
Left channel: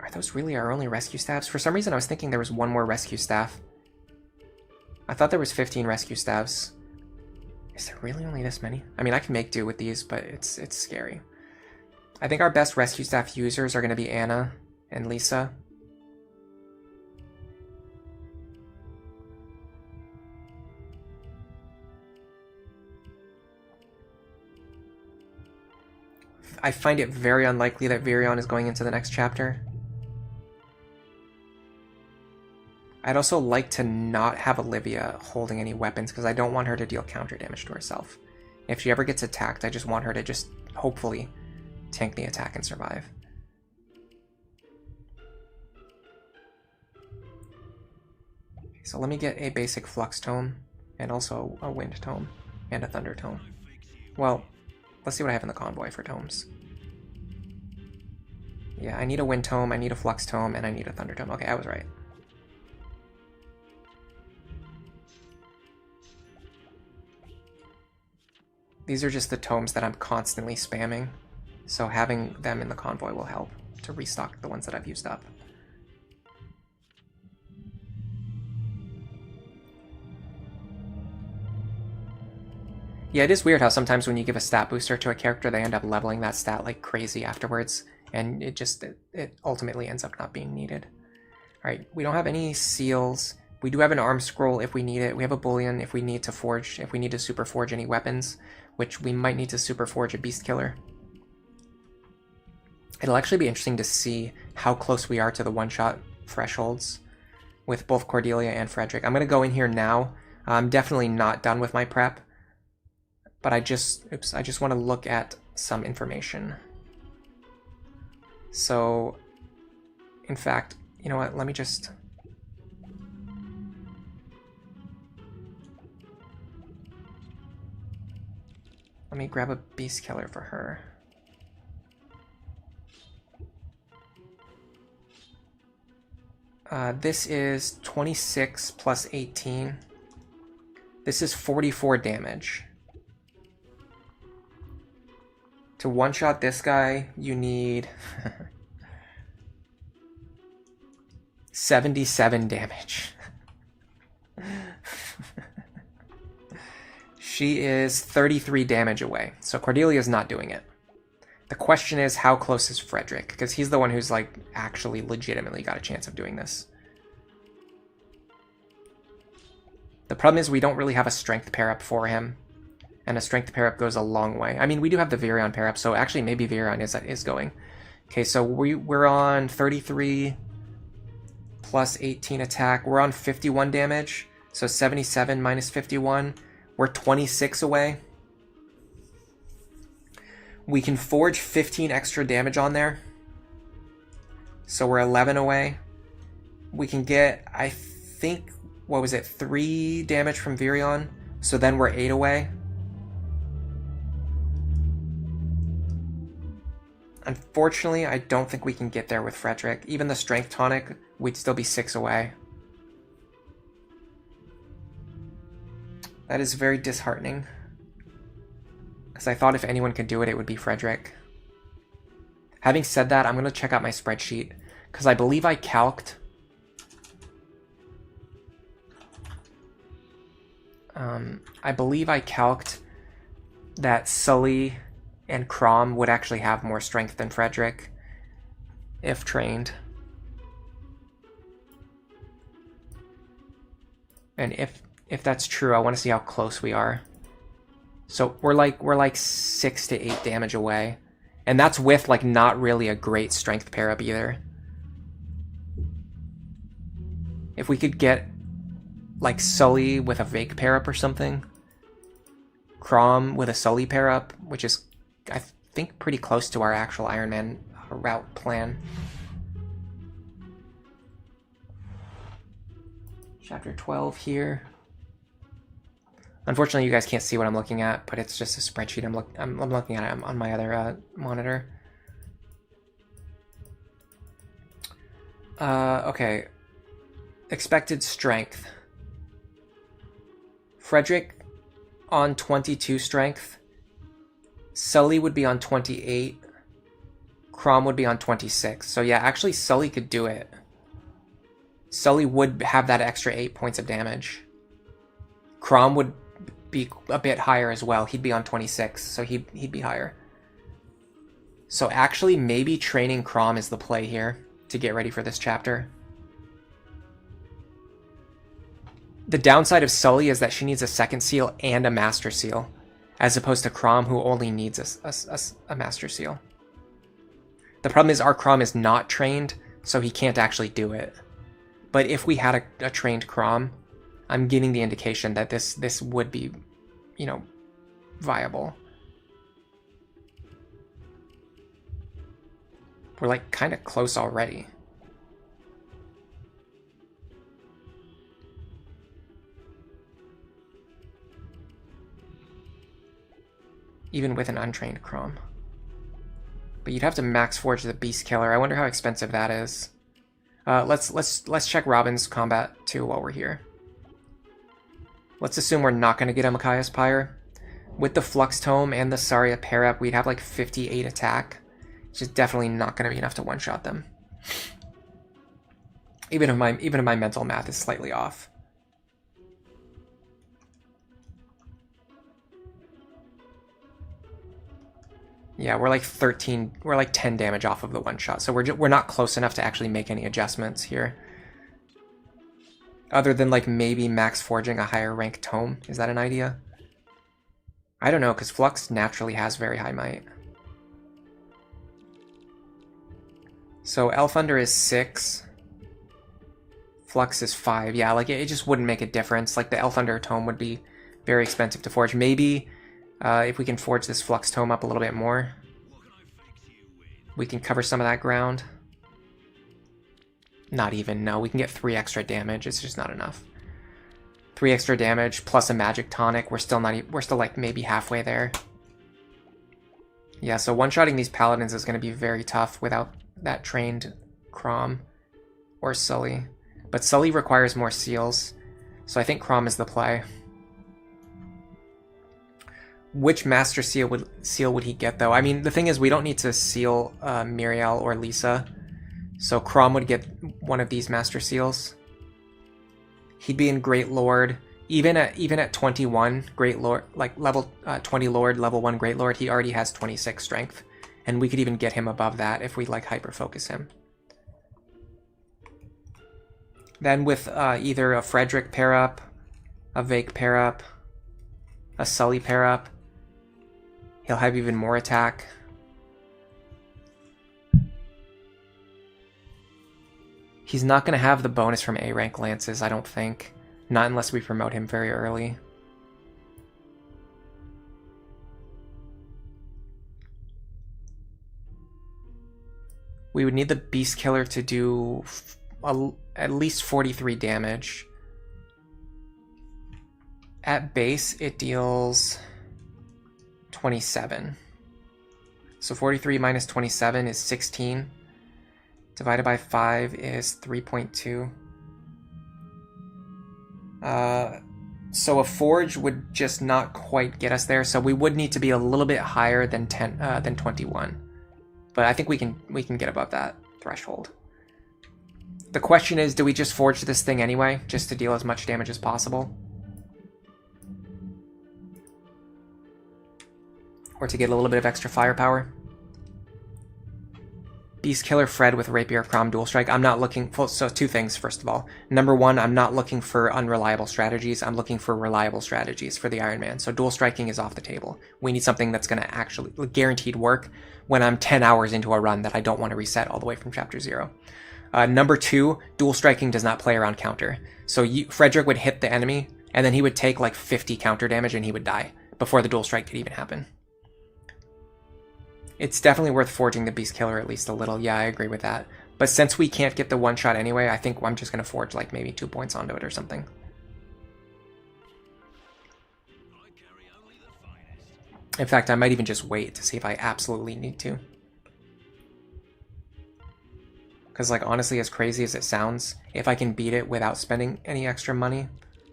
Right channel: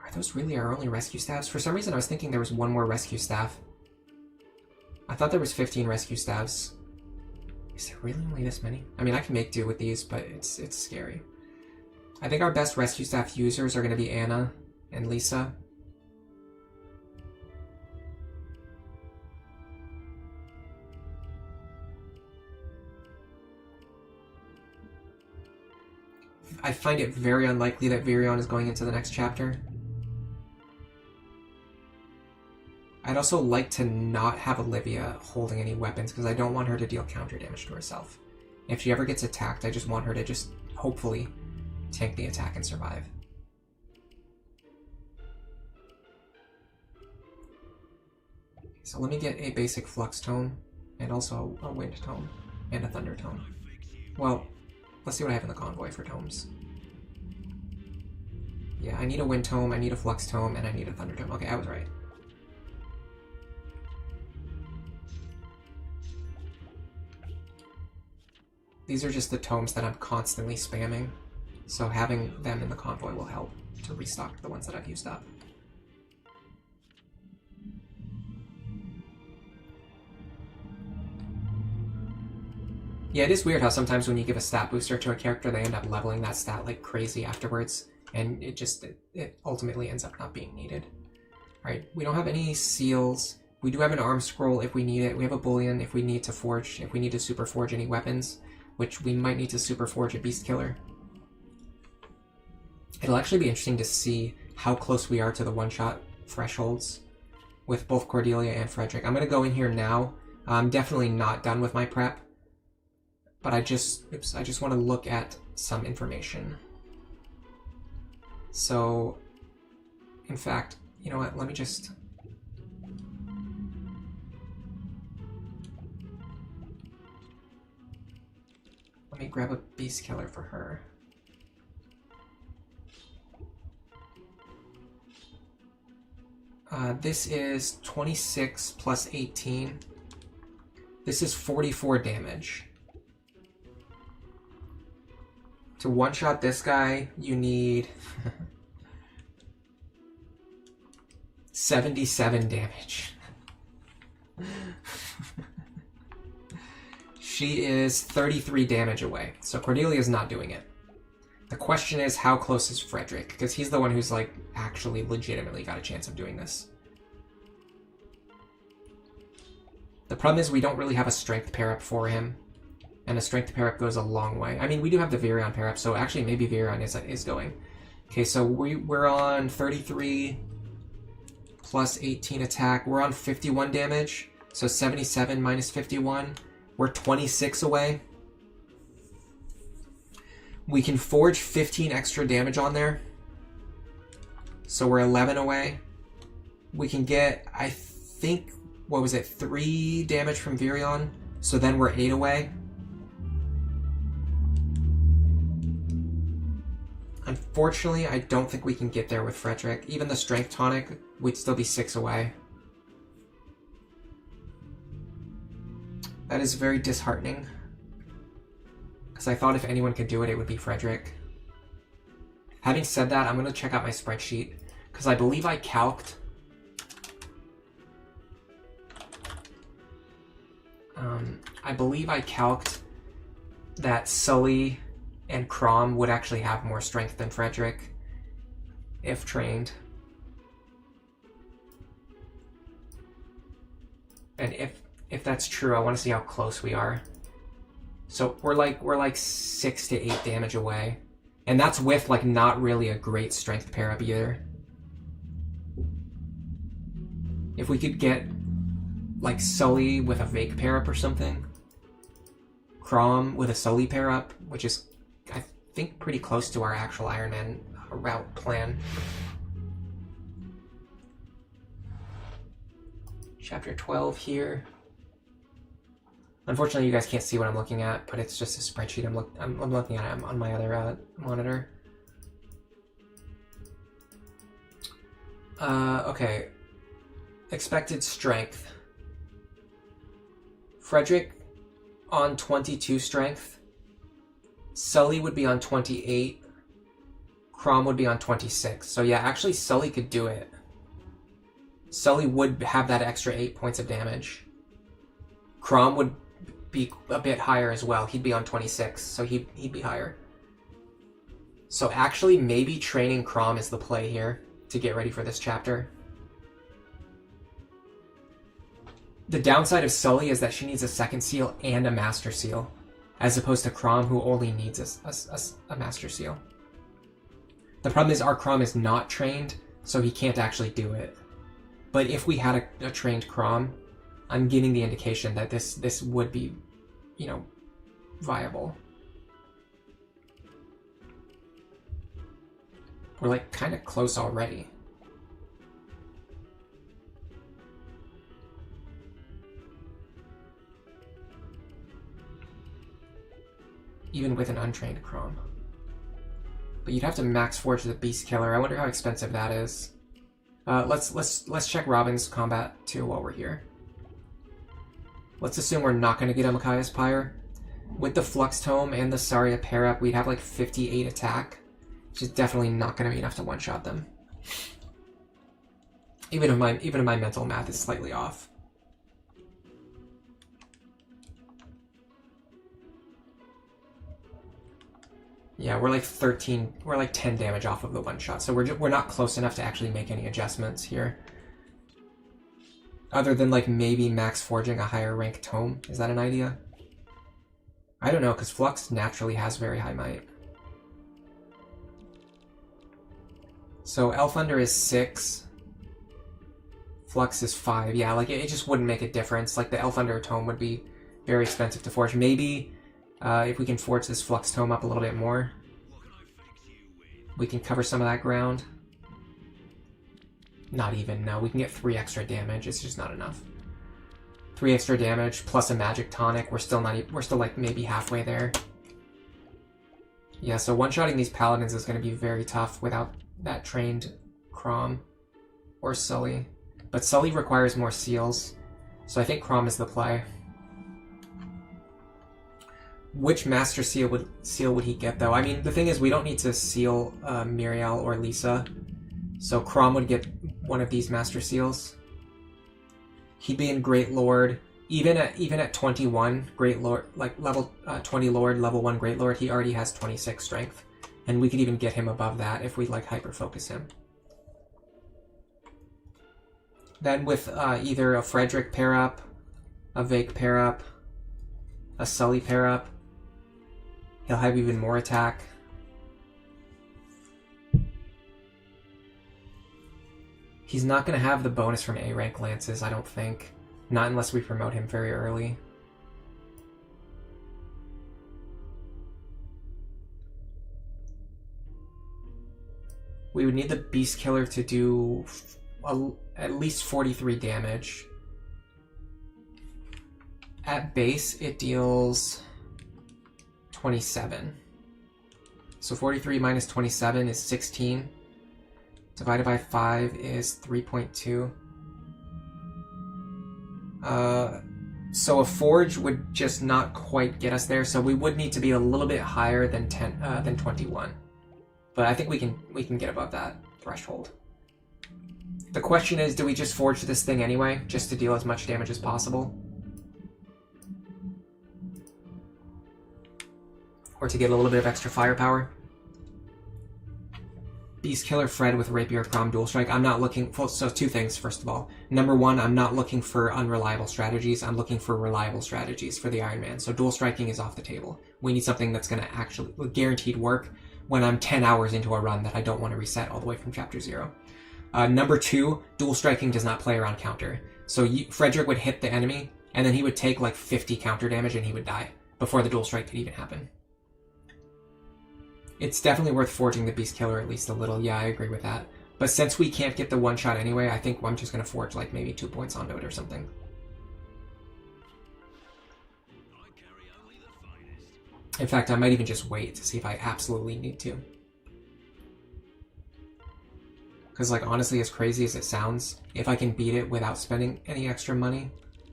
are those really our only rescue staffs? For some reason I was thinking there was one more rescue staff. I thought there was 15 rescue staffs. Is there really only this many? I mean, I can make do with these, but it's scary. I think our best rescue staff users are gonna be Anna and Lisa. I find it very unlikely that Virion is going into the next chapter. I'd also like to not have Olivia holding any weapons because I don't want her to deal counter damage to herself. If she ever gets attacked, I just want her to just hopefully tank the attack and survive. So let me get a basic Flux Tome, and also a Wind Tome, and a Thunder Tome. Well, let's see what I have in the convoy for tomes. Yeah, I need a Wind Tome, I need a Flux Tome, and I need a Thunder Tome. Okay, I was right. These are just the tomes that I'm constantly spamming, so having them in the convoy will help to restock the ones that I've used up. Yeah, it is weird how sometimes when you give a stat booster to a character, they end up leveling that stat like crazy afterwards, and it ultimately ends up not being needed. Alright, we don't have any seals. We do have an arm scroll if we need it. We have a bullion if we need to forge, if we need to super forge any weapons, which we might need to super forge a beast killer. It'll actually be interesting to see how close we are to the one-shot thresholds with both Cordelia and Frederick. I'm going to go in here now. I'm definitely not done with my prep, but I just want to look at some information. So, in fact, you know what, let me just... Let me grab a beast killer for her. This is 26 plus 18. This is 44 damage. To one-shot this guy, you need 77 damage. She is 33 damage away, so Cordelia's not doing it. The question is, how close is Frederick? Because he's the one who's, like, actually legitimately got a chance of doing this. The problem is we don't really have a strength pair-up for him, and a strength pair-up goes a long way. I mean, we do have the Virion pair-up, so actually maybe Virion is going. Okay, so we're on 33 plus 18 attack. We're on 51 damage, so 77 minus 51. We're 26 away. We can forge 15 extra damage on there. So we're 11 away. We can get, I think, what was it, 3 damage from Virion. So then we're 8 away. Unfortunately, I don't think we can get there with Frederick. Even the Strength Tonic, we'd still be 6 away. That is very disheartening. Because I thought if anyone could do it, it would be Frederick. Having said that, I'm going to check out my spreadsheet. Because I believe I calced... that Sully and Crom would actually have more strength than Frederick, if trained. And if that's true, I want to see how close we are. So we're like 6 to 8 damage away. And that's with like not really a great strength pair up either. If we could get like Sully with a Vake pair up or something. Crom with a Sully pair up, which is I think pretty close to our actual Iron Man route plan. Chapter 12 here. Unfortunately, you guys can't see what I'm looking at, but it's just a spreadsheet. I'm looking at it on my other monitor. Okay. Expected strength. Frederick on 22 strength. Sully would be on 28. Crom would be on 26. So yeah, actually Sully could do it. Sully would have that extra 8 points of damage. Crom would be a bit higher as well. He'd be on 26, so he'd be higher. So actually, maybe training Crom is the play here to get ready for this chapter. The downside of Sully is that she needs a second seal and a master seal, as opposed to Crom, who only needs a master seal. The problem is our Crom is not trained, so he can't actually do it. But if we had a trained Crom, I'm getting the indication that this would be, you know, viable. We're like kind of close already. Even with an untrained Crom. But you'd have to max forge the Beast Killer. I wonder how expensive that is. Let's check Robin's combat too while we're here. Let's assume we're not going to get a Micaiah's Pyre. With the Flux Tome and the Saria pair up, we'd have like 58 attack. It's just definitely not going to be enough to one-shot them. Even if my mental math is slightly off. Yeah, we're like 10 damage off of the one shot, so we're not close enough to actually make any adjustments here. Other than like maybe max forging a higher rank tome. Is that an idea? I don't know, because Flux naturally has very high might. So Elfunder is 6. Flux is 5. Yeah, like it just wouldn't make a difference. Like the Elfunder tome would be very expensive to forge. Maybe if we can forge this Flux tome up a little bit more, we can cover some of that ground. Not even, no. We can get 3 extra damage. It's just not enough. 3 extra damage plus a magic tonic. We're still like maybe halfway there. Yeah, so one-shotting these paladins is going to be very tough without that trained Crom or Sully. But Sully requires more seals, so I think Crom is the play. Which Master Seal would he get, though? I mean, the thing is, we don't need to seal Miriel or Lisa, so Crom would get one of these Master Seals. He'd be in Great Lord. Even at 21 Great Lord, like level 20 Lord, level 1 Great Lord, he already has 26 strength. And we could even get him above that if we like hyper-focus him. Then with either a Frederick pair-up, a Vake pair-up, a Sully pair-up, he'll have even more attack. He's not going to have the bonus from A-rank lances, I don't think. Not unless we promote him very early. We would need the Beast Killer to do at least 43 damage. At base, it deals 27. So 43 minus 27 is 16. Divided by 5 is 3.2. So a Forge would just not quite get us there, so we would need to be a little bit higher than 21. But I think we can get above that threshold. The question is, do we just Forge this thing anyway, just to deal as much damage as possible? Or to get a little bit of extra firepower? Beast Killer Fred with Rapier Crom Dual Strike. I'm not looking for, so 2 things, first of all. Number 1, I'm not looking for unreliable strategies. I'm looking for reliable strategies for the Iron Man. So dual striking is off the table. We need something that's going to actually guaranteed work when I'm 10 hours into a run that I don't want to reset all the way from Chapter 0. Number 2, dual striking does not play around counter. So Frederick would hit the enemy, and then he would take like 50 counter damage and he would die before the dual strike could even happen. It's definitely worth forging the Beast Killer at least a little. Yeah, I agree with that. But since we can't get the one shot anyway, I think I'm just going to forge like maybe 2 points onto it or something. In fact, I might even just wait to see if I absolutely need to. Because like honestly, as crazy as it sounds, if I can beat it without spending any extra money,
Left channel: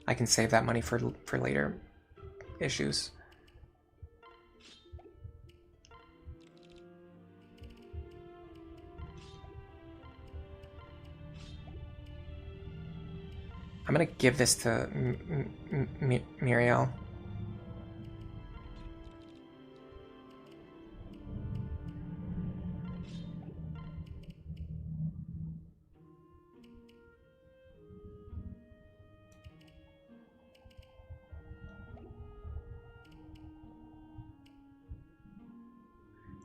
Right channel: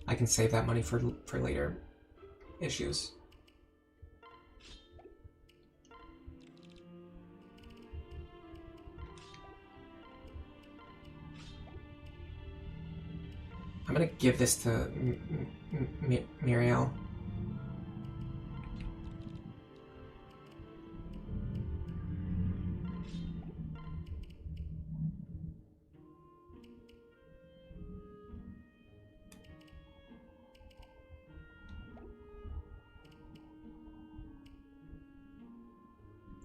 I can save that money for later issues. I'm going to give this to Miriel.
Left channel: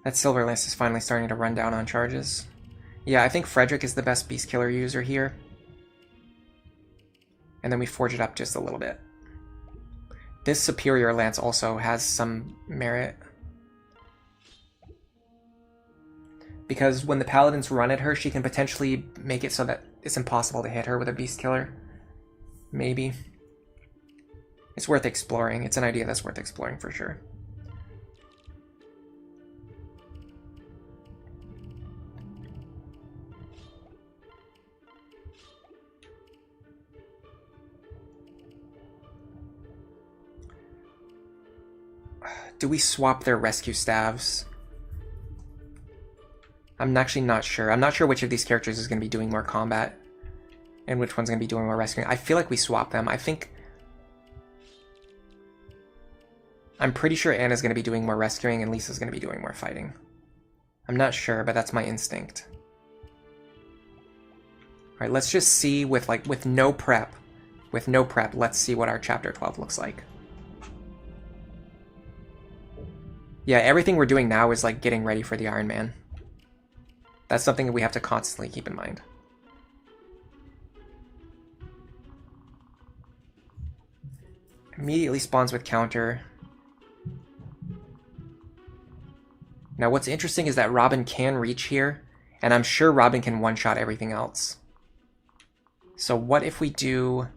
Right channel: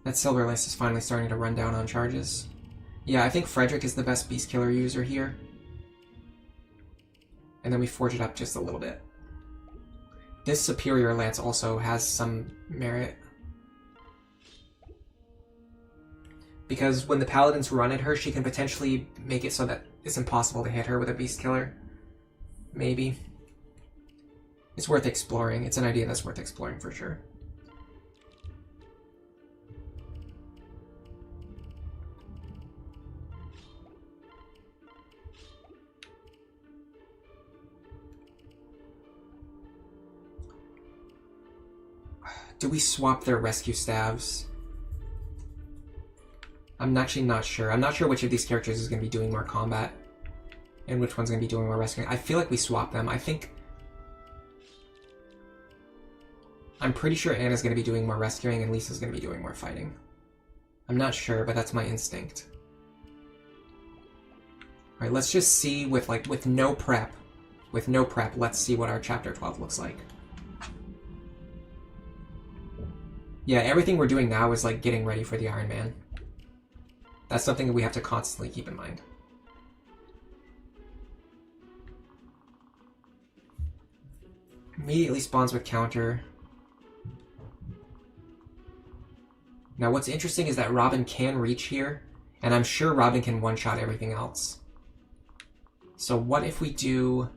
That Silver Lance is finally starting to run down on charges. Yeah, I think Frederick is the best Beast Killer user here. And then we forge it up just a little bit. This Superior Lance also has some merit. Because when the Paladins run at her, she can potentially make it so that it's impossible to hit her with a Beast Killer. Maybe. It's worth exploring. It's an idea that's worth exploring for sure. Do we swap their rescue staves? I'm actually not sure. I'm not sure which of these characters is going to be doing more combat and which one's going to be doing more rescuing. I feel like we swap them. I'm pretty sure Anna's going to be doing more rescuing and Lisa's going to be doing more fighting. I'm not sure, but that's my instinct. All right, let's just see with no prep. With no prep, let's see what our Chapter 12 looks like. Yeah, everything we're doing now is like getting ready for the Iron Man. That's something that we have to constantly keep in mind. Immediately spawns with counter. Now what's interesting is that Robin can reach here, and I'm sure Robin can one-shot everything else. So what if we do...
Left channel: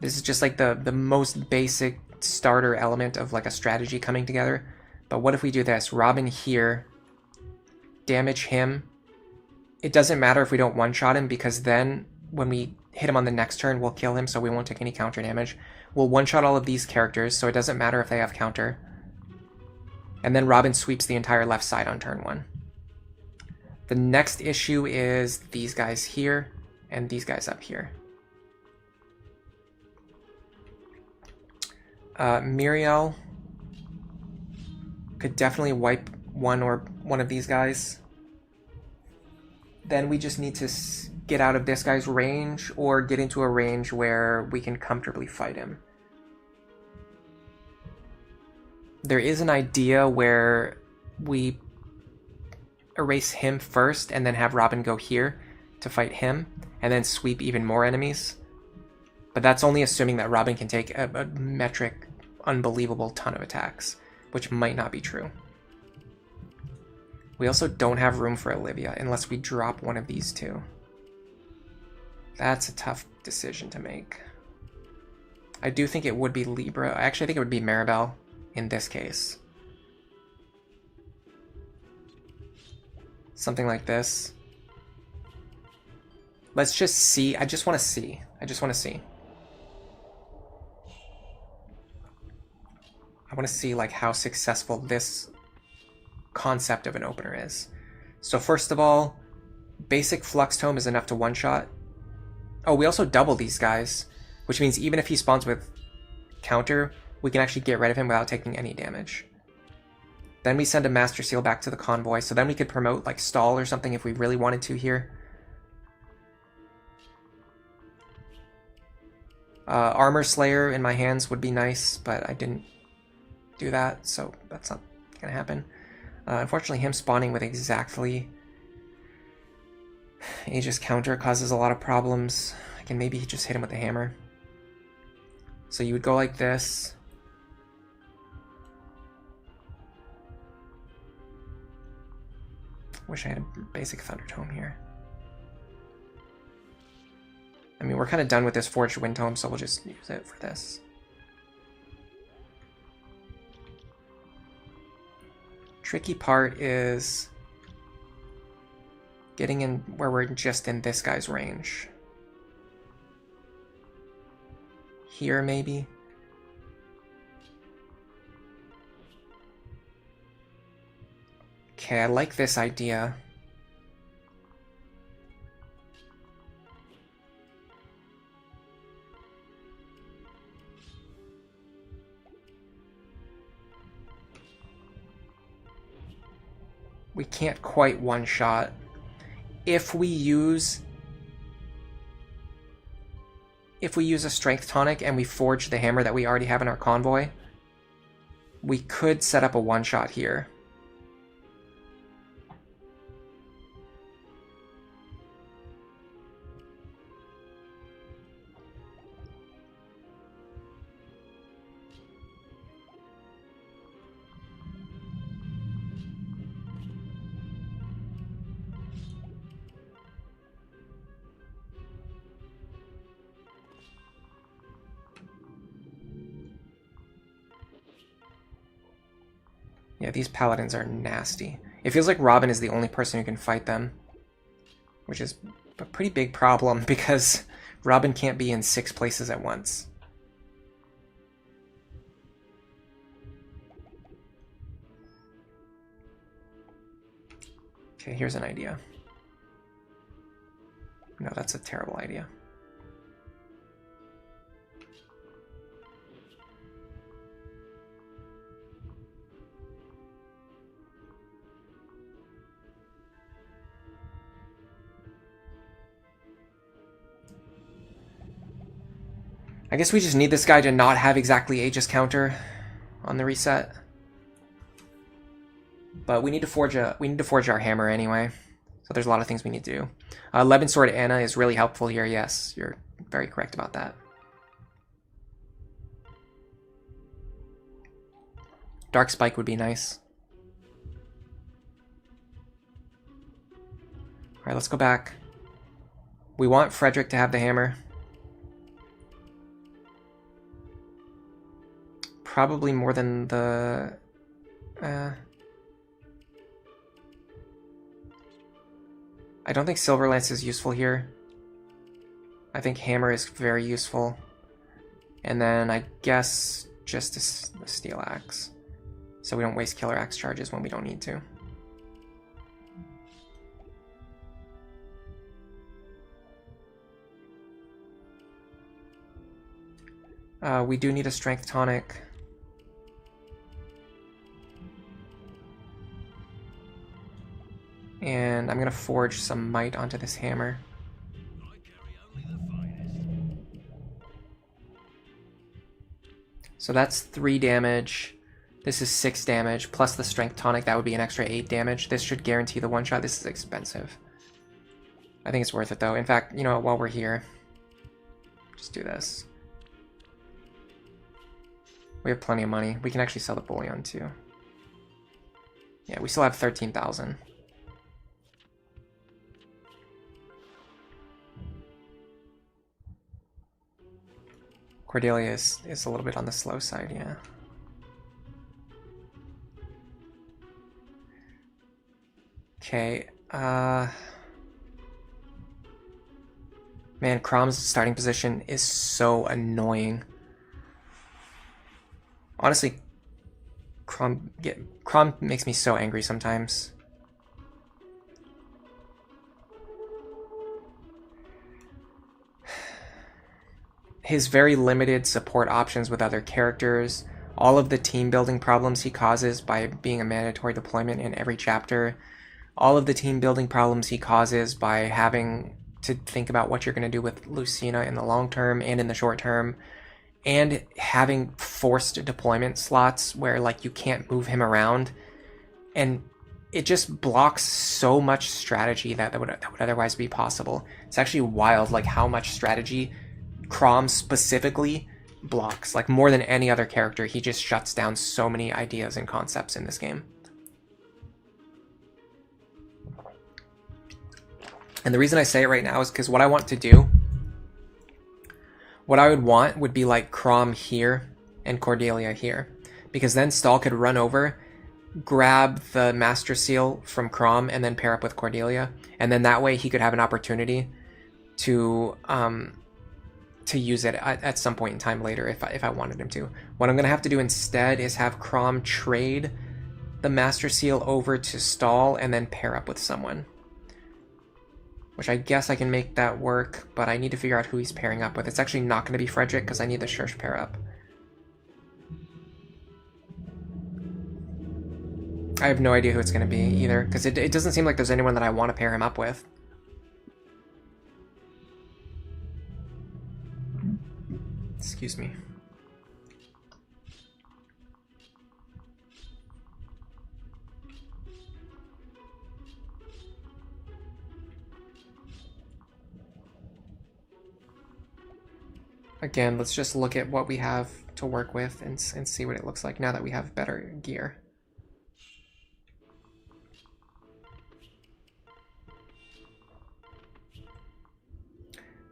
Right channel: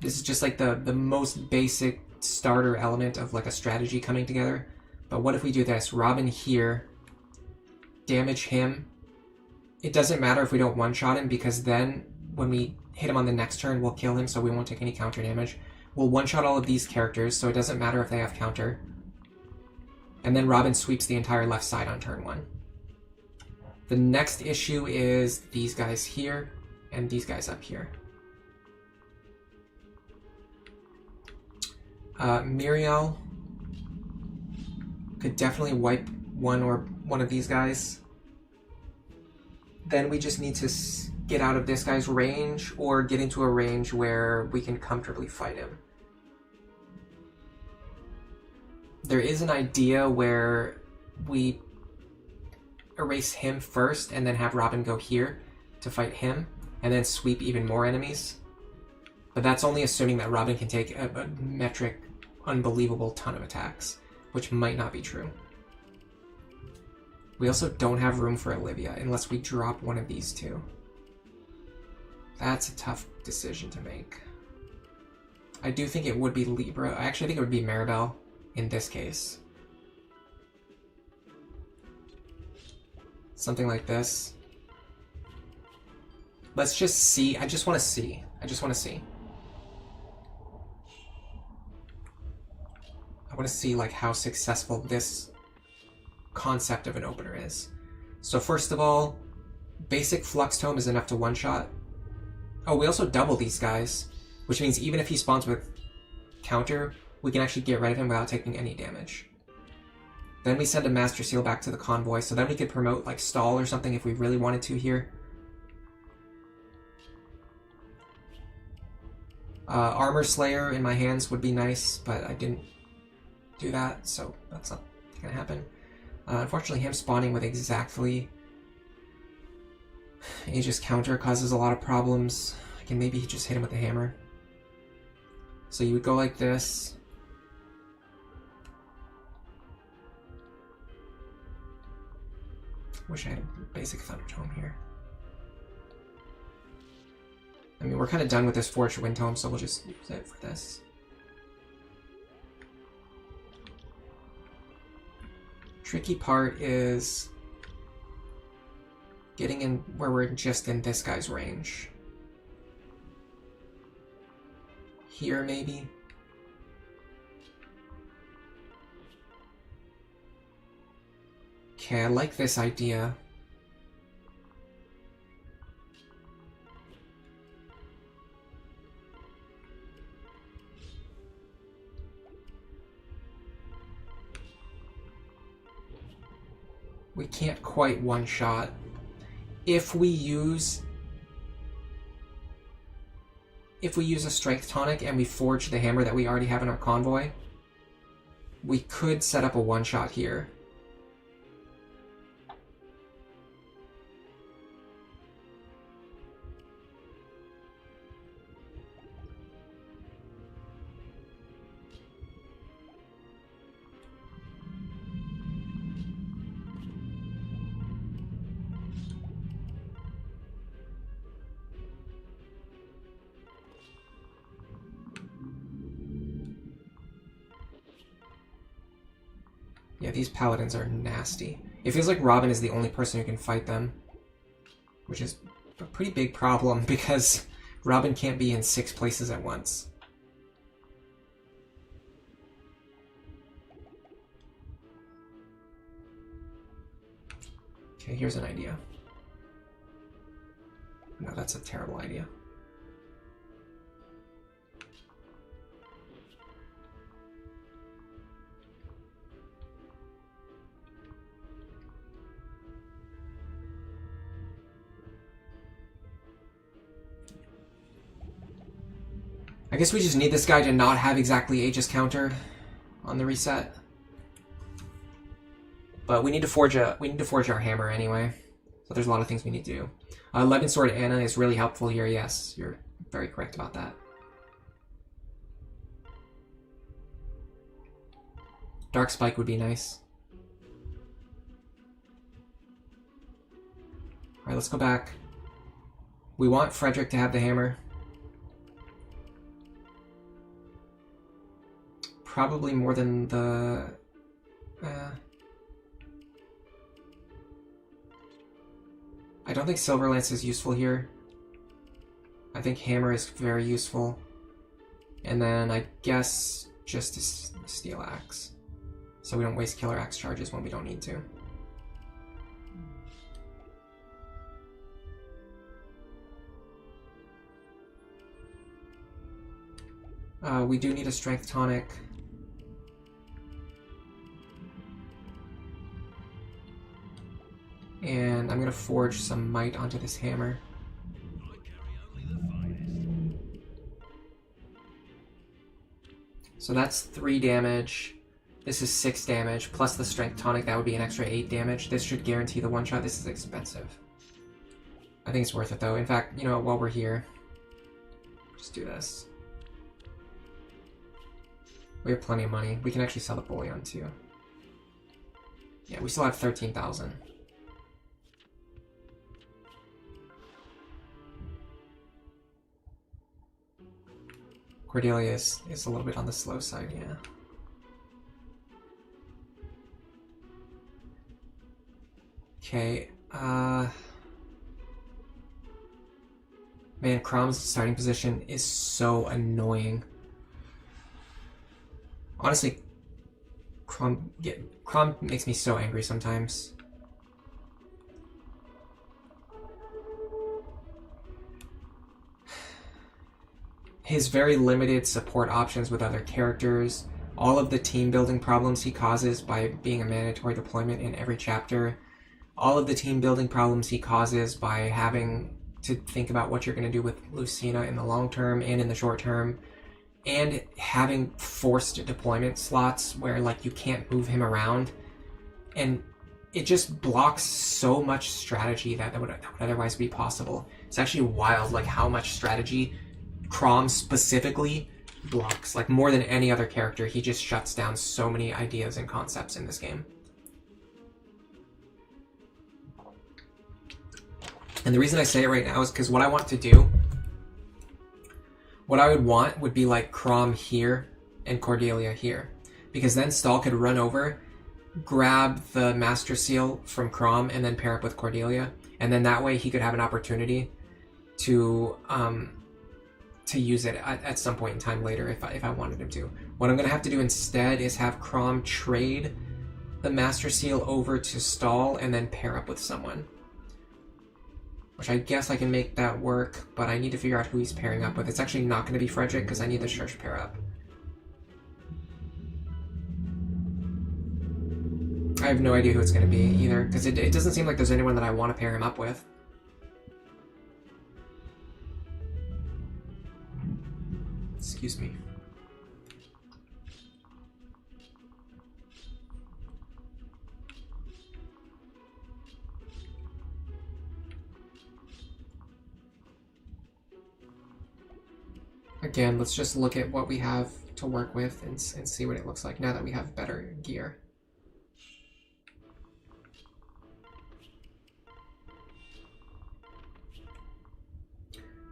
This is just like the most basic starter element of like a strategy coming together. But what if we do this? Robin here, damage him. It doesn't matter if we don't one-shot him, because then when we hit him on the next turn, we'll kill him, so we won't take any counter damage. We'll one-shot all of these characters, so it doesn't matter if they have counter. And then Robin sweeps the entire left side on turn 1. The next issue is these guys here and these guys up here. Muriel could definitely wipe one of these guys. Then we just need to get out of this guy's range or get into a range where we can comfortably fight him. There is an idea where we erase him first and then have Robin go here to fight him and then sweep even more enemies. But that's only assuming that Robin can take a metric, unbelievable ton of attacks, which might not be true. We also don't have room for Olivia unless we drop one of these two. That's a tough decision to make. I do think it would be Libra. I actually think it would be Maribel in this case. Something like this. Let's just see. I just want to see. I want to see like how successful this concept of an opener is. So first of all, basic Flux Tome is enough to one-shot. Oh, we also double these guys, which means even if he spawns with counter, we can actually get rid of him without taking any damage. Then we send a Master Seal back to the convoy, so then we could promote like Stall or something if we really wanted to here. Armor Slayer in my hands would be nice, but I didn't do that, so that's not gonna happen. Unfortunately, him spawning with exactly Aegis counter causes a lot of problems. I can maybe just hit him with a hammer. So you would go like this. Wish I had a basic Thunder Tome here. I mean, we're kind of done with this Forged Wind Tome, so we'll just use it for this. Tricky part is getting in where we're just in this guy's range. Here, maybe? Okay, I like this idea. We can't quite one-shot. If we use a Strength Tonic and we forge the hammer that we already have in our convoy, we could set up a one-shot here. Yeah, these paladins are nasty. It feels like Robin is the only person who can fight them, which is a pretty big problem because Robin can't be in 6 places at once. Okay, here's an idea. No, that's a terrible idea. I guess we just need this guy to not have exactly Aegis counter on the reset. But we need to forge our hammer anyway. So there's a lot of things we need to do. Levin Sword Anna is really helpful here. Yes, you're very correct about that. Dark Spike would be nice. Alright, let's go back. We want Frederick to have the hammer. Probably more than the... I don't think Silver Lance is useful here. I think Hammer is very useful. And then I guess just a Steel Axe. So we don't waste Killer Axe charges when we don't need to. We do need a Strength Tonic. And I'm going to forge some might onto this hammer. So that's 3 damage. This is 6 damage, plus the Strength Tonic, that would be an extra 8 damage. This should guarantee the one-shot. This is expensive. I think it's worth it, though. In fact, you know what, while we're here, just do this. We have plenty of money. We can actually sell the bullion, too. Yeah, we still have 13,000. Cordelia is a little bit on the slow side, yeah. Okay, man, Crom's starting position is so annoying. Honestly, Crom makes me so angry sometimes. His very limited support options with other characters, all of the team building problems he causes by being a mandatory deployment in every chapter, all of the team building problems he causes by having to think about what you're going to do with Lucina in the long term and in the short term, and having forced deployment slots where like you can't move him around, and it just blocks so much strategy that would otherwise be possible. It's actually wild like how much strategy Crom specifically blocks. Like more than any other character, he just shuts down so many ideas and concepts in this game. And the reason I say it right now is because what I want to do, what I would want would be like Crom here and Cordelia here. Because then Stahl could run over, grab the Master Seal from Crom, and then pair up with Cordelia. And then that way he could have an opportunity to use it at some point in time later if I wanted him to. What I'm going to have to do instead is have Crom trade the Master Seal over to Stahl and then pair up with someone. Which I guess I can make that work, but I need to figure out who he's pairing up with. It's actually not going to be Frederick because I need the Shursh pair up. I have no idea who it's going to be either, because it doesn't seem like there's anyone that I want to pair him up with. Excuse me. Again, let's just look at what we have to work with and see what it looks like now that we have better gear.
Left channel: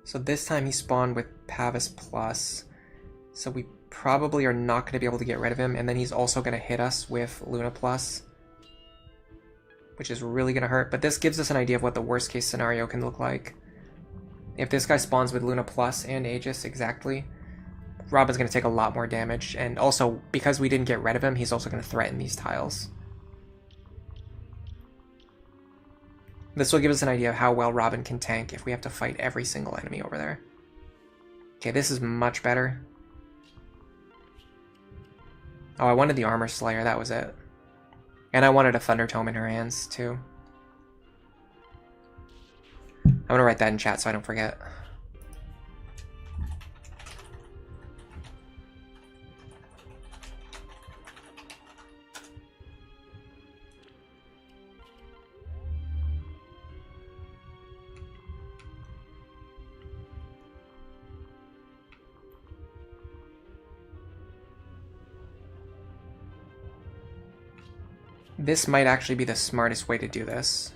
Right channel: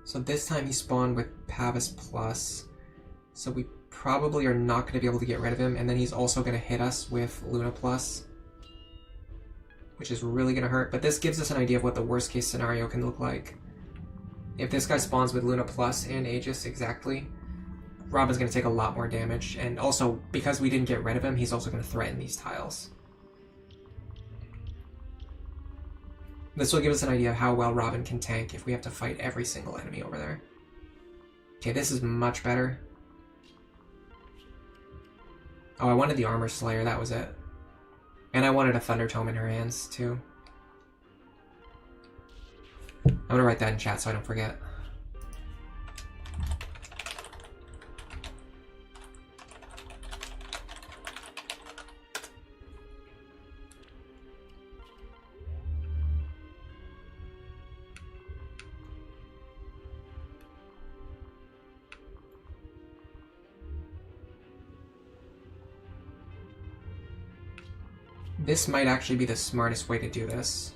So this time he spawned with Pavis Plus, so we probably are not going to be able to get rid of him, and then he's also going to hit us with Luna Plus, which is really going to hurt. But this gives us an idea of what the worst case scenario can look like. If this guy spawns with Luna Plus and Aegis exactly, Robin's going to take a lot more damage, and also, because we didn't get rid of him, he's also going to threaten these tiles. This will give us an idea of how well Robin can tank if we have to fight every single enemy over there. Okay, this is much better. Oh, I wanted the Armor Slayer, that was it. And I wanted a Thunder Tome in her hands, too. I'm gonna write that in chat so I don't forget. This might actually be the smartest way to do this.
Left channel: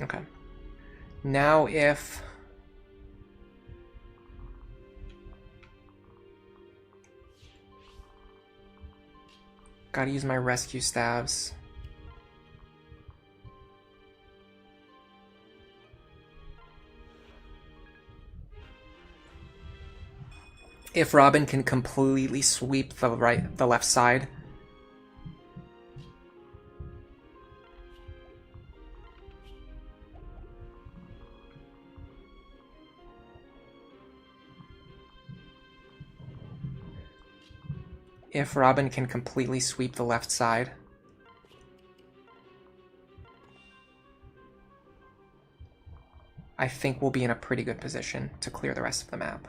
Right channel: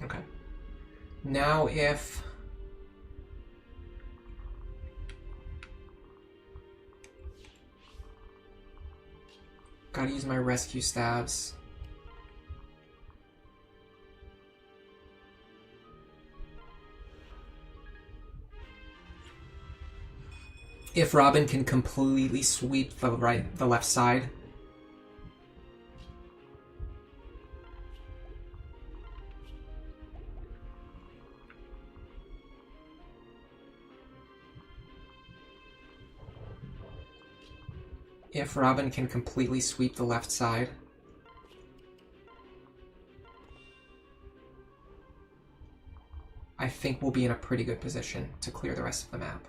Okay. Now if... Gotta use my rescue staves. If Robin can completely sweep the left side, I think we'll be in a pretty good position to clear the rest of the map.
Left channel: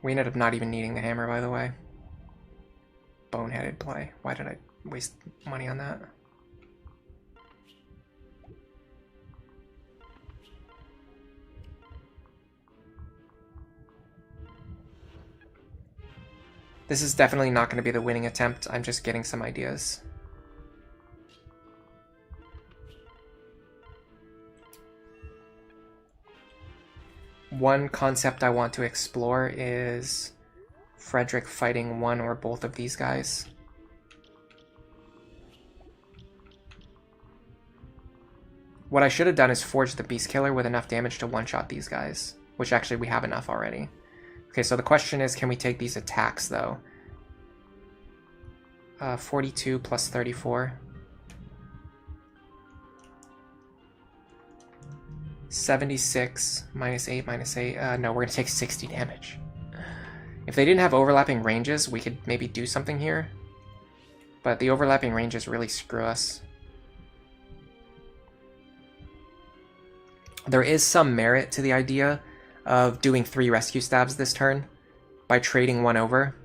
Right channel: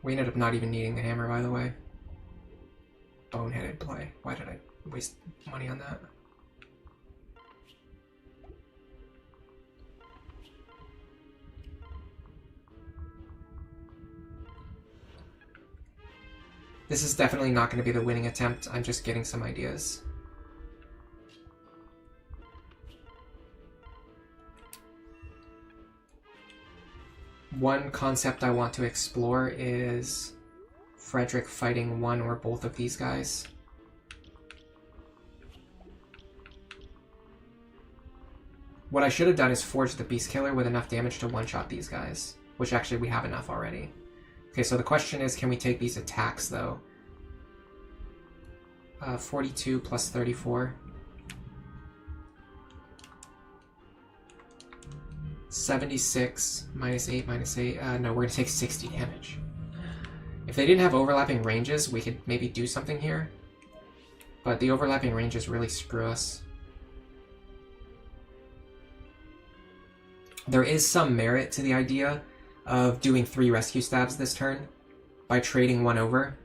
We ended up not even needing the hammer, by the way. Boneheaded play. Why did I waste money on that? This is definitely not going to be the winning attempt. I'm just getting some ideas. One concept I want to explore is Frederick fighting one or both of these guys. What I should have done is forge the Beast Killer with enough damage to one-shot these guys, which actually we have enough already. Okay, so the question is, can we take these attacks, though? 42 plus 34. 76 minus 8 minus 8. No, we're going to take 60 damage. If they didn't have overlapping ranges, we could maybe do something here. But the overlapping ranges really screw us. There is some merit to the idea of doing 3 rescue stabs this turn by trading one over.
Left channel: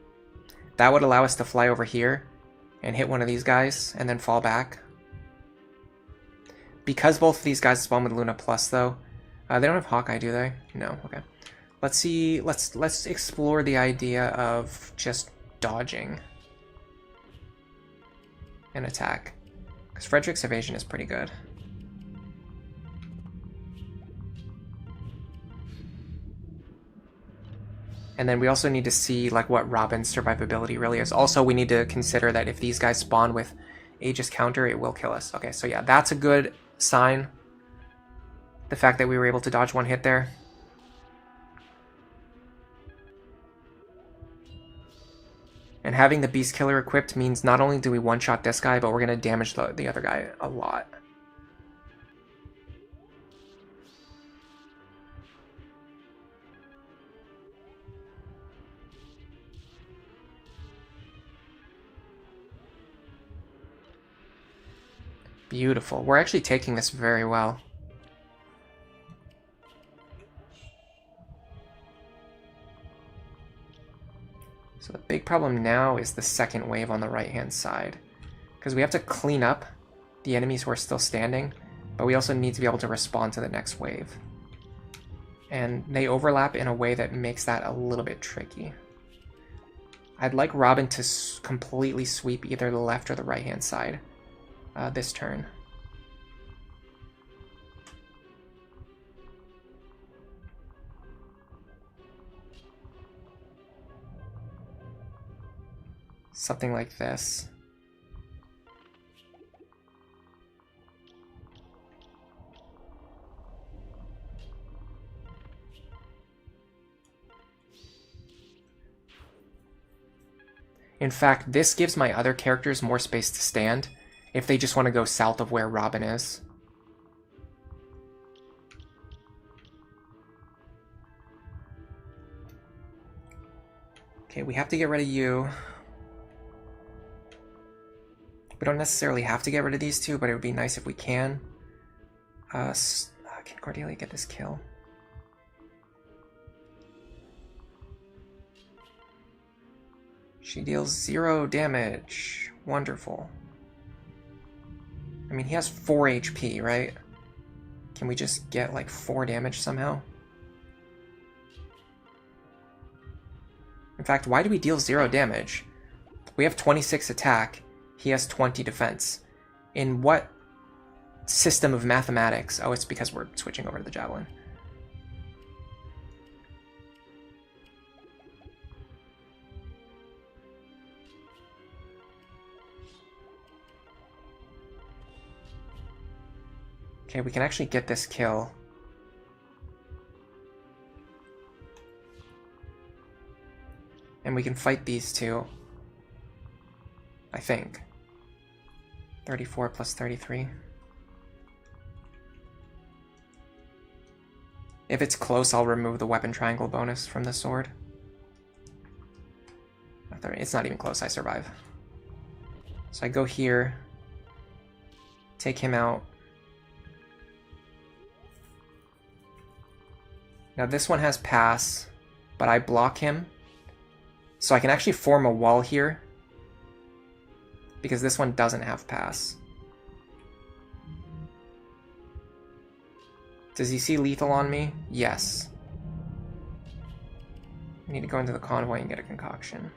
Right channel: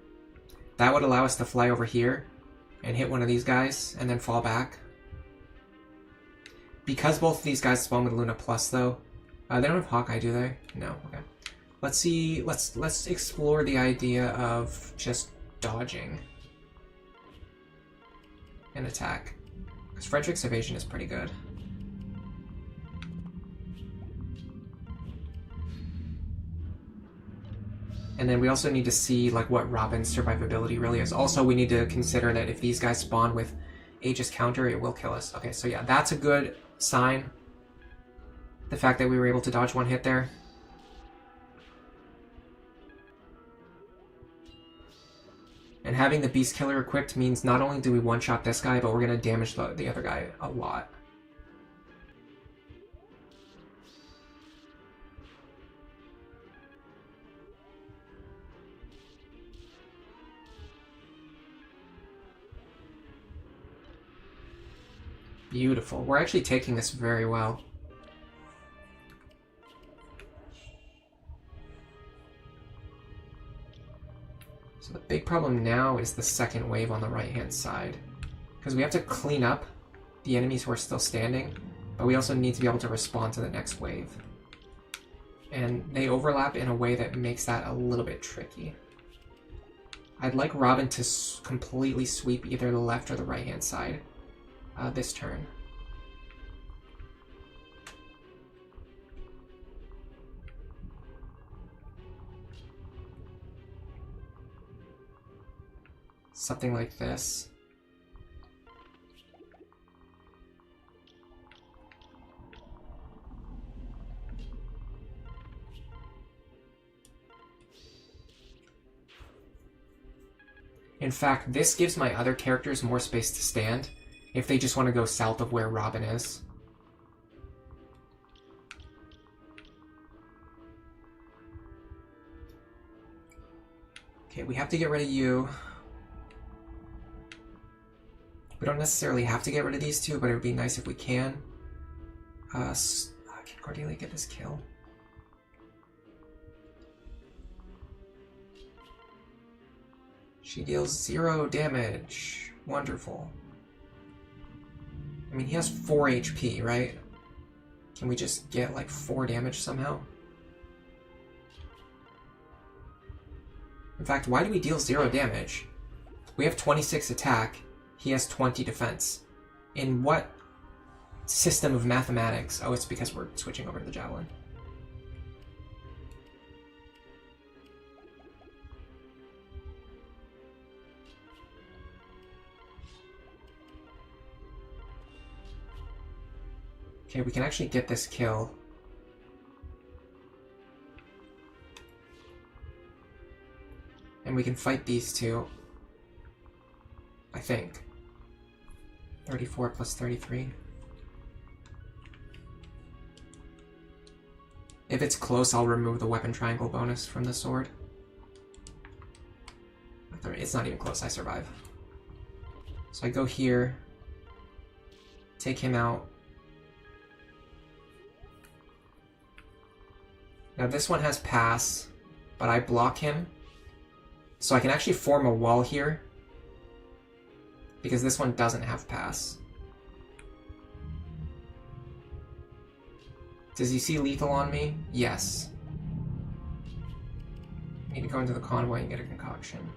That would allow us to fly over here and hit one of these guys and then fall back. Because both of these guys spawn with Luna Plus, though, they don't have Hawkeye, do they? No. Okay. Let's see. Let's explore the idea of just dodging an attack, because Frederick's evasion is pretty good. And then we also need to see like what Robin's survivability really is. Also, we need to consider that if these guys spawn with Aegis counter, it will kill us. Okay, so yeah, that's a good sign. The fact that we were able to dodge one hit there. And having the Beast Killer equipped means not only do we one-shot this guy, but we're going to damage the other guy a lot. Beautiful. We're actually taking this very well. So the big problem now is the second wave on the right-hand side, because we have to clean up the enemies who are still standing, but we also need to be able to respond to the next wave. And they overlap in a way that makes that a little bit tricky. I'd like Robin to completely sweep either the left or the right-hand side. this turn. Something like this. In fact, this gives my other characters more space to stand if they just want to go south of where Robin is. Okay, we have to get rid of you. We don't necessarily have to get rid of these two, but it would be nice if we can. Can Cordelia get this kill? She deals 0 damage. Wonderful. I mean, he has 4 HP, right? Can we just get like 4 damage somehow? In fact, why do we deal 0 damage? We have 26 attack. He has 20 defense. In what system of mathematics? Oh, it's because we're switching over to the javelin. Okay, we can actually get this kill. And we can fight these two. I think. 34 plus 33. If it's close, I'll remove the weapon triangle bonus from the sword. It's not even close, I survive. So I go here, take him out. Now this one has pass, but I block him. So I can actually form a wall here, because this one doesn't have pass. Does he see lethal on me? Yes. I need to go into the convoy and get a concoction.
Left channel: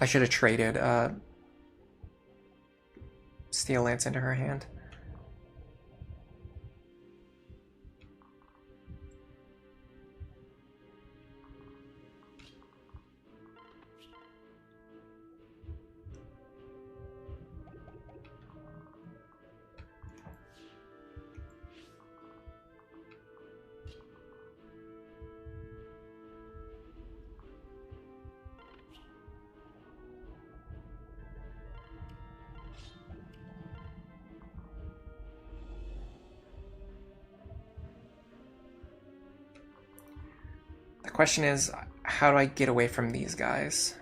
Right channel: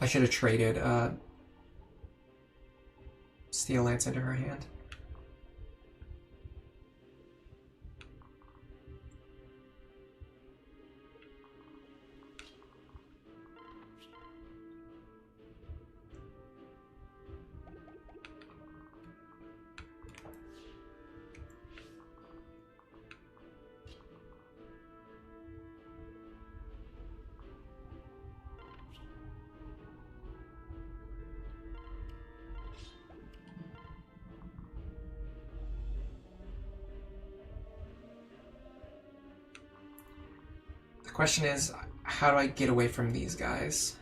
I should have traded Steel Lance into her hand. Question is, how do I get away from these guys?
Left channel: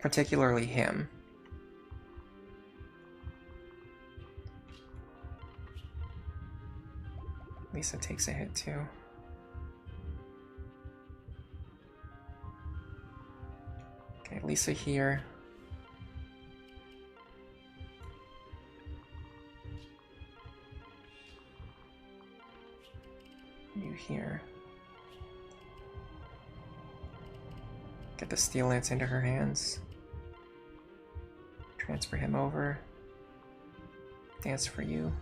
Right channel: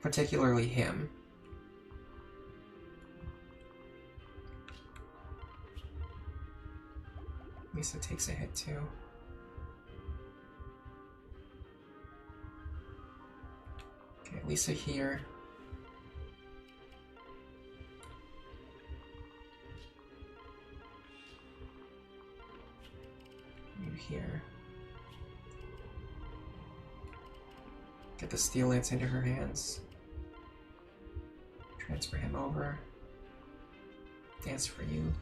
Particularly him. Lisa takes a hit too. Okay, Lisa here. You here. Get the Steel Lance into her hands. Transfer him over. Dance for you.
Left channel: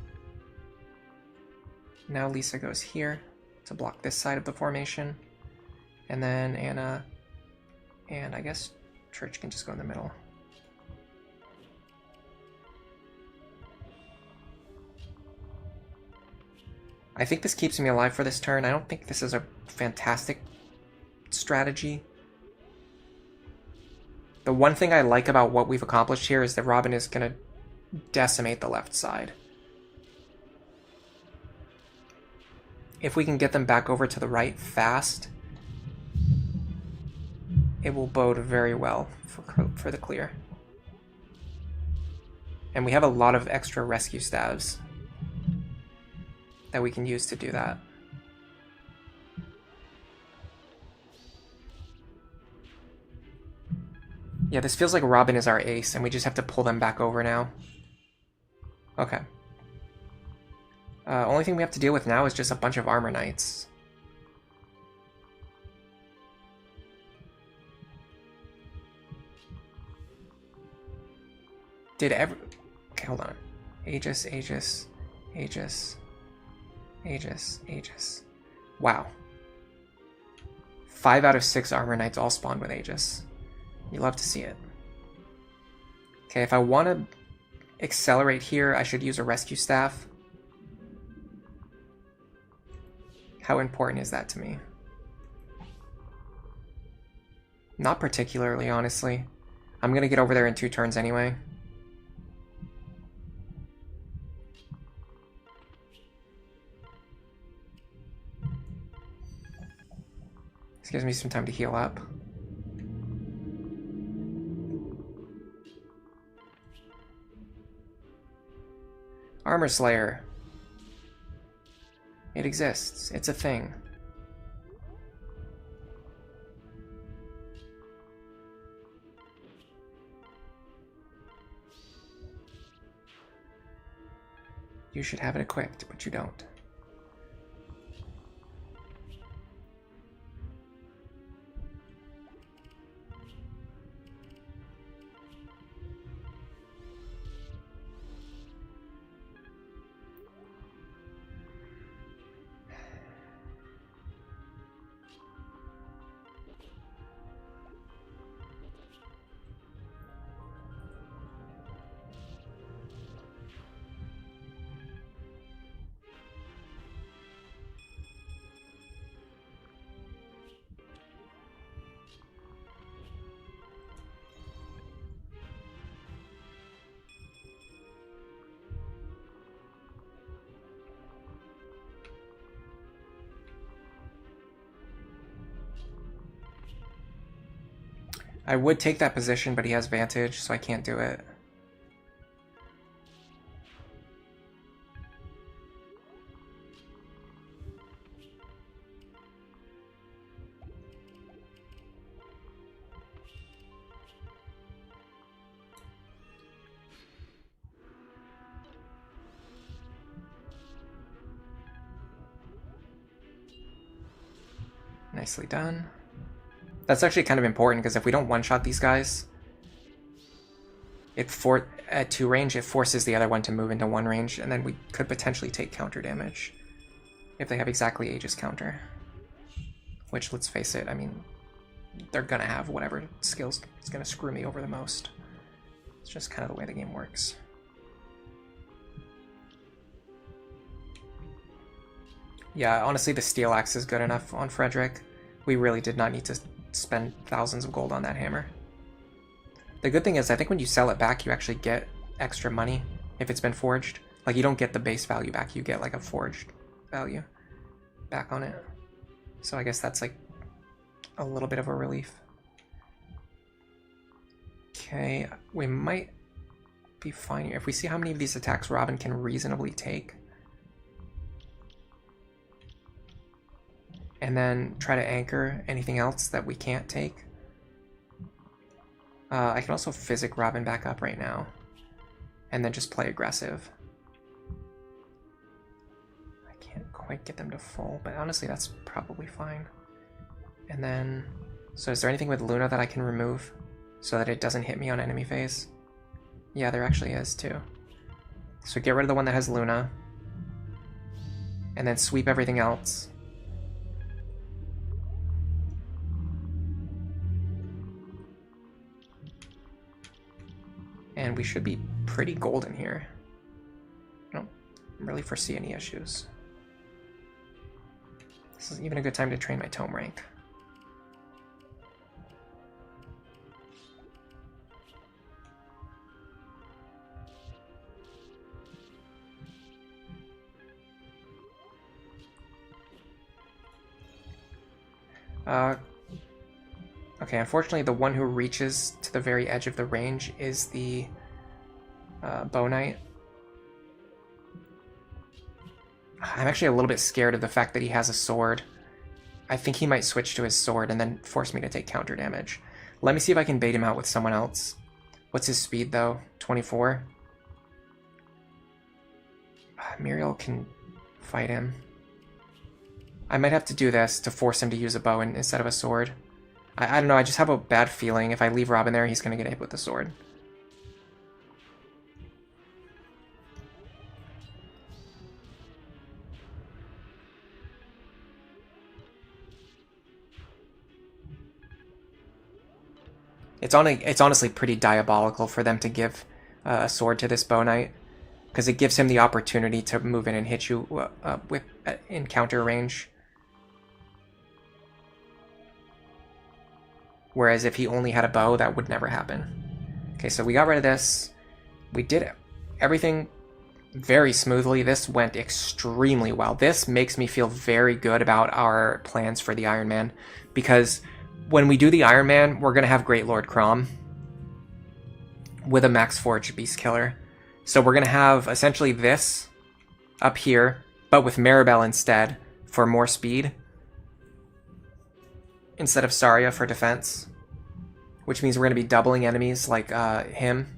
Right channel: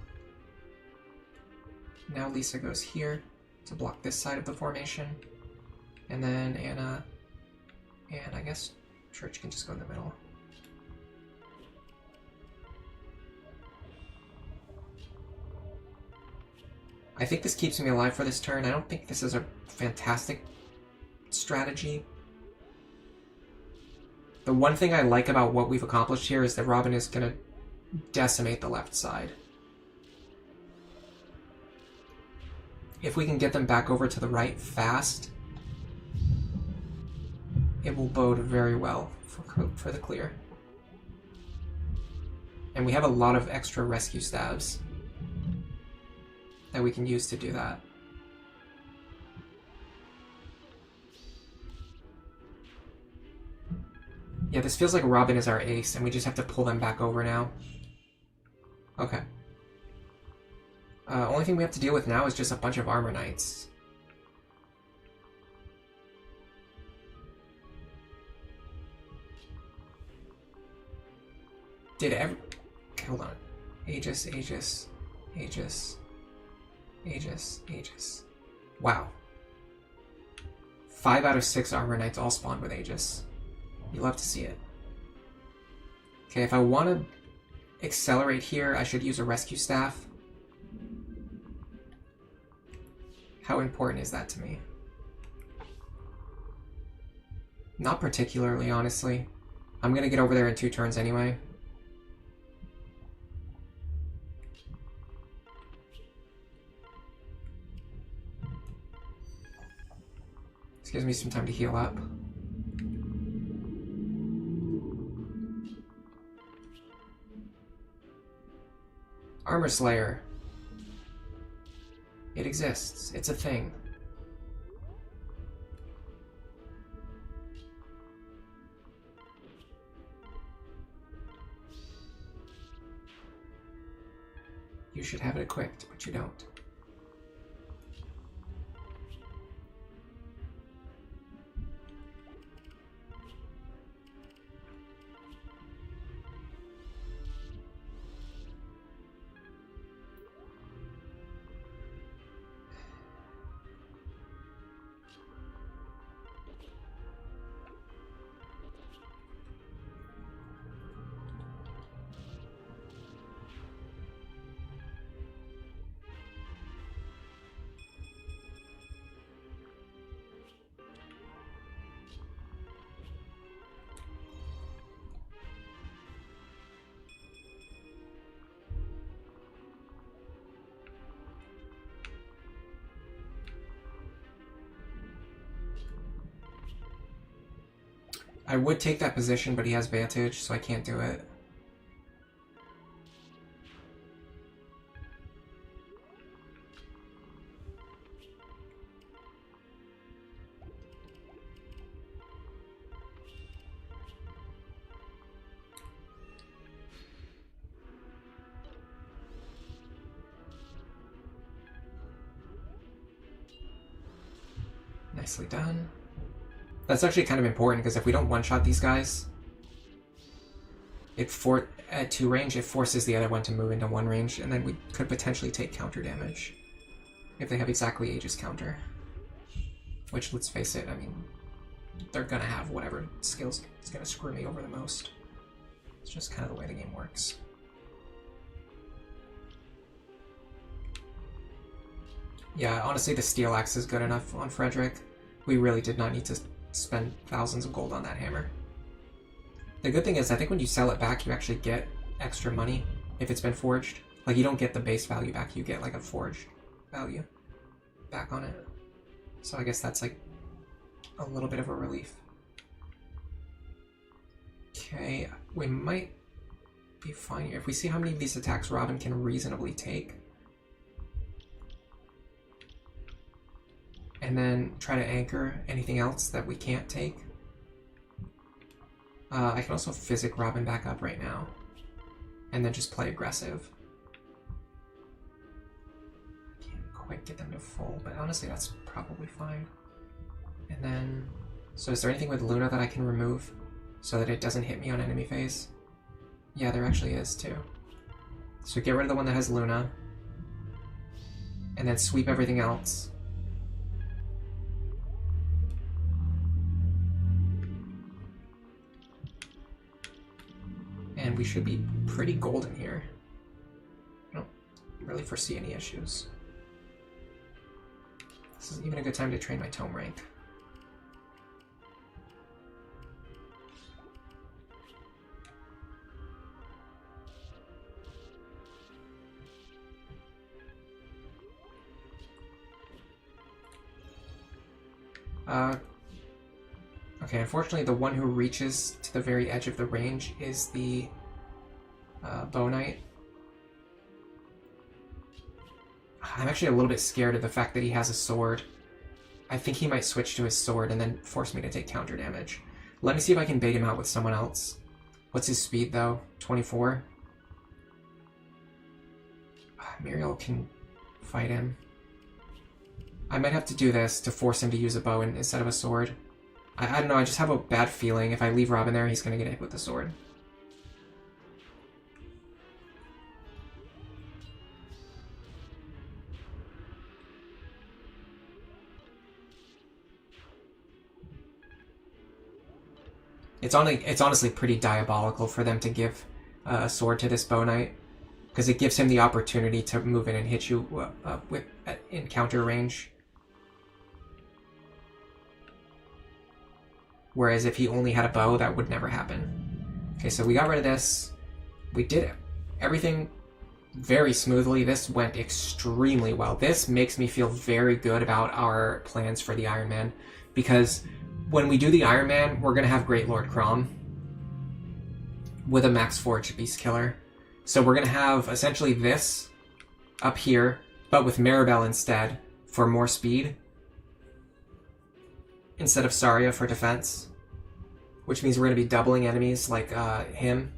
Now Lisa goes here to block this side of the formation. And then Anna and I guess Church can just go in the middle. I think this keeps me alive for this turn. I don't think this is a fantastic strategy. The one thing I like about what we've accomplished here is that Robin is going to decimate the left side. If we can get them back over to the right fast, it will bode very well for the clear. And we have a lot of extra rescue staves that we can use to do that. Yeah, this feels like Robin is our ace, and we just have to pull them back over now. Okay. Only thing we have to deal with now is just a bunch of armor knights. Okay, hold on. Aegis. Wow. 5 out of 6 armor knights all spawned with Aegis. You love to see it. Okay, if I want to accelerate here, I should use a rescue staff. How important is that to me? Not particularly, honestly. I'm going to get over there in 2 turns anyway. This gives me some time to heal up. Armor Slayer. It exists. It's a thing. You should have it equipped, but you don't. I would take that position, but he has Vantage, so I can't do it. Nicely done. That's actually kind of important, because if we don't one-shot these guys, at 2 range, it forces the other one to move into 1 range, and then we could potentially take counter damage if they have exactly Aegis counter. Which, let's face it, I mean, they're gonna have whatever skills is gonna screw me over the most. It's just kind of the way the game works. Yeah, honestly, the Steel Axe is good enough on Frederick. We really did not need to spend thousands of gold on that hammer. The good thing is, I think when you sell it back, you actually get extra money if it's been forged. Like, you don't get the base value back, you get like a forged value back on it. So I guess that's like a little bit of a relief. Okay, we might be fine here. If we see how many of these attacks Robin can reasonably take, and then try to anchor anything else that we can't take. I can also physic Robin back up right now, and then just play aggressive. I can't quite get them to full, but honestly that's probably fine. And then, so is there anything with Luna that I can remove so that it doesn't hit me on enemy phase? Yeah, there actually is too. So get rid of the one that has Luna, and then sweep everything else. And we should be pretty golden here. I don't really foresee any issues. This is even a good time to train my tome rank. Okay, unfortunately the one who reaches to the very edge of the range is the Bow Knight. I'm actually a little bit scared of the fact that he has a sword. I think he might switch to his sword and then force me to take counter damage. Let me see if I can bait him out with someone else. What's his speed, though? 24? Muriel can fight him. I might have to do this to force him to use a bow instead of a sword. I don't know, I just have a bad feeling if I leave Robin there, he's going to get hit with the sword. It's honestly pretty diabolical for them to give a sword to this bow knight, because it gives him the opportunity to move in and hit you in counter range. Whereas if he only had a bow, that would never happen. Okay, so we got rid of this. We did everything very smoothly. This went extremely well. This makes me feel very good about our plans for the Iron Man, because when we do the Iron Man, we're going to have Great Lord Crom with a Max Forge Beast Killer. So we're going to have essentially this up here, but with Maribel instead for more speed, instead of Saria for defense, which means we're going to be doubling enemies like him.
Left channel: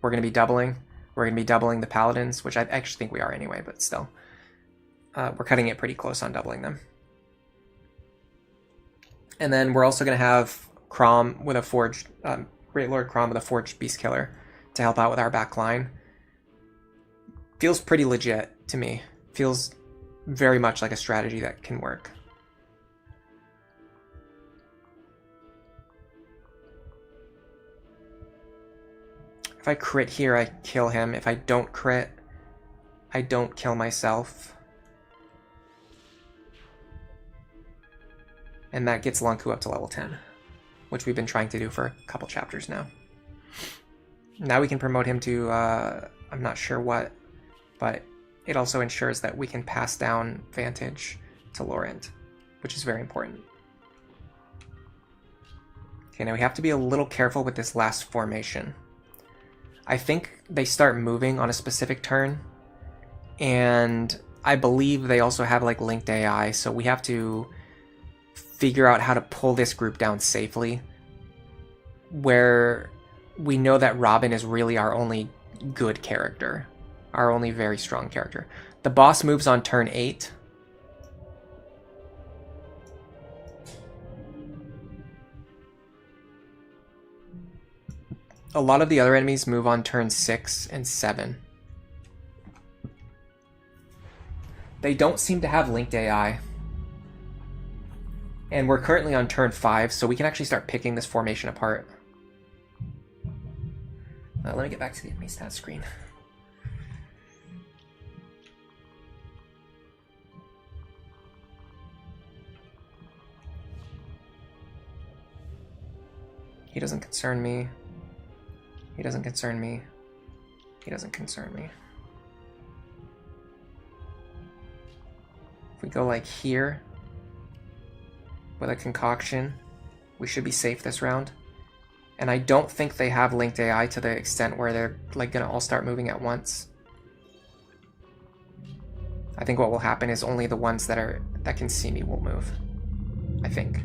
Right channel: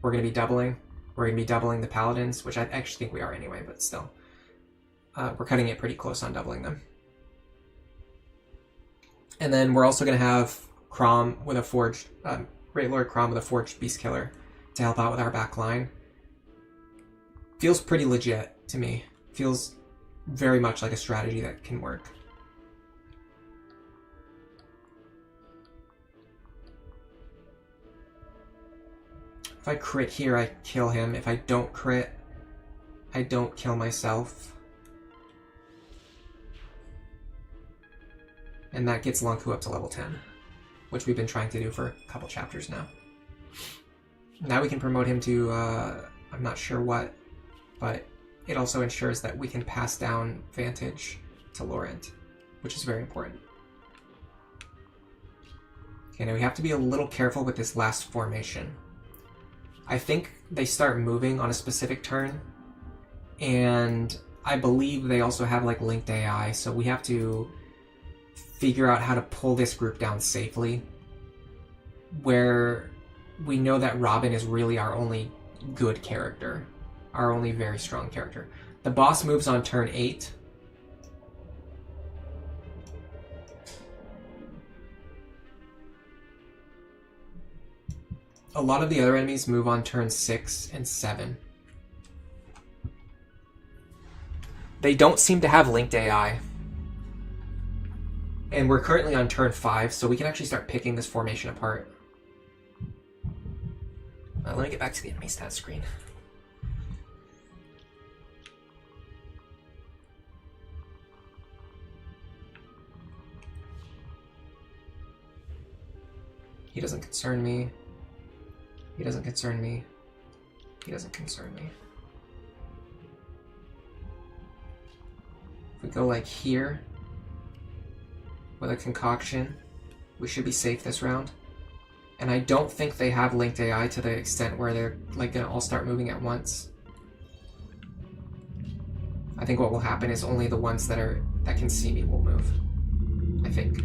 We're going to be doubling the Paladins, which I actually think we are anyway, but still. We're cutting it pretty close on doubling them. And then we're also going to have Crom with a forged, Great Lord Crom with a Forged Beast Killer to help out with our back line. Feels pretty legit to me. Feels very much like a strategy that can work. If I crit here, I kill him. If I don't crit, I don't kill myself. And that gets Lonku up to level 10, which we've been trying to do for a couple chapters now. Now we can promote him to, I'm not sure what, but it also ensures that we can pass down Vantage to Laurent, which is very important. Okay, now we have to be a little careful with this last formation. I think they start moving on a specific turn, and I believe they also have like linked AI, so we have to figure out how to pull this group down safely, where we know that Robin is really our only good character, our only very strong character. The boss moves on turn 8. A lot of the other enemies move on turn 6 and 7. They don't seem to have linked AI. And we're currently on turn 5, so we can actually start picking this formation apart. Let me get back to the enemy stat screen. He doesn't concern me. He doesn't concern me. He doesn't concern me. If we go like here with a concoction, we should be safe this round. And I don't think they have linked AI to the extent where they're like gonna all start moving at once. I think what will happen is only the ones that can see me will move. I think.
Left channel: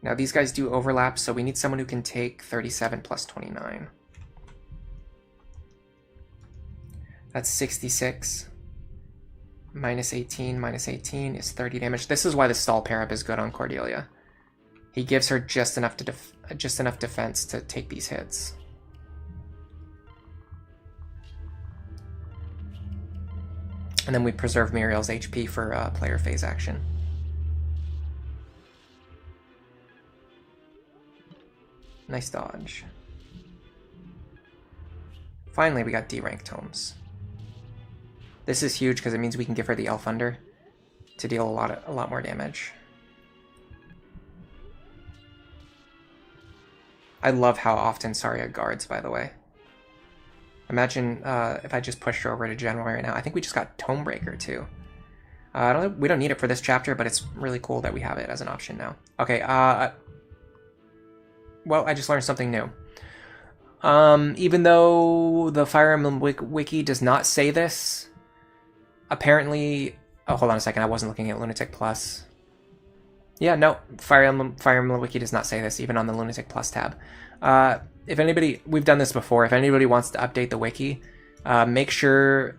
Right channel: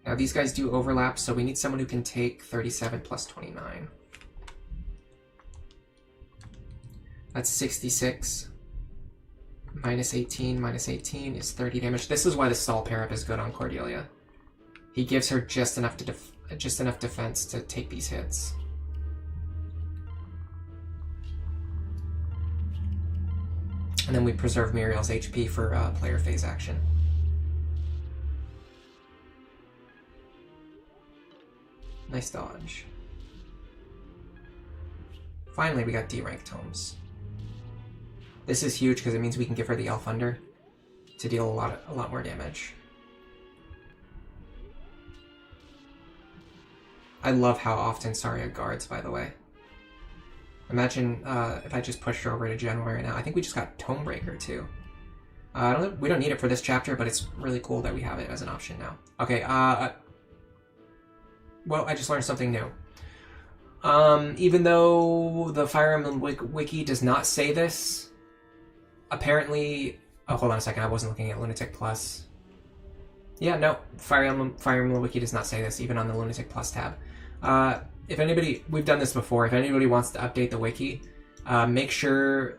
Now these guys do overlap, so we need someone who can take 37 plus 29. That's 66. Minus 18 is 30 damage. This is why the stall pair up is good on Cordelia. He gives her just enough defense to take these hits. And then we preserve Muriel's HP for player phase action. Nice dodge. Finally, we got D-rank tomes. This is huge because it means we can give her the Elf Under to deal a lot more damage. I love how often Saria guards, by the way. Imagine if I just pushed her over to General right now. I think we just got Tomebreaker too. We don't need it for this chapter, but it's really cool that we have it as an option now. Okay, well, I just learned something new. Even though the Fire Emblem Wiki does not say this, apparently... Oh, hold on a second, I wasn't looking at Lunatic Plus. Yeah, no, Fire Emblem Wiki does not say this, even on the Lunatic Plus tab. If anybody, we've done this before, if anybody wants to update the wiki, make sure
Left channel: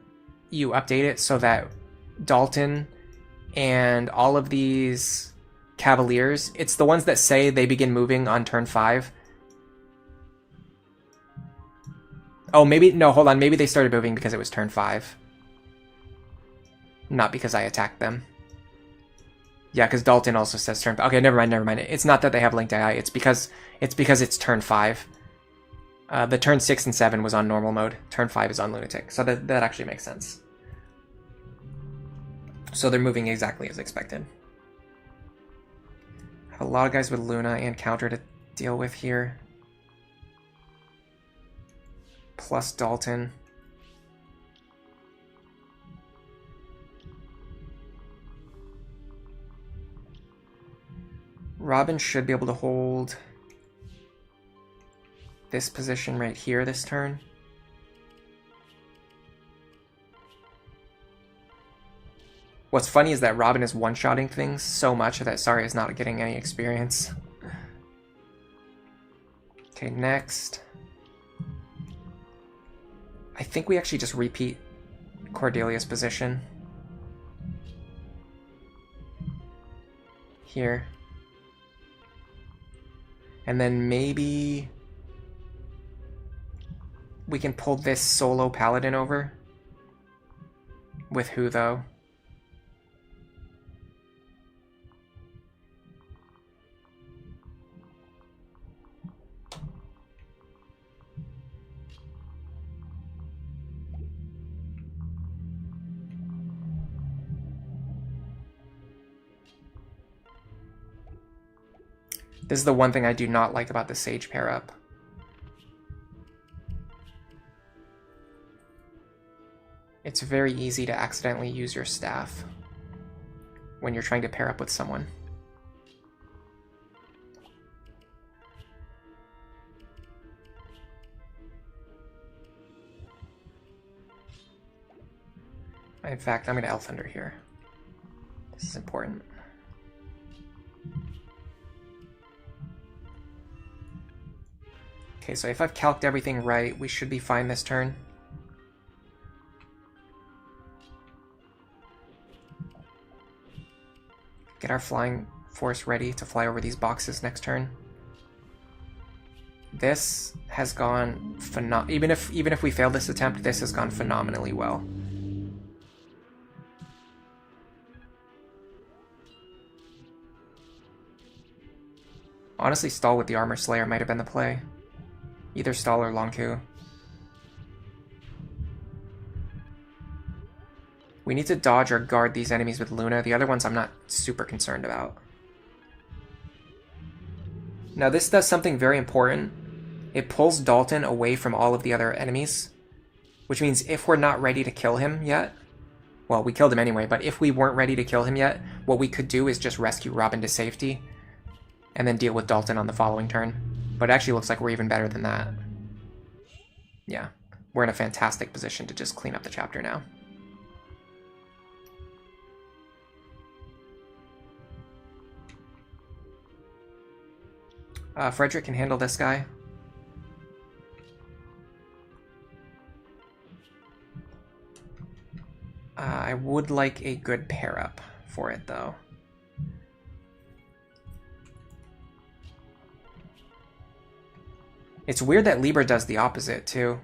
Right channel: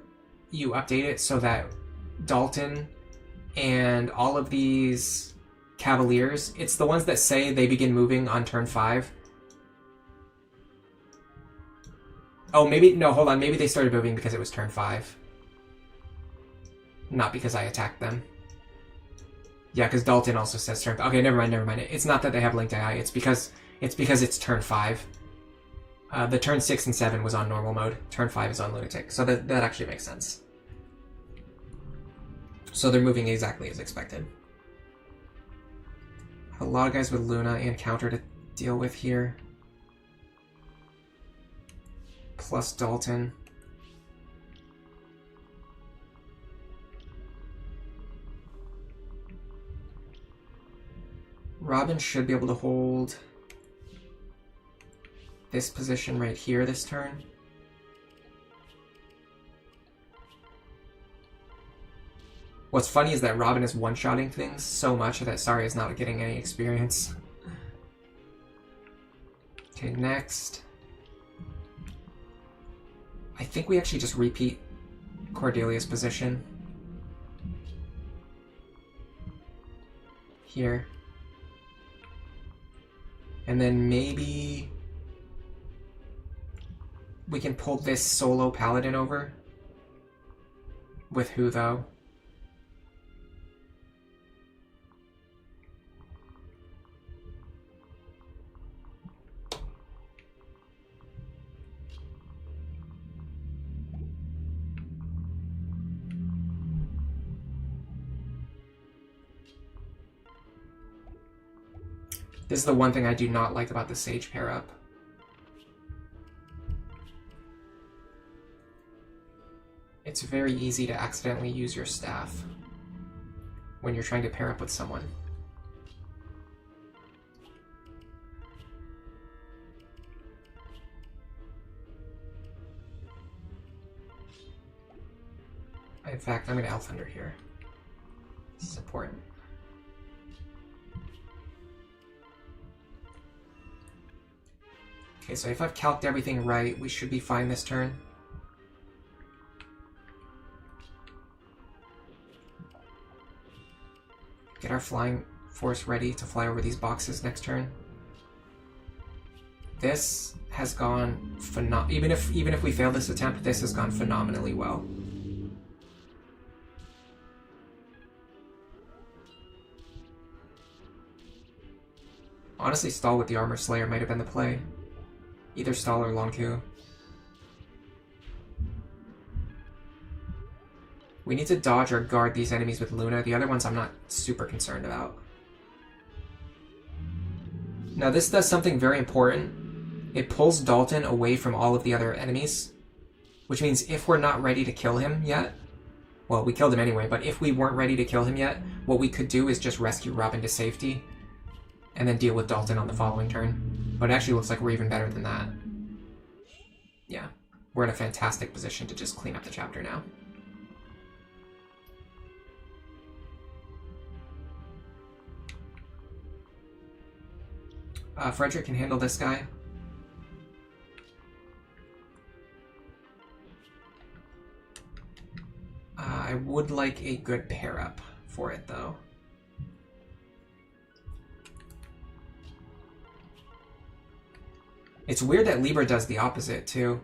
you update it so that Dalton and all of these Cavaliers, it's the ones that say they begin moving on turn 5. Oh, maybe, no, hold on, maybe they started moving because it was turn 5. Not because I attacked them. Yeah, because Dalton also says turn. Okay, never mind. It's not that they have linked AI. It's because it's turn 5. The turn 6 and 7 was on normal mode. Turn 5 is on Lunatic, so that actually makes sense. So they're moving exactly as expected. Have a lot of guys with Luna and counter to deal with here. Plus Dalton. Robin should be able to hold this position right here this turn. What's funny is that Robin is one-shotting things so much that Sari is not getting any experience. Okay, next. I think we actually just repeat Cordelia's position. Here. And then maybe we can pull this solo paladin over. With who, though? This is the one thing I do not like about the Sage pair-up. It's very easy to accidentally use your staff when you're trying to pair up with someone. In fact, I'm going to Elf Thunder here. This is important. Okay, so if I've calced everything right, we should be fine this turn. Get our flying force ready to fly over these boxes next turn. This has gone even if we fail this attempt, this has gone phenomenally well. Honestly, stall with the Armor Slayer might have been the play. Either stall or long Q. We need to dodge or guard these enemies with Luna. The other ones I'm not super concerned about. Now this does something very important. It pulls Dalton away from all of the other enemies. Which means if we're not ready to kill him yet, well, we killed him anyway, but if we weren't ready to kill him yet, what we could do is just rescue Robin to safety and then deal with Dalton on the following turn. But it actually looks like we're even better than that. Yeah, we're in a fantastic position to just clean up the chapter now. Frederick can handle this guy. I would like a good pair-up for it, though. It's weird that Libra does the opposite, too.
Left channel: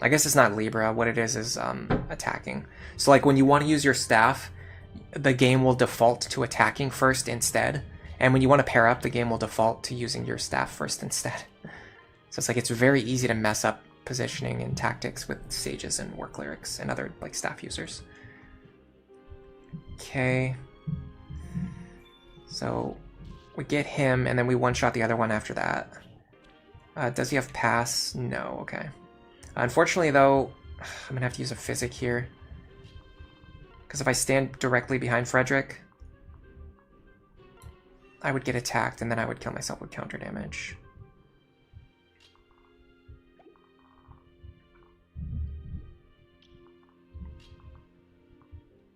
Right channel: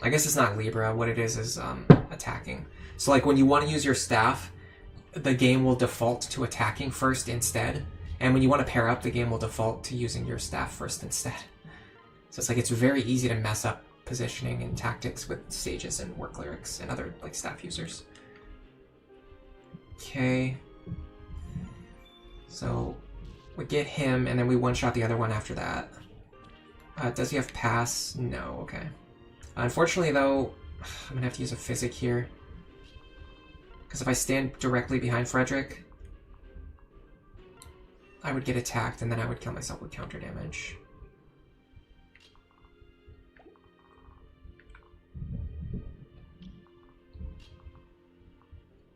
I guess it's not Libra. What it is attacking. So, like, when you want to use your staff, the game will default to attacking first instead. And when you want to pair up, the game will default to using your staff first instead. So it's like it's very easy to mess up positioning and tactics with sages and war clerics and other like staff users. Okay. So we get him and then we one-shot the other one after that. Does he have pass? No, okay. Unfortunately though, I'm gonna have to use a physic here. Because if I stand directly behind Frederick, I would get attacked and then I would kill myself with counter damage.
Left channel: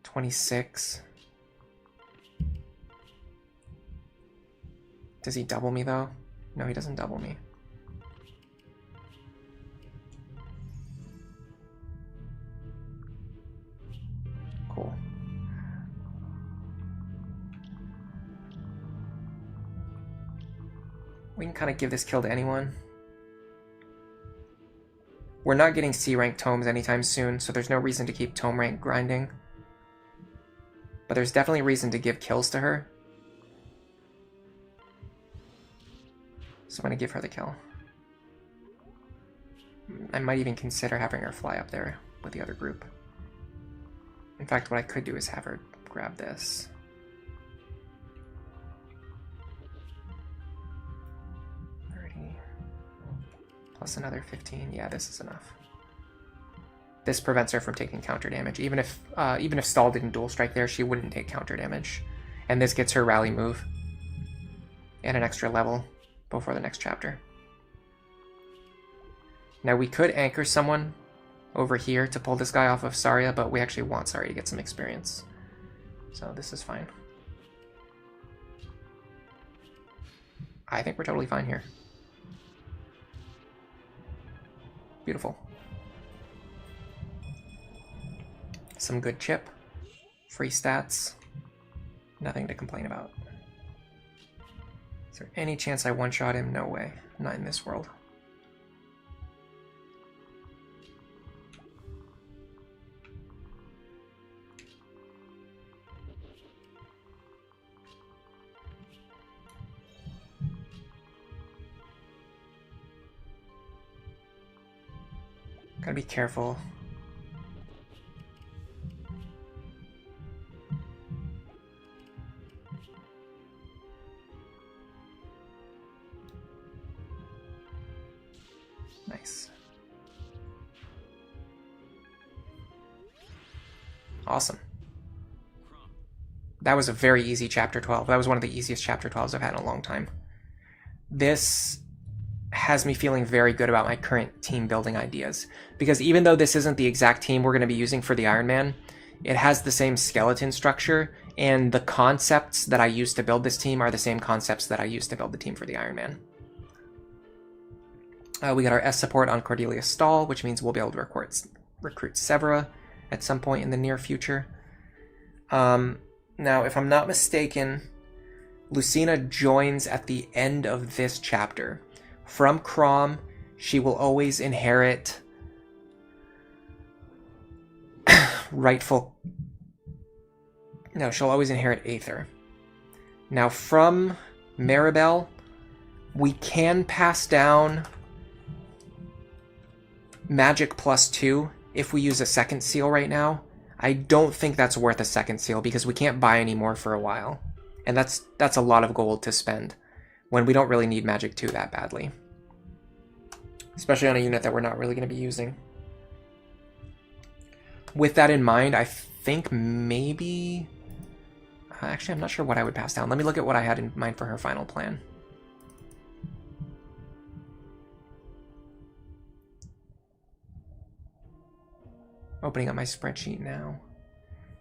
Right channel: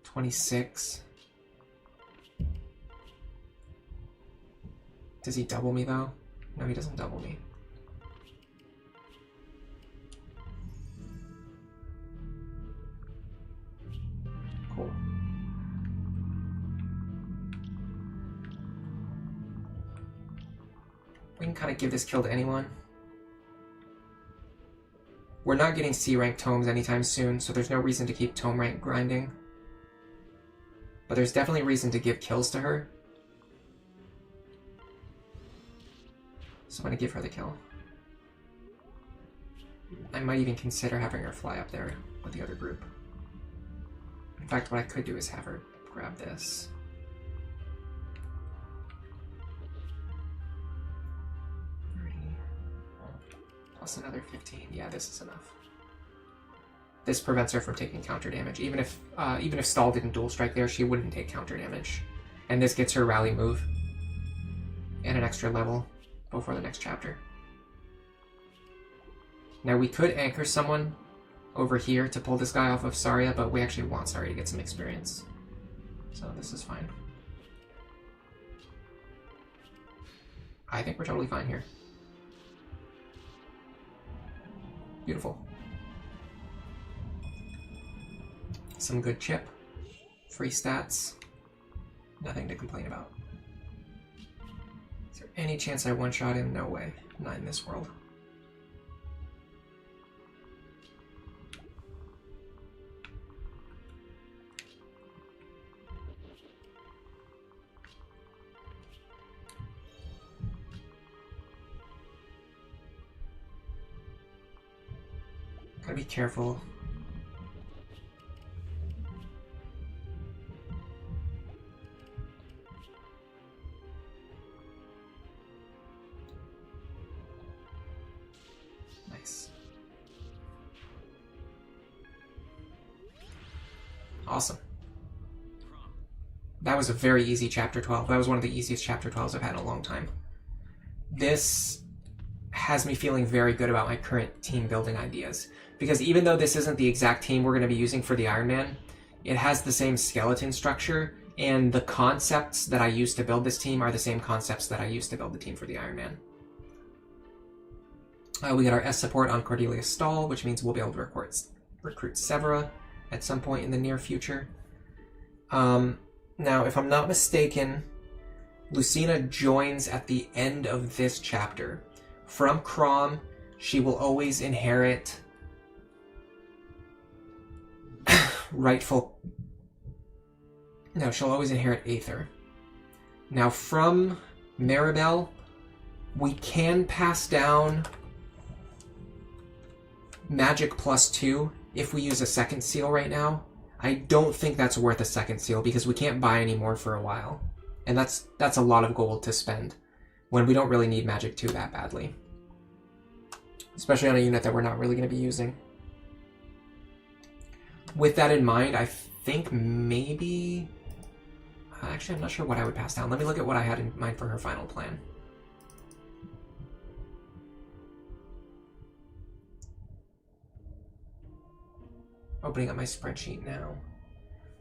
$26. Does he double me, though? No, he doesn't double me. Cool. We can kind of give this kill to anyone. We're not getting C rank tomes anytime soon, so there's no reason to keep tome rank grinding. But there's definitely reason to give kills to her. So I'm going to give her the kill. I might even consider having her fly up there with the other group. In fact, what I could do is have her grab this. Plus another 15. Yeah, this is enough. This prevents her from taking counter damage. Even if Stall didn't dual strike there, she wouldn't take counter damage. And this gets her rally move and an extra level before the next chapter. Now we could anchor someone over here to pull this guy off of Saria, but we actually want Saria to get some experience. So this is fine. I think we're totally fine here. Beautiful. Some good chip. Free stats. Nothing to complain about. Is there any chance I one-shot him? No way. Not in this world. Gotta be careful. Nice. Awesome. That was a very easy chapter 12. That was one of the easiest chapter 12s I've had in a long time. This has me feeling very good about my current team building ideas. Because even though this isn't the exact team we're going to be using for the Iron Man, it has the same skeleton structure, and the concepts that I used to build this team are the same concepts that I used to build the team for the Iron Man. We got our S support on Cordelia Stahl, which means we'll be able to recruit Severa at some point in the near future. Now, if I'm not mistaken, Lucina joins at the end of this chapter. From Crom, she will always inherit she'll always inherit Aether. Now, from Maribel, we can pass down Magic +2 if we use a second seal right now. I don't think that's worth a second seal because we can't buy any more for a while. And that's a lot of gold to spend when we don't really need Magic 2 that badly. Especially on a unit that we're not really going to be using. With that in mind, I think maybe... actually, I'm not sure what I would pass down. Let me look at what I had in mind for her final plan. Opening up my spreadsheet now.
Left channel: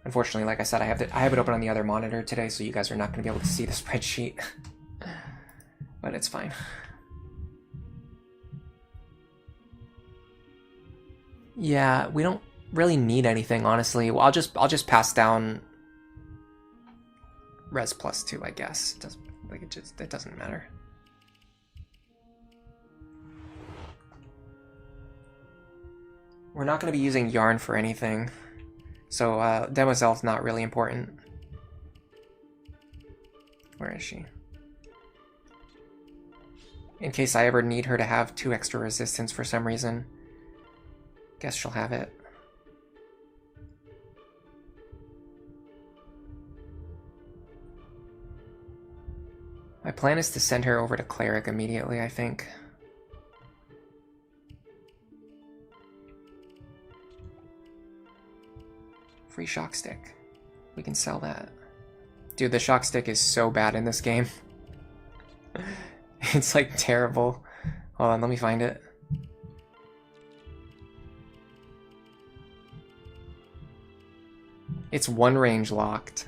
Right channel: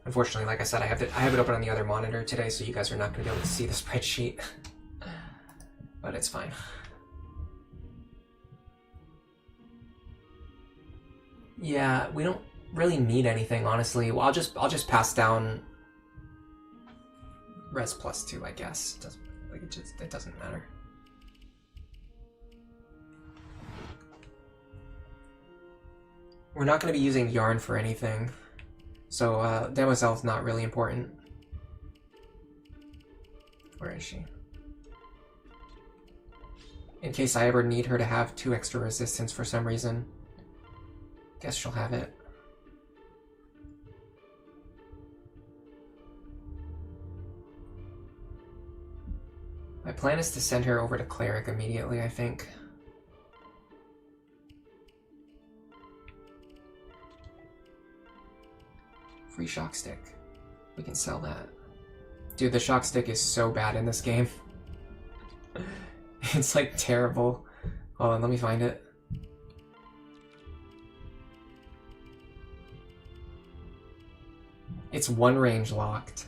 Unfortunately, like I said, I have it open on the other monitor today, so you guys are not going to be able to see the spreadsheet. But it's fine. Yeah, we don't really need anything, honestly. Well, I'll just pass down Res +2, I guess. It doesn't matter. We're not going to be using Yarn for anything, so Demoiselle's not really important. Where is she? In case I ever need her to have 2 extra resistance for some reason. Guess she'll have it. My plan is to send her over to Cleric immediately, I think. Free shock stick. We can sell that. Dude, the shock stick is so bad in this game. It's like terrible. Hold on, let me find it. It's one range locked.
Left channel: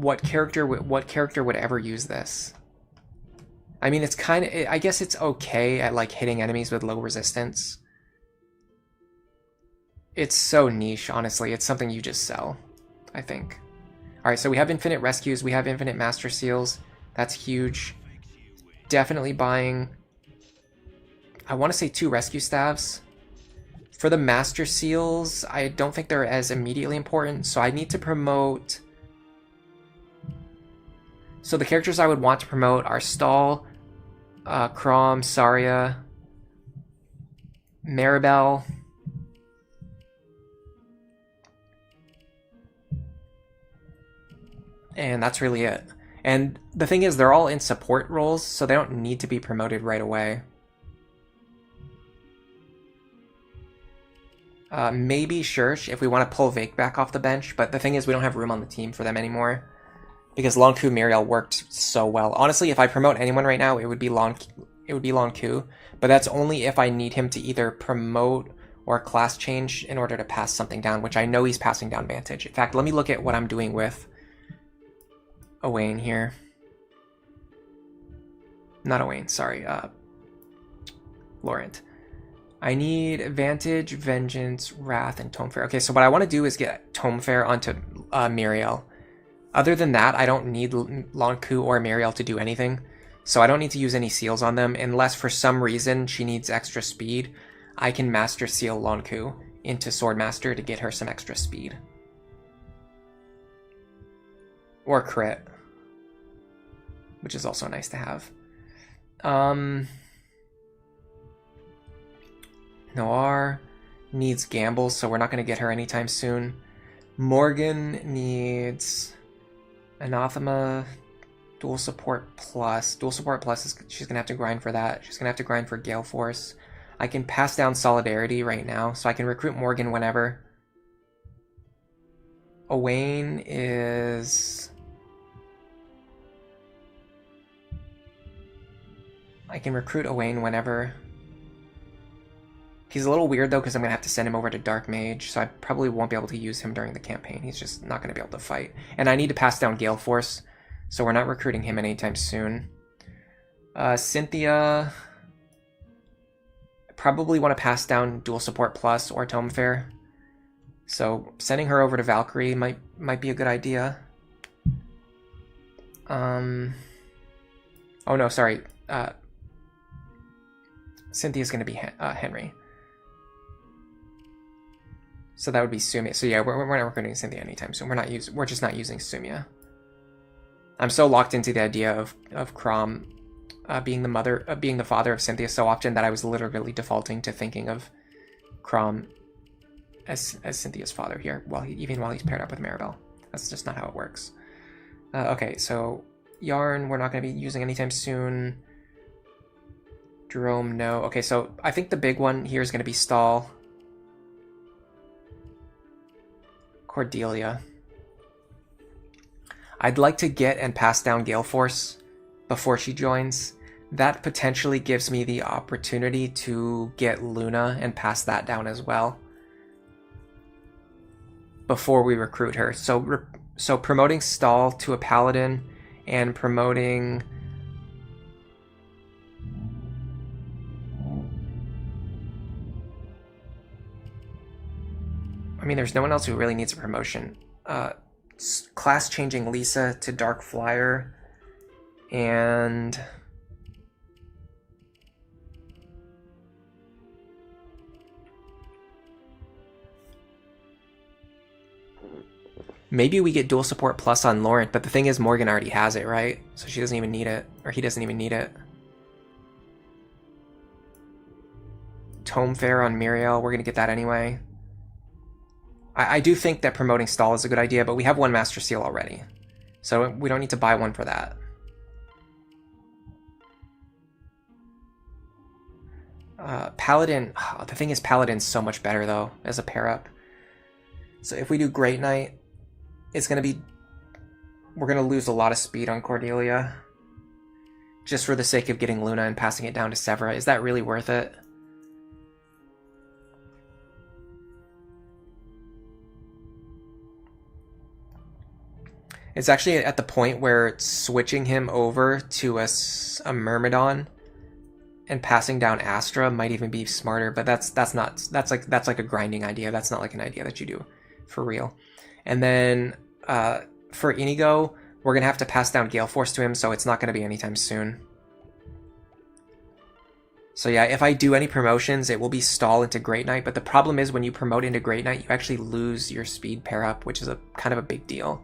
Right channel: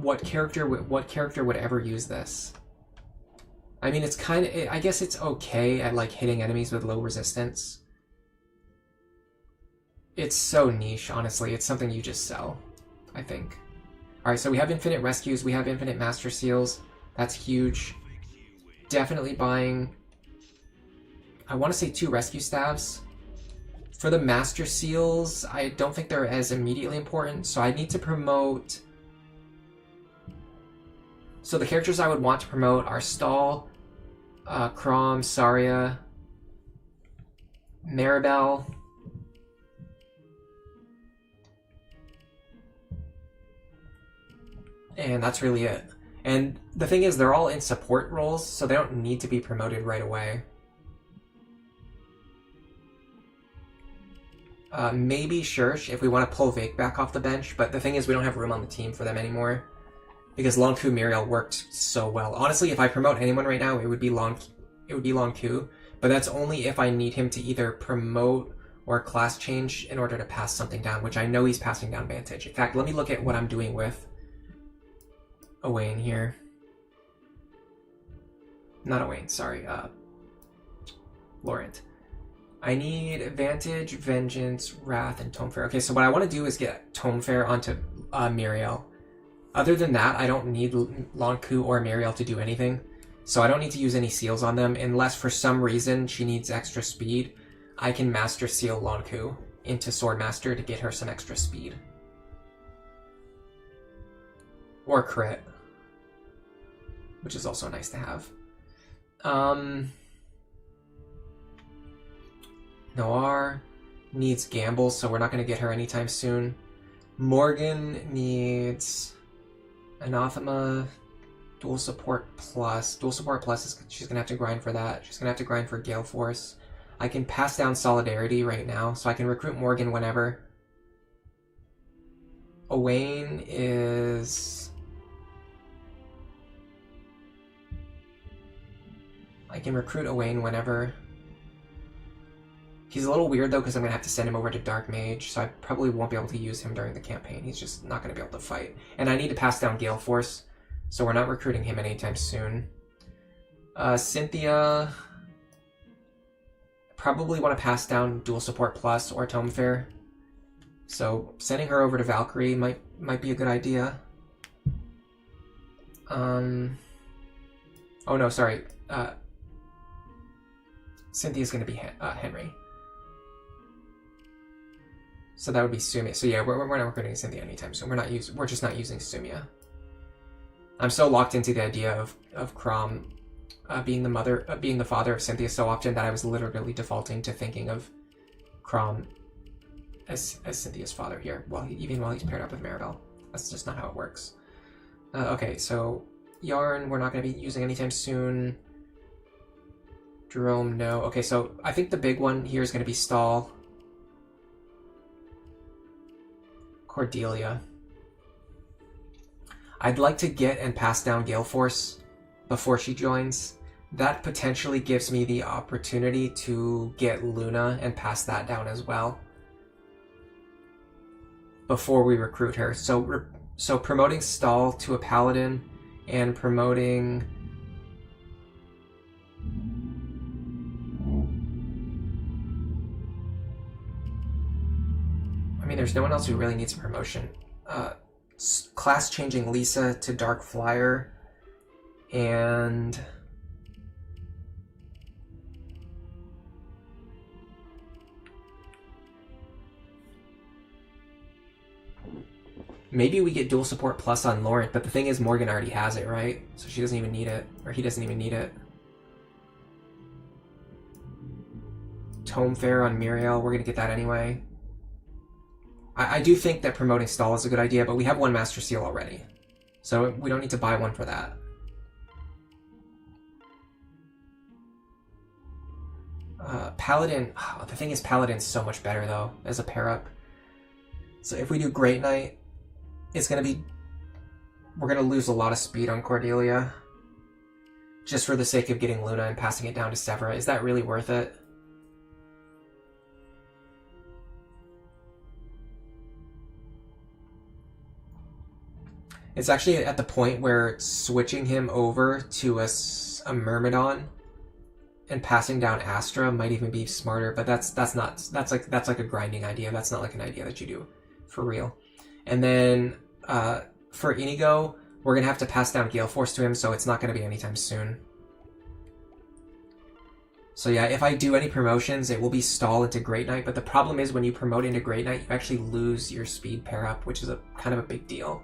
what character would ever use this? I mean, it's kind of, I guess it's okay at like hitting enemies with low resistance. It's so niche, honestly. It's something you just sell, I think. All right, so we have infinite rescues. We have infinite master seals. That's huge. Definitely buying, I want to say 2 rescue staves. For the master seals, I don't think they're as immediately important, so I need to promote. So the characters I would want to promote are Stall, Crom, Saria, Maribel, and that's really it. And the thing is, they're all in support roles, so they don't need to be promoted right away. Maybe Shursh if we want to pull Vake back off the bench, but the thing is we don't have room on the team for them anymore. Because Long Ku Muriel worked so well. Honestly, if I promote anyone right now, it would be Long Ku, but that's only if I need him to either promote or class change in order to pass something down, which I know he's passing down Vantage. In fact, let me look at what I'm doing with Owain here. Not Owain, sorry, Laurent. I need Vantage, Vengeance, Wrath, and Tome Fair. Okay, so what I want to do is get Tome Fair onto Muriel. Other than that, I don't need Long Ku or Muriel to do anything. So I don't need to use any seals on them, unless for some reason she needs extra speed. I can Master Seal Long Ku into Swordmaster to get her some extra speed. Or crit. Which is also nice to have. Noir needs Gamble, so we're not going to get her anytime soon. Morgan needs Anathema, Dual Support Plus. Dual Support Plus, she's going to have to grind for that. She's going to have to grind for Gale Force. I can pass down Solidarity right now, so I can recruit Morgan whenever. Owain is... I can recruit Owain whenever. He's a little weird though, because I'm going to have to send him over to Dark Mage, so I probably won't be able to use him during the campaign. He's just not going to be able to fight. And I need to pass down Gale Force, so we're not recruiting him anytime soon. Cynthia... probably want to pass down Dual Support Plus or Tome Fair. So sending her over to Valkyrie might be a good idea. Oh no, sorry. Cynthia's going to be Henry. So that would be Sumia. So yeah, we're not recruiting Cynthia anytime soon. We're just not using Sumia. I'm so locked into the idea of Crom being the father of Cynthia so often that I was literally defaulting to thinking of Crom as Cynthia's father here, even while he's paired up with Maribel. That's just not how it works. Okay, so Yarn we're not going to be using anytime soon. Jerome, no. Okay, so I think the big one here is going to be Stall. Cordelia. I'd like to get and pass down Gale Force before she joins. That potentially gives me the opportunity to get Luna and pass that down as well before we recruit her. So promoting Stall to a Paladin and promoting... I mean, there's no one else who really needs a promotion. Class changing Lisa to Dark Flyer, and maybe we get Dual Support Plus on Laurent, but the thing is Morgan already has it, right? So she doesn't even need it, or he doesn't even need it. Tome Fair on Muriel, we're gonna get that anyway. I do think that promoting Stall is a good idea, but we have one Master Seal already. So we don't need to buy one for that. Paladin, the thing is Paladin's so much better though, as a pair up. So if we do Great Knight, we're gonna lose a lot of speed on Cordelia. Just for the sake of getting Luna and passing it down to Severa. Is that really worth it? It's actually at the point where switching him over to a Myrmidon and passing down Astra might even be smarter, but that's like a grinding idea. That's not like an idea that you do for real. And then for Inigo, we're gonna have to pass down Gale Force to him, so it's not gonna be anytime soon. So yeah, if I do any promotions, it will be stall into Great Knight, but the problem is when you promote into Great Knight, you actually lose your speed pair up, which is a kind of a big deal.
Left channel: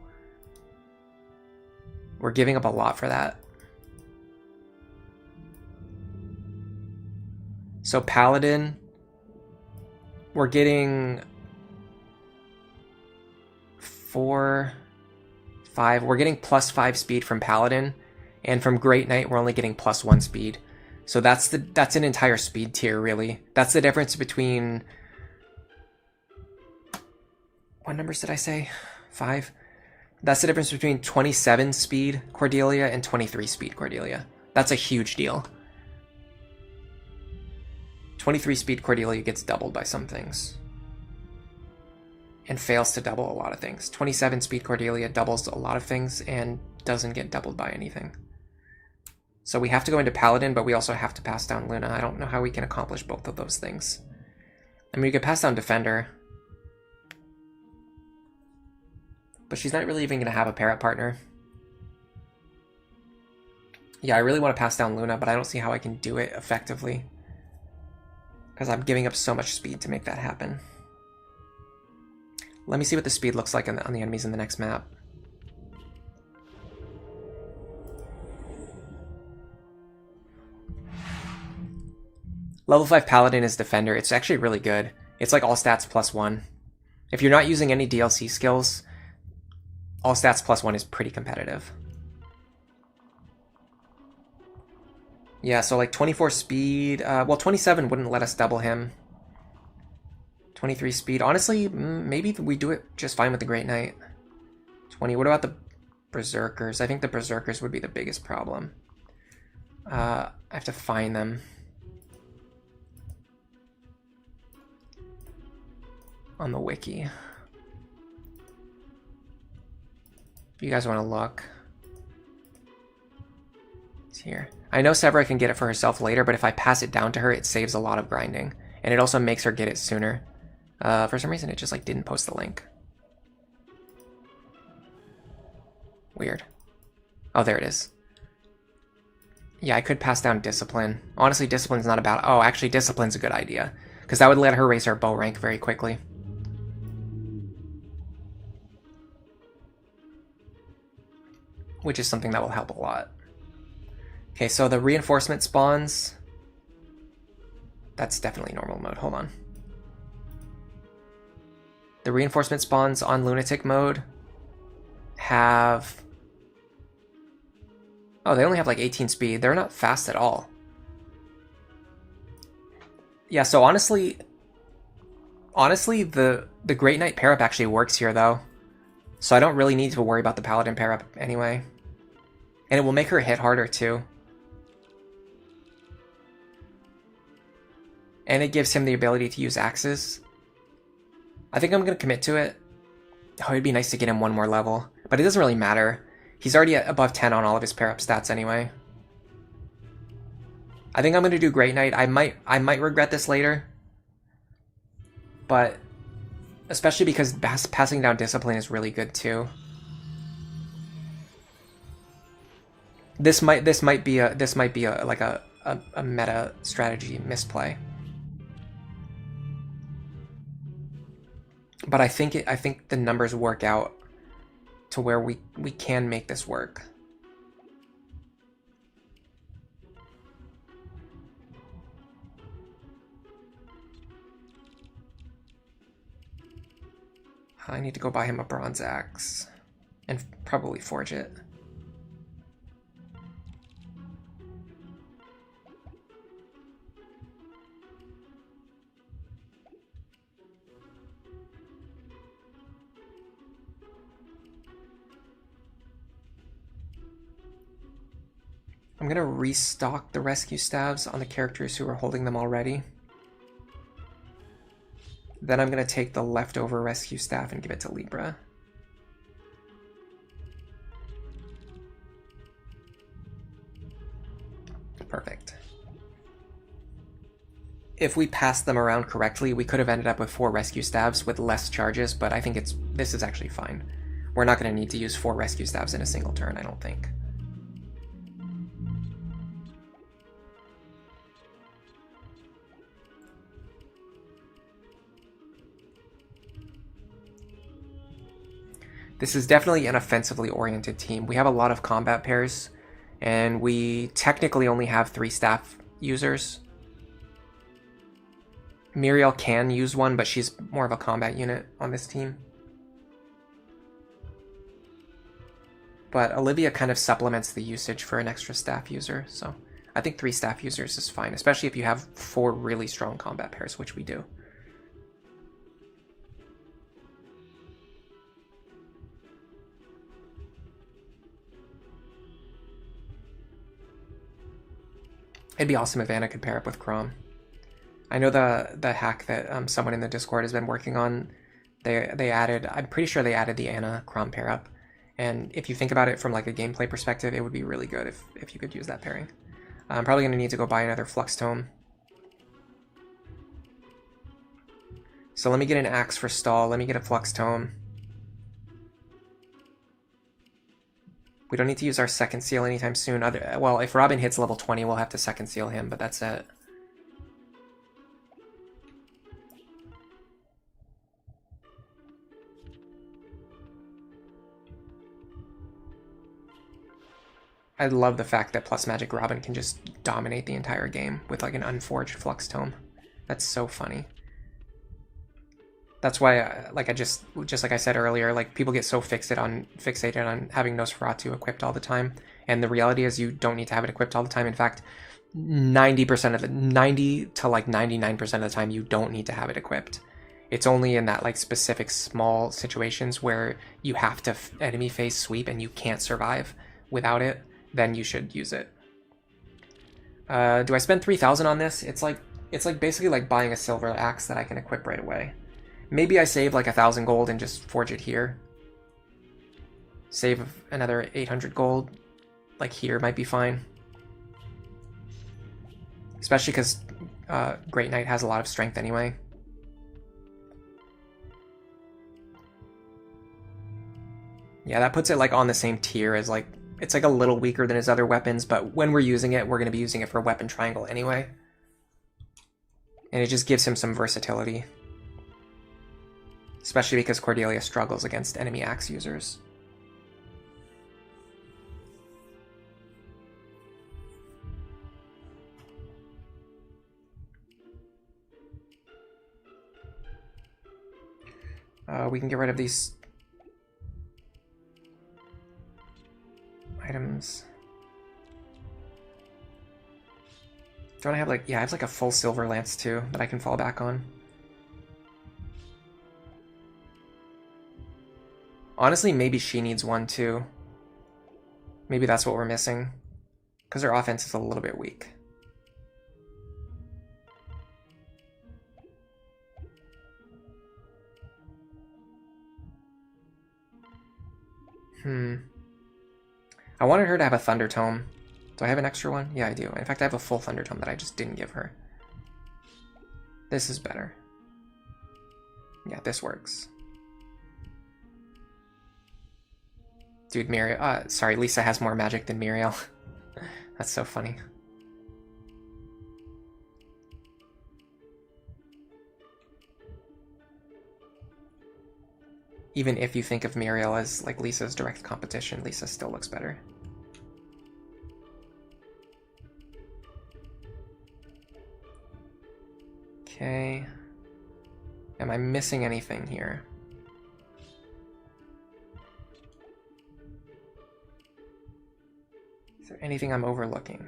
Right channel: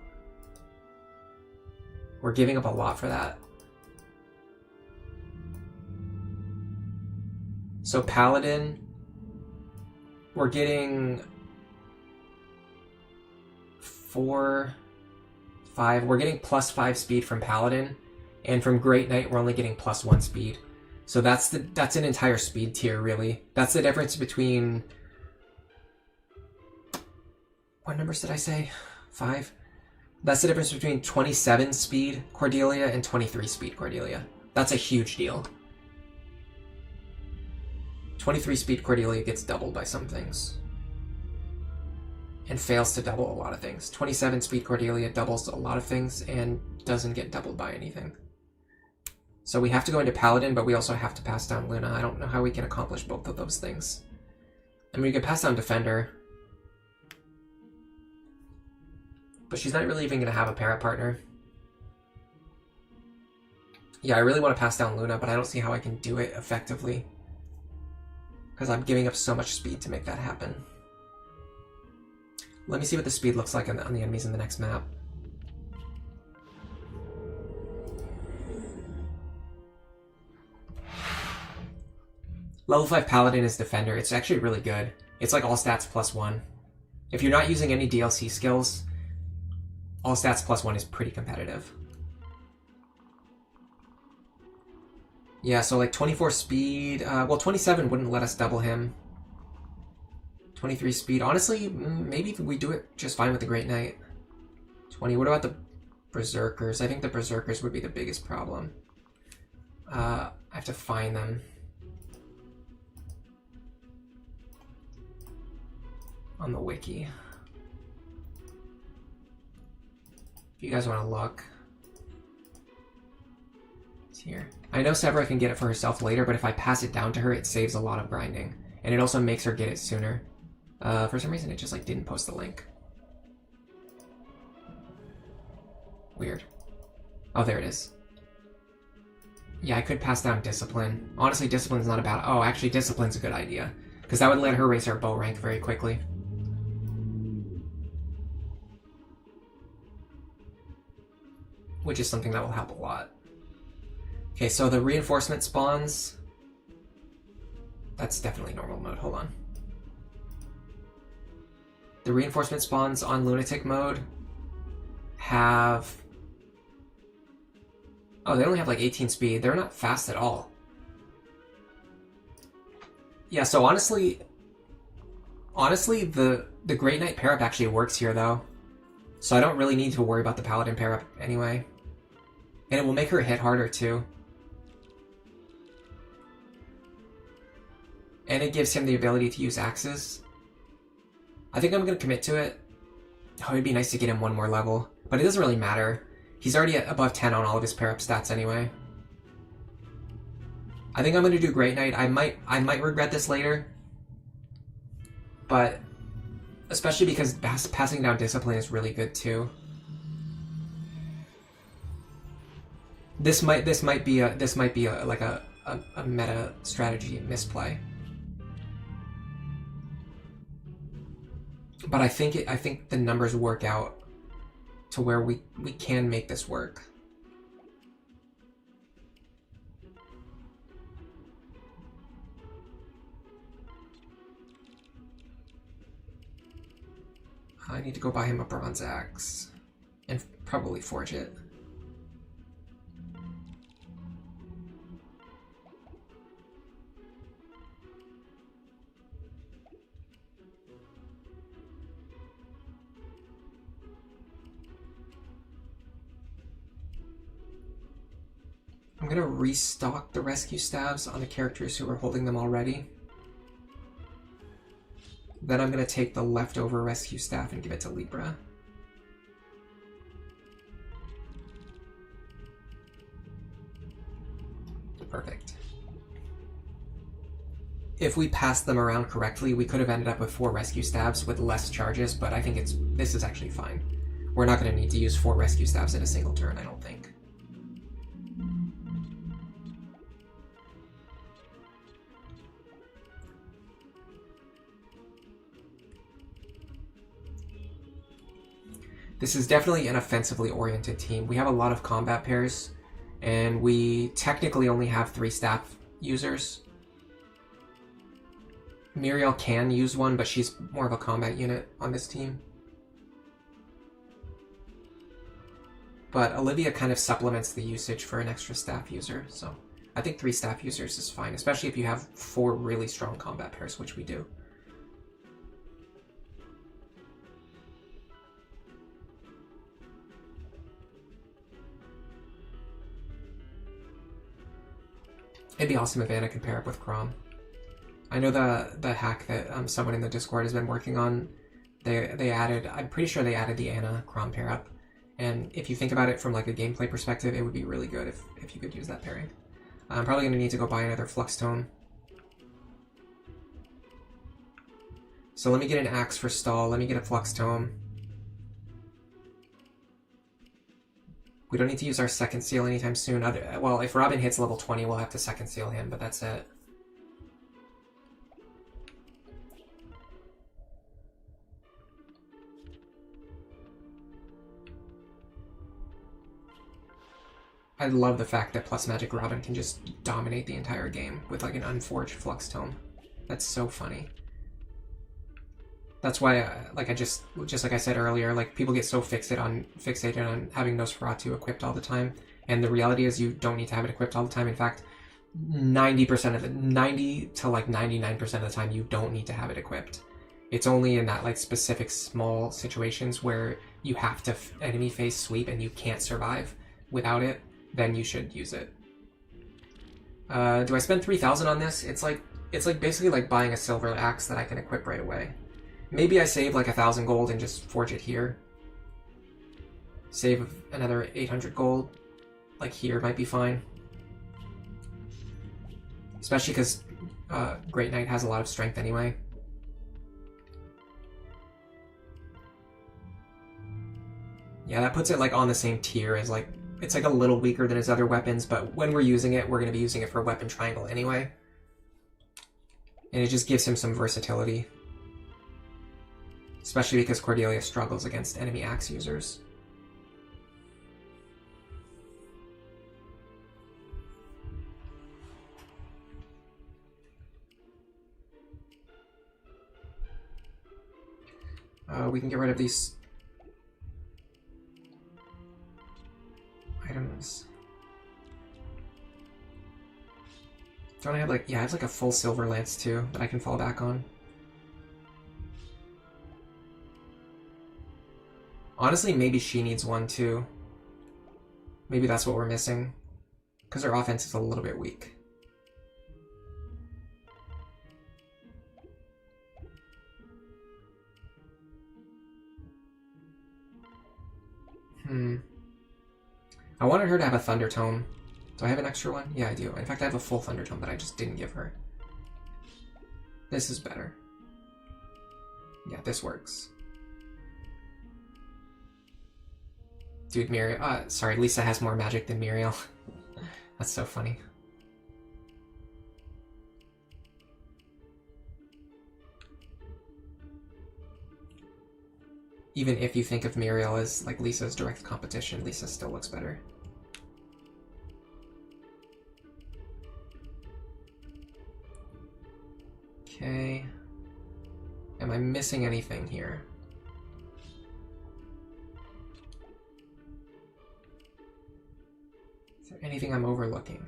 We're giving up a lot for that. So Paladin, we're getting 4, 5. We're getting +5 speed from Paladin, and from Great Knight, we're only getting +1 speed. So that's an entire speed tier, really. That's the difference between... What numbers did I say? 5? That's the difference between 27 speed Cordelia and 23 speed Cordelia. That's a huge deal. 23 speed Cordelia gets doubled by some things. And fails to double a lot of things. 27 speed Cordelia doubles a lot of things and doesn't get doubled by anything. So we have to go into Paladin, but we also have to pass down Luna. I don't know how we can accomplish both of those things. I mean, we could pass down Defender. But she's not really even going to have a pair-up partner. Yeah, I really want to pass down Luna, but I don't see how I can do it effectively. Because I'm giving up so much speed to make that happen. Let me see what the speed looks like on the enemies in the next map. Level 5 Paladin is Defender. It's actually really good. It's like all stats +1. If you're not using any DLC skills, all stats +1 is pretty competitive. Yeah, so like 24 speed. Well, 27 wouldn't let us double him. 23 speed. Honestly, maybe we do it just fine with the Great Knight. 20. What about the Berserkers? I think the Berserkers would be the biggest problem. I have to find them. On the wiki. If you guys want to look. It's here. I know Severa can get it for herself later, but if I pass it down to her, it saves a lot of grinding. And it also makes her get it sooner. For some reason, it just like didn't post the link. Weird. Oh, there it is. Yeah, I could pass down Discipline. Honestly, Discipline's not a bad... Oh, actually, Discipline's a good idea. Because that would let her raise her bow rank very quickly. Which is something that will help a lot. Okay, so the reinforcement spawns... That's definitely normal mode. Hold on. The reinforcement spawns on Lunatic mode have... Oh, they only have like 18 speed. They're not fast at all. Yeah, so honestly, the Great Knight pair-up actually works here, though. So I don't really need to worry about the Paladin pair-up anyway. And it will make her hit harder, too. And it gives him the ability to use axes. I think I'm going to commit to it. Oh, it'd be nice to get him one more level. But it doesn't really matter. He's already at above 10 on all of his pair-up stats anyway. I think I'm going to do Great Knight. I might regret this later. But especially because passing down Discipline is really good too. This might be like a meta strategy misplay. But I think the numbers work out to where we can make this work. I need to go buy him a bronze axe and probably forge it. I'm going to restock the rescue staves on the characters who are holding them already. Then I'm going to take the leftover rescue staff and give it to Libra. Perfect. If we passed them around correctly, we could have ended up with 4 rescue staves with less charges, but I think this is actually fine. We're not going to need to use 4 rescue staves in a single turn, I don't think. This is definitely an offensively oriented team. We have a lot of combat pairs, and we technically only have 3 staff users. Muriel can use one, but she's more of a combat unit on this team. But Olivia kind of supplements the usage for an extra staff user, so I think 3 staff users is fine, especially if you have 4 really strong combat pairs, which we do. It'd be awesome if Anna could pair up with Chrom. I know the hack that someone in the Discord has been working on, they added, I'm pretty sure they added the Anna Chrom pair up. And if you think about it from like a gameplay perspective, it would be really good if you could use that pairing. I'm probably going to need to go buy another Flux Tome. So let me get an Axe for stall, let me get a Flux Tome. We don't need to use our second seal anytime soon. Well, if Robin hits level 20, we'll have to second seal him, but that's it. I love the fact that Plus Magic Robin can just dominate the entire game with like an unforged Flux Tome. That's so funny. That's why, just like I said earlier, like people get so fixated on having Nosferatu equipped all the time, and the reality is you don't need to have it equipped all the time. In fact, 90% of the 90 to like 99% of the time you don't need to have it equipped. It's only in that like specific small situations where you have to enemy face sweep and you can't survive without it, then you should use it. Do I spend 3,000 on this? It's like basically like buying a silver axe that I can equip right away. Maybe I save like 1,000 gold and just forge it here. Save another 800 gold, like here might be fine. Especially because Great Knight has a lot of strength anyway. Yeah, that puts it like on the same tier as like, it's like a little weaker than his other weapons, but when we're using it, we're going to be using it for weapon triangle anyway. And it just gives him some versatility. Especially because Cordelia struggles against enemy axe users. We can get rid of these items. Don't I have like, yeah, I have like a full silver lance too that I can fall back on. Honestly, maybe she needs one too. Maybe that's what we're missing. Because her offense is a little bit weak. I wanted her to have a Thunder Tome. Do I have an extra one? Yeah, I do. In fact, I have a full Thunder Tome that I just didn't give her. This is better. Yeah, this works. Dude, Muriel... sorry, Lisa has more magic than Muriel. That's so funny. Even if you think of Muriel as like Lisa's direct competition, Lisa still looks better. Okay. Am I missing anything here? Is there anything I'm overlooking?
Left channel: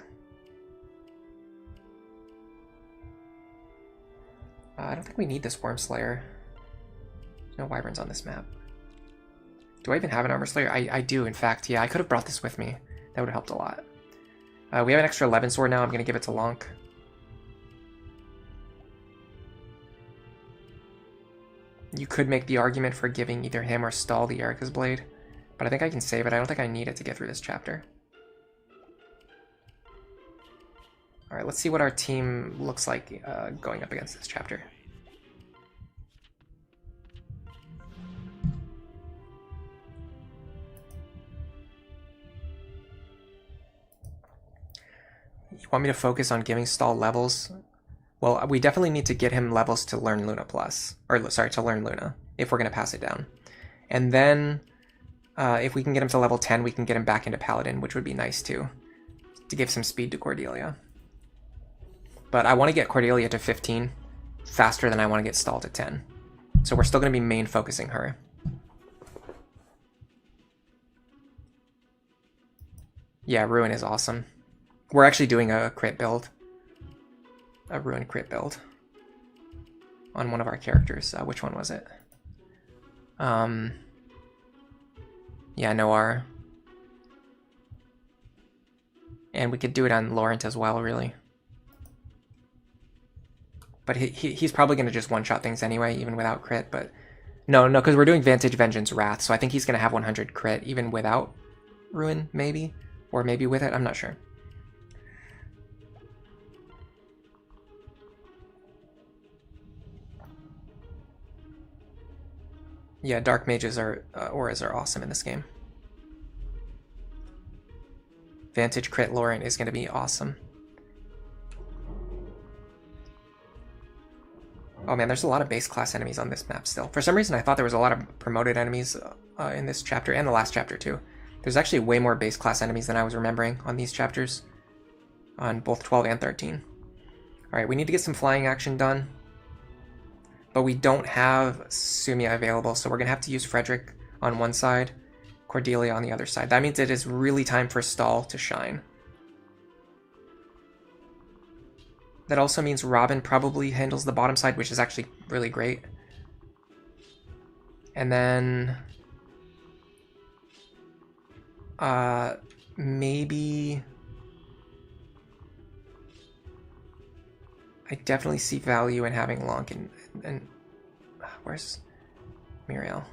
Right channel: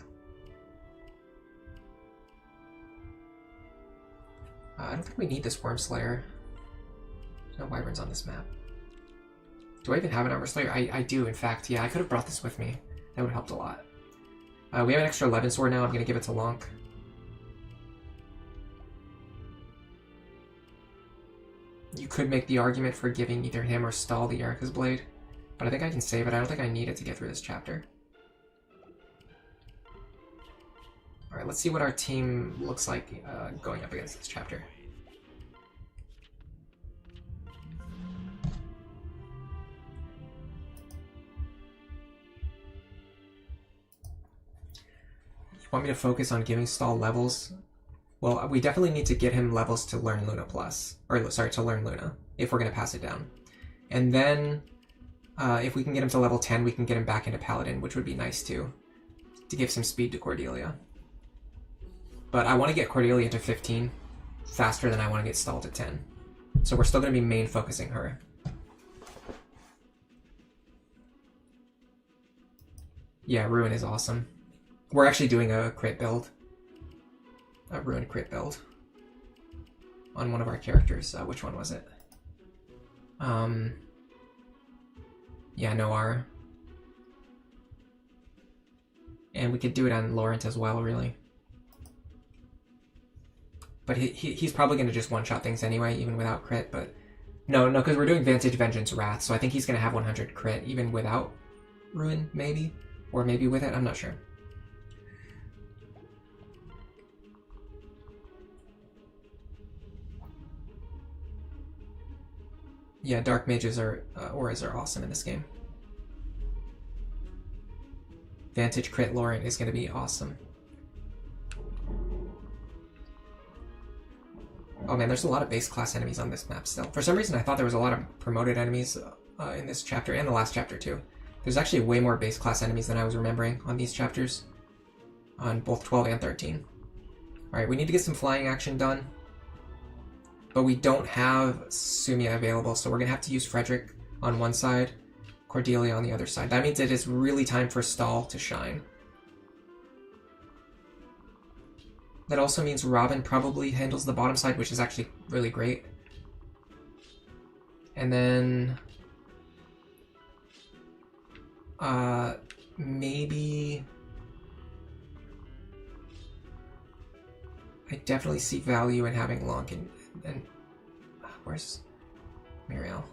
I don't think we need this Worm Slayer. No wyverns on this map. Do I even have an Armor Slayer? I do, in fact. Yeah, I could have brought this with me. That would have helped a lot. We have an extra 11 sword now. I'm going to give it to Lonk. You could make the argument for giving either him or Stall the Erica's Blade, but I think I can save it. I don't think I need it to get through this chapter. Alright, let's see what our team looks like going up against this chapter. You want me to focus on giving Stall levels? Well, we definitely need to get him levels to learn Luna Plus. Or, sorry, to learn Luna, if we're going to pass it down. And then, if we can get him to level 10, we can get him back into Paladin, which would be nice too, to give some speed to Cordelia. But I want to get Cordelia to 15 faster than I want to get Stall to 10. So we're still going to be main focusing her. Yeah, Ruin is awesome. We're actually doing a crit build. A Ruin crit build. On one of our characters. Which one was it? Yeah, Noir. And we could do it on Laurent as well, really. But he's probably going to just one-shot things anyway, even without crit, but... No, because we're doing Vantage, Vengeance, Wrath, so I think he's going to have 100 crit, even without Ruin, maybe? Or maybe with it, I'm not sure. Yeah, Dark Mages are, Auras are awesome in this game. Vantage crit Laurent is going to be awesome. Oh man, there's a lot of base class enemies on this map still. For some reason I thought there was a lot of promoted enemies in this chapter, and the last chapter too. There's actually way more base class enemies than I was remembering on these chapters. On both 12 and 13. Alright, we need to get some flying action done. But we don't have Sumia available, so we're going to have to use Frederick on one side, Cordelia on the other side. That means it is really time for Stall to shine. That also means Robin probably handles the bottom side, which is actually really great. And then... maybe... I definitely see value in having Lonk and where's Muriel?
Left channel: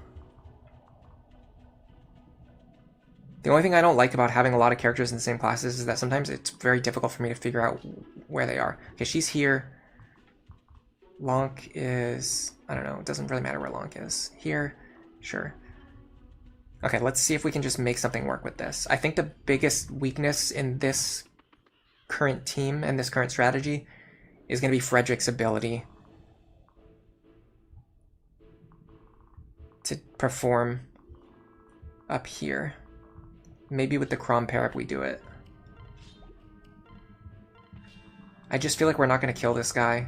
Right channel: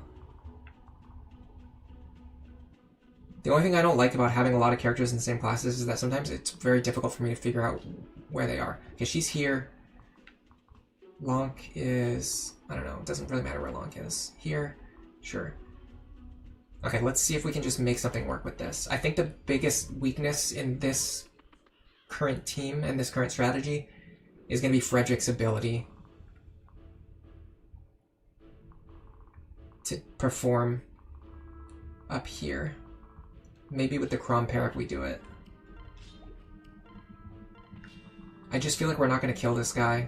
The only thing I don't like about having a lot of characters in the same classes is that sometimes it's very difficult for me to figure out where they are. Okay, she's here. Lonk is... I don't know, it doesn't really matter where Lonk is. Here? Sure. Okay, let's see if we can just make something work with this. I think the biggest weakness in this current team and this current strategy is going to be Frederick's ability to perform up here. Maybe with the Crom Parrot we do it. I just feel like we're not going to kill this guy.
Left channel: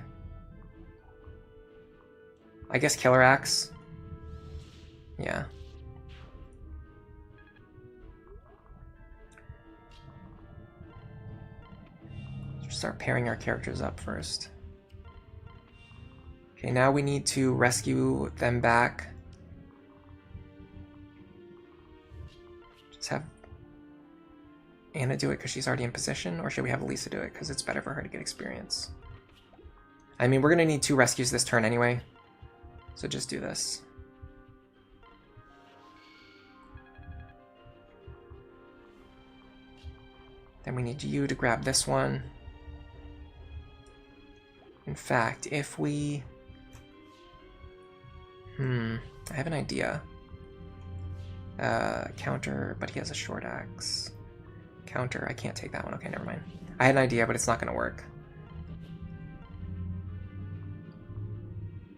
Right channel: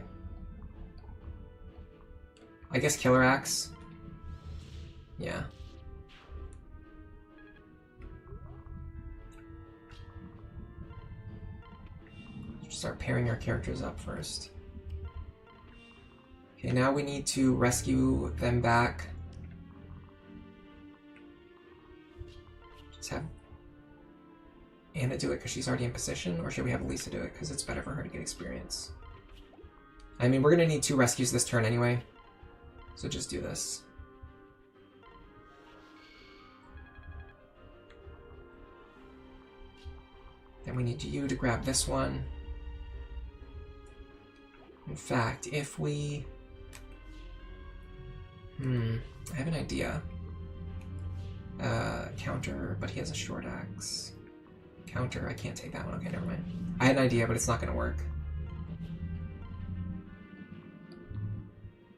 I guess Killer Axe. Yeah. Start pairing our characters up first. Okay, now we need to rescue them back. Just have Anna do it because she's already in position, or should we have Lisa do it because it's better for her to get experience? I mean, we're going to need 2 rescues this turn anyway, so just do this. Then we need you to grab this one. In fact, if we... I have an idea. Counter, but he has a short axe. Counter, I can't take that one. Okay, never mind. I had an idea, but it's not going to work.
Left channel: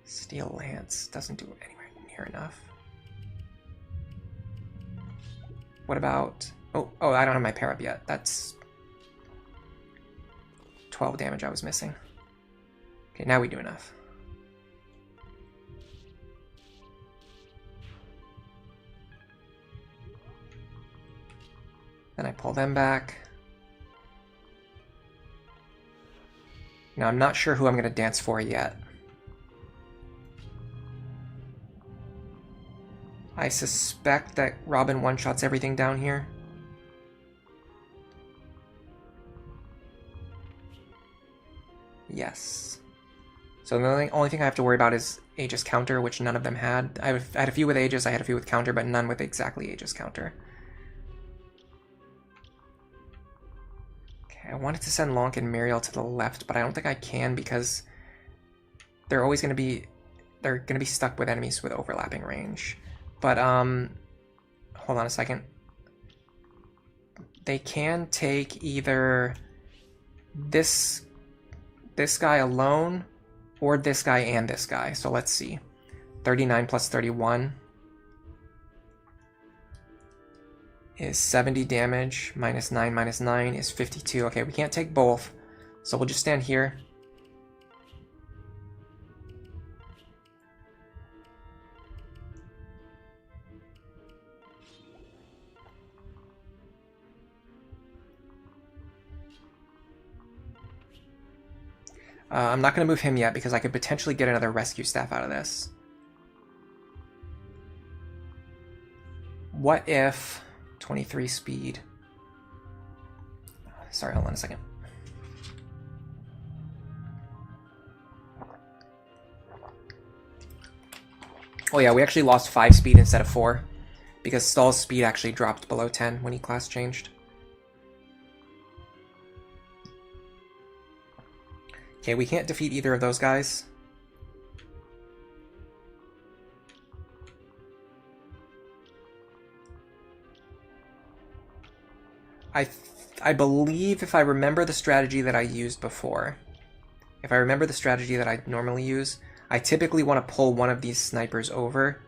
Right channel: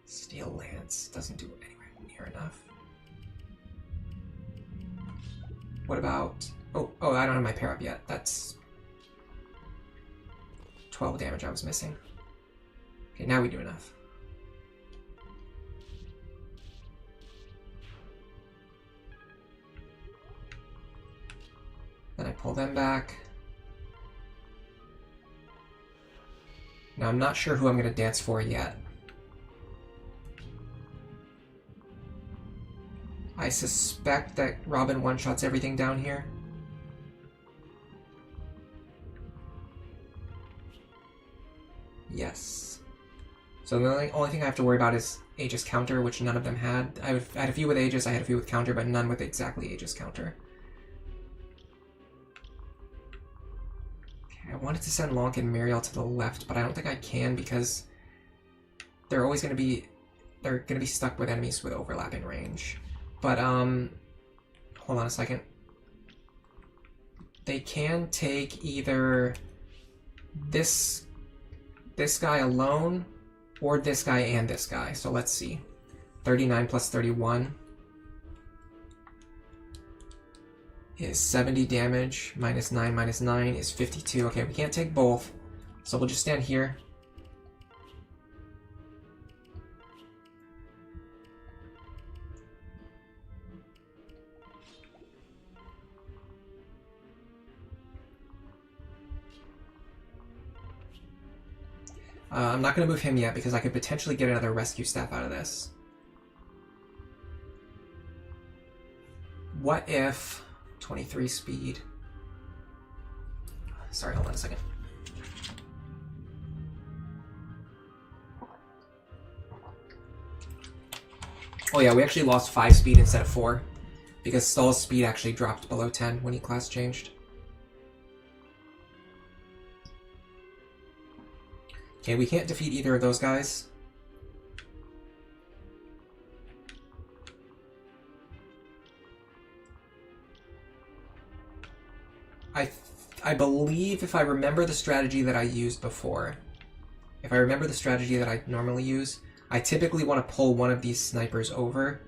Steel Lance doesn't do anywhere near enough. What about... Oh, I don't have my pair up yet. That's 12 damage I was missing. Okay, now we do enough. Then I pull them back. Now I'm not sure who I'm going to dance for yet. I suspect that Robin one-shots everything down here. Yes. So the only thing I have to worry about is Aegis counter, which none of them had. I had a few with Aegis, I had a few with counter, but none with exactly Aegis counter. Okay, wanted to send Lonk and Muriel to the left, but I don't think I can because they're always going to be... They're going to be stuck with enemies with overlapping range. But, hold on a second. They can take either this guy alone or this guy and this guy. So let's see. 39 plus 31 is 70 damage. Minus 9 is 52. Okay, we can't take both. So we'll just stand here. I'm not going to move him yet because I could potentially get another rescue staff out of this. What if 23 speed? Sorry, hold on a second. Oh yeah, we actually lost 5 speed instead of 4 because Stahl's speed actually dropped below 10 when he class changed. Okay, we can't defeat either of those guys. I believe if I remember the strategy that I used before, if I remember the strategy that I normally use, I typically want to pull one of these snipers over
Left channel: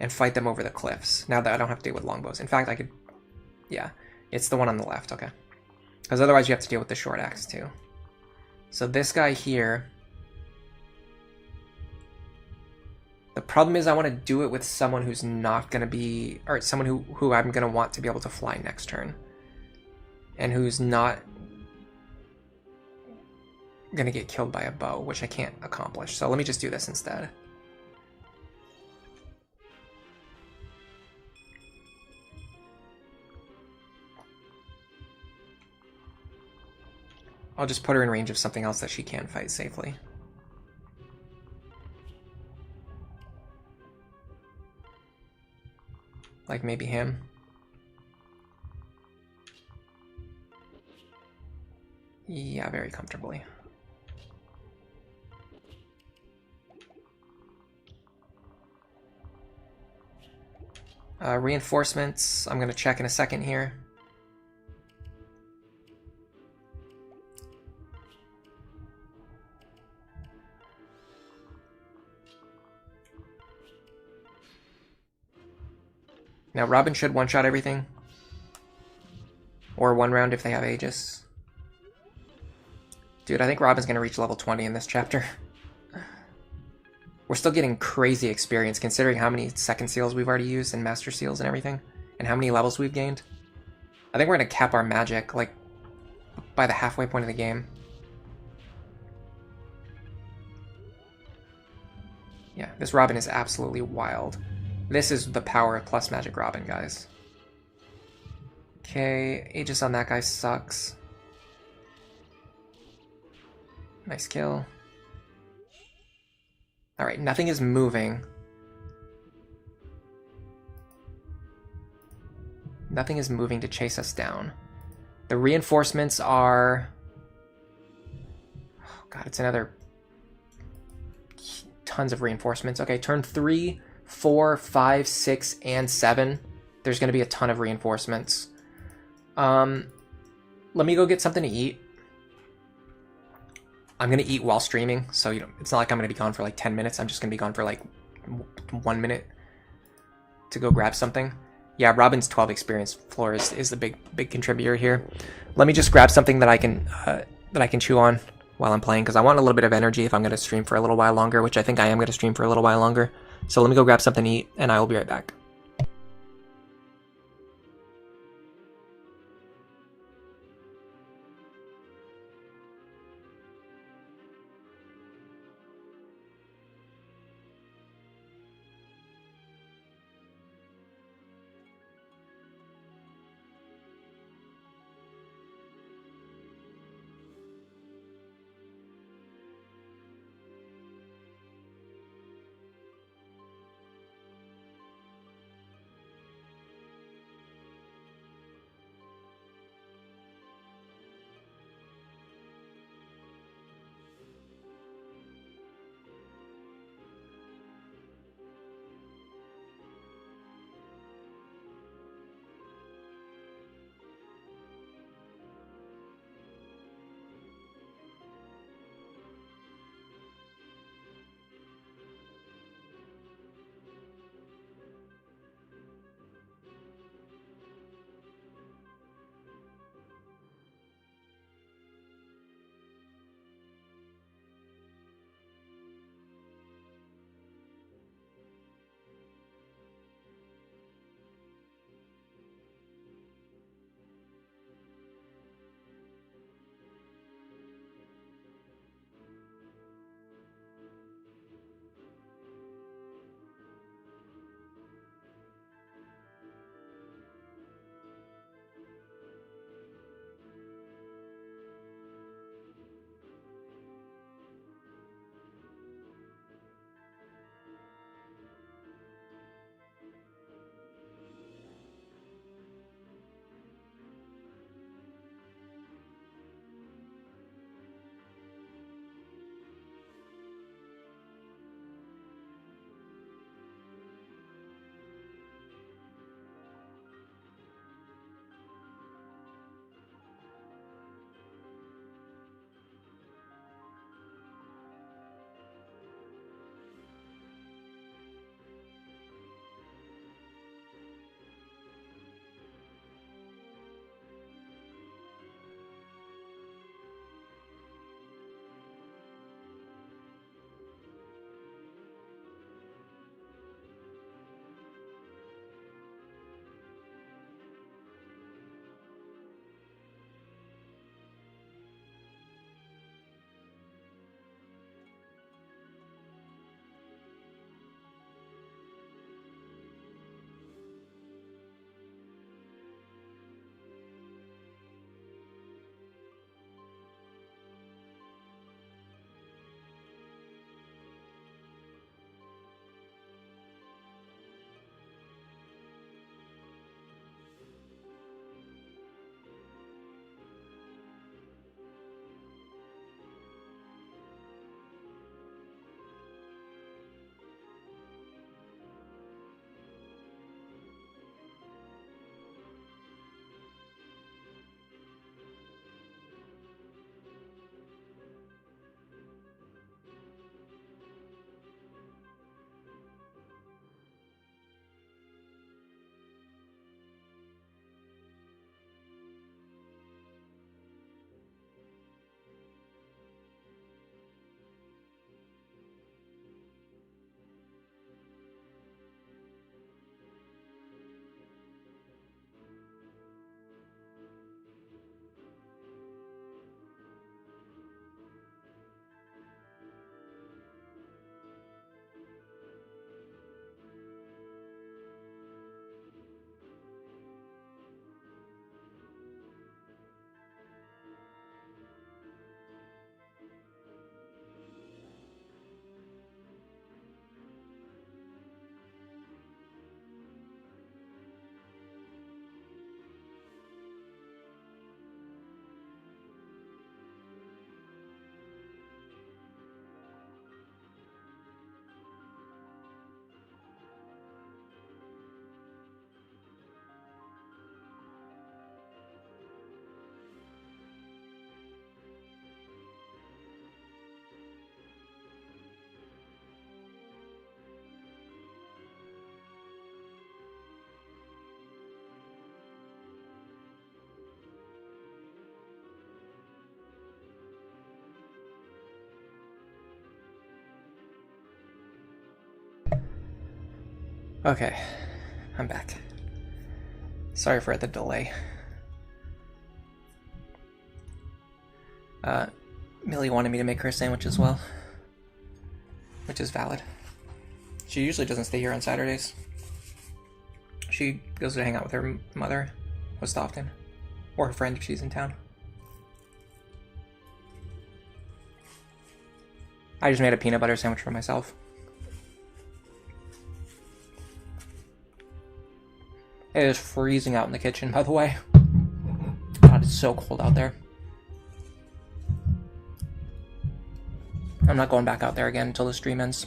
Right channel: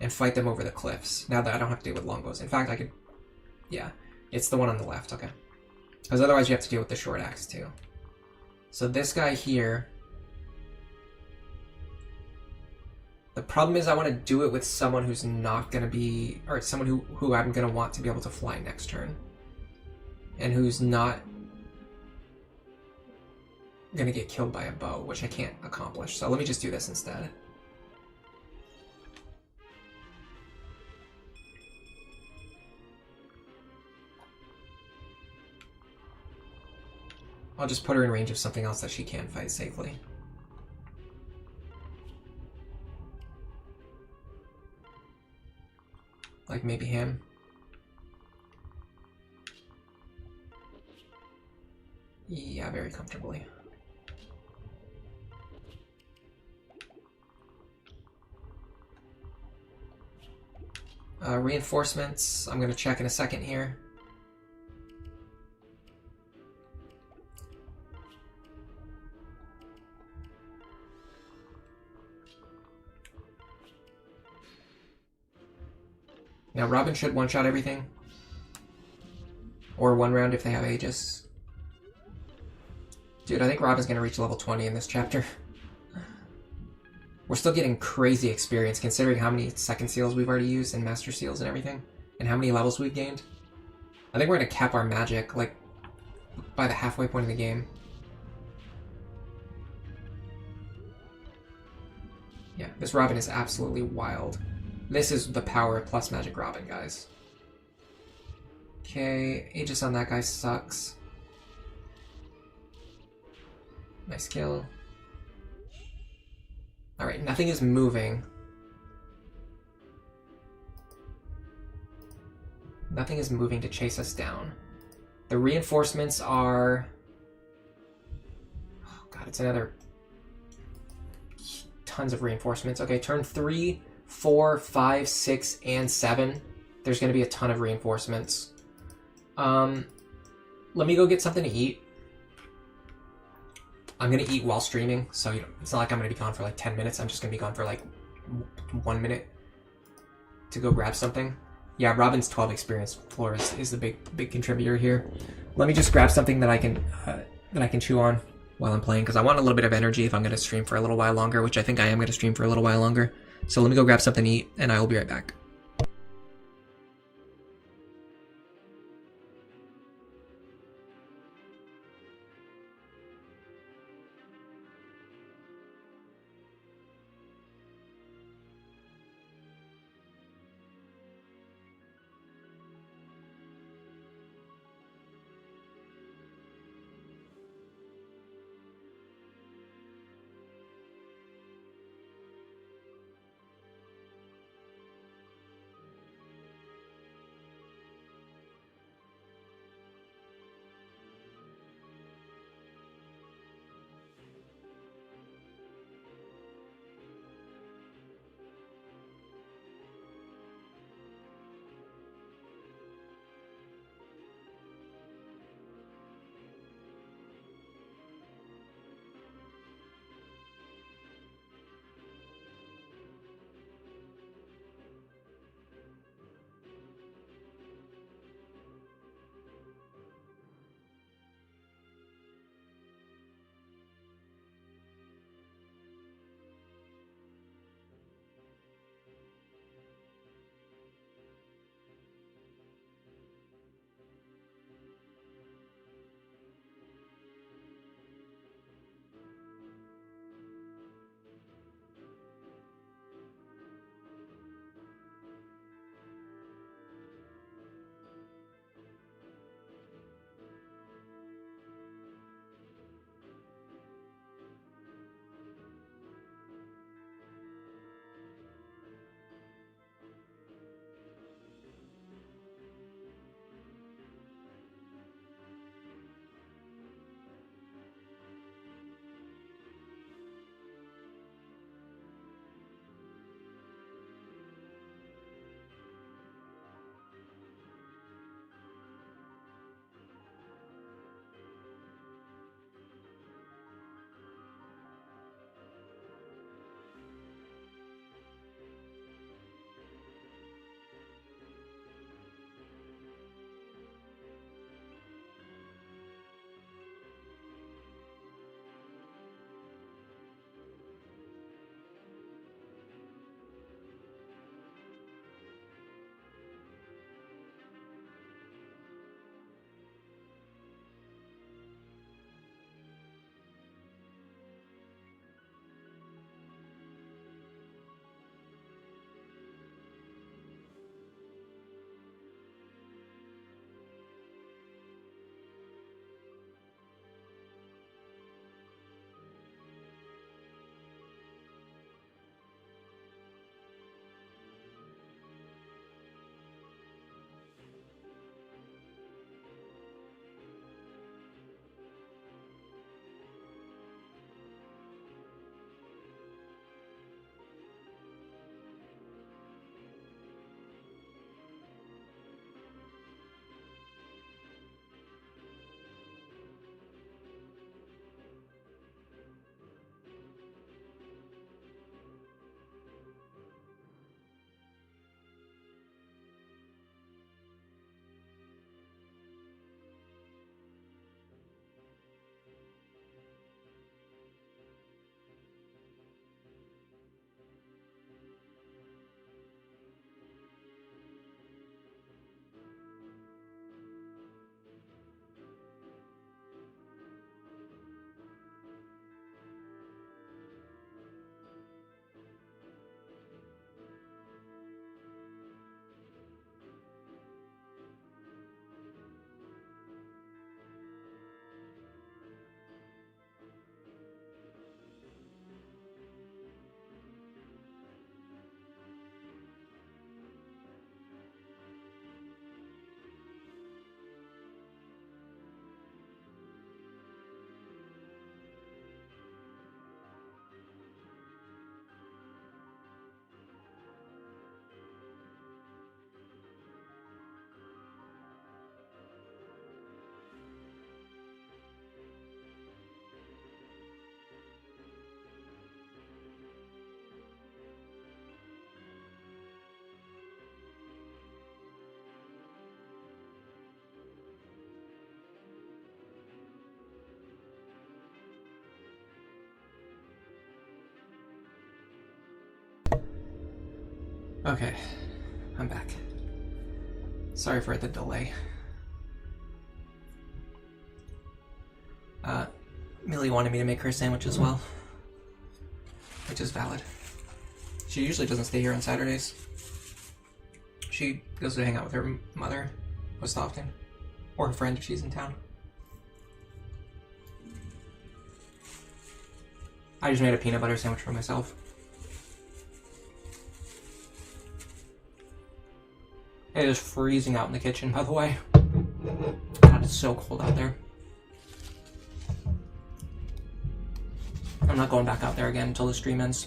and fight them over the cliffs. Now that I don't have to deal with longbows. In fact, I could... Yeah, it's the one on the left, okay. Because otherwise you have to deal with the short axe too. So this guy here... The problem is I want to do it with someone who's not going to be... Or someone who I'm going to want to be able to fly next turn. And who's not going to get killed by a bow, which I can't accomplish. So let me just do this instead. I'll just put her in range of something else that she can fight safely. Like maybe him. Yeah, very comfortably. Reinforcements, I'm going to check in a second here. Now Robin should one-shot everything. Or one round if they have Aegis. Dude, I think Robin's going to reach level 20 in this chapter. We're still getting crazy experience considering how many second seals we've already used and master seals and everything. And how many levels we've gained. I think we're going to cap our magic, like, by the halfway point of the game. Yeah, this Robin is absolutely wild. This is the power of plus magic Robin, guys. Okay, Aegis on that guy sucks. Nice kill. Alright, nothing is moving. Nothing is moving to chase us down. The reinforcements are... Oh god, it's another... Tons of reinforcements. Okay, turn 3, 4, 5, 6, and 7. There's going to be a ton of reinforcements. Let me go get something to eat. I'm going to eat while streaming, so it's not like I'm going to be gone for like 10 minutes. I'm just going to be gone for like 1 minute to go grab something. Yeah, Robin's 12 experience floor is the big contributor here. Let me just grab something that I can chew on while I'm playing, because I want a little bit of energy if I'm going to stream for a little while longer, which I think I am going to stream for a little while longer. So let me go grab something to eat, and I will be right back. Okay, I'm back. Sorry for the delay. Millie wanted me to make her a sandwich as well, which is valid. She usually doesn't stay here on Saturdays. She goes to hang out with her mother most often, or her friend if she's in town. I just made a peanut butter sandwich for myself. It is freezing out in the kitchen, by the way. God, it's so cold out there. I'm not going back out there again until the stream ends.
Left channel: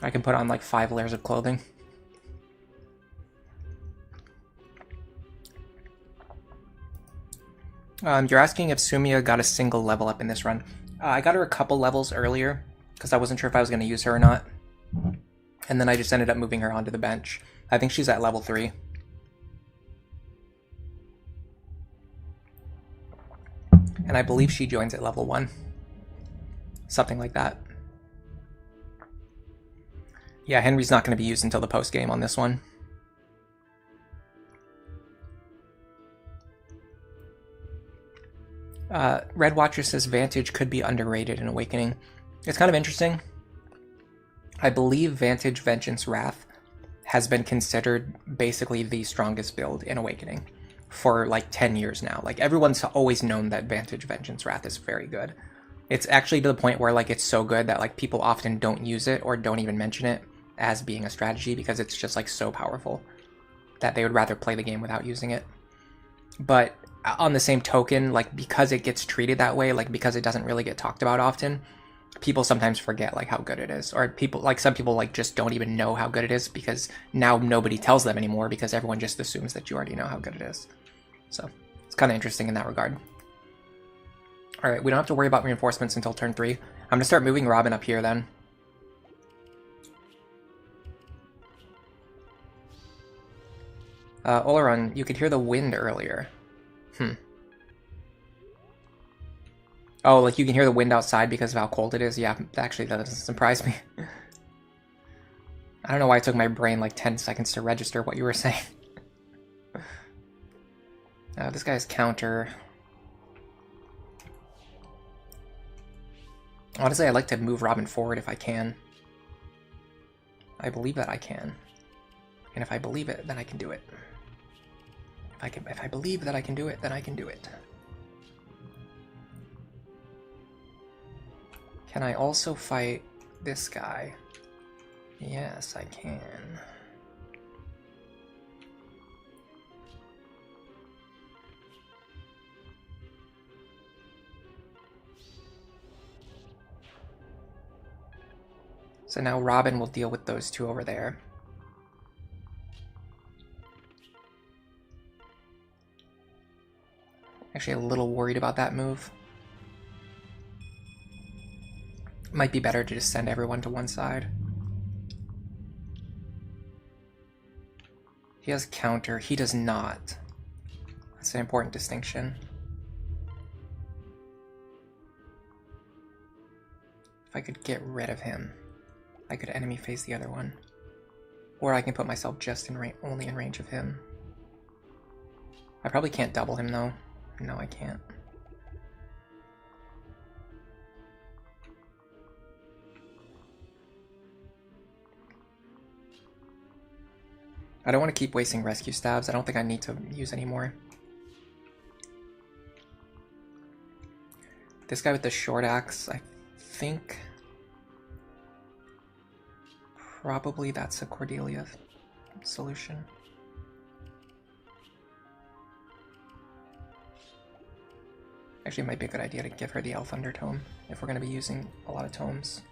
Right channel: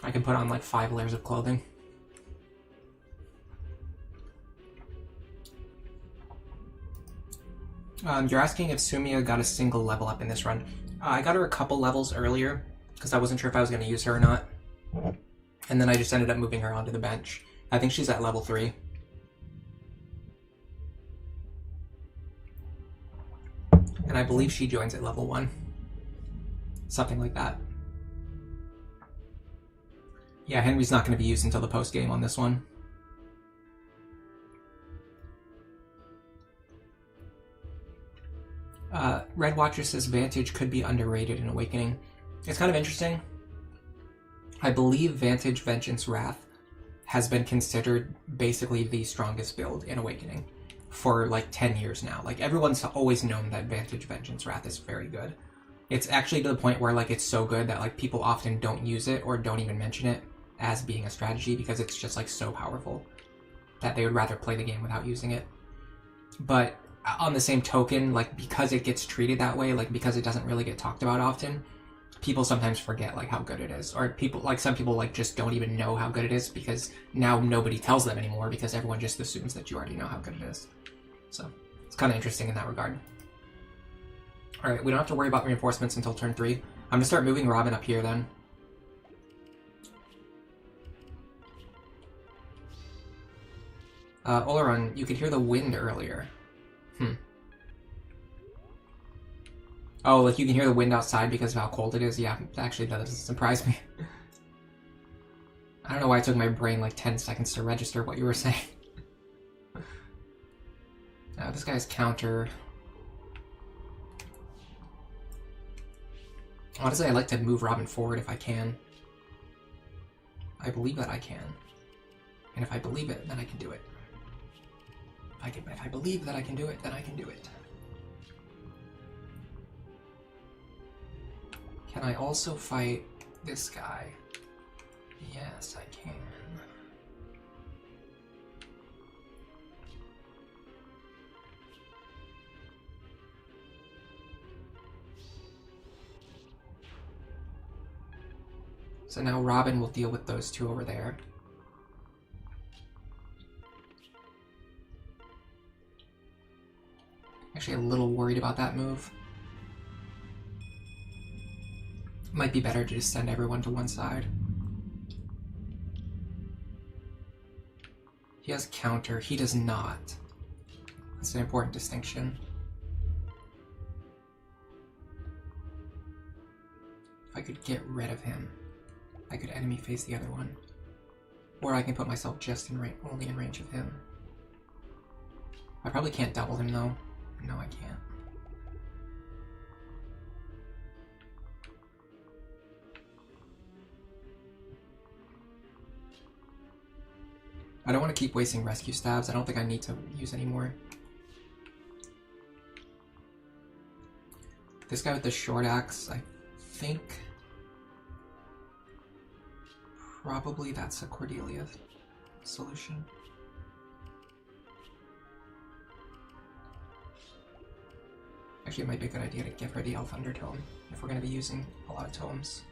I can put on like 5 layers of clothing. You're asking if Sumia got a single level up in this run. I got her a couple levels earlier because I wasn't sure if I was going to use her or not. And then I just ended up moving her onto the bench. I think she's at level 3. And I believe she joins at level 1. Something like that. Yeah, Henry's not going to be used until the post-game on this one. Red Watcher says Vantage could be underrated in Awakening. It's kind of interesting. I believe Vantage, Vengeance, Wrath has been considered basically the strongest build in Awakening for like 10 years now. Like everyone's always known that Vantage, Vengeance, Wrath is very good. It's actually to the point where like it's so good that like people often don't use it or don't even mention it as being a strategy because it's just like so powerful that they would rather play the game without using it. But on the same token, like because it gets treated that way, like because it doesn't really get talked about often, people sometimes forget like how good it is. Or people, like some people like just don't even know how good it is because now nobody tells them anymore because everyone just assumes that you already know how good it is. So it's kind of interesting in that regard. All right, we don't have to worry about reinforcements until turn 3. I'm gonna start moving Robin up here then. Oleron, you could hear the wind earlier. Oh, like you can hear the wind outside because of how cold it is? Yeah, actually that doesn't surprise me. I don't know why it took my brain like 10 seconds to register what you were saying. This guy's counter. Honestly, I'd like to move Robin forward if I can. I believe that I can. And if I believe it, then I can do it. If I believe that I can do it, then I can do it. Can I also fight this guy? Yes, I can. So now Robin will deal with those two over there. Actually a little worried about that move. Might be better to just send everyone to one side. He has counter, he does not. That's an important distinction. If I could get rid of him, I could enemy phase the other one. Or I can put myself just in only in range of him. I probably can't double him though. No, I can't. I don't want to keep wasting rescue stabs. I don't think I need to use any more. This guy with the short axe, I think probably that's a Cordelia solution. Actually, it might be a good idea to give her the Elf Undertome if we're going to be using a lot of tomes.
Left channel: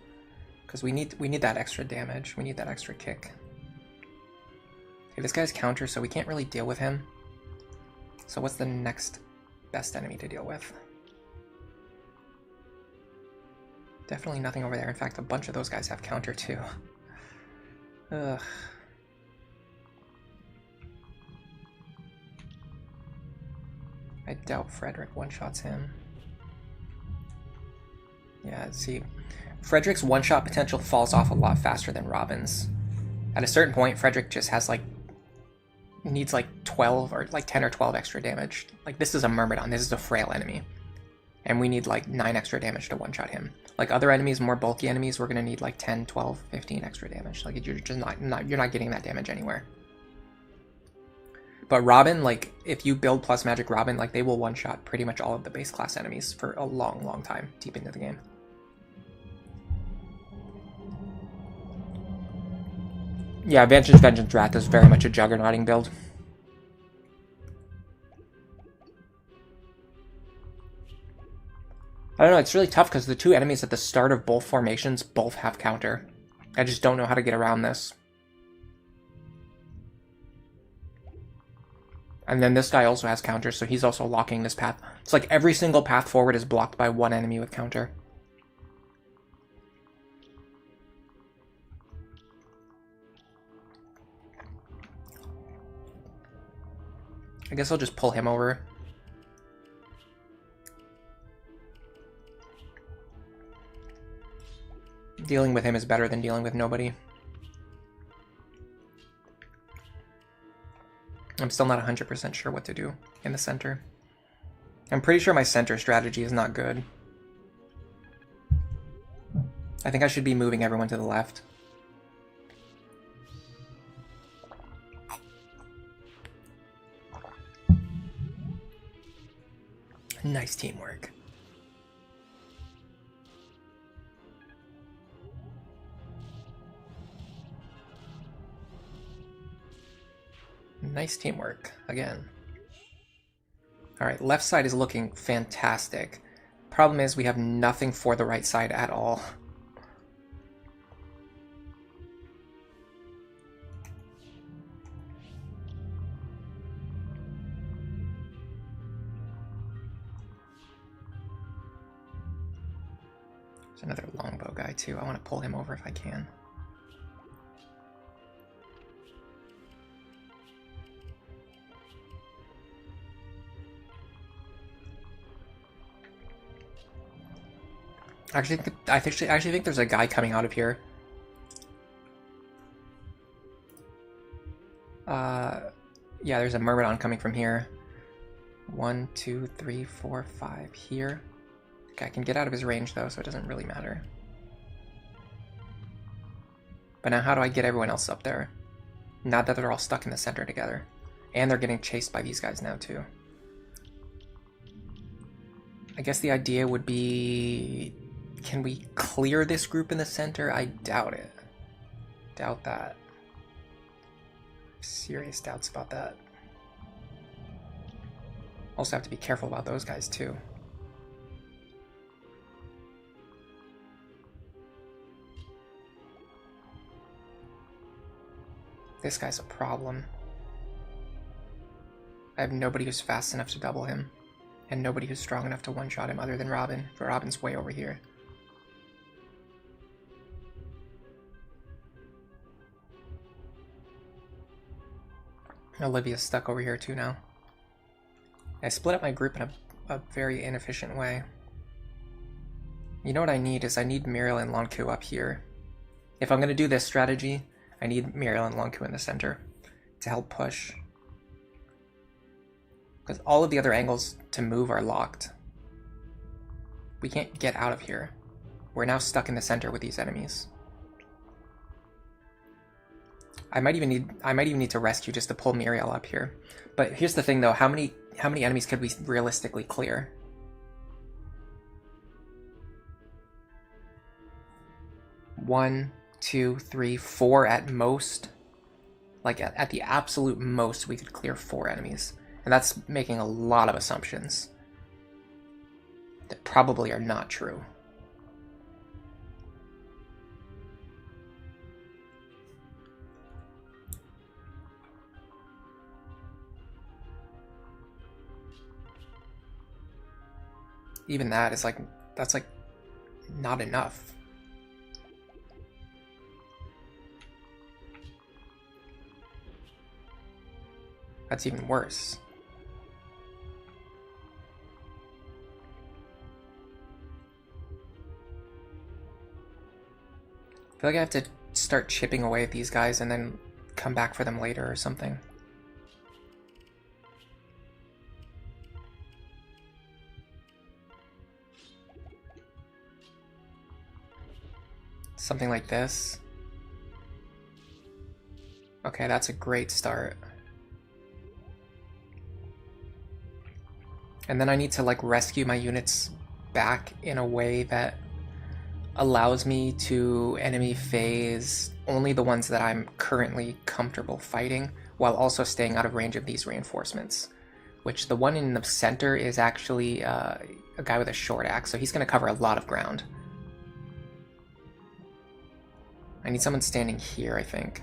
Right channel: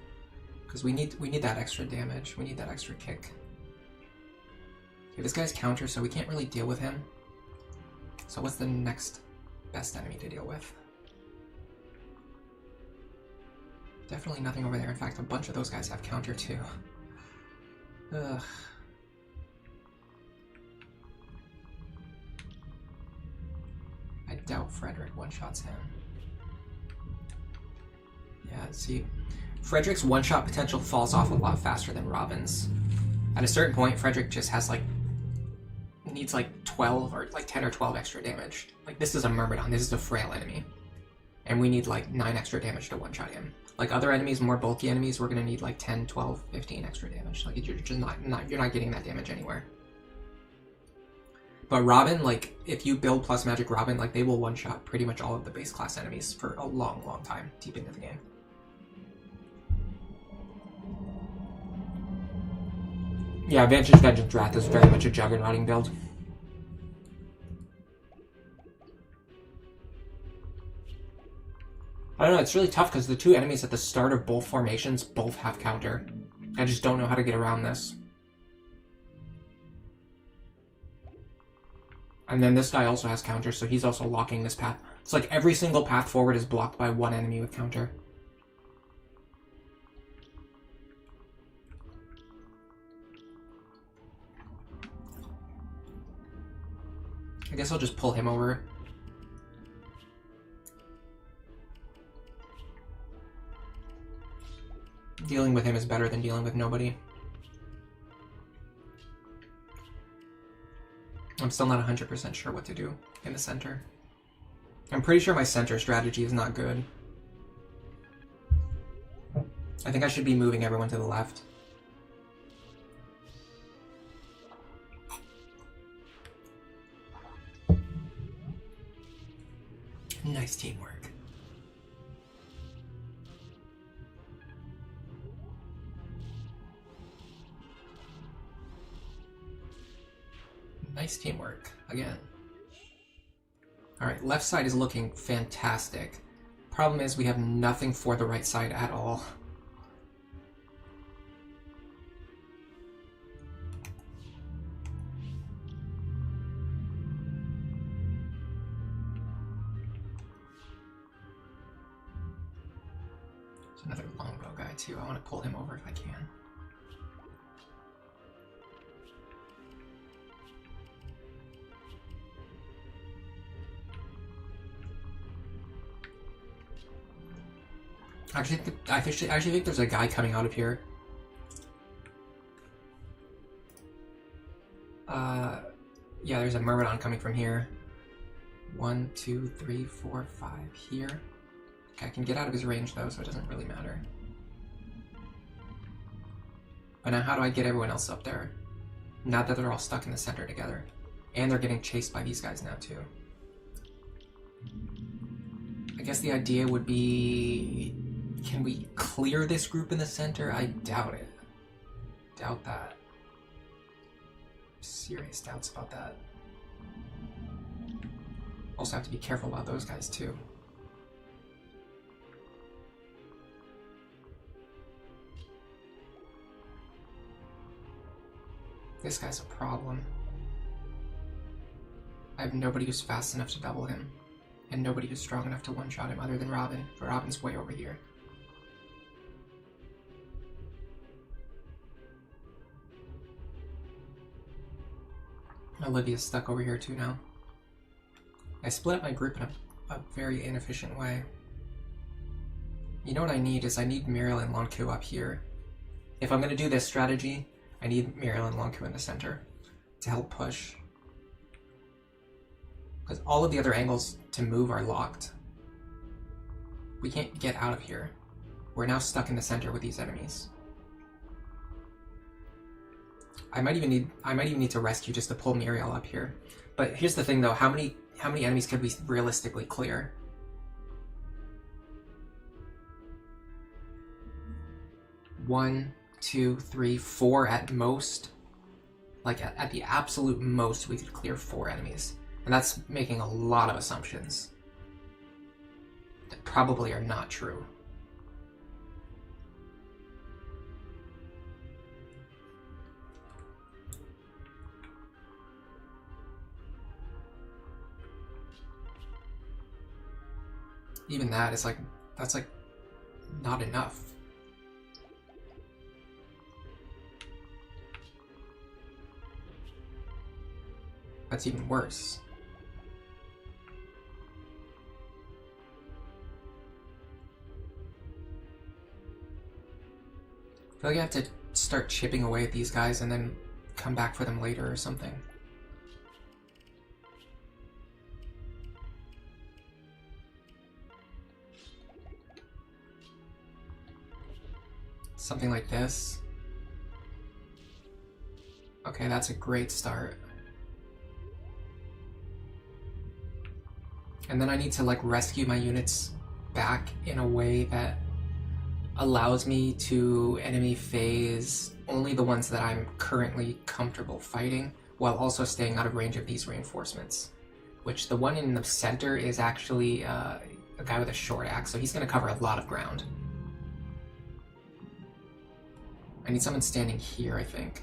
Because we need that extra damage. We need that extra kick. Okay, this guy's counter, so we can't really deal with him. So what's the next best enemy to deal with? Definitely nothing over there. In fact, a bunch of those guys have counter too. Ugh. I doubt Frederick one-shots him. Yeah, see, Frederick's one-shot potential falls off a lot faster than Robin's. At a certain point, Frederick just has like needs like 12 or like 10 or 12 extra damage. Like this is a Myrmidon, this is a frail enemy. And we need like 9 extra damage to one-shot him. Like other enemies, more bulky enemies, we're gonna need like 10, 12, 15 extra damage. Like you're just you're not getting that damage anywhere. But Robin, like if you build plus magic Robin, like they will one-shot pretty much all of the base class enemies for a long, long time deep into the game. Yeah, Vengeance Wrath is very much a juggernauting build. I don't know, it's really tough because the two enemies at the start of both formations both have counter. I just don't know how to get around this. And then this guy also has counter, so he's also locking this path. It's like every single path forward is blocked by one enemy with counter. I guess I'll just pull him over. Dealing with him is better than dealing with nobody. I'm still not 100% sure what to do in the center. I'm pretty sure my center strategy is not good. I think I should be moving everyone to the left. Nice teamwork. Nice teamwork, again. Alright, left side is looking fantastic. Problem is we have nothing for the right side at all. There's another longbow guy too. I want to pull him over if I can. I actually think there's a guy coming out of here. Yeah, there's a Myrmidon coming from here. 1, 2, 3, 4, 5 here. Okay, I can get out of his range though, so it doesn't really matter. But now how do I get everyone else up there? Not that they're all stuck in the center together. And they're getting chased by these guys now too. I guess the idea would be... Can we clear this group in the center? I doubt it. Doubt that. Serious doubts about that. Also have to be careful about those guys too. This guy's a problem. I have nobody who's fast enough to double him. And nobody who's strong enough to one-shot him other than Robin. But Robin's way over here. Olivia's stuck over here too now. I split up my group in a very inefficient way. You know what I need is I need Muriel and Lonku up here. If I'm going to do this strategy, I need Muriel and Lonku in the center to help push. Because all of the other angles to move are locked. We can't get out of here. We're now stuck in the center with these enemies. I might even need to rescue just to pull Muriel up here. But here's the thing though, how many enemies could we realistically clear? One, 2, 3, 4 at most. Like at the absolute most we could clear 4 enemies. And that's making a lot of assumptions that probably are not true. Even that is like, that's like not enough. That's even worse. feel like I have to start chipping away at these guys and then come back for them later or something. Something like this. Okay, that's a great start. And then I need to like rescue my units back in a way that allows me to enemy phase only the ones that I'm currently comfortable fighting, while also staying out of range of these reinforcements. Which the one in the center is actually a guy with a short axe, so he's going to cover a lot of ground. I need someone standing here, I think.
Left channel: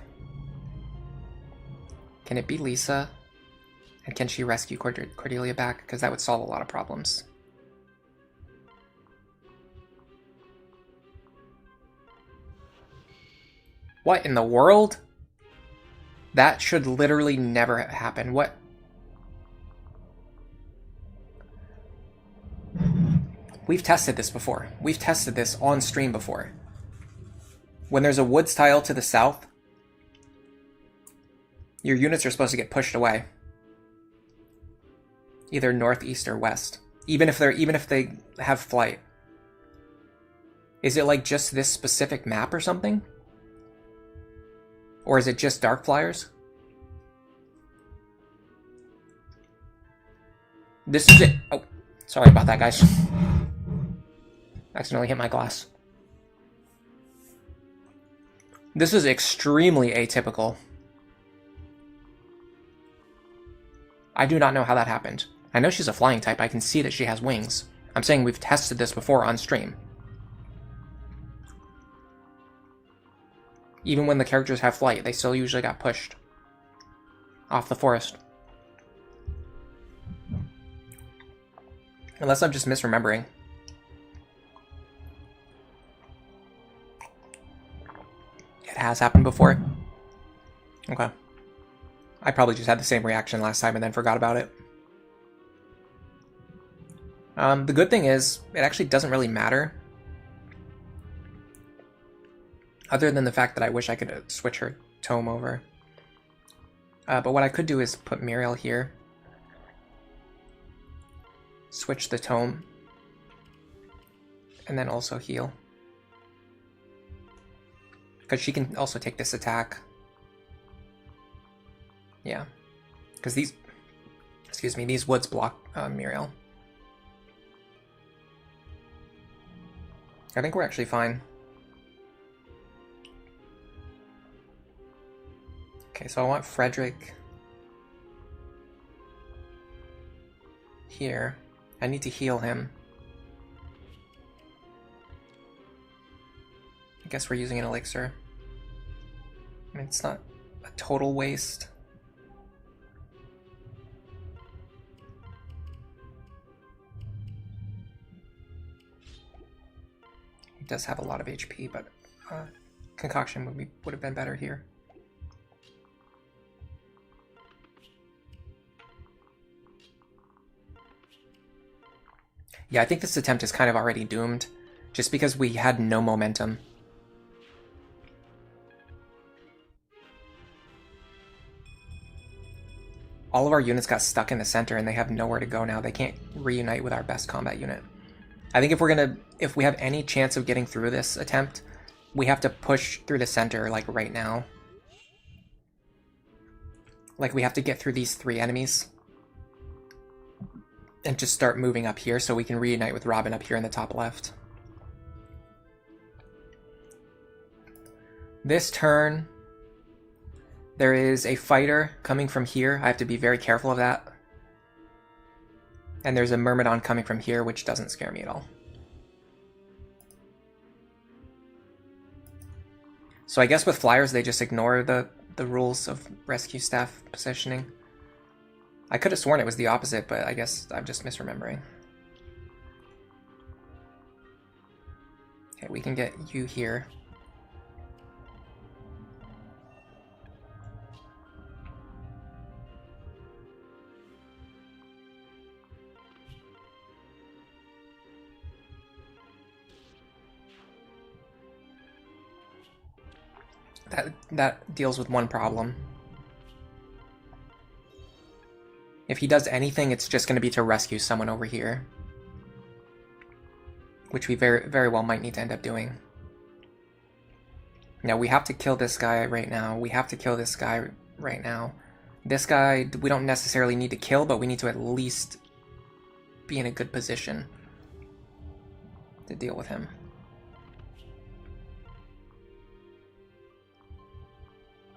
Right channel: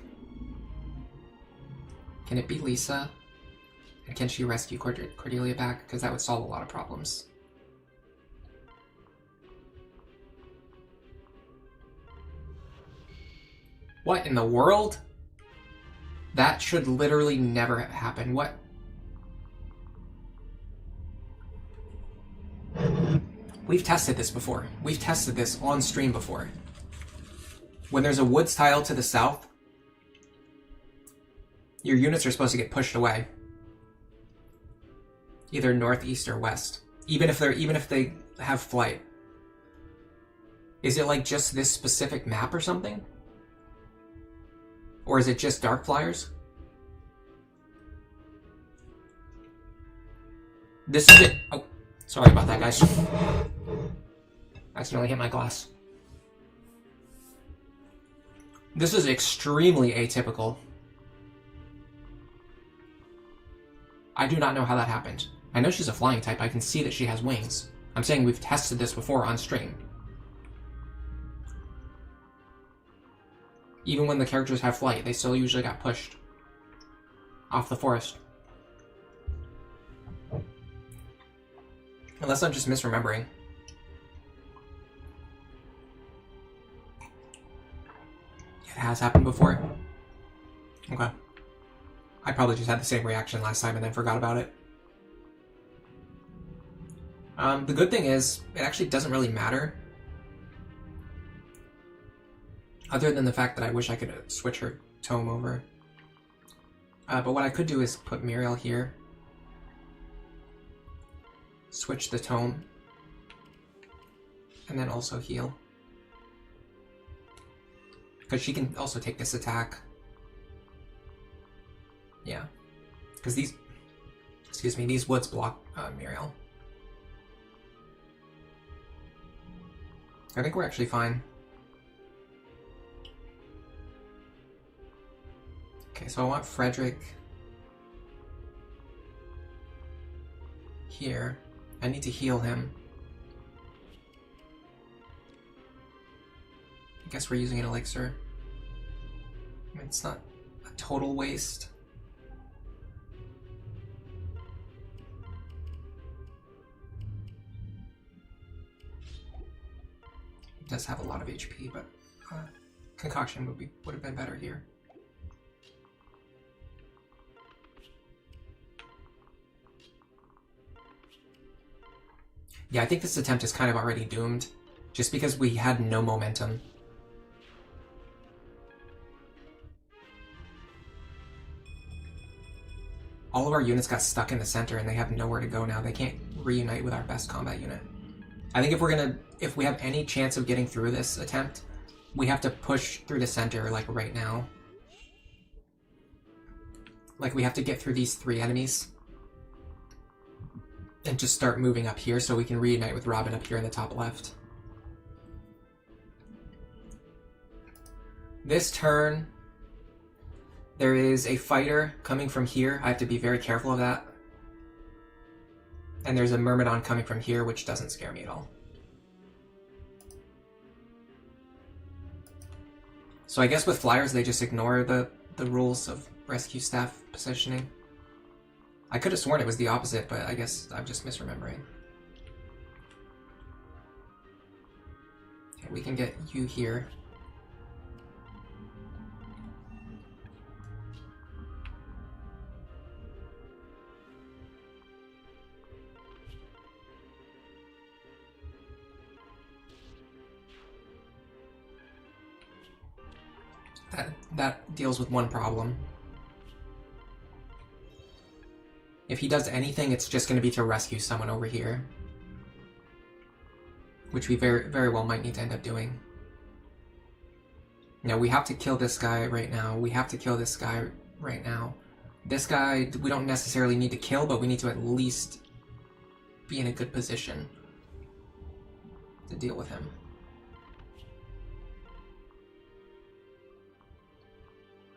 Can it be Lisa? And can she rescue Cordelia back? Because that would solve a lot of problems. What in the world? That should literally never happen. What? We've tested this before. We've tested this on stream before. When there's a woods tile to the south, your units are supposed to get pushed away. Either north, east, or west. Even if they have flight. Is it like just this specific map or something? Or is it just dark flyers? This is it. Oh, sorry about that, guys. Accidentally hit my glass. This is extremely atypical. I do not know how that happened. I know she's a flying type. I can see that she has wings. I'm saying we've tested this before on stream. Even when the characters have flight, they still usually got pushed off the forest. Unless I'm just misremembering. It has happened before? Okay. I probably just had the same reaction last time and then forgot about it. The good thing is, it actually doesn't really matter. Other than the fact that I wish I could switch her tome over. But what I could do is put Muriel here. Switch the tome. And then also heal. Because she can also take this attack. Yeah. Because these... Excuse me, these woods block Muriel. I think we're actually fine. Okay, so I want Frederick here. I need to heal him. I guess we're using an elixir. I mean, it's not a total waste. He does have a lot of HP, but concoction would have been better here. Yeah, I think this attempt is kind of already doomed, just because we had no momentum. All of our units got stuck in the center and they have nowhere to go now. They can't reunite with our best combat unit. I think if we have any chance of getting through this attempt, we have to push through the center, like, right now. Like, we have to get through these 3 enemies. And just start moving up here so we can reunite with Robin up here in the top left. This turn, there is a fighter coming from here. I have to be very careful of that. And there's a Myrmidon coming from here, which doesn't scare me at all. So I guess with flyers, they just ignore the rules of rescue staff positioning. I could have sworn it was the opposite, but I guess I'm just misremembering. Okay, we can get you here. that deals with one problem. If he does anything, it's just going to be to rescue someone over here. Which we very, very well might need to end up doing. No, we have to kill this guy right now. We have to kill this guy right now. This guy, we don't necessarily need to kill, but we need to at least be in a good position to deal with him.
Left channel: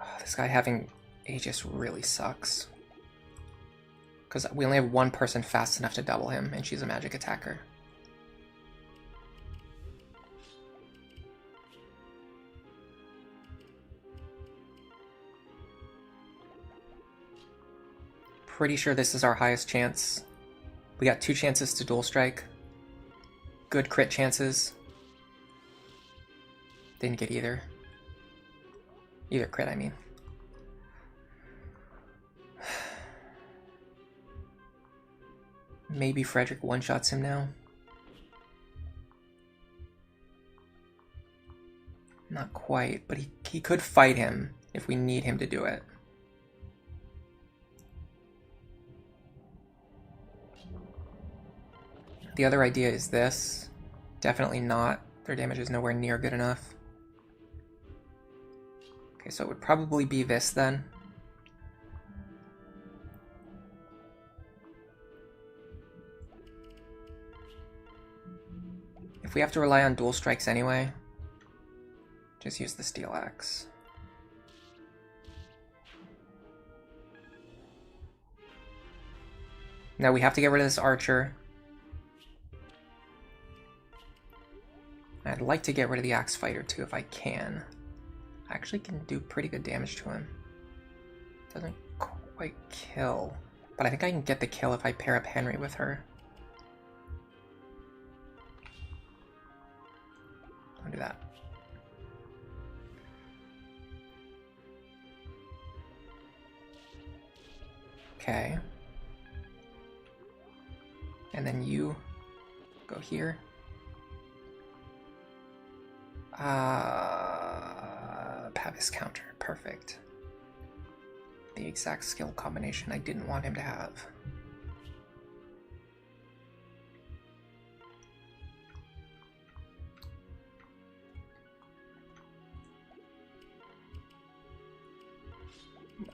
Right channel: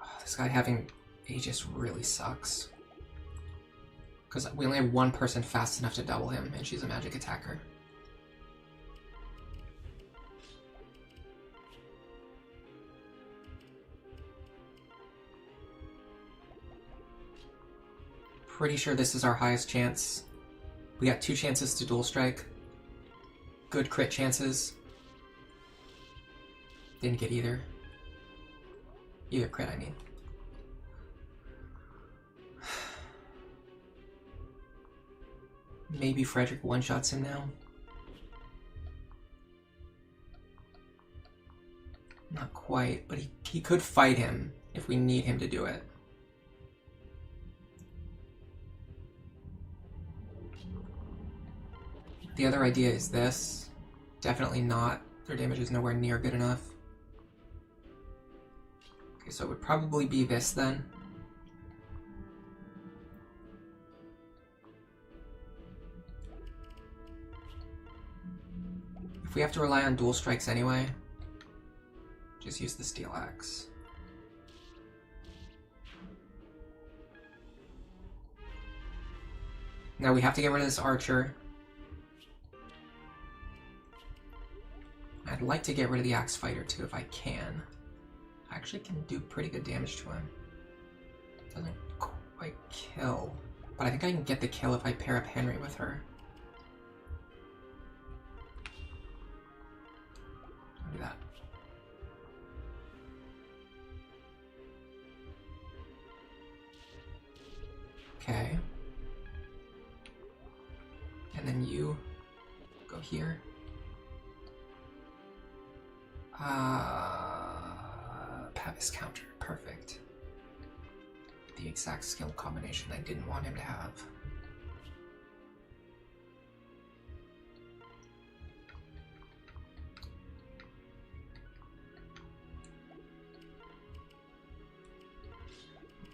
Oh, this guy having Aegis really sucks. Because we only have one person fast enough to double him, and she's a magic attacker. Pretty sure this is our highest chance. We got 2 chances to dual strike. Good crit chances. Didn't get either. Either crit, I mean. Maybe Frederick one-shots him now. Not quite, but he could fight him if we need him to do it. The other idea is this. Definitely not. Their damage is nowhere near good enough. Okay, so it would probably be this then. If we have to rely on dual strikes anyway, just use the steel axe. Now we have to get rid of this archer. I'd like to get rid of the axe fighter too if I can. I actually can do pretty good damage to him. Doesn't quite kill, but I think I can get the kill if I pair up Henry with her. I'll do that. Okay. And then you go here. Pavis counter, perfect. The exact skill combination I didn't want him to have.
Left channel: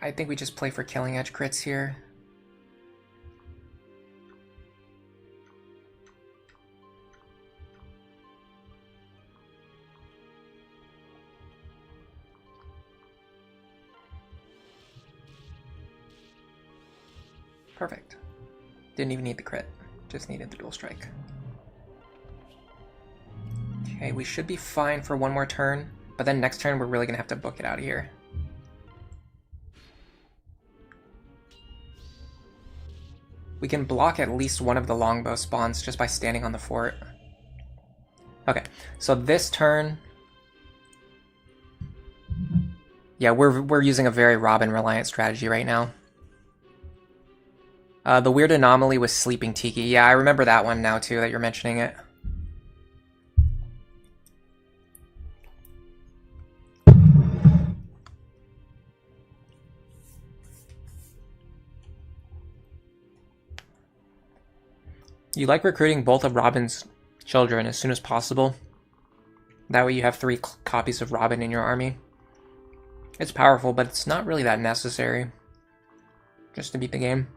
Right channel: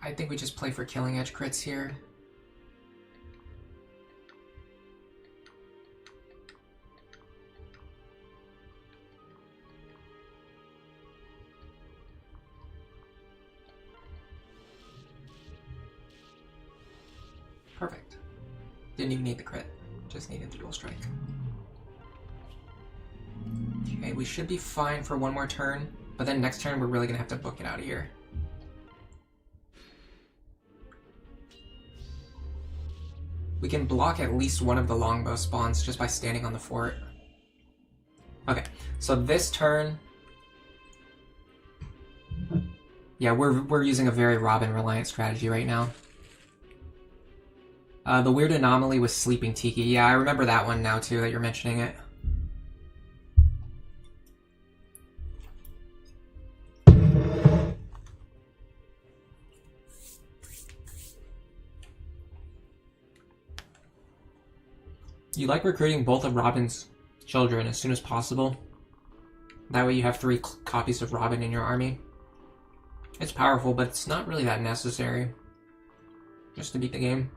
I think we just play for killing edge crits here. Perfect. Didn't even need the crit, just needed the dual strike. Okay, we should be fine for one more turn, but then next turn we're really gonna have to book it out of here. We can block at least one of the longbow spawns just by standing on the fort. Okay, so this turn... Yeah, we're using a very Robin-reliant strategy right now. The weird anomaly was Sleeping Tiki. Yeah, I remember that one now too, that you're mentioning it. You like recruiting both of Robin's children as soon as possible. That way you have 3 copies of Robin in your army. It's powerful, but it's not really that necessary. Just to beat the game.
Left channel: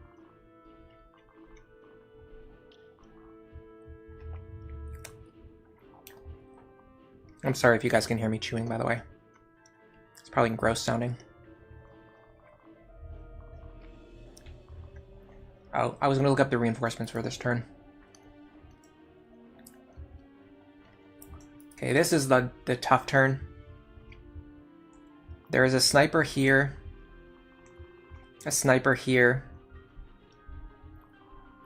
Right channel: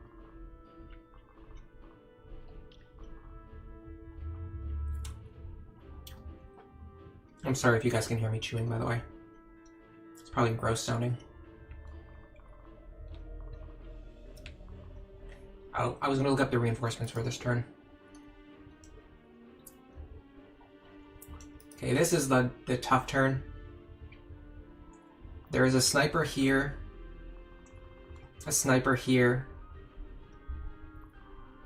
I'm sorry if you guys can hear me chewing, by the way. It's probably gross sounding. Oh, I was going to look up the reinforcements for this turn. Okay, this is the tough turn. There is a sniper here. A sniper here.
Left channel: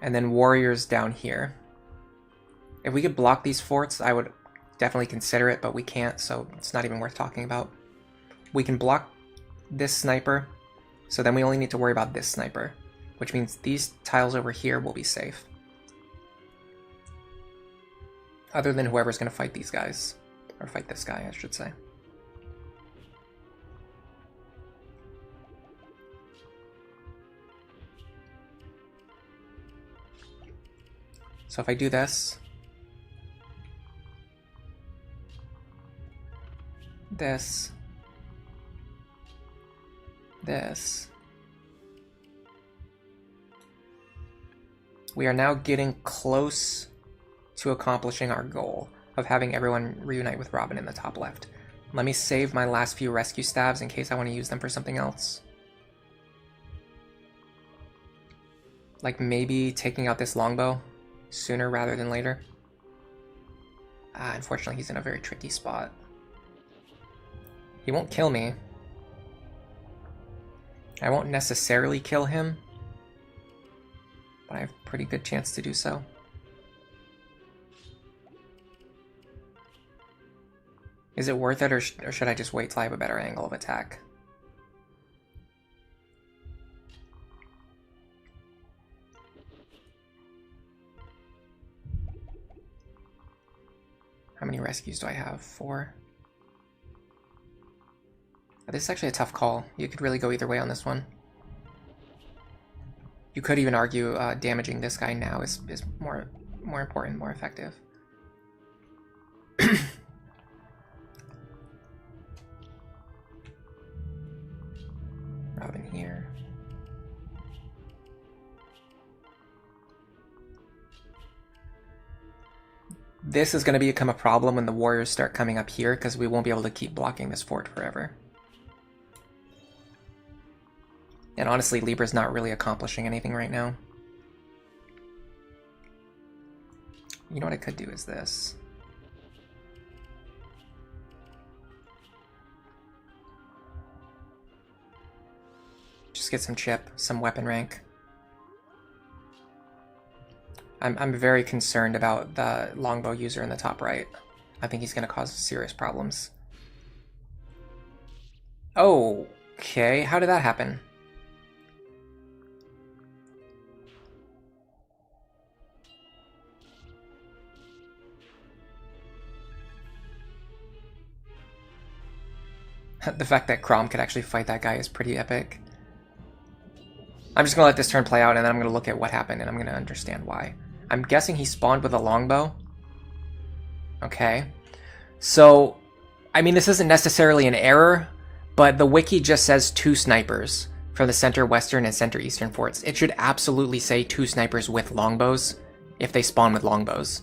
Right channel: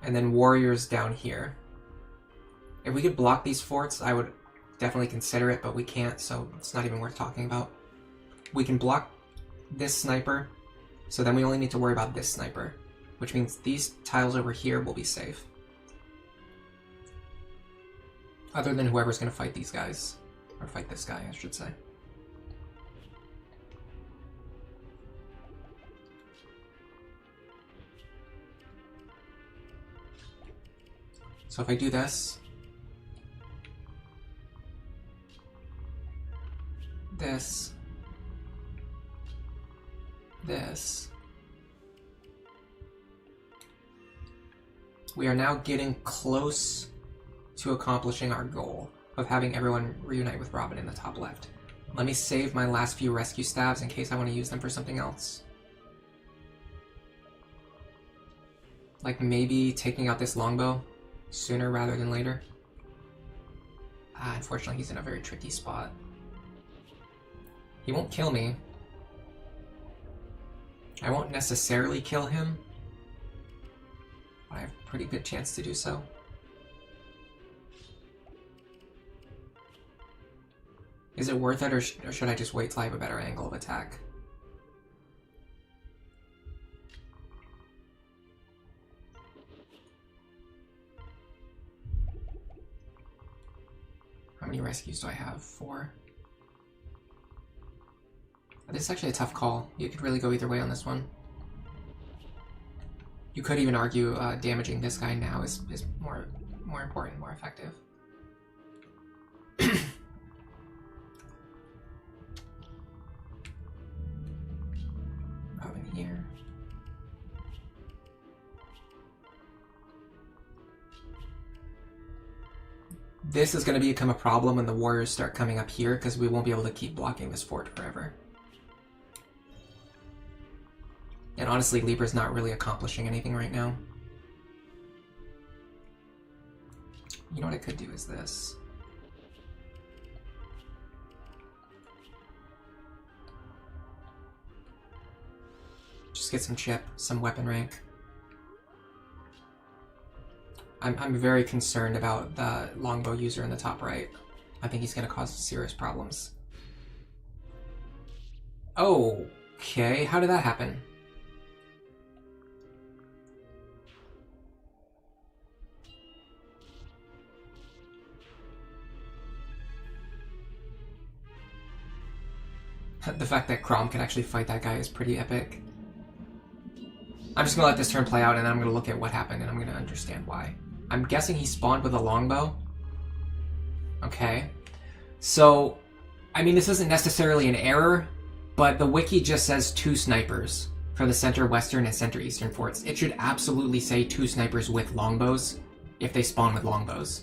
And then warriors down here. If we could block these forts, I would definitely consider it, but we can't, so it's not even worth talking about. We can block this sniper, so then we only need to worry about this sniper, which means these tiles over here will be safe. Other than whoever's going to fight these guys. Or fight this guy, I should say. So if I do this, this, we are now getting close to accomplishing our goal of having everyone reunite with Robin in the top left. Let me save my last few rescue staves in case I want to use them for something else. Like maybe taking out this longbow sooner rather than later. Unfortunately, he's in a very tricky spot. He won't kill me. I won't necessarily kill him, but I have a pretty good chance to do so. Is it worth it, or should I just wait till I have a better angle of attack? How many rescues do I have? 4. This is actually a tough call. You could really go either way on this one. You could even argue damaging this guy now is more important, more effective. Robin here. This is going to become a problem when the warriors start coming up here, because we won't be able to keep blocking this fort forever. And honestly, Libra's not really accomplishing anything right now. You know what I could do is this. Just get some chip, some weapon rank. I'm very concerned about the longbow user in the top right. I think he's going to cause serious problems. Okay, how did that happen? The fact that Crom could actually fight that guy is pretty epic. I'm just going to let this turn play out, and then I'm going to look at what happened, and I'm going to understand why. I'm guessing he spawned with a longbow. Okay. So, I mean, this isn't necessarily an error, but the wiki just says 2 snipers for the center western and center eastern forts. It should absolutely say 2 snipers with longbows if they spawn with longbows.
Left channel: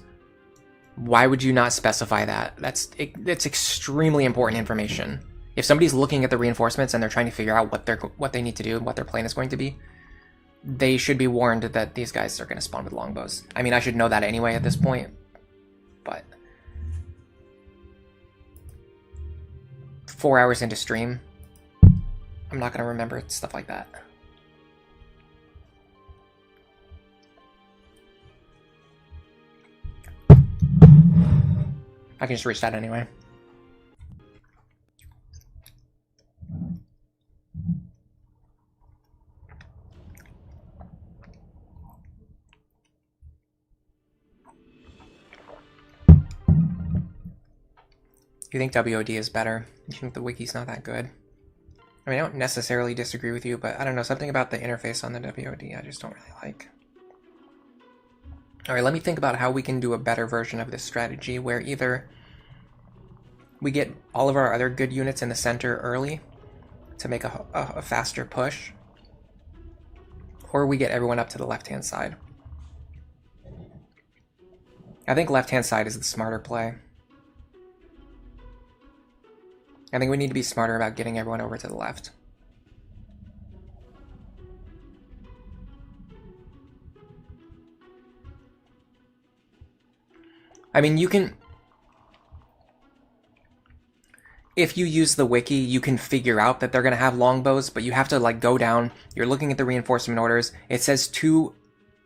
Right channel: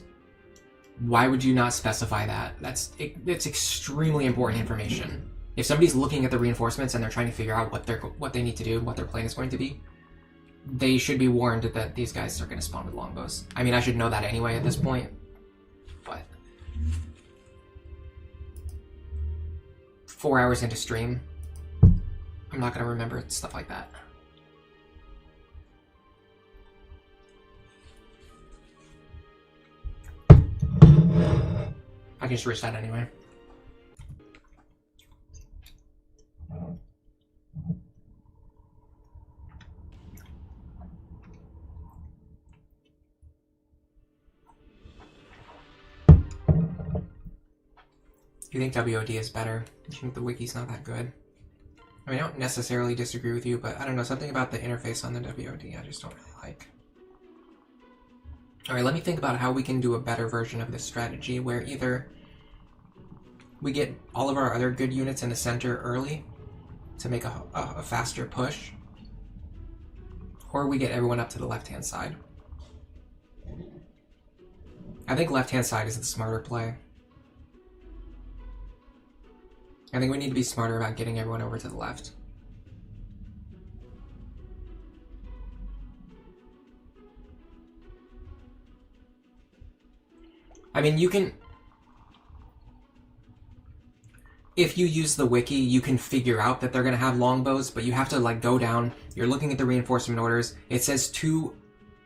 Why would you not specify that? That's extremely important information. If somebody's looking at the reinforcements and they're trying to figure out what they need to do and what their plan is going to be, they should be warned that these guys are going to spawn with longbows. I mean, I should know that anyway at this point, but 4 hours into stream, I'm not going to remember stuff like that. I can just reach that anyway. You think WOD is better? You think the wiki's not that good? I mean, I don't necessarily disagree with you, but I don't know, something about the interface on the WOD I just don't really like. Alright, let me think about how we can do a better version of this strategy, where either we get all of our other good units in the center early to make a faster push, or we get everyone up to the left-hand side. I think left-hand side is the smarter play. I think we need to be smarter about getting everyone over to the left. I mean, you can... If you use the wiki, you can figure out that they're going to have longbows, but you have to, like, go down. You're looking at the reinforcement orders. It says 2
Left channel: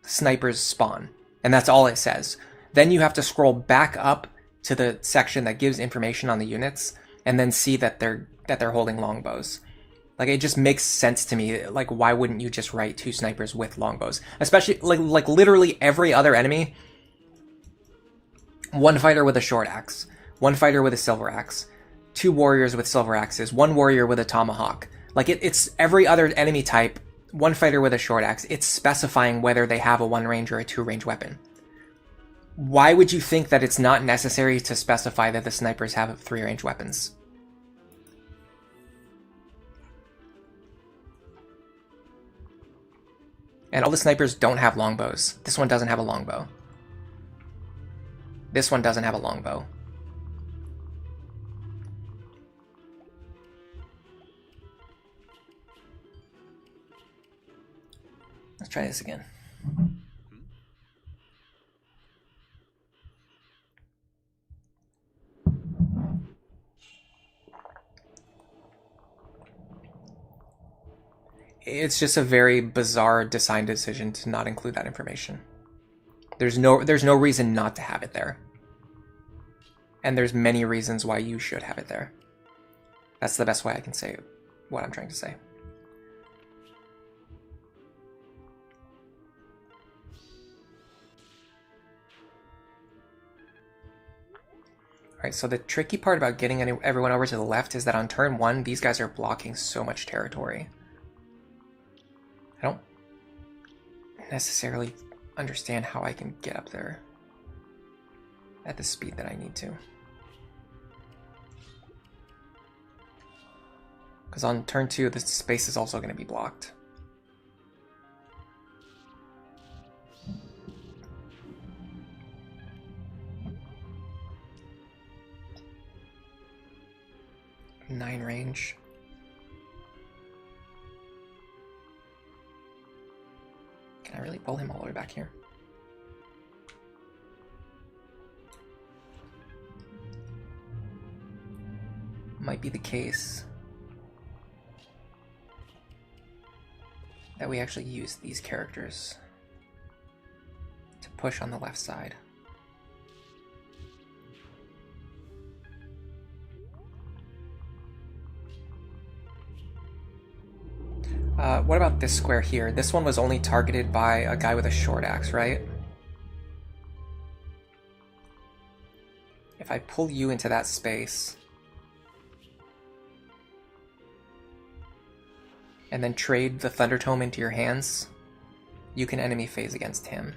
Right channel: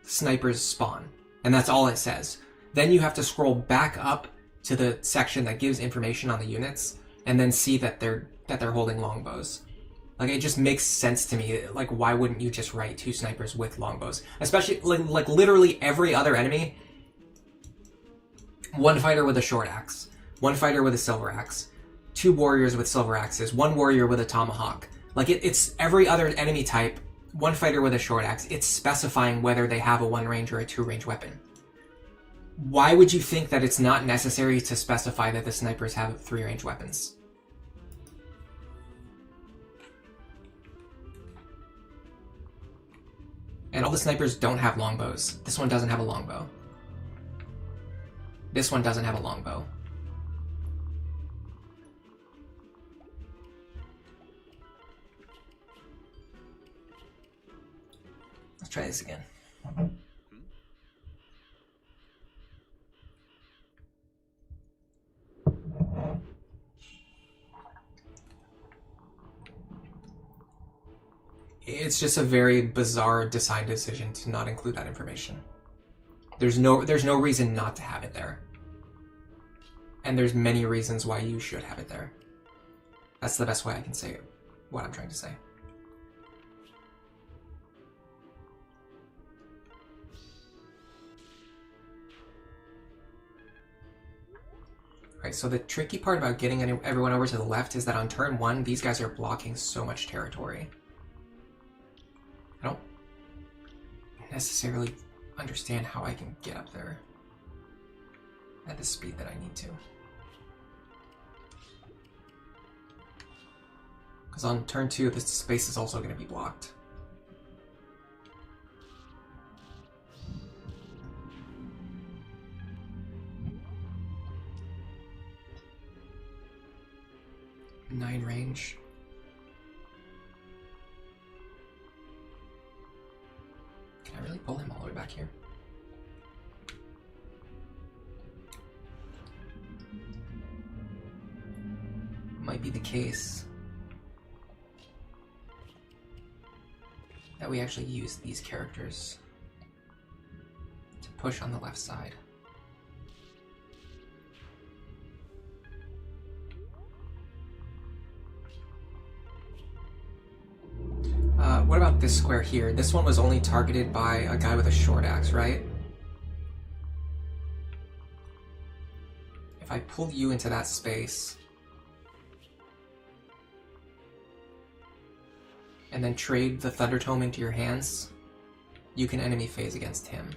snipers spawn, and that's all it says. Then you have to scroll back up to the section that gives information on the units, and then see that they're holding longbows. Like, it just makes sense to me. Like, why wouldn't you just write 2 snipers with longbows? Especially, like literally every other enemy. 1 fighter with a short axe, 1 fighter with a silver axe, 2 warriors with silver axes, 1 warrior with a tomahawk. Like, it's every other enemy type, 1 fighter with a short axe. It's specifying whether they have a 1 range or a 2 range weapon. Why would you think that it's not necessary to specify that the snipers have 3-range weapons? And all the snipers don't have longbows. This one doesn't have a longbow. This one doesn't have a longbow. Let's try this again. It's just a very bizarre design decision to not include that information. There's no reason not to have it there. And there's many reasons why you should have it there. That's the best way I can say what I'm trying to say. Alright, so the tricky part about getting everyone over to the left is that on turn 1, these guys are blocking so much territory. I don't necessarily understand how I can get up there at the speed that I need to. Because on turn 2, the space is also going to be blocked. Nine range. Can I really pull him all the way back here? Might be the case that we actually use these characters to push on the left side. What about this square here? This one was only targeted by a guy with a short axe, right? If I pull you into that space and then trade the Thunder Tome into your hands, you can enemy phase against him.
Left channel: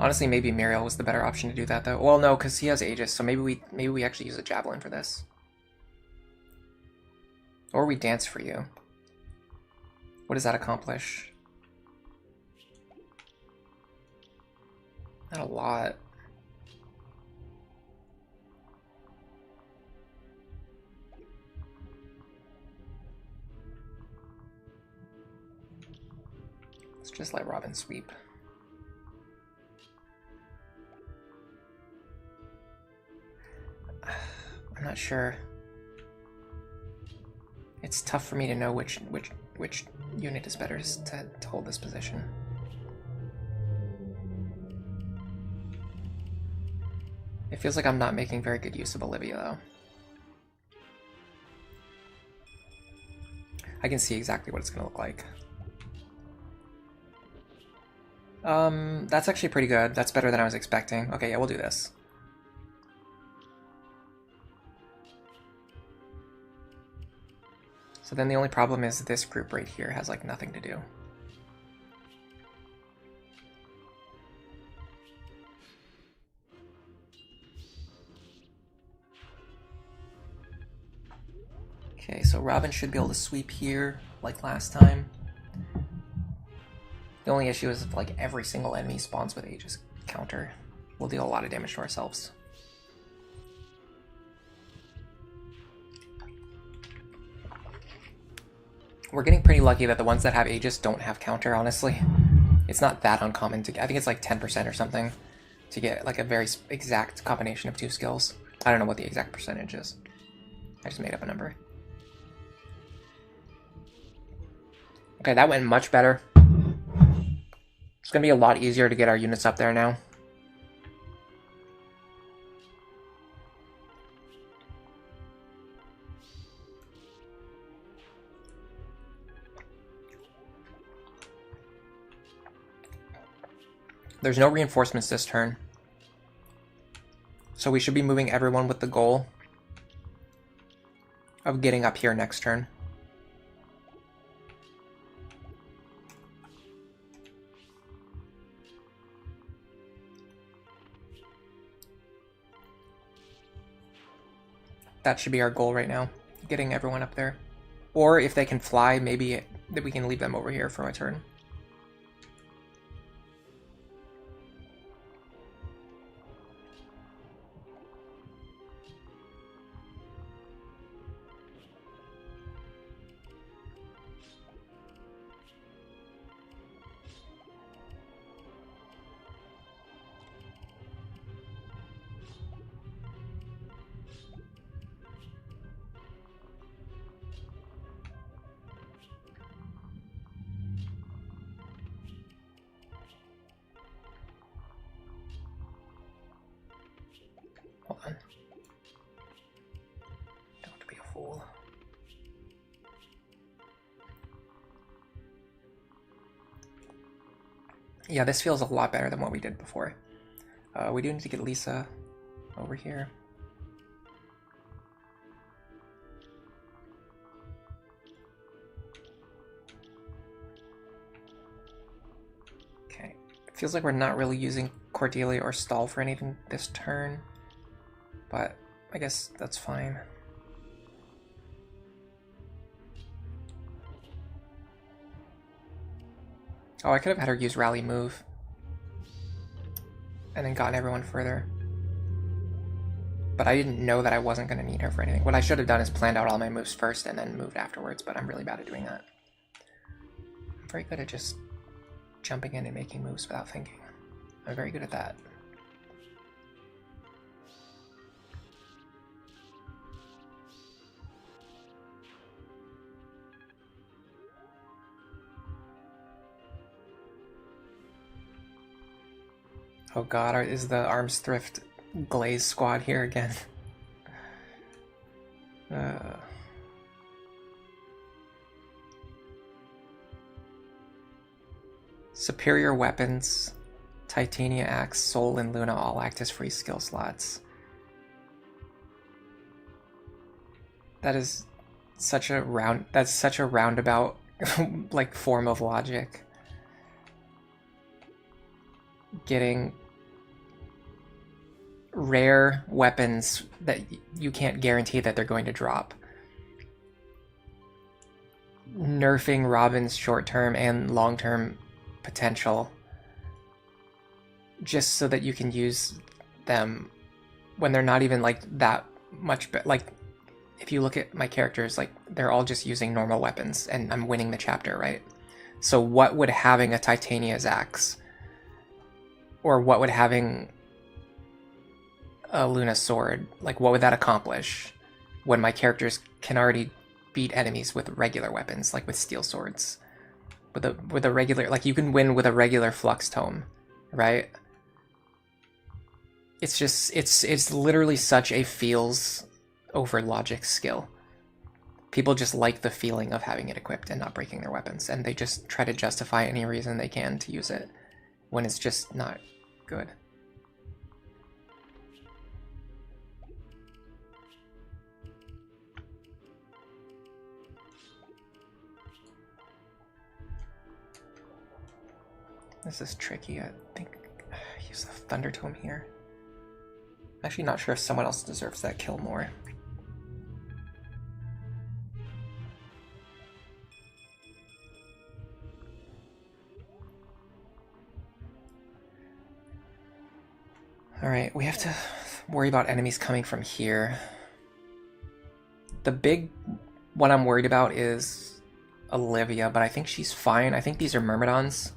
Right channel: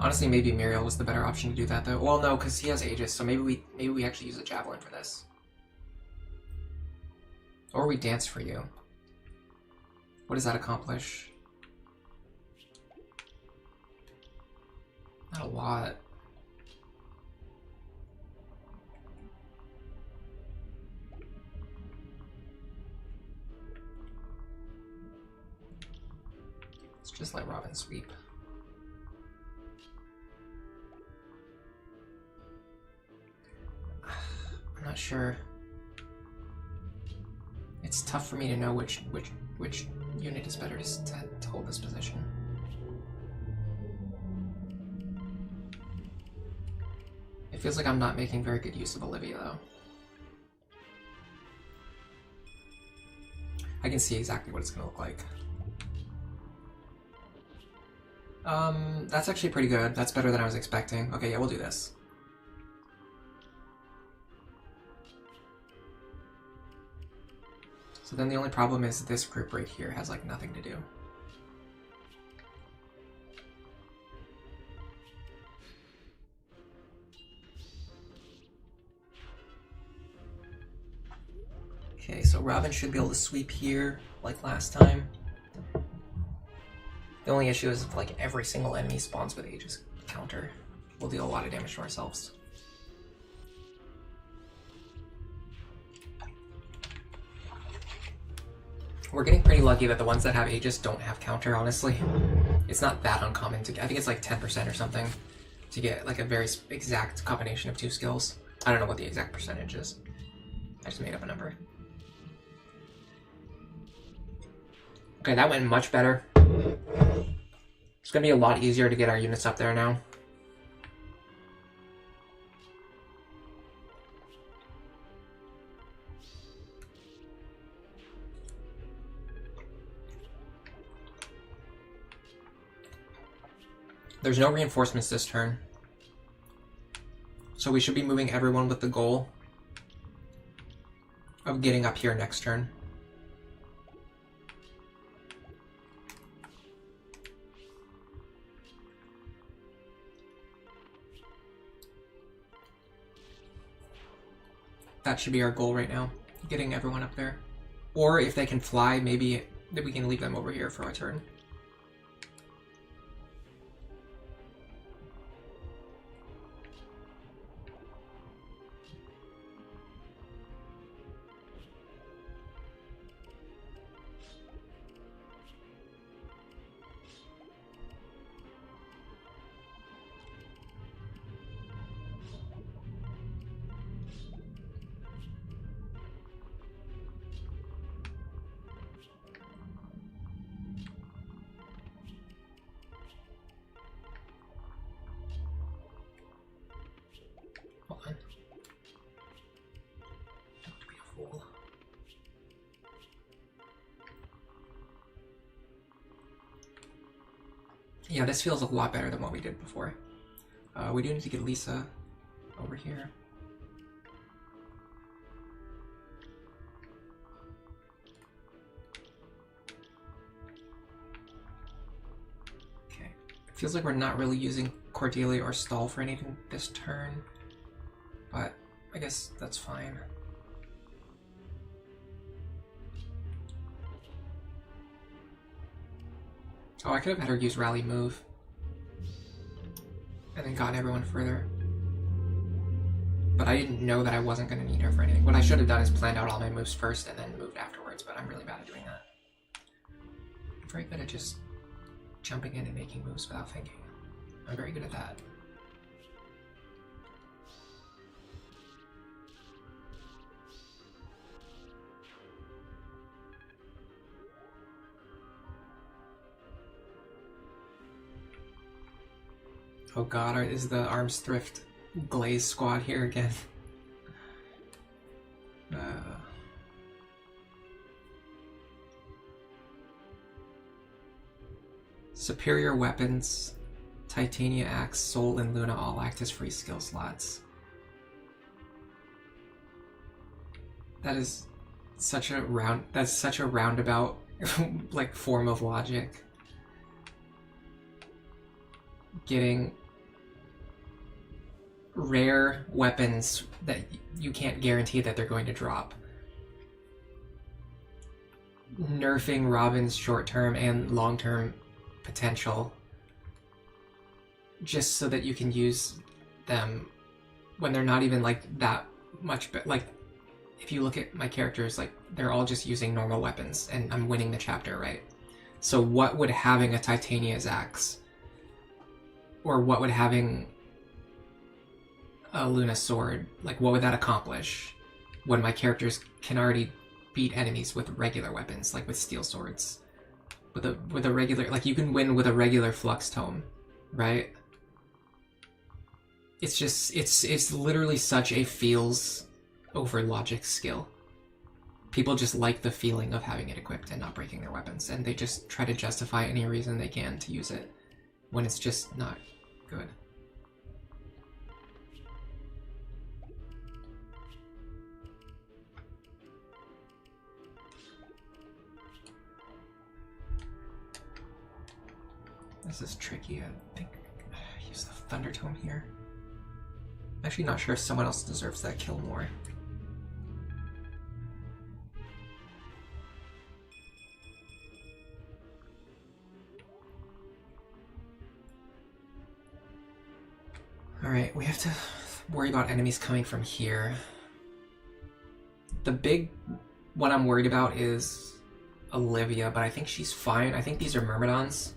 Honestly, maybe Muriel was the better option to do that, though. Well, no, because he has Aegis, so maybe we actually use a Javelin for this. Or we dance for you. What does that accomplish? Not a lot. Let's just let Robin sweep. I'm not sure. It's tough for me to know which unit is better to hold this position. It feels like I'm not making very good use of Olivia, though. I can see exactly what it's going to look like. That's actually pretty good. That's better than I was expecting. Okay, yeah, we'll do this. So then the only problem is this group right here has like nothing to do. Okay, so Robin should be able to sweep here like last time. The only issue is if like every single enemy spawns with Aegis counter, we'll deal a lot of damage to ourselves. We're getting pretty lucky that the ones that have Aegis don't have counter, honestly. It's not that uncommon to get, I think it's like 10% or something, to get like a very exact combination of two skills. I don't know what the exact percentage is. I just made up a number. Okay, that went much better. It's gonna be a lot easier to get our units up there now. There's no reinforcements this turn. So we should be moving everyone with the goal of getting up here next turn. That should be our goal right now, getting everyone up there. Or if they can fly, maybe that we can leave them over here for a turn. Hold on. Don't be a fool. Yeah, this feels a lot better than what we did before. We do need to get Lisa over here. Okay. It feels like we're not really using Cordelia or Stall for anything this turn, but I guess that's fine. Oh, I could have had her use Rally Move and then gotten everyone further. But I didn't know that I wasn't going to need her for anything. What I should have done is planned out all my moves first and then moved afterwards, but I'm really bad at doing that. I'm very good at just jumping in and making moves without thinking. I'm very good at that. Oh god, is the Arms Thrift Glaze squad here again? Superior weapons, Titania Axe, Soul, and Luna all act as free skill slots. That is such a roundabout like form of logic. Getting rare weapons that you can't guarantee that they're going to drop. Nerfing Robin's short-term and long-term potential just so that you can use them when they're not even like that much like if you look at my characters, like they're all just using normal weapons and I'm winning the chapter, right? So what would having a Titania's axe or what would having a Luna sword, like what would that accomplish when my characters can already beat enemies with regular weapons, like with steel swords? With a regular, like you can win with a regular flux tome, right? It's just, it's literally such a feels over logic skill. People just like the feeling of having it equipped and not breaking their weapons, and they just try to justify any reason they can to use it when it's just not good. This is tricky. I think I use the Thunder Tome here. I'm actually not sure if someone else deserves that kill more. Alright, we have to worry about enemies coming from here. The big one I'm worried about is Olivia, but I think she's fine. I think these are Myrmidons.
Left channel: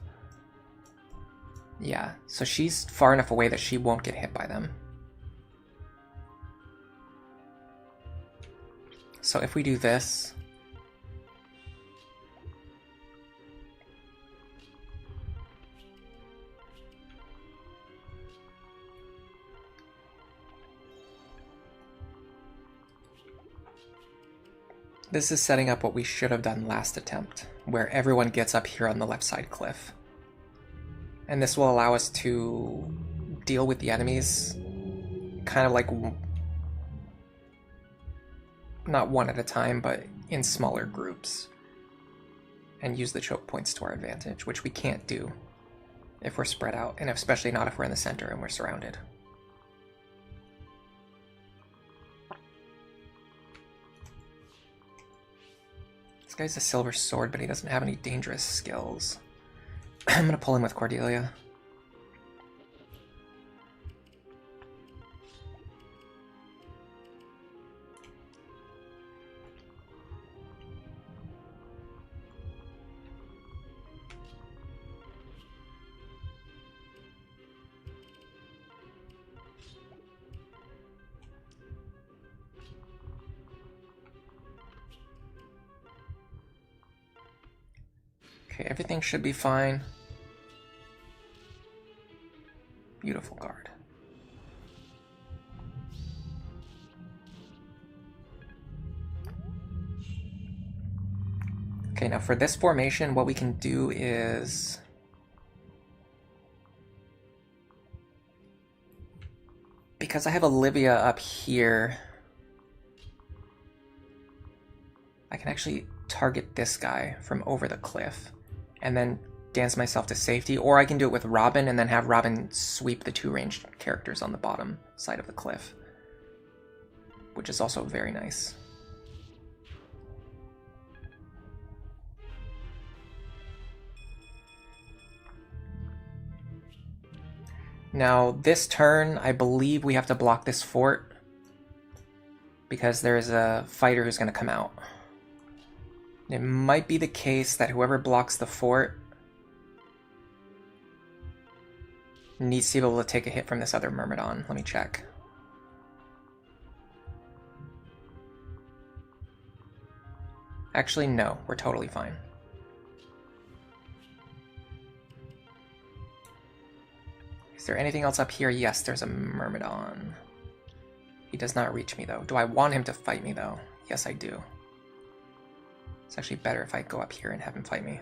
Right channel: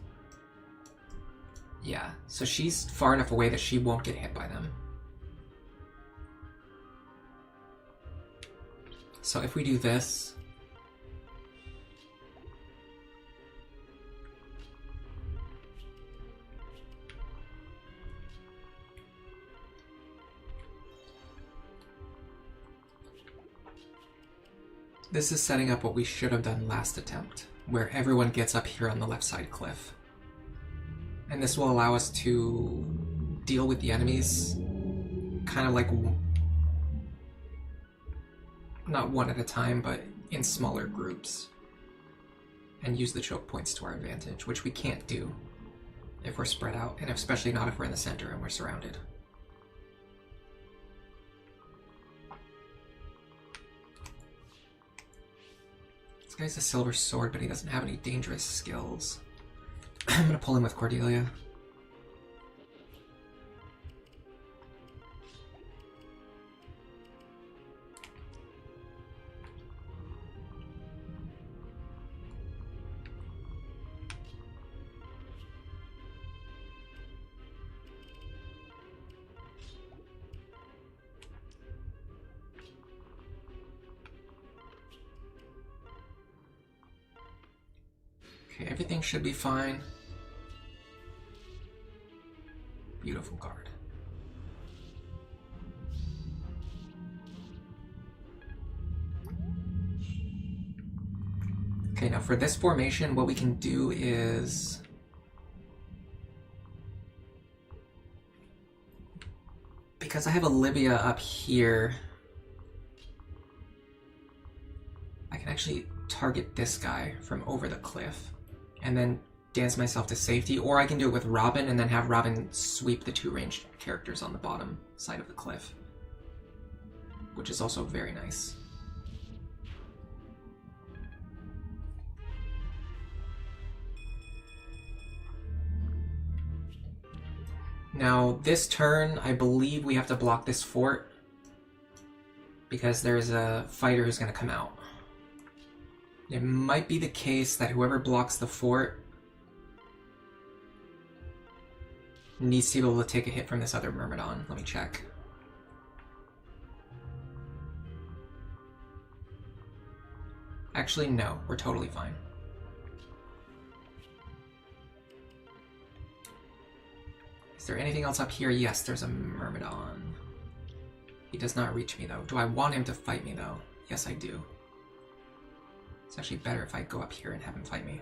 Yeah, so she's far enough away that she won't get hit by them. So if we do this... This is setting up what we should have done last attempt, where everyone gets up here on the left side cliff. And this will allow us to deal with the enemies kind of like, not one at a time, but in smaller groups, and use the choke points to our advantage, which we can't do if we're spread out, and especially not if we're in the center and we're surrounded. This guy's a silver sword, but he doesn't have any dangerous skills. I'm gonna pull him with Cordelia. Okay, everything should be fine. Beautiful card. Okay, now for this formation, what we can do is... because I have Olivia up here, I can actually target this guy from over the cliff and then dance myself to safety, or I can do it with Robin and then have Robin sweep the two ranged characters on the bottom side of the cliff, which is also very nice. Now, this turn, I believe we have to block this fort because there's a fighter who's going to come out. It might be the case that whoever blocks the fort needs to be able to take a hit from this other Myrmidon. Let me check. Actually, no. We're totally fine. Is there anything else up here? Yes, there's a Myrmidon. He does not reach me, though. Do I want him to fight me, though? Yes, I do. It's actually better if I go up here and have him fight me.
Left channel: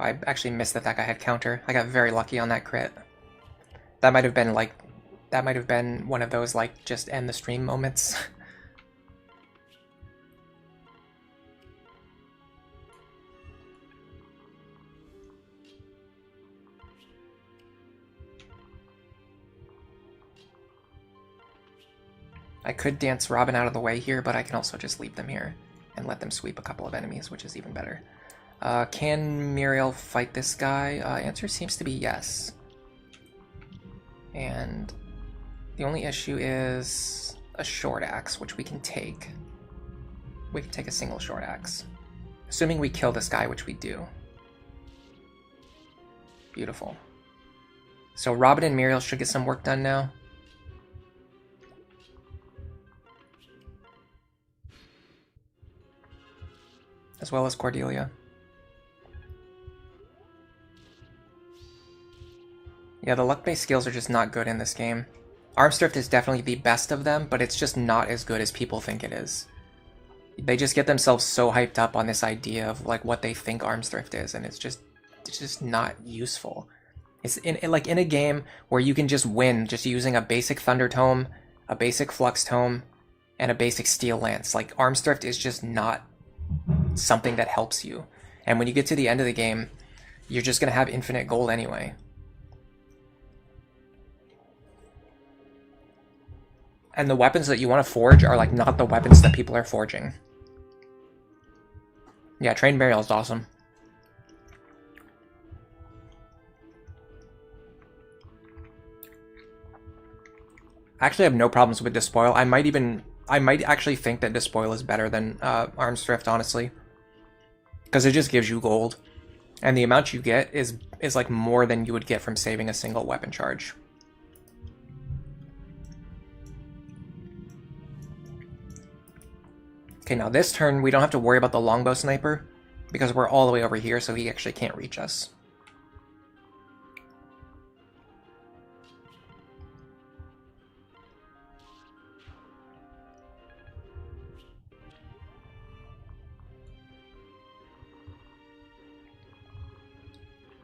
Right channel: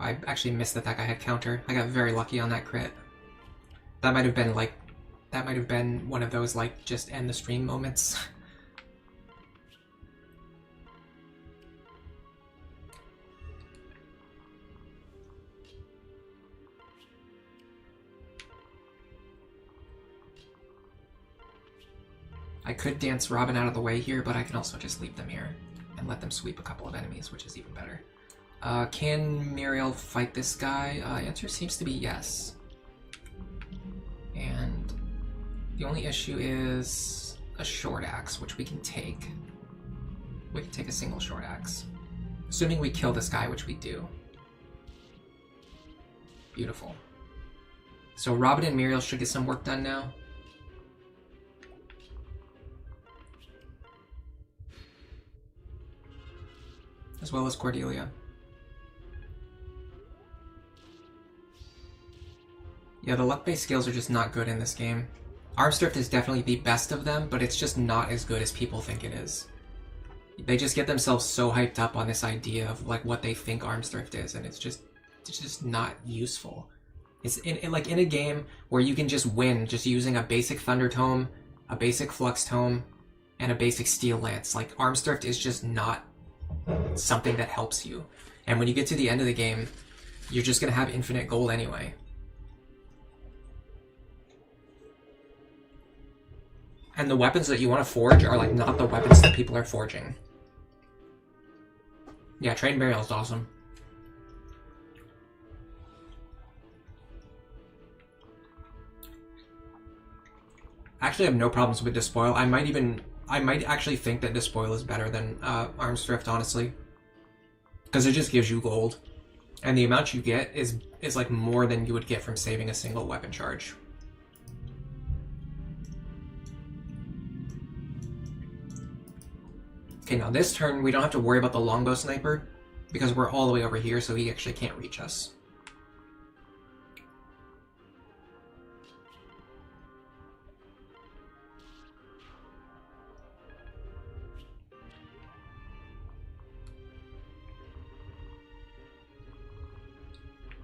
I actually missed that that guy had counter. I got very lucky on that crit. That might have been like... that might have been one of those, like, just end the stream moments. I could dance Robin out of the way here, but I can also just leave them here and let them sweep a couple of enemies, which is even better. Can Muriel fight this guy? Answer seems to be yes. And the only issue is a short axe, which we can take. We can take a single short axe. Assuming we kill this guy, which we do. Beautiful. So Robin and Muriel should get some work done now. As well as Cordelia. Yeah, the luck-based skills are just not good in this game. Armstrift is definitely the best of them, but it's just not as good as people think it is. They just get themselves so hyped up on this idea of like what they think Armstrift is, and it's just not useful. It's like in a game where you can just win just using a basic Thunder Tome, a basic Flux Tome, and a basic Steel Lance. Like Armstrift is just not something that helps you. And when you get to the end of the game, you're just going to have infinite gold anyway. And the weapons that you want to forge are like not the weapons that people are forging. Yeah, Trained Burial is awesome. I actually have no problems with Despoil. I might actually think that Despoil is better than Armstrift, honestly. Because it just gives you gold. And the amount you get is like more than you would get from saving a single weapon charge. Okay, now this turn we don't have to worry about the longbow sniper because we're all the way over here, so he actually can't reach us.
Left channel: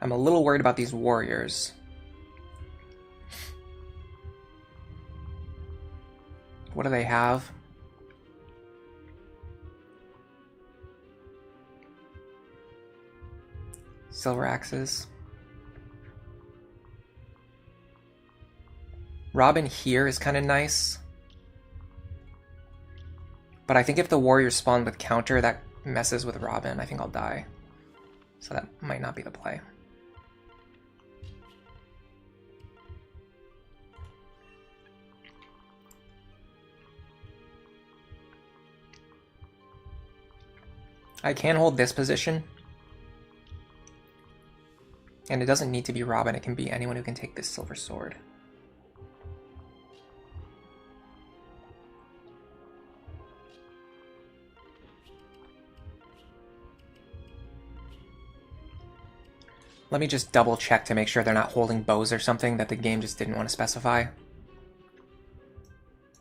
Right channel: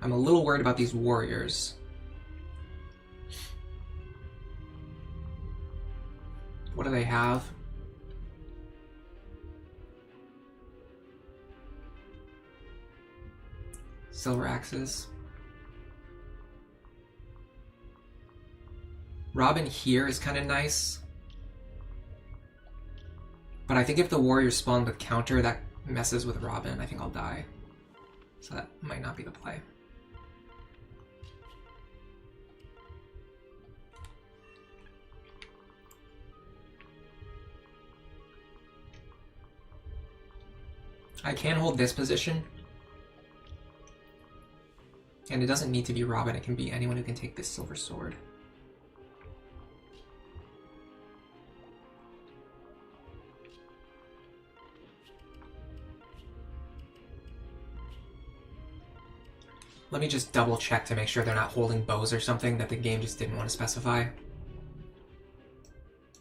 I'm a little worried about these warriors. do they have? Silver axes. Robin here is kind of nice. But I think if the warriors spawn with counter, that messes with Robin. I think I'll die. So that might not be the play. I can hold this position. And it doesn't need to be Robin, it can be anyone who can take this silver sword. Let me just double check to make sure they're not holding bows or something that the game just didn't want to specify.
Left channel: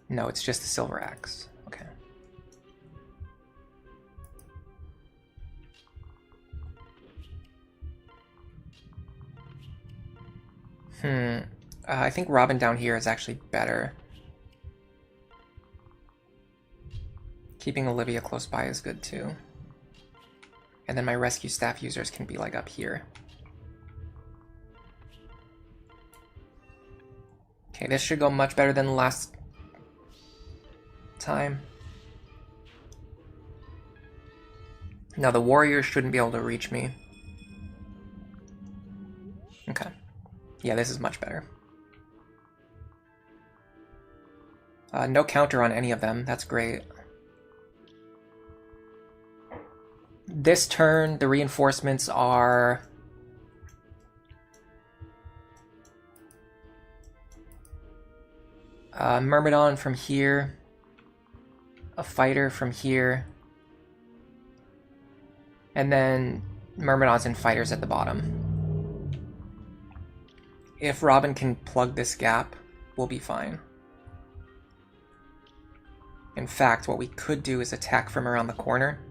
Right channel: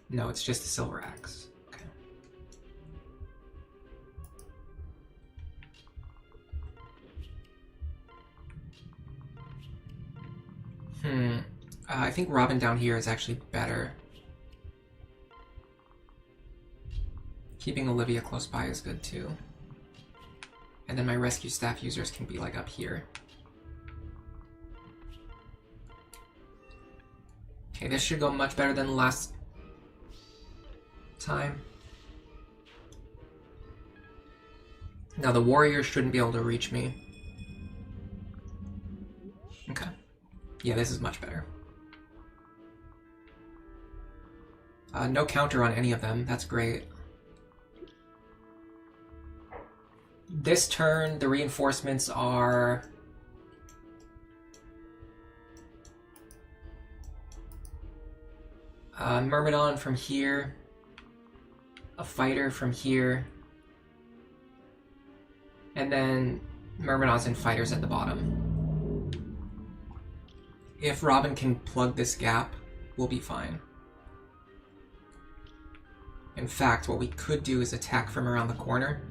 No, it's just a silver axe. Okay. I think Robin down here is actually better. Keeping Olivia close by is good too. And then my rescue staff users can be like up here. Okay, this should go much better than last time. Now the warriors shouldn't be able to reach me. Okay. Yeah, this is much better. No counter on any of them. That's great. This turn, the reinforcements are... Myrmidon from here. A fighter from here. And then Myrmidons and fighters at the bottom. If Robin can plug this gap, we'll be fine. In fact, what we could do is attack from around the corner.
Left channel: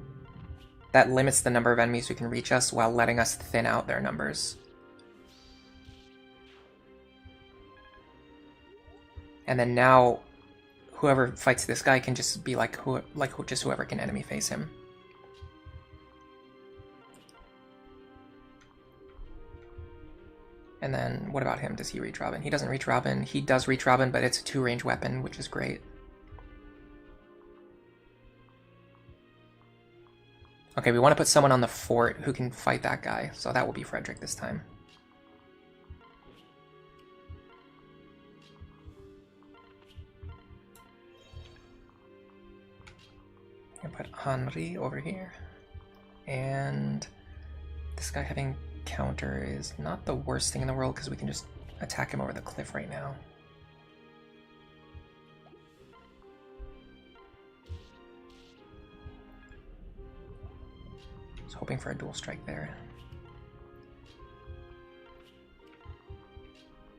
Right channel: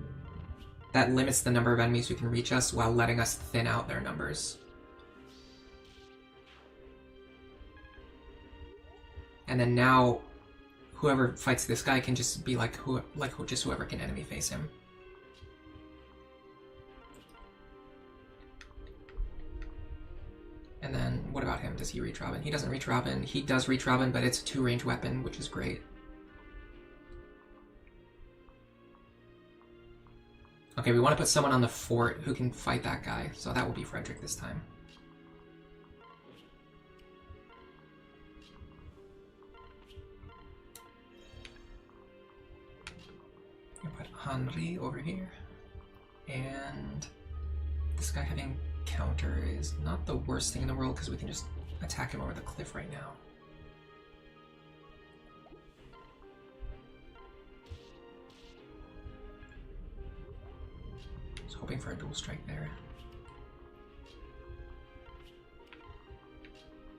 That limits the number of enemies who can reach us while letting us thin out their numbers. And then now, whoever fights this guy can just be like just whoever can enemy face him. And then, what about him? Does he reach Robin? He doesn't reach Robin. He does reach Robin, but it's a 2-range weapon, which is great. Okay, we want to put someone on the fort who can fight that guy, so that will be Frederick this time. I'm gonna put Henri over here. And this guy having counter is not the worst thing in the world because we can just attack him over the cliff right now. I was hoping for a dual strike there.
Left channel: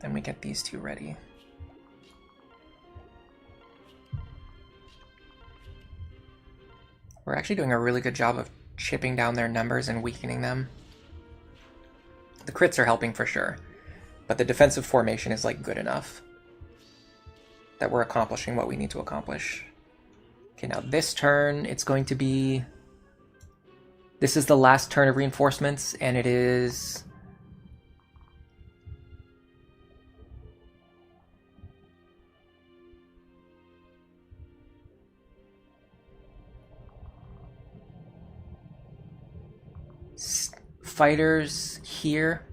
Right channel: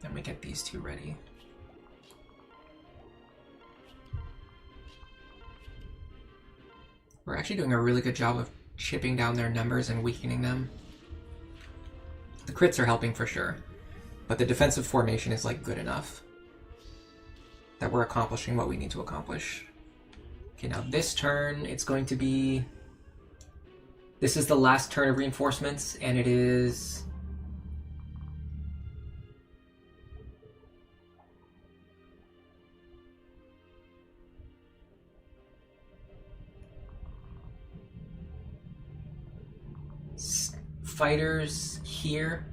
Then we get these two ready. We're actually doing a really good job of chipping down their numbers and weakening them. The crits are helping for sure, but the defensive formation is like good enough that we're accomplishing what we need to accomplish. Okay, now this turn, it's going to be... This is the last turn of reinforcements, and it is... Fighters here,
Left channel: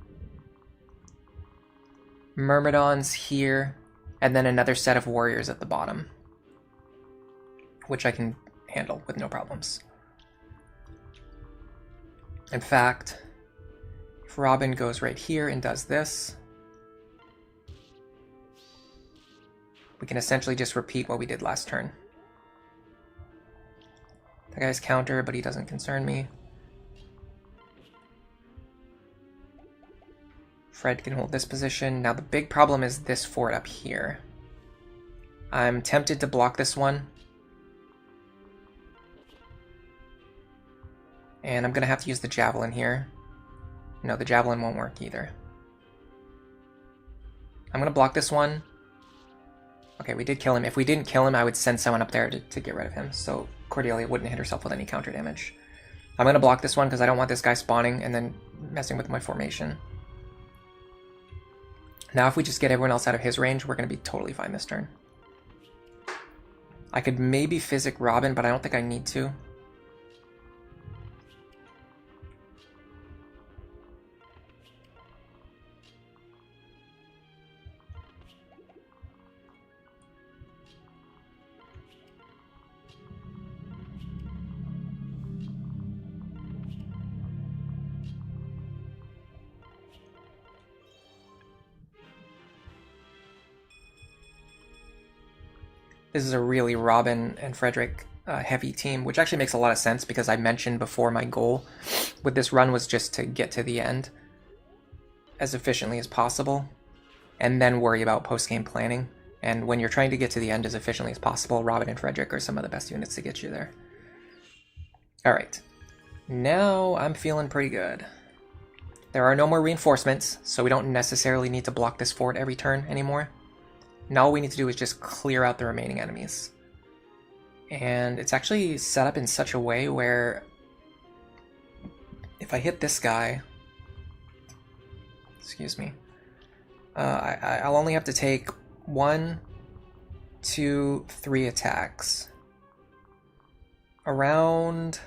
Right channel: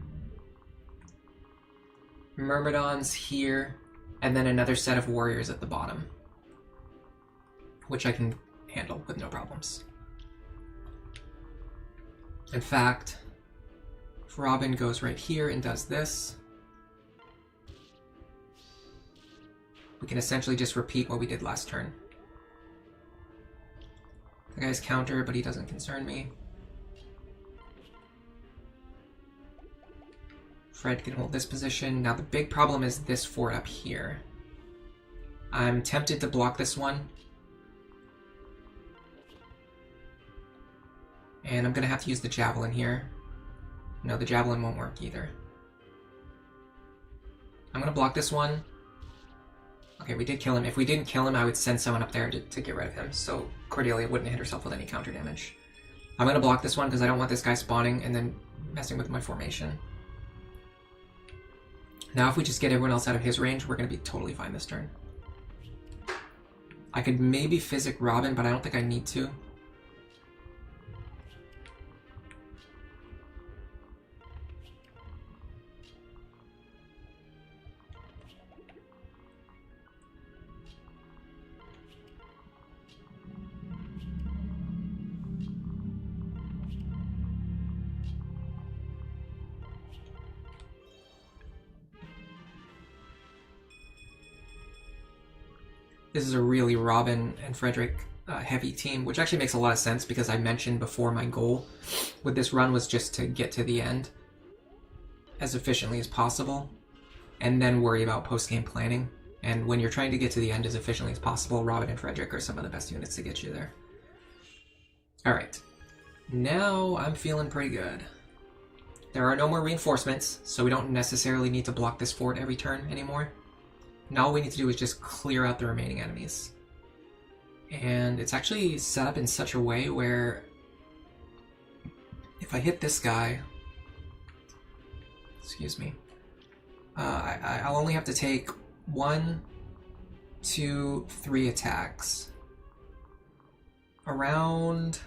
Myrmidons here, and then another set of warriors at the bottom, which I can handle with no problems. In fact, if Robin goes right here and does this, we can essentially just repeat what we did last turn. That guy's counter, but he doesn't concern me. Fred can hold this position. Now the big problem is this fort up here. I'm tempted to block this one. And I'm going to have to use the javelin here. No, the javelin won't work either. I'm going to block this one. Okay, we did kill him. If we didn't kill him, I would send someone up there to get rid of him, so Cordelia wouldn't hit herself with any counter damage. I'm going to block this one because I don't want this guy spawning and then messing with my formation. Now if we just get everyone else out of his range, we're going to be totally fine this turn. I could maybe Physic Robin, but I don't think I need to. This is a really Robin and Frederick heavy team, which actually makes a lot of sense because I mentioned before my goal with this run was just to get to the end as efficiently as possible and then worry about post-game planning. And when you're trying to get to the end as efficiently as possible, Robin and Frederick are some of the best units to get you there. Alright, now I'm feeling pretty good. There are no more reinforcements, so we don't necessarily need to block this fort every turn anymore. Now all we need to do is just clear out the remaining enemies. And it's actually set up in such a way where if I hit this guy, excuse me, I'll only have to take 1, 2, 3 attacks. Around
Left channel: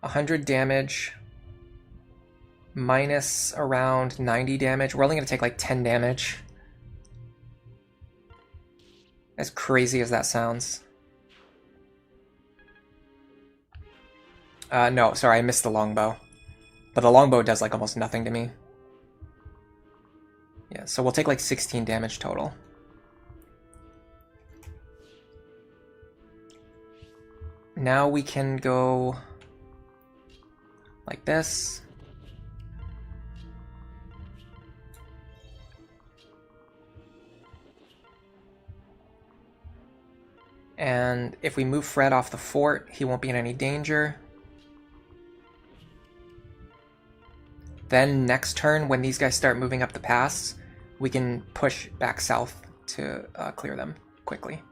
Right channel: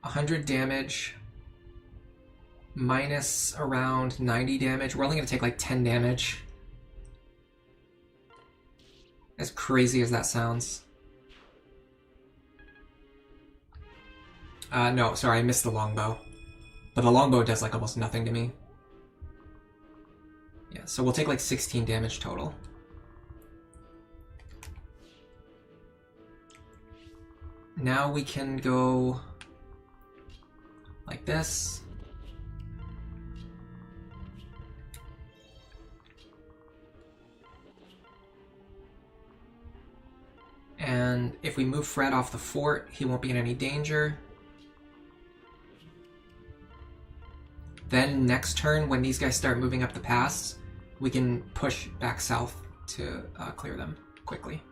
100 damage minus around 90 damage. We're only going to take like 10 damage. As crazy as that sounds. No, sorry, I missed the longbow. But the longbow does like almost nothing to me. Yeah, so we'll take like 16 damage total. Now we can go like this. And if we move Fred off the fort, he won't be in any danger. Then next turn, when these guys start moving up the pass, we can push back south to clear them quickly.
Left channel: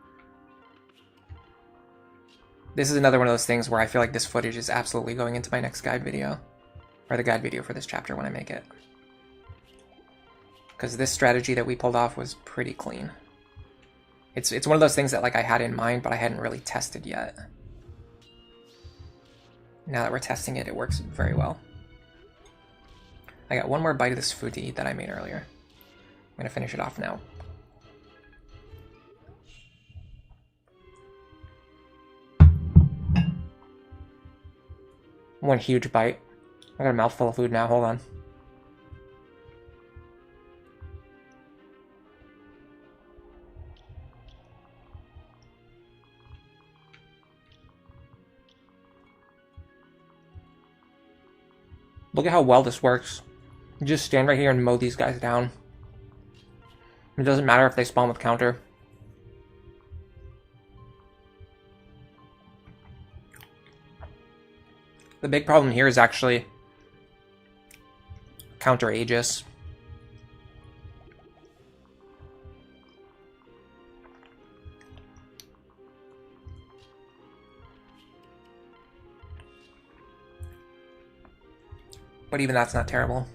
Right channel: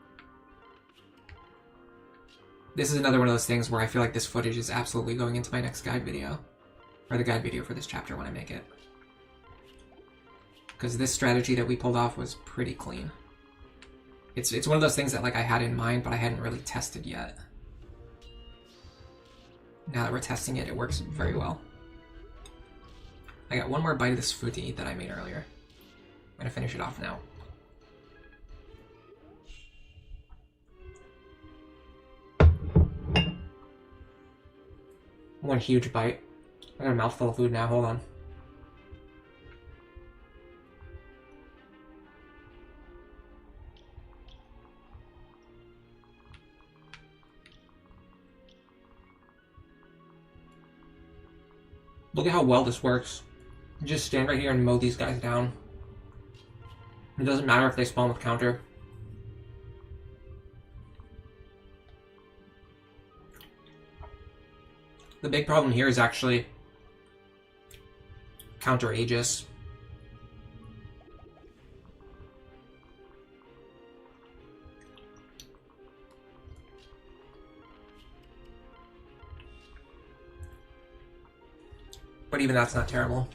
This is another one of those things where I feel like this footage is absolutely going into my next guide video. Or the guide video for this chapter when I make it. Because this strategy that we pulled off was pretty clean. It's one of those things that like I had in mind, but I hadn't really tested yet. Now that we're testing it, it works very well. I got one more bite of this food to eat that I made earlier. I'm gonna finish it off now. One huge bite. I got a mouthful of food now, hold on. Look at how well this works. You just stand right here and mow these guys down. It doesn't matter if they spawn with counter. The big problem here is actually counter Aegis. But even that's not terrible.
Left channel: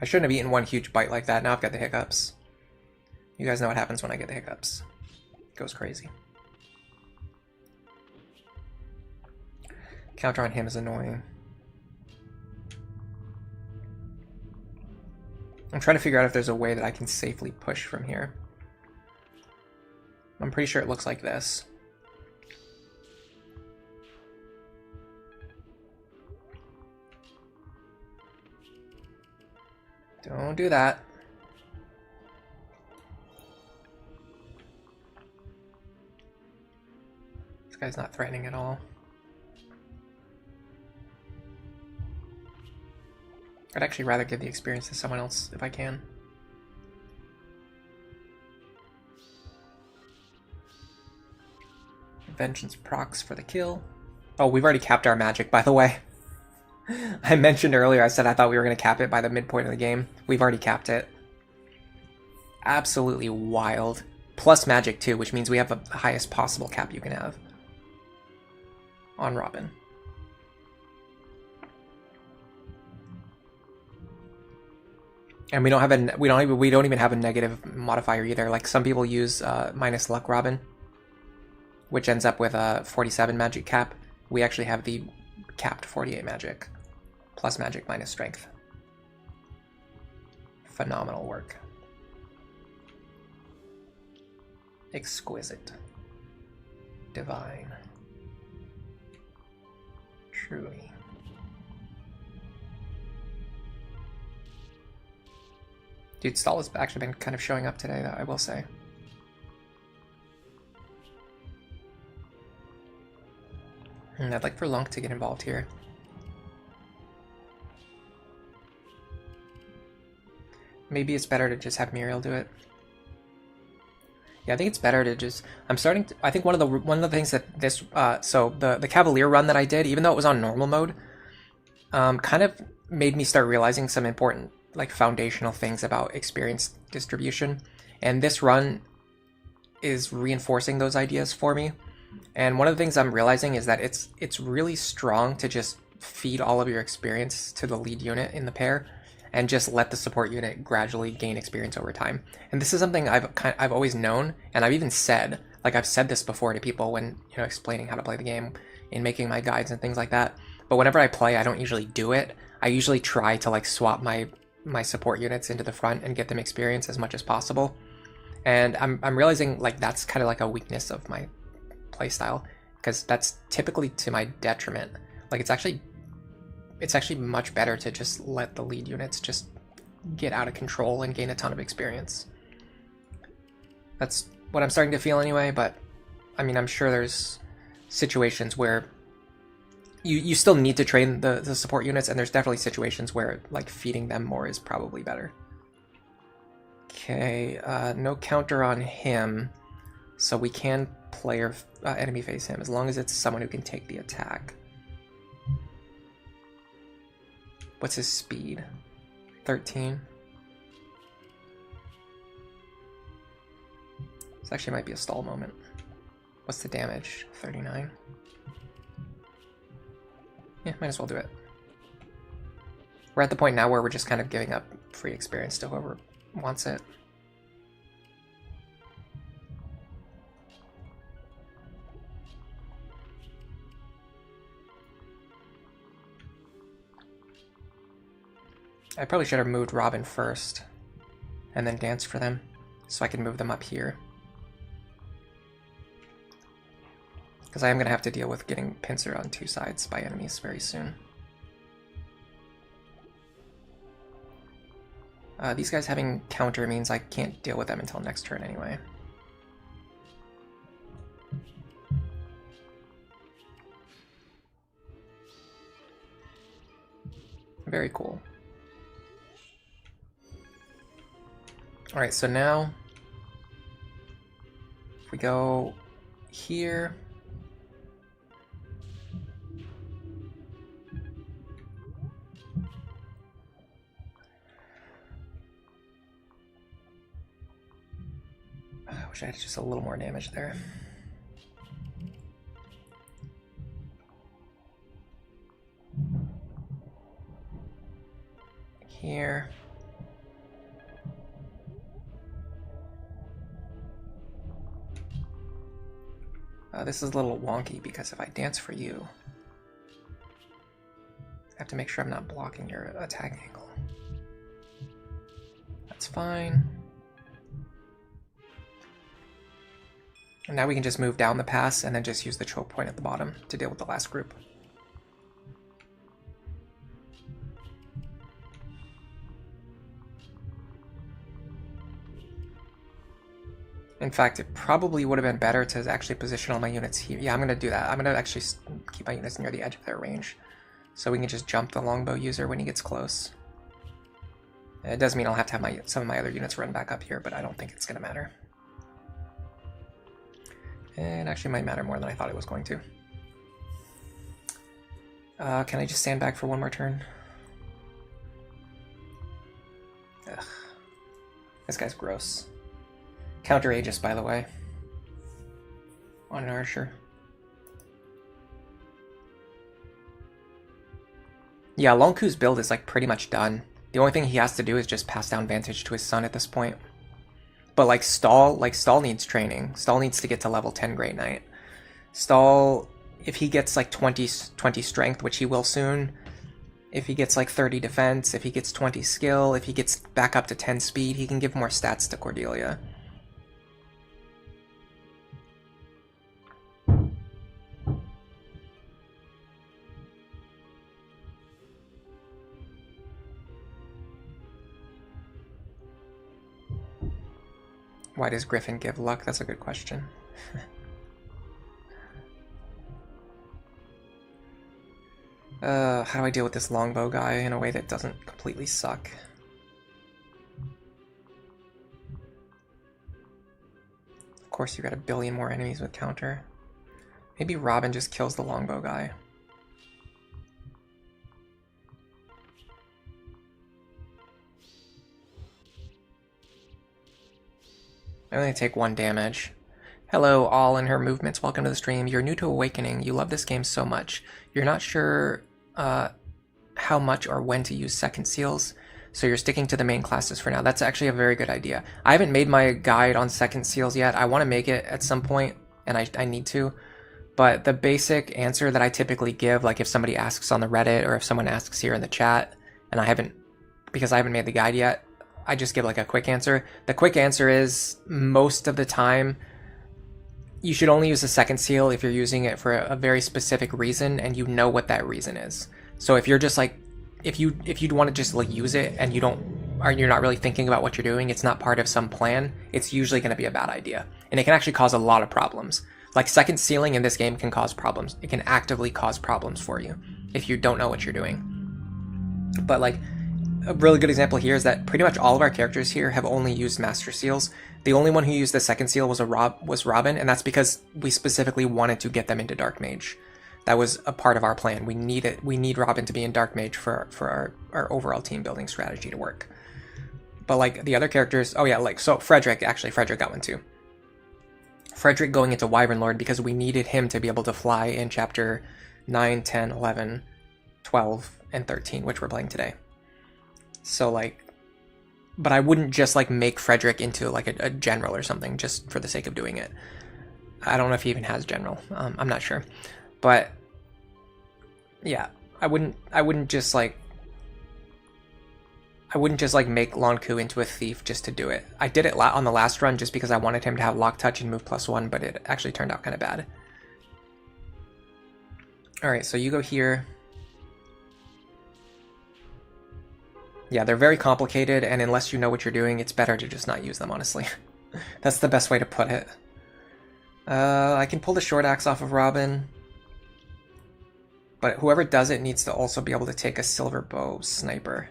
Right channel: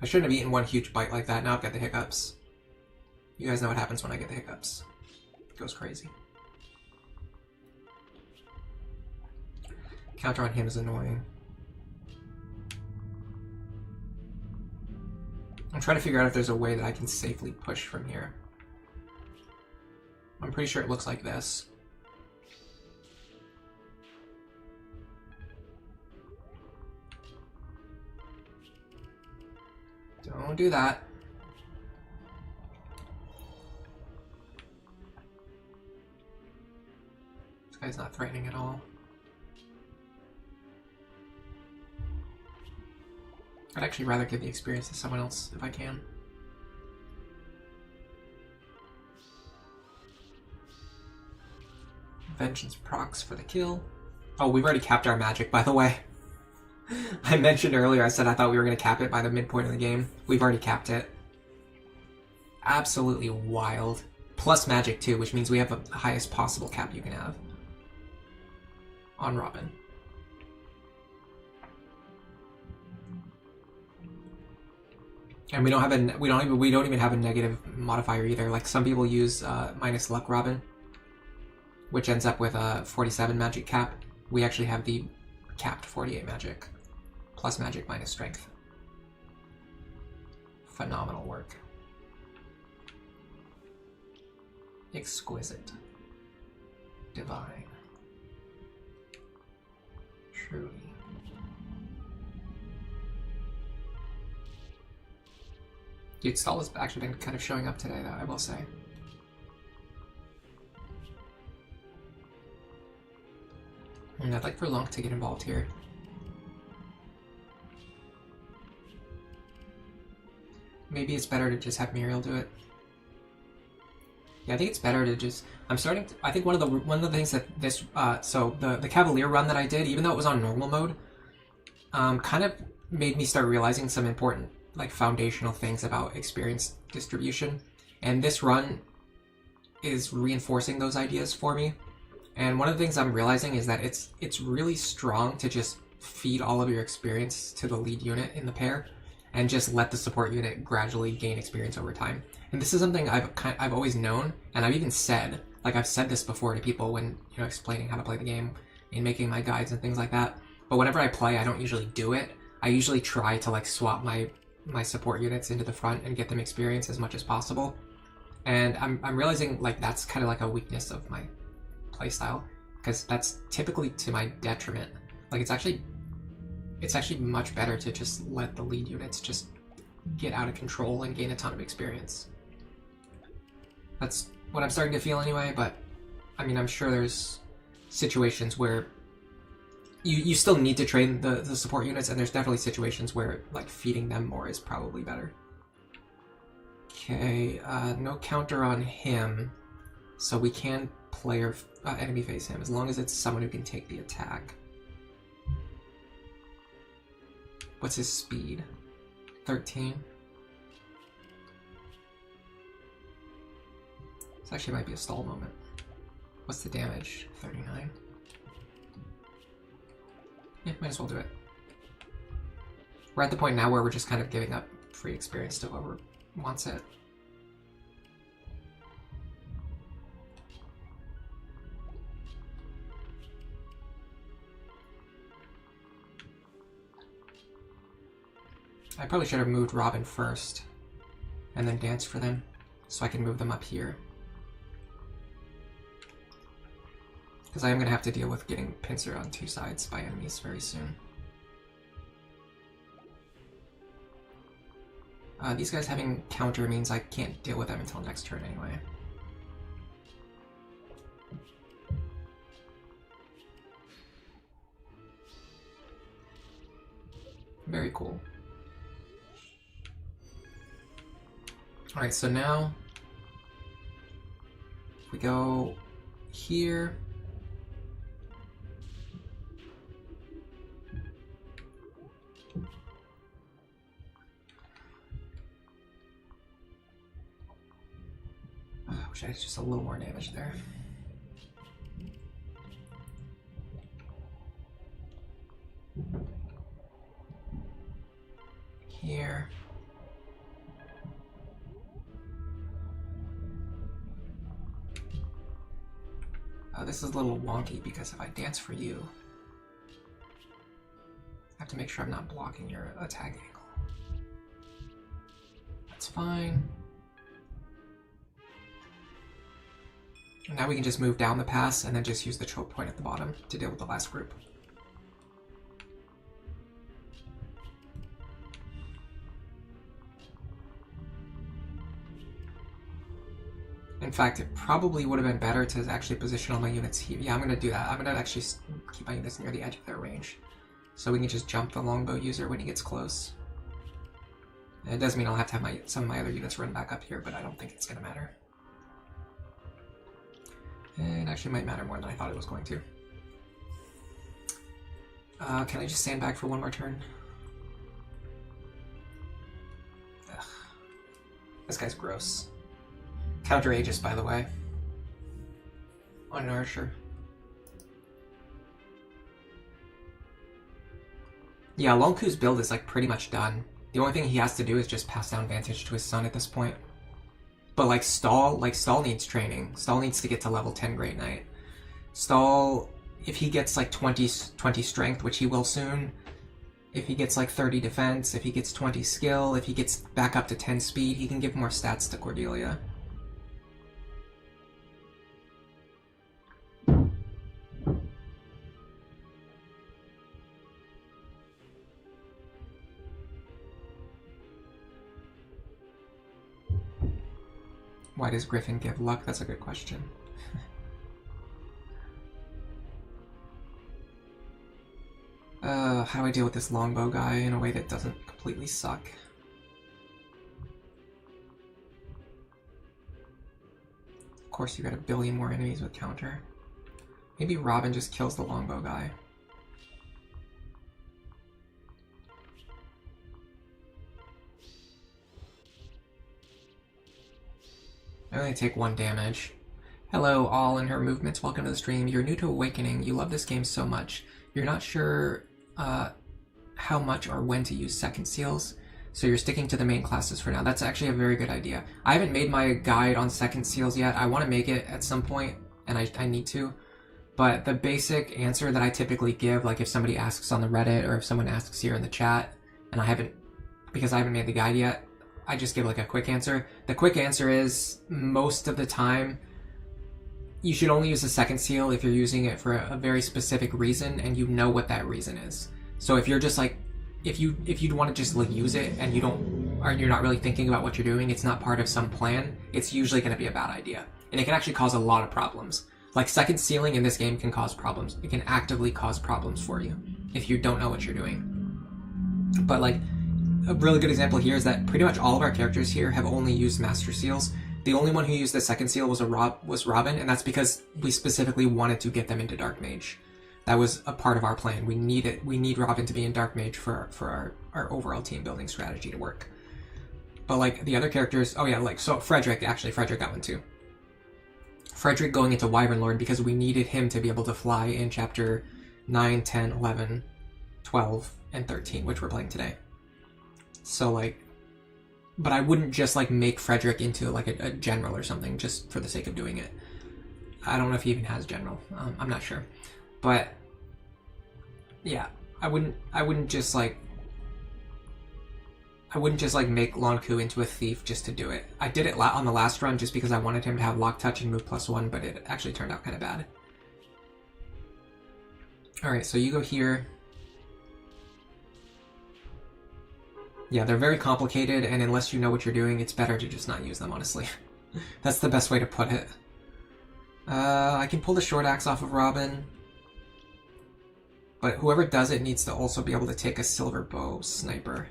I shouldn't have eaten one huge bite like that. Now I've got the hiccups. You guys know what happens when I get the hiccups. It goes crazy. Counter on him is annoying. I'm trying to figure out if there's a way that I can safely push from here. I'm pretty sure it looks like this. Don't do that. This guy's not threatening at all. I'd actually rather give the experience to someone else if I can. Vengeance procs for the kill. Oh, we've already capped our magic, by the way. I mentioned earlier, I said I thought we were going to cap it by the midpoint of the game. We've already capped it. Absolutely wild. Plus magic too, which means we have the highest possible cap you can have on Robin. And we don't have a we don't even have a negative modifier either. Like some people use minus luck Robin, which ends up with a 47 magic cap. We actually have the capped 48 magic, plus magic minus strength. Phenomenal work. Exquisite. Divine. Truly. Dude, Stall has actually been kind of showing up today, though, I will say. And I'd like for Lunk to get involved here. Maybe it's better to just have Muriel do it. Yeah, I think it's better to just... I think one of the things that this... so the Cavalier run that I did, even though it was on normal mode, kind of made me start realizing some important, like, foundational things about experience distribution. And this run is reinforcing those ideas for me. And one of the things I'm realizing is that it's really strong to just feed all of your experience to the lead unit in the pair, and just let the support unit gradually gain experience over time. And this is something I've always known, and I've even said, like I've said this before to people when, you know, explaining how to play the game and making my guides and things like that. But whenever I play, I don't usually do it. I usually try to like swap my support units into the front and get them experience as much as possible. And I'm realizing like that's kind of like a weakness of my playstyle, because that's typically to my detriment. Like it's actually much better to just let the lead units just get out of control and gain a ton of experience. That's what I'm starting to feel anyway, but I mean, I'm sure there's situations where you still need to train the support units, and there's definitely situations where like feeding them more is probably better. Okay, no counter on him, so we can player enemy face him as long as it's someone who can take the attack. What's his speed? 13. This actually might be a stall moment. What's the damage? 39. Yeah, might as well do it. We're at the point now where we're just kind of giving up free experience to whoever wants it. I probably should have moved Robin first and then danced for them so I can move them up here. Because I am going to have to deal with getting pincered on two sides by enemies very soon. These guys having counter means I can't deal with them until next turn anyway. Very cool. Alright, so now if we go here, I wish I had just a little more damage there. Here. This is a little wonky because if I dance for you, I have to make sure I'm not blocking your attack angle. That's fine. And now we can just move down the pass and then just use the choke point at the bottom to deal with the last group. In fact, it probably would have been better to actually position all my units here. Yeah, I'm going to do that. I'm going to actually keep my units near the edge of their range, so we can just jump the longbow user when he gets close. It does mean I'll have to have some of my other units run back up here, but I don't think it's going to matter. It actually might matter more than I thought it was going to. Can I just sandbag for one more turn? Ugh. This guy's gross. Counter Aegis, by the way. On an Archer. Yeah, Lonku's build is like pretty much done. The only thing he has to do is just pass down Vantage to his son at this point. But like Stall needs training. Stall needs to get to level 10 Great Knight. Stall, if he gets like 20 strength, which he will soon, if he gets like 30 defense, if he gets 20 skill, if he gets back up to 10 speed, he can give more stats to Cordelia. Why does Griffin give luck? That's a good question. How do I deal with this longbow guy in a way that doesn't completely suck? Of course, you got a billion more enemies with counter. Maybe Robin just kills the longbow guy. I only take 1 damage. Hello, all in her movements. Welcome to the stream. You're new to Awakening. You love this game so much. You're not sure how much or when to use second seals, so you're sticking to the main classes for now. That's actually a very good idea. I haven't made my guide on second seals yet. I want to make it at some point, and I need to. But the basic answer that I typically give, like if somebody asks on the Reddit or if someone asks here in the chat, and because I haven't made the guide yet, I just give like a quick answer. The quick answer is most of the time you should only use the second seal if you're using it for a very specific reason and you know what that reason is. So if you're just like, if you'd want to just like use it and you're not really thinking about what you're doing, it's not part of some plan, it's usually going to be a bad idea. And it can actually cause a lot of problems. Like second sealing in this game can cause problems. It can actively cause problems for you if you don't know what you're doing. But like, a really good example here is that pretty much all of our characters here have only used Master Seals. The only one who used the second seal was Robin, and that's because we specifically wanted to get them into Dark Mage. That was a part of our plan. We need Robin to be in Dark Mage for our overall team building strategy to work. But like the other characters, oh yeah, like so Frederick got one too. Frederick going into Wyvern Lord because we needed him to be able to fly in chapter 9, 10, 11, 12, and 13, which we're playing today. So like, but I wouldn't just like make Frederick into like a general or something just for the sake of doing it. I don't know if he even has general. I'm not sure, but yeah, I wouldn't just like make Lonku into a thief just to do it. I did it on the last run just because I wanted him to have lock touch and move +1, but it actually turned out kind of bad. All right, so you go here. Yeah, they're very complicated, and unless you know what you're doing, it's better to just not use them, honestly. That's the best way to put it. I can pull the short axe off of Robin, but whoever does it needs to also be able to take a silver bow sniper.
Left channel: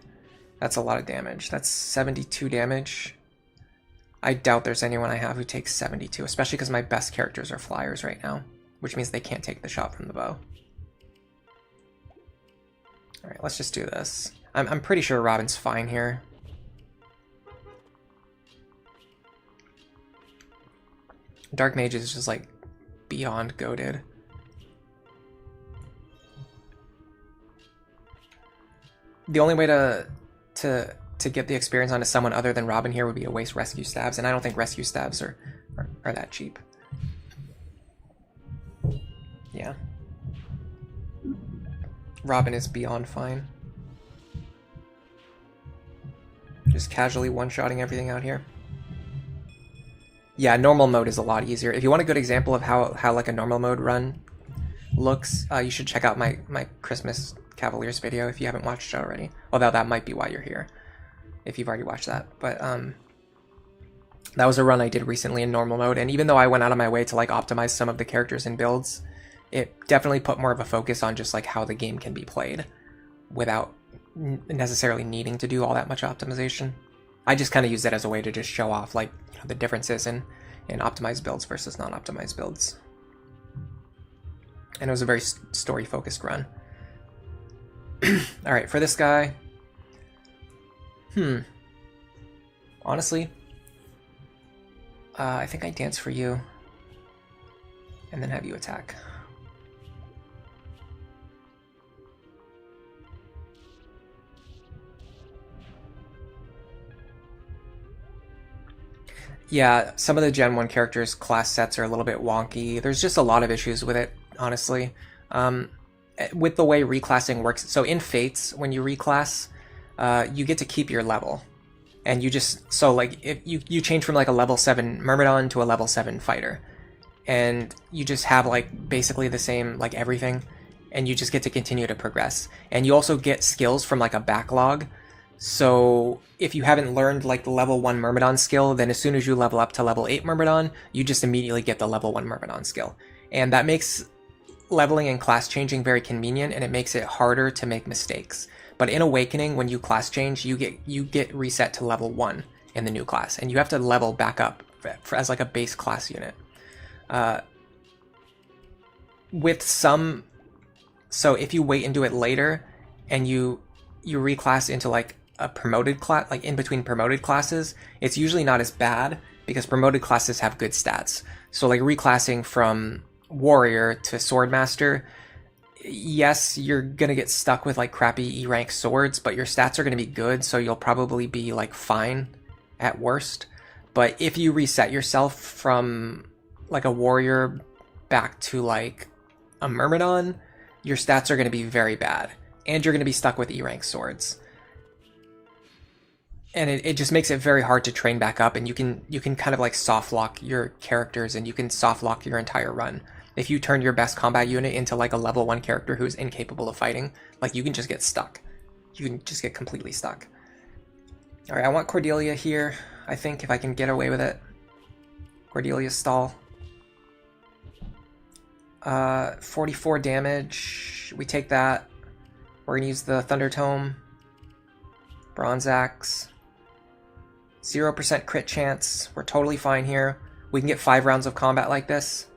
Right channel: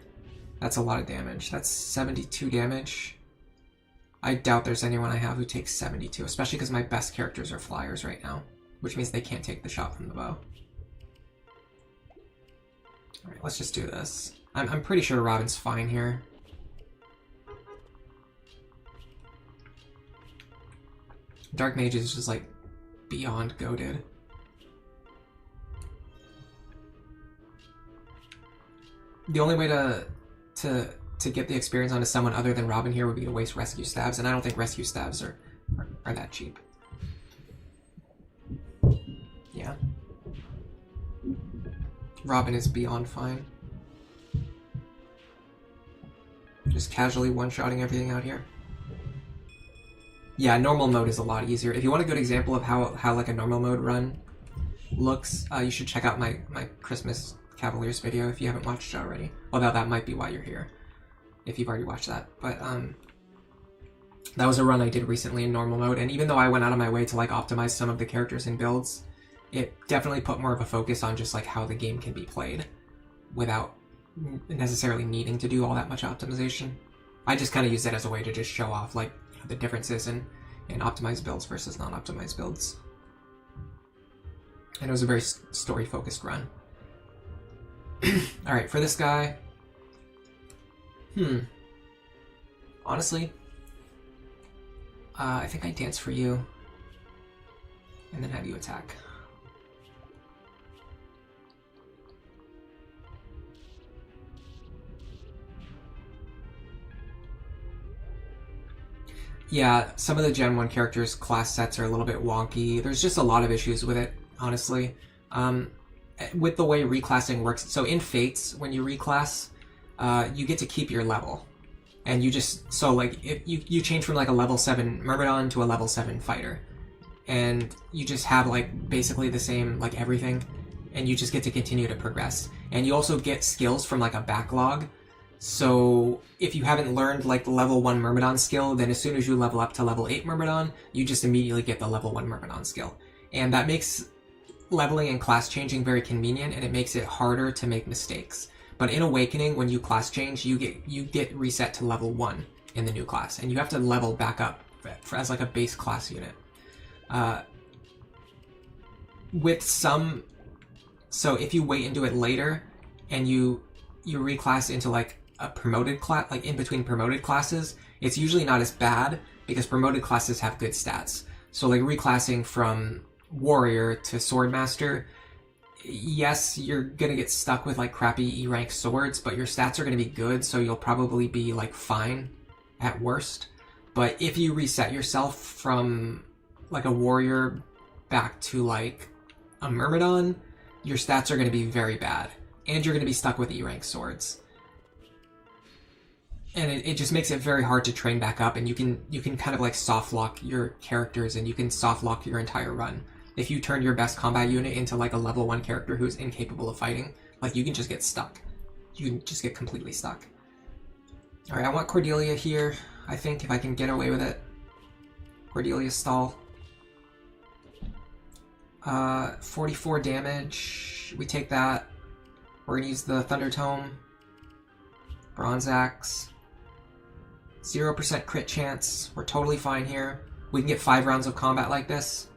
That's a lot of damage. That's 72 damage. I doubt there's anyone I have who takes 72, especially because my best characters are flyers right now, which means they can't take the shot from the bow. Alright, let's just do this. I'm pretty sure Robin's fine here. Dark Mage is just like beyond goated. The only way to get the experience onto someone other than Robin here would be to waste Rescue Staves, and I don't think Rescue Staves are that cheap. Yeah. Robin is beyond fine. Just casually one-shotting everything out here. Yeah, normal mode is a lot easier. If you want a good example of how like a normal mode run looks, you should check out my Christmas Cavaliers video if you haven't watched it already. Although that might be why you're here, if you've already watched that. But that was a run I did recently in normal mode, and even though I went out of my way to like optimize some of the characters and builds, it definitely put more of a focus on just like how the game can be played without necessarily needing to do all that much optimization. I just kind of use it as a way to just show off like the differences in optimized builds versus non-optimized builds. And it was a very story-focused run. Alright, for this guy... Honestly, I think I dance for you. And then have you attack. Yeah, some of the Gen 1 characters' class sets are a little bit wonky. There's just a lot of issues with it, honestly. With the way reclassing works, so in Fates, when you reclass, you get to keep your level. And you just, so like, if you change from like a level 7 Myrmidon to a level 7 fighter. And you just have like basically the same, like everything. And you just get to continue to progress. And you also get skills from like a backlog. So if you haven't learned like the level 1 Myrmidon skill, then as soon as you level up to level 8 Myrmidon, you just immediately get the level 1 Myrmidon skill. And that makes leveling and class changing very convenient, and it makes it harder to make mistakes. But in Awakening, when you class change, you get reset to level 1 in the new class, and you have to level back up as like a base class unit. With some, so if you wait and do it later, and you reclass into like a promoted class, like in between promoted classes, it's usually not as bad because promoted classes have good stats. So like reclassing from warrior to swordmaster, yes, you're gonna get stuck with like crappy E rank swords, but your stats are gonna be good, so you'll probably be like fine at worst. But if you reset yourself from like a warrior back to like a Myrmidon, your stats are gonna be very bad, and you're gonna be stuck with E rank swords. And it just makes it very hard to train back up, and you can kind of like soft lock your characters, and you can soft lock your entire run. If you turn your best combat unit into like a level 1 character who's incapable of fighting, like you can just get stuck. You can just get completely stuck. Alright, I want Cordelia here, I think, if I can get away with it. Cordelia's stall. 44 damage. We take that. We're gonna use the Thunder Tome. Bronze Axe. 0% crit chance. We're totally fine here. We can get 5 rounds of combat like this.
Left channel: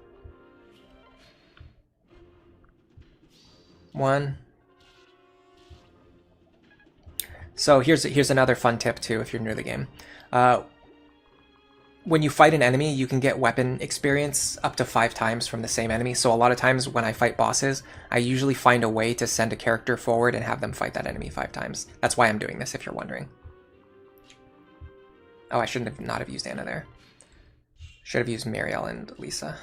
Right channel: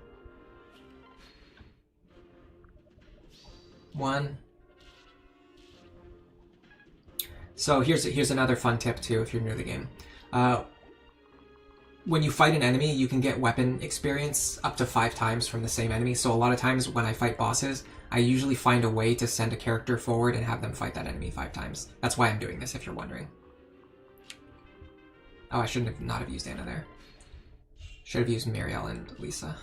1. So here's another fun tip too if you're new to the game. When you fight an enemy, you can get weapon experience up to 5 times from the same enemy. So a lot of times when I fight bosses, I usually find a way to send a character forward and have them fight that enemy 5 times. That's why I'm doing this, if you're wondering. Oh, I shouldn't have not have used Anna there. Should have used Muriel and Lisa.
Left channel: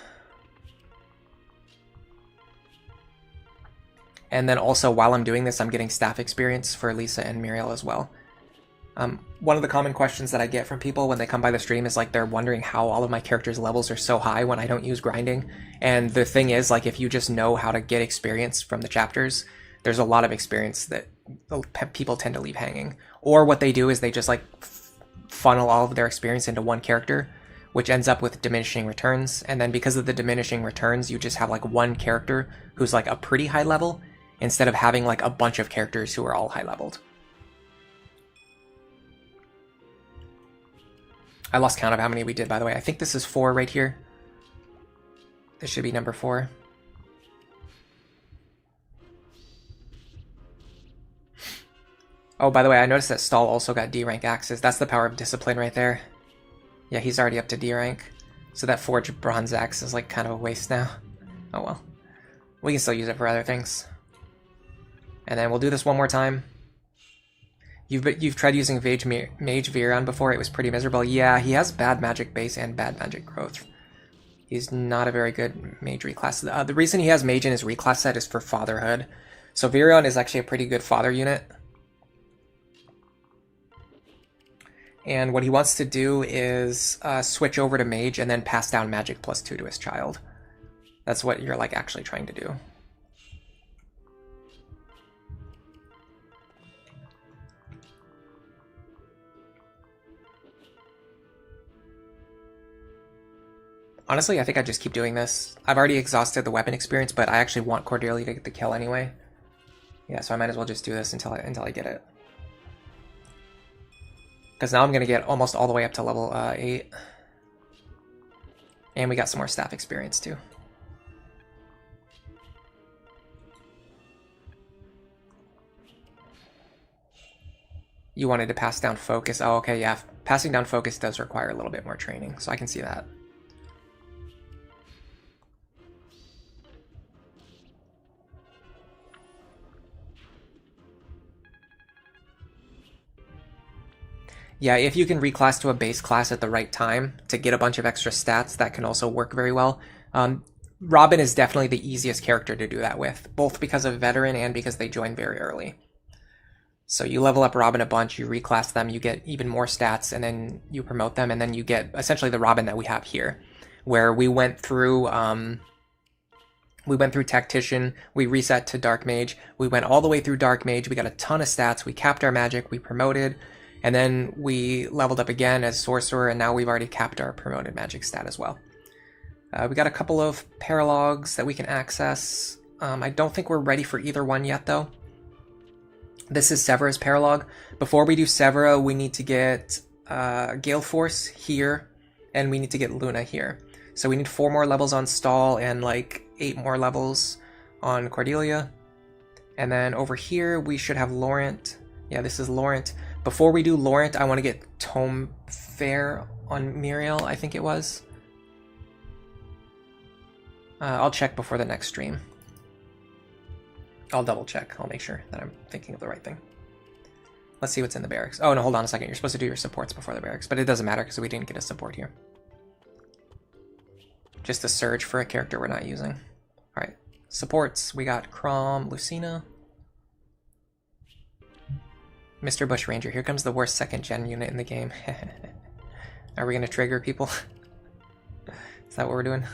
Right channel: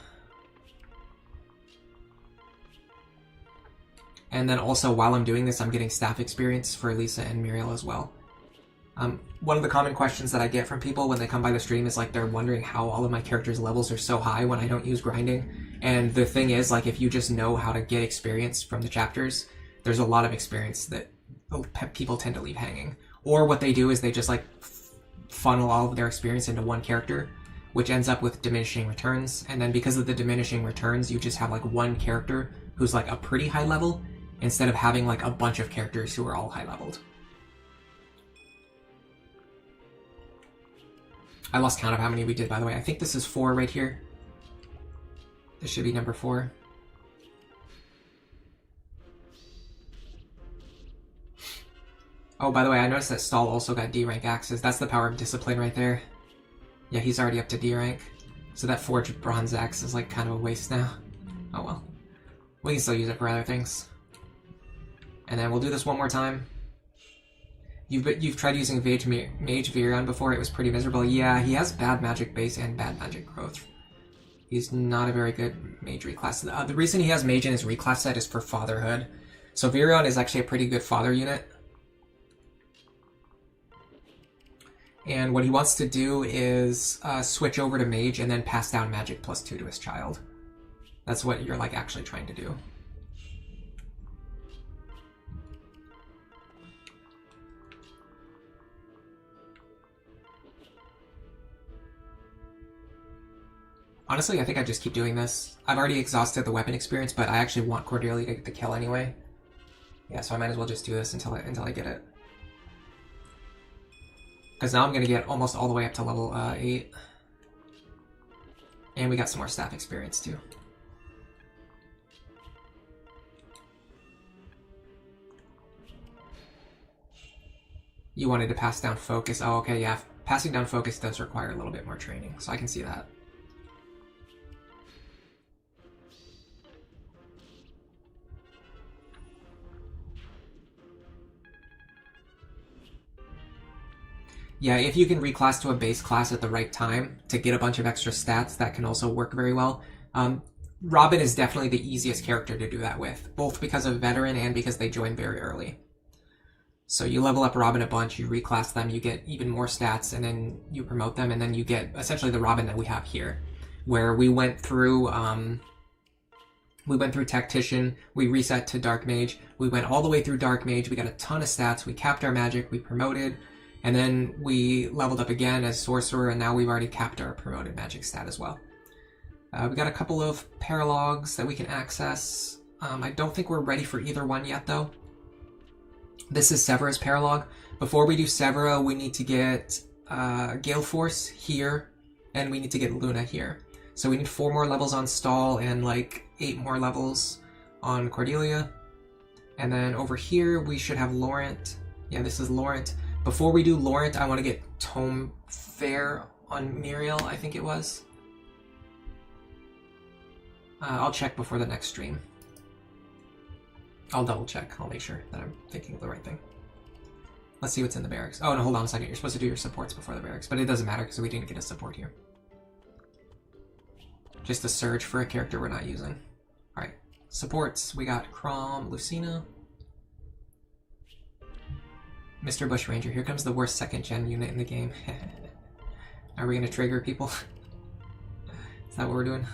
And then also, while I'm doing this, I'm getting staff experience for Lisa and Muriel as well. One of the common questions that I get from people when they come by the stream is like they're wondering how all of my characters' levels are so high when I don't use grinding. And the thing is, like, if you just know how to get experience from the chapters, there's a lot of experience that people tend to leave hanging. Or what they do is they just like funnel all of their experience into one character, which ends up with diminishing returns. And then because of the diminishing returns, you just have like one character who's like a pretty high level, instead of having like a bunch of characters who are all high leveled. I lost count of how many we did, by the way. I think this is 4 right here. This should be number 4. Oh, by the way, I noticed that Stahl also got D rank axes. That's the power of discipline right there. Yeah, he's already up to D rank. So that forged bronze axe is like kind of a waste now. Oh well. We can still use it for other things. And then we'll do this one more time. You've tried using Mage Virion before, it was pretty miserable. Yeah, he has bad magic base and bad magic growth. He's not a very good mage reclass. The reason he has mage in his reclass set is for fatherhood. So Virion is actually a pretty good father unit. And what he wants to do is switch over to mage and then pass down magic +2 to his child. That's what you're like actually trying to do. Honestly, I think I just keep doing this. I've already exhausted the weapon experience, but I actually want Cordelia to get the kill anyway. Yeah, so I might as well just do this until I get it. Because now I'm going to get almost all the way up to level 8. And we got some more staff experience too. You wanted to pass down focus. Oh, okay, yeah. Passing down focus does require a little bit more training, so I can see that. Yeah, if you can reclass to a base class at the right time to get a bunch of extra stats, that can also work very well. Robin is definitely the easiest character to do that with, both because of veteran and because they join very early. So you level up Robin a bunch, you reclass them, you get even more stats, and then you promote them, and then you get essentially the Robin that we have here, where we went through Tactician, we reset to Dark Mage, we went all the way through Dark Mage, we got a ton of stats, we capped our magic, we promoted, and then we leveled up again as Sorcerer, and now we've already capped our promoted magic stat as well. We got a couple of paralogs that we can access. I don't think we're ready for either one yet, though. This is Severa's paralog. Before we do Severa, we need to get Gale Force here, and we need to get Luna here. So we need 4 more levels on Stall and like 8 more levels on Cordelia. And then over here, we should have Laurent. Yeah, this is Laurent. Before we do Laurent, I want to get Tome Fair on Muriel, I think it was. I'll check before the next stream. I'll double check. I'll make sure that I'm thinking of the right thing. Let's see what's in the barracks. Oh, no, hold on a second. You're supposed to do your supports before the barracks, but it doesn't matter because we didn't get a support here. Just a surge for a character we're not using. All right, supports. We got Crom, Lucina. Mr. Bushranger. Here comes the worst 2nd gen unit in the game. Are we going to trigger people? Is that what we're doing?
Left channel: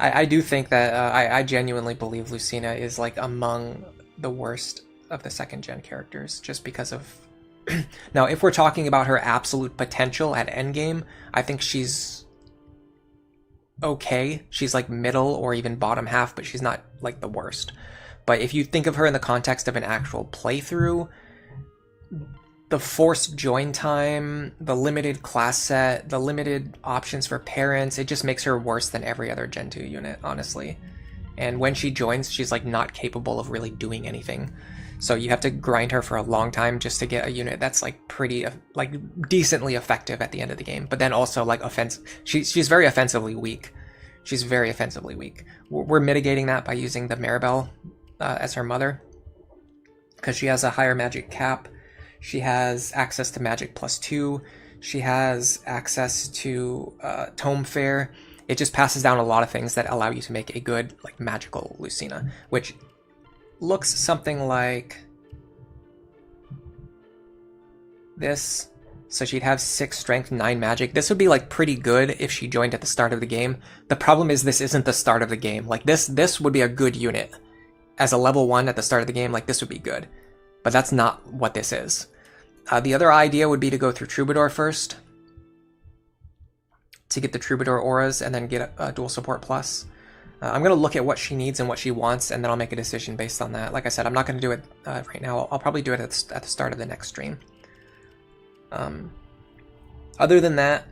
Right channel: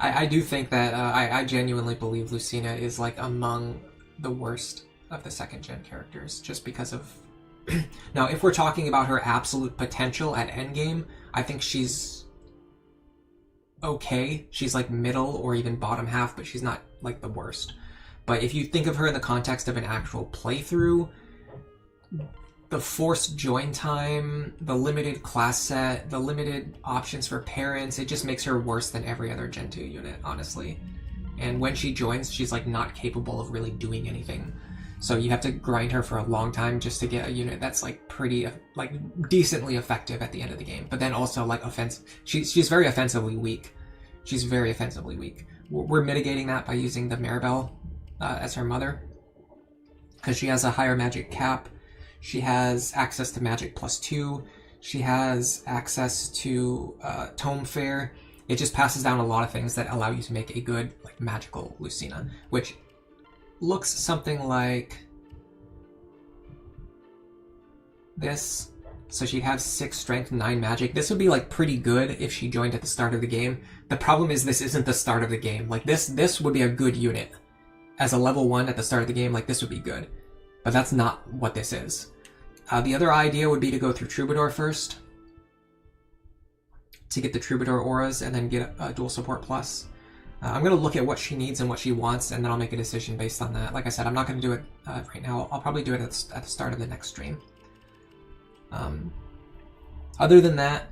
I do think that I genuinely believe Lucina is like among the worst of the 2nd gen characters, just because of... Now, if we're talking about her absolute potential at endgame, I think she's okay. She's like middle or even bottom half, but she's not like the worst. But if you think of her in the context of an actual playthrough, the forced join time, the limited class set, the limited options for parents, it just makes her worse than every other Gen 2 unit, honestly. And when she joins, she's like not capable of really doing anything. So you have to grind her for a long time just to get a unit that's like pretty, like decently effective at the end of the game. But then also like she's very offensively weak. She's very offensively weak. We're mitigating that by using the Maribel as her mother, because she has a higher magic cap. She has access to magic +2. She has access to Tome Fair. It just passes down a lot of things that allow you to make a good like magical Lucina, which looks something like this. So she'd have 6 strength, 9 magic. This would be like pretty good if she joined at the start of the game. The problem is this isn't the start of the game. Like this would be a good unit. As a level 1 at the start of the game, like this would be good. But that's not what this is. The other idea would be to go through Troubadour first, to get the Troubadour auras, and then get a dual support plus. I'm going to look at what she needs and what she wants, and then I'll make a decision based on that. Like I said, I'm not going to do it right now. I'll probably do it at the start of the next stream. Other than that,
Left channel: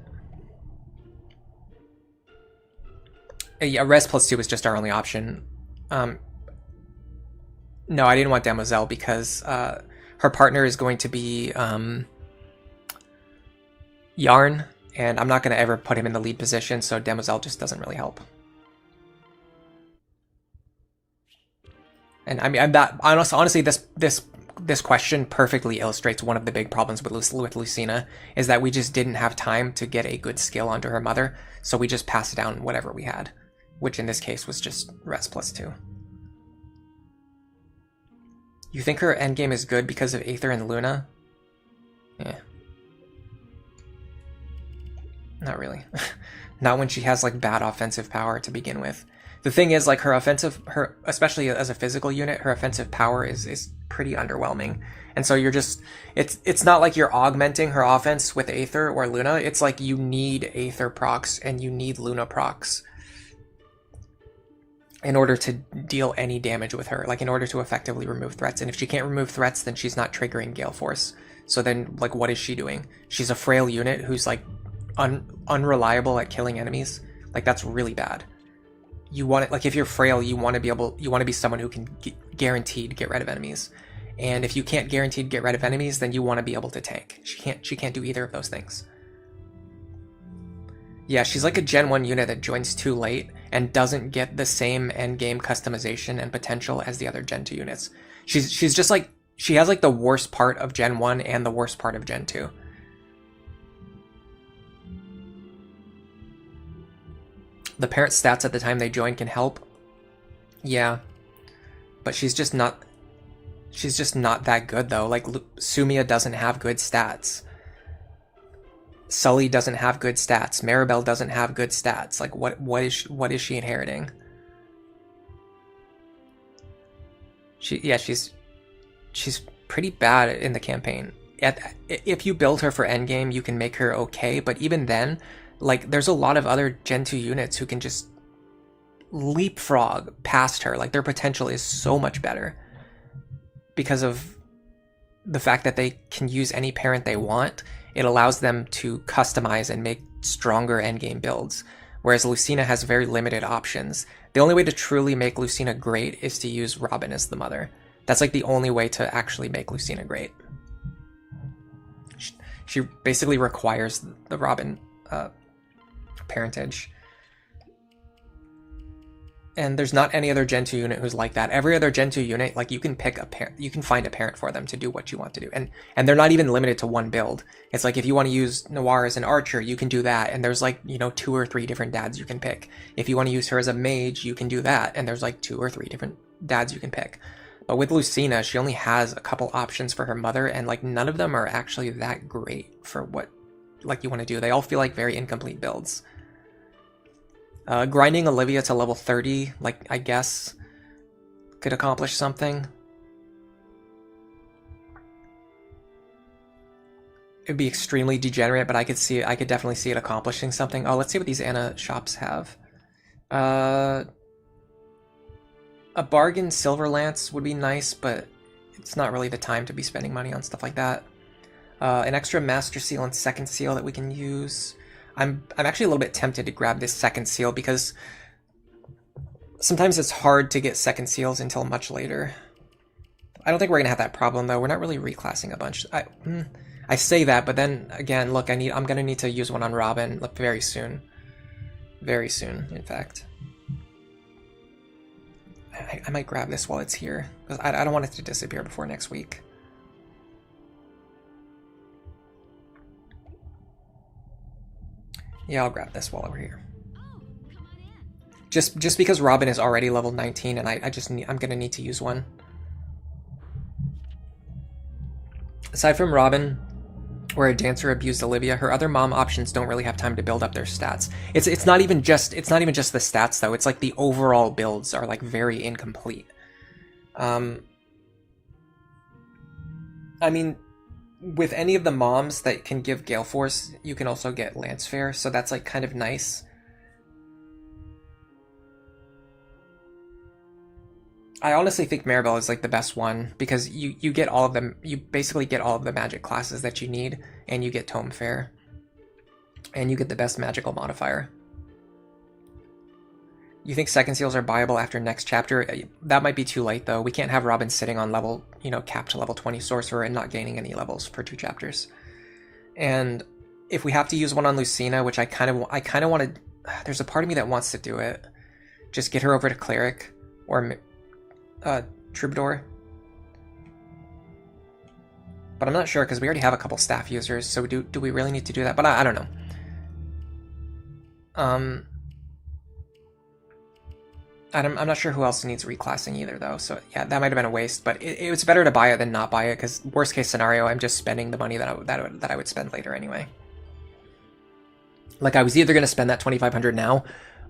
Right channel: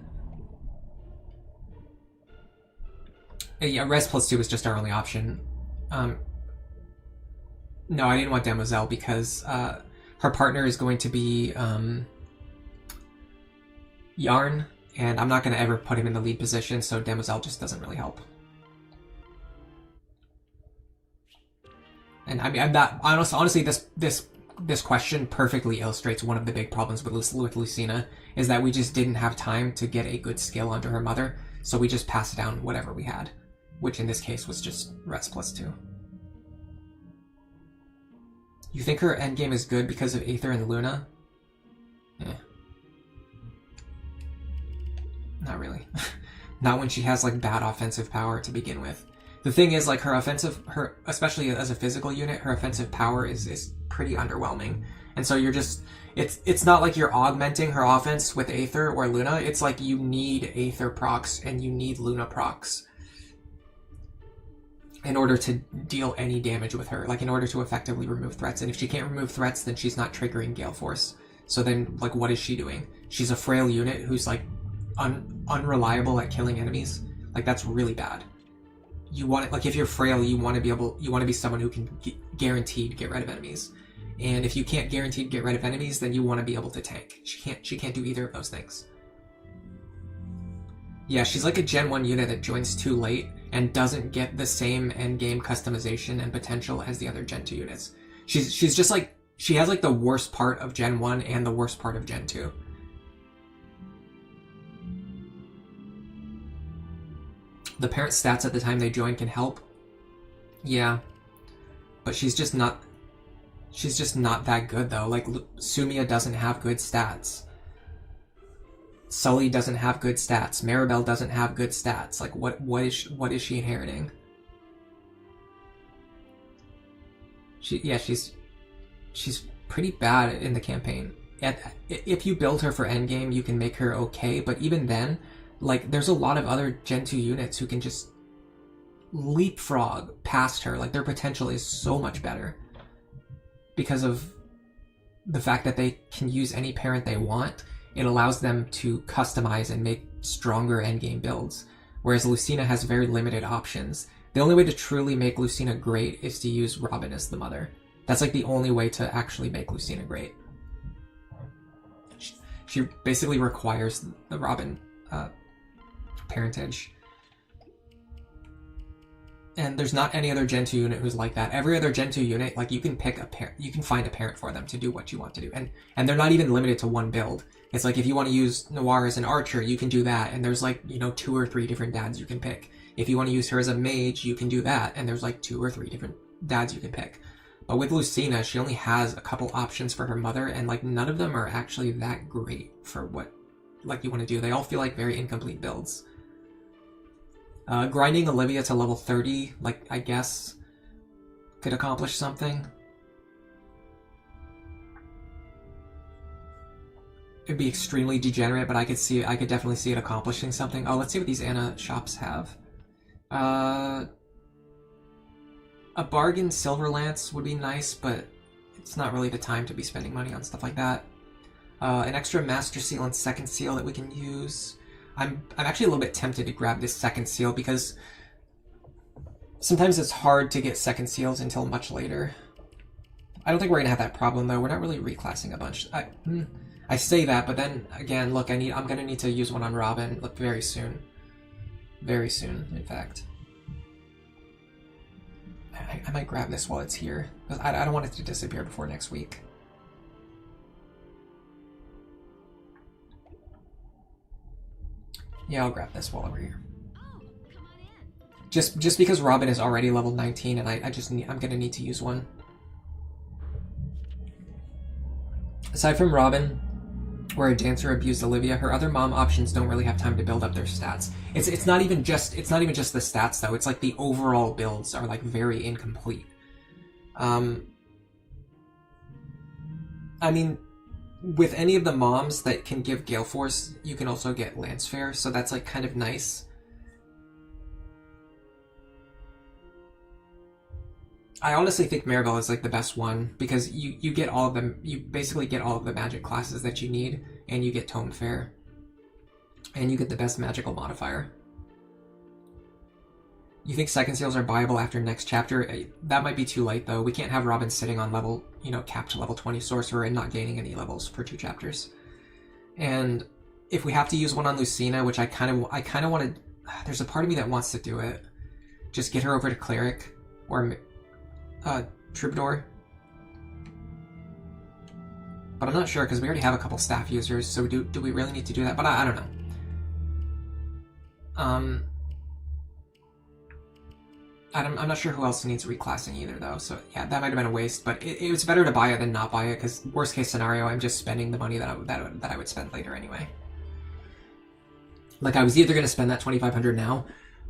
yeah, Res +2 is just our only option. No, I didn't want Demoiselle because her partner is going to be Yarn, and I'm not going to ever put him in the lead position, so Demoiselle just doesn't really help. And I mean, I'm not honestly this question perfectly illustrates one of the big problems with Lucina, is that we just didn't have time to get a good skill onto her mother, so we just passed down whatever we had, which in this case was just Res +2. You think her endgame is good because of Aether and Luna? Yeah. Not really. Not when she has like bad offensive power to begin with. The thing is, like, especially as a physical unit, her offensive power is pretty underwhelming. And so you're just, it's not like you're augmenting her offense with Aether or Luna. It's like you need Aether procs and you need Luna procs. in order to deal any damage with her, like in order to effectively remove threats. And if she can't remove threats, then she's not triggering Gale Force. So then, like, what is she doing? She's a frail unit who's like unreliable at killing enemies. Like, that's really bad. You want it, like, if you're frail, you want to be someone who can guaranteed get rid of enemies. And if you can't guaranteed get rid of enemies, then you want to be able to tank. She can't do either of those things. Yeah, she's like a Gen 1 unit that joins too late and doesn't get the same endgame customization and potential as the other Gen 2 units. She's just like, she has like the worst part of Gen 1 and the worst part of Gen 2. The parent stats at the time they join can help. Yeah. But she's just not that good though. Like, Sumia doesn't have good stats. Sully doesn't have good stats. Maribel doesn't have good stats. Like, what is she inheriting? She's pretty bad in the campaign. If you build her for endgame, you can make her okay, but even then, like, there's a lot of other Gen 2 units who can just leapfrog past her. Like, their potential is so much better because of the fact that they can use any parent they want. It allows them to customize and make stronger endgame builds, whereas Lucina has very limited options. The only way to truly make Lucina great is to use Robin as the mother. That's like the only way to actually make Lucina great. She basically requires the Robin parentage. And there's not any other Gen 2 unit who's like that. Every other Gen 2 unit, like, you can pick a parent, you can find a parent for them to do what you want to do. And they're not even limited to one build. It's like, if you want to use Noir as an archer, you can do that. And there's like, 2 or 3 different dads you can pick. If you want to use her as a mage, you can do that. And there's like 2 or 3 different dads you can pick. But with Lucina, she only has a couple options for her mother, and like, none of them are actually that great for what, like, you want to do. They all feel like very incomplete builds. Grinding Olivia to level 30, like, I guess, could accomplish something. It'd be extremely degenerate, but I could definitely see it accomplishing something. Oh, let's see what these Ana shops have. A bargain Silver Lance would be nice, but it's not really the time to be spending money on stuff like that. An extra Master Seal and Second Seal that we can use. I'm actually a little bit tempted to grab this Second Seal because sometimes it's hard to get Second Seals until much later. I don't think we're gonna have that problem though. We're not really reclassing a bunch. I say that, but then again, look, I'm gonna need to use one on Robin very soon. Very soon, in fact. I might grab this while it's here, because I don't want it to disappear before next week. Yeah, I'll grab this while we're here. Just because Robin is already level 19, and I'm gonna need to use one. Aside from Robin, where a dancer abused Olivia, her other mom options don't really have time to build up their stats. It's not even just the stats though. It's like the overall builds are like very incomplete. I mean, with any of the moms that can give Gale Force, you can also get Lance Fair, so that's like kind of nice. I honestly think Maribel is like the best one because you get all of them. You basically get all of the magic classes that you need, and you get Tome Fair, and you get the best magical modifier. You think Second Seals are buyable after next chapter? That might be too late though. We can't have Robin sitting on level, capped to level 20 sorcerer and not gaining any levels for 2 chapters. And if we have to use one on Lucina, which I kind of want to, there's a part of me that wants to do it. Just get her over to Cleric or Troubadour. But I'm not sure because we already have a couple staff users, so do we really need to do that? But I don't know. I'm not sure who else needs reclassing either, though. So yeah, that might have been a waste. But it was better to buy it than not buy it, because worst case scenario, I'm just spending the money that I would spend later anyway. Like, I was either going to spend that 2,500 now,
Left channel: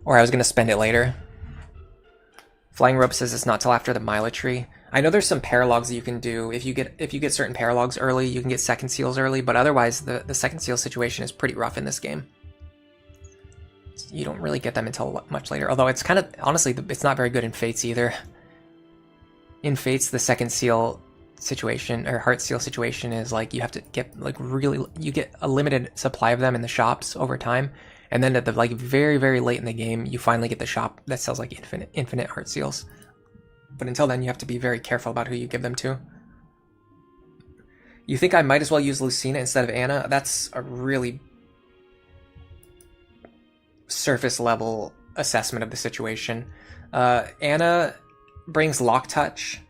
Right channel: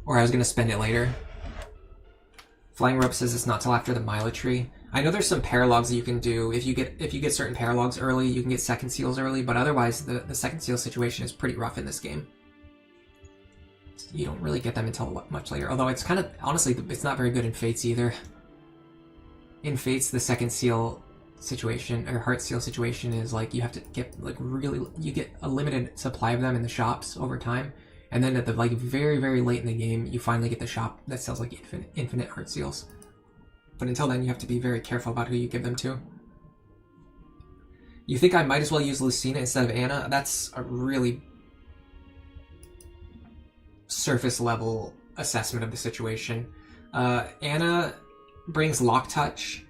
or I was going to spend it later. Flying Rope says it's not till after the Mila tree. I know there's some paralogs you can do. If you get certain paralogs early, you can get Second Seals early. But otherwise, the Second Seal situation is pretty rough in this game. You don't really get them until much later. Although it's kind of, honestly, it's not very good in Fates either. In Fates, the second seal situation, or heart seal situation, is like you have to get like really, you get a limited supply of them in the shops over time. And then at the like very, very late in the game, you finally get the shop that sells like infinite heart seals. But until then, you have to be very careful about who you give them to. You think I might as well use Lucina instead of Anna? That's a really surface level assessment of the situation. Anna brings Lock Touch,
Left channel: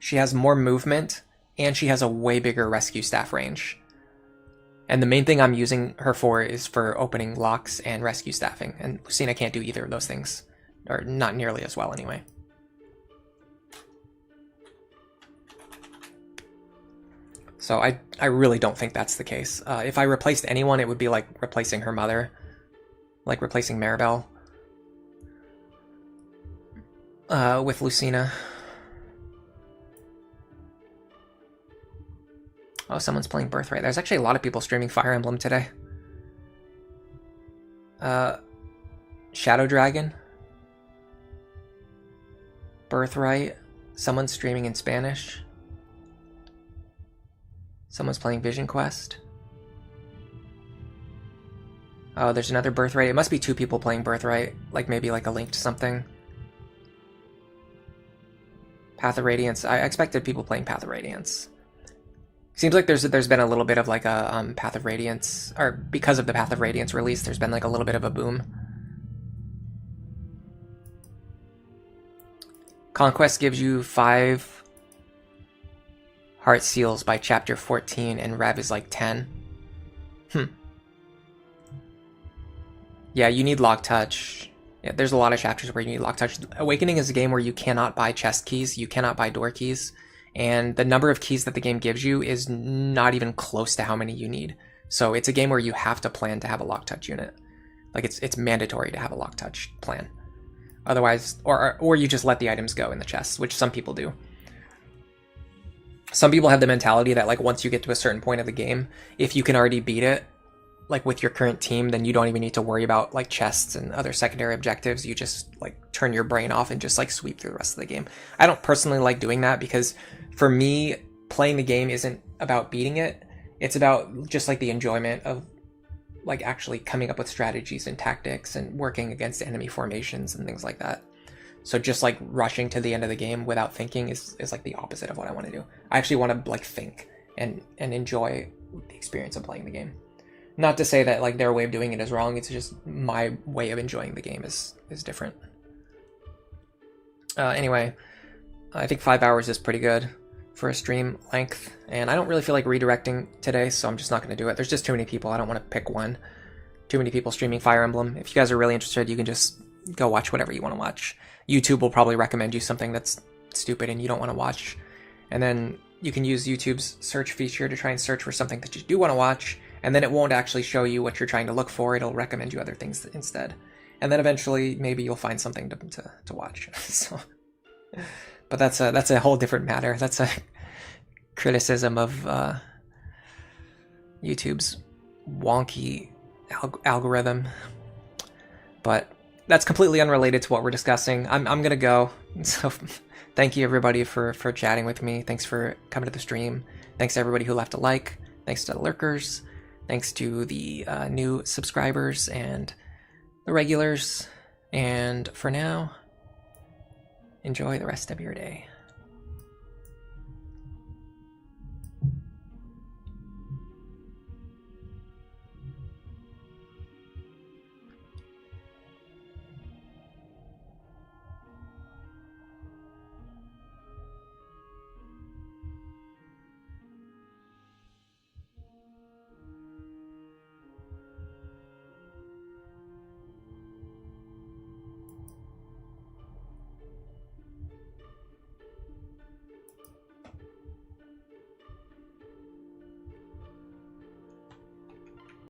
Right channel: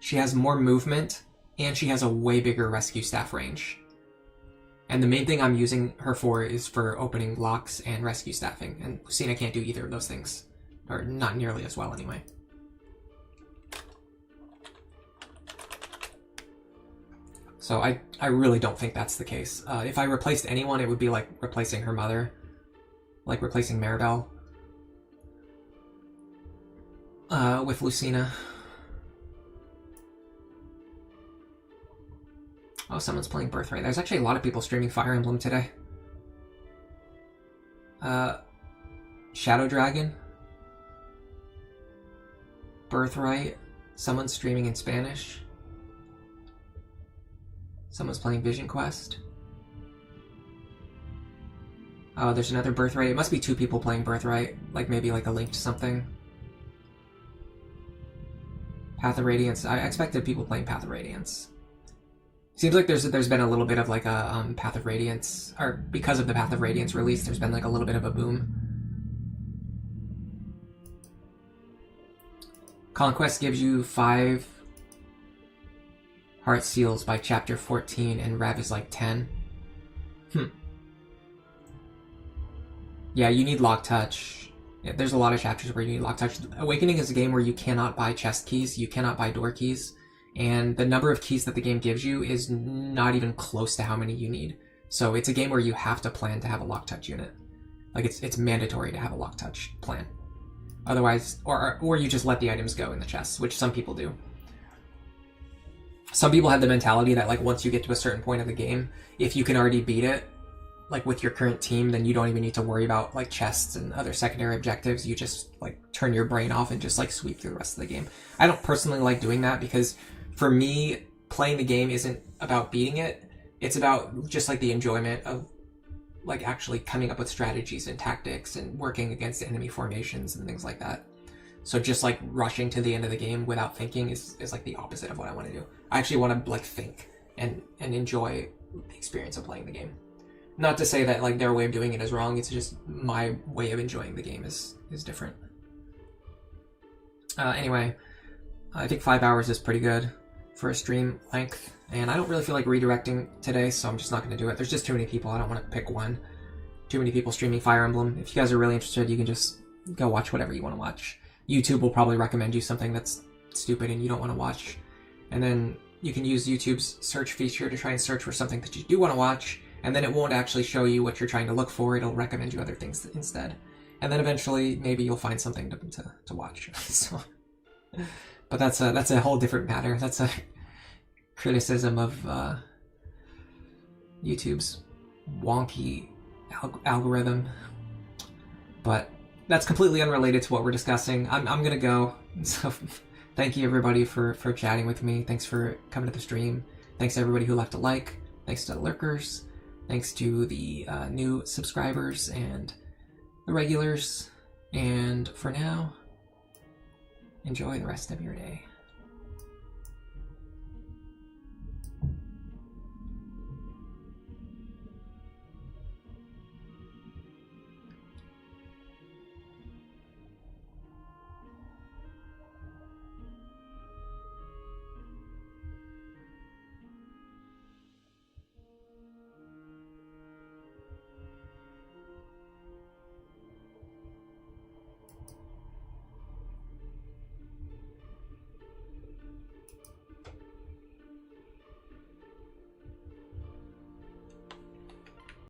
she has more movement, and she has a way bigger rescue staff range. And the main thing I'm using her for is for opening locks and rescue staffing, and Lucina can't do either of those things, or not nearly as well anyway. So I really don't think that's the case. If I replaced anyone, it would be like replacing her mother, like replacing Maribel with Lucina. Oh, someone's playing Birthright. There's actually a lot of people streaming Fire Emblem today. Shadow Dragon, Birthright, someone's streaming in Spanish. Someone's playing Vision Quest. Oh, there's another Birthright. It must be 2 people playing Birthright. Like maybe like a link to something. Path of Radiance. I expected people playing Path of Radiance. Seems like there's been a little bit of like a Path of Radiance, or because of the Path of Radiance release, there's been like a little bit of a boom. Conquest gives you 5 heart seals by chapter 14, and Rev is like 10. Yeah, you need Lock Touch. Yeah, there's a lot of chapters where you need Lock Touch. Awakening is a game where you cannot buy chest keys, you cannot buy door keys, and the number of keys that the game gives you is not even close to how many you need. So it's a game where you have to plan to have a Lock Touch unit. Like it's mandatory to have a Lock Touch plan. Otherwise, or you just let the items go in the chests, which some people do. Some people have the mentality that like once you get to a certain point of the game, if you can already beat it, like with your current team, then you don't even need to worry about like chests and other secondary objectives. You just like turn your brain off and just like sweep through the rest of the game. I don't personally like doing that because for me, playing the game isn't about beating it. It's about just like the enjoyment of like actually coming up with strategies and tactics and working against enemy formations and things like that. So just like rushing to the end of the game without thinking is like the opposite of what I want to do. I actually want to like think and enjoy the experience of playing the game. Not to say that like their way of doing it is wrong, it's just my way of enjoying the game is different. Anyway, I think 5 hours is pretty good for a stream length, and I don't really feel like redirecting today, so I'm just not going to do it. There's just too many people, I don't want to pick one. Too many people streaming Fire Emblem. If you guys are really interested, you can just go watch whatever you want to watch. YouTube will probably recommend you something that's stupid and you don't want to watch. And then you can use YouTube's search feature to try and search for something that you do want to watch, and then it won't actually show you what you're trying to look for, it'll recommend you other things instead. And then eventually, maybe you'll find something to watch. So, but that's a whole different matter. That's a criticism of YouTube's wonky algorithm. But that's completely unrelated to what we're discussing. I'm gonna go. So thank you everybody for chatting with me. Thanks for coming to the stream. Thanks to everybody who left a like. Thanks to the lurkers. Thanks to the new subscribers and the regulars. And for now, enjoy the rest of your day.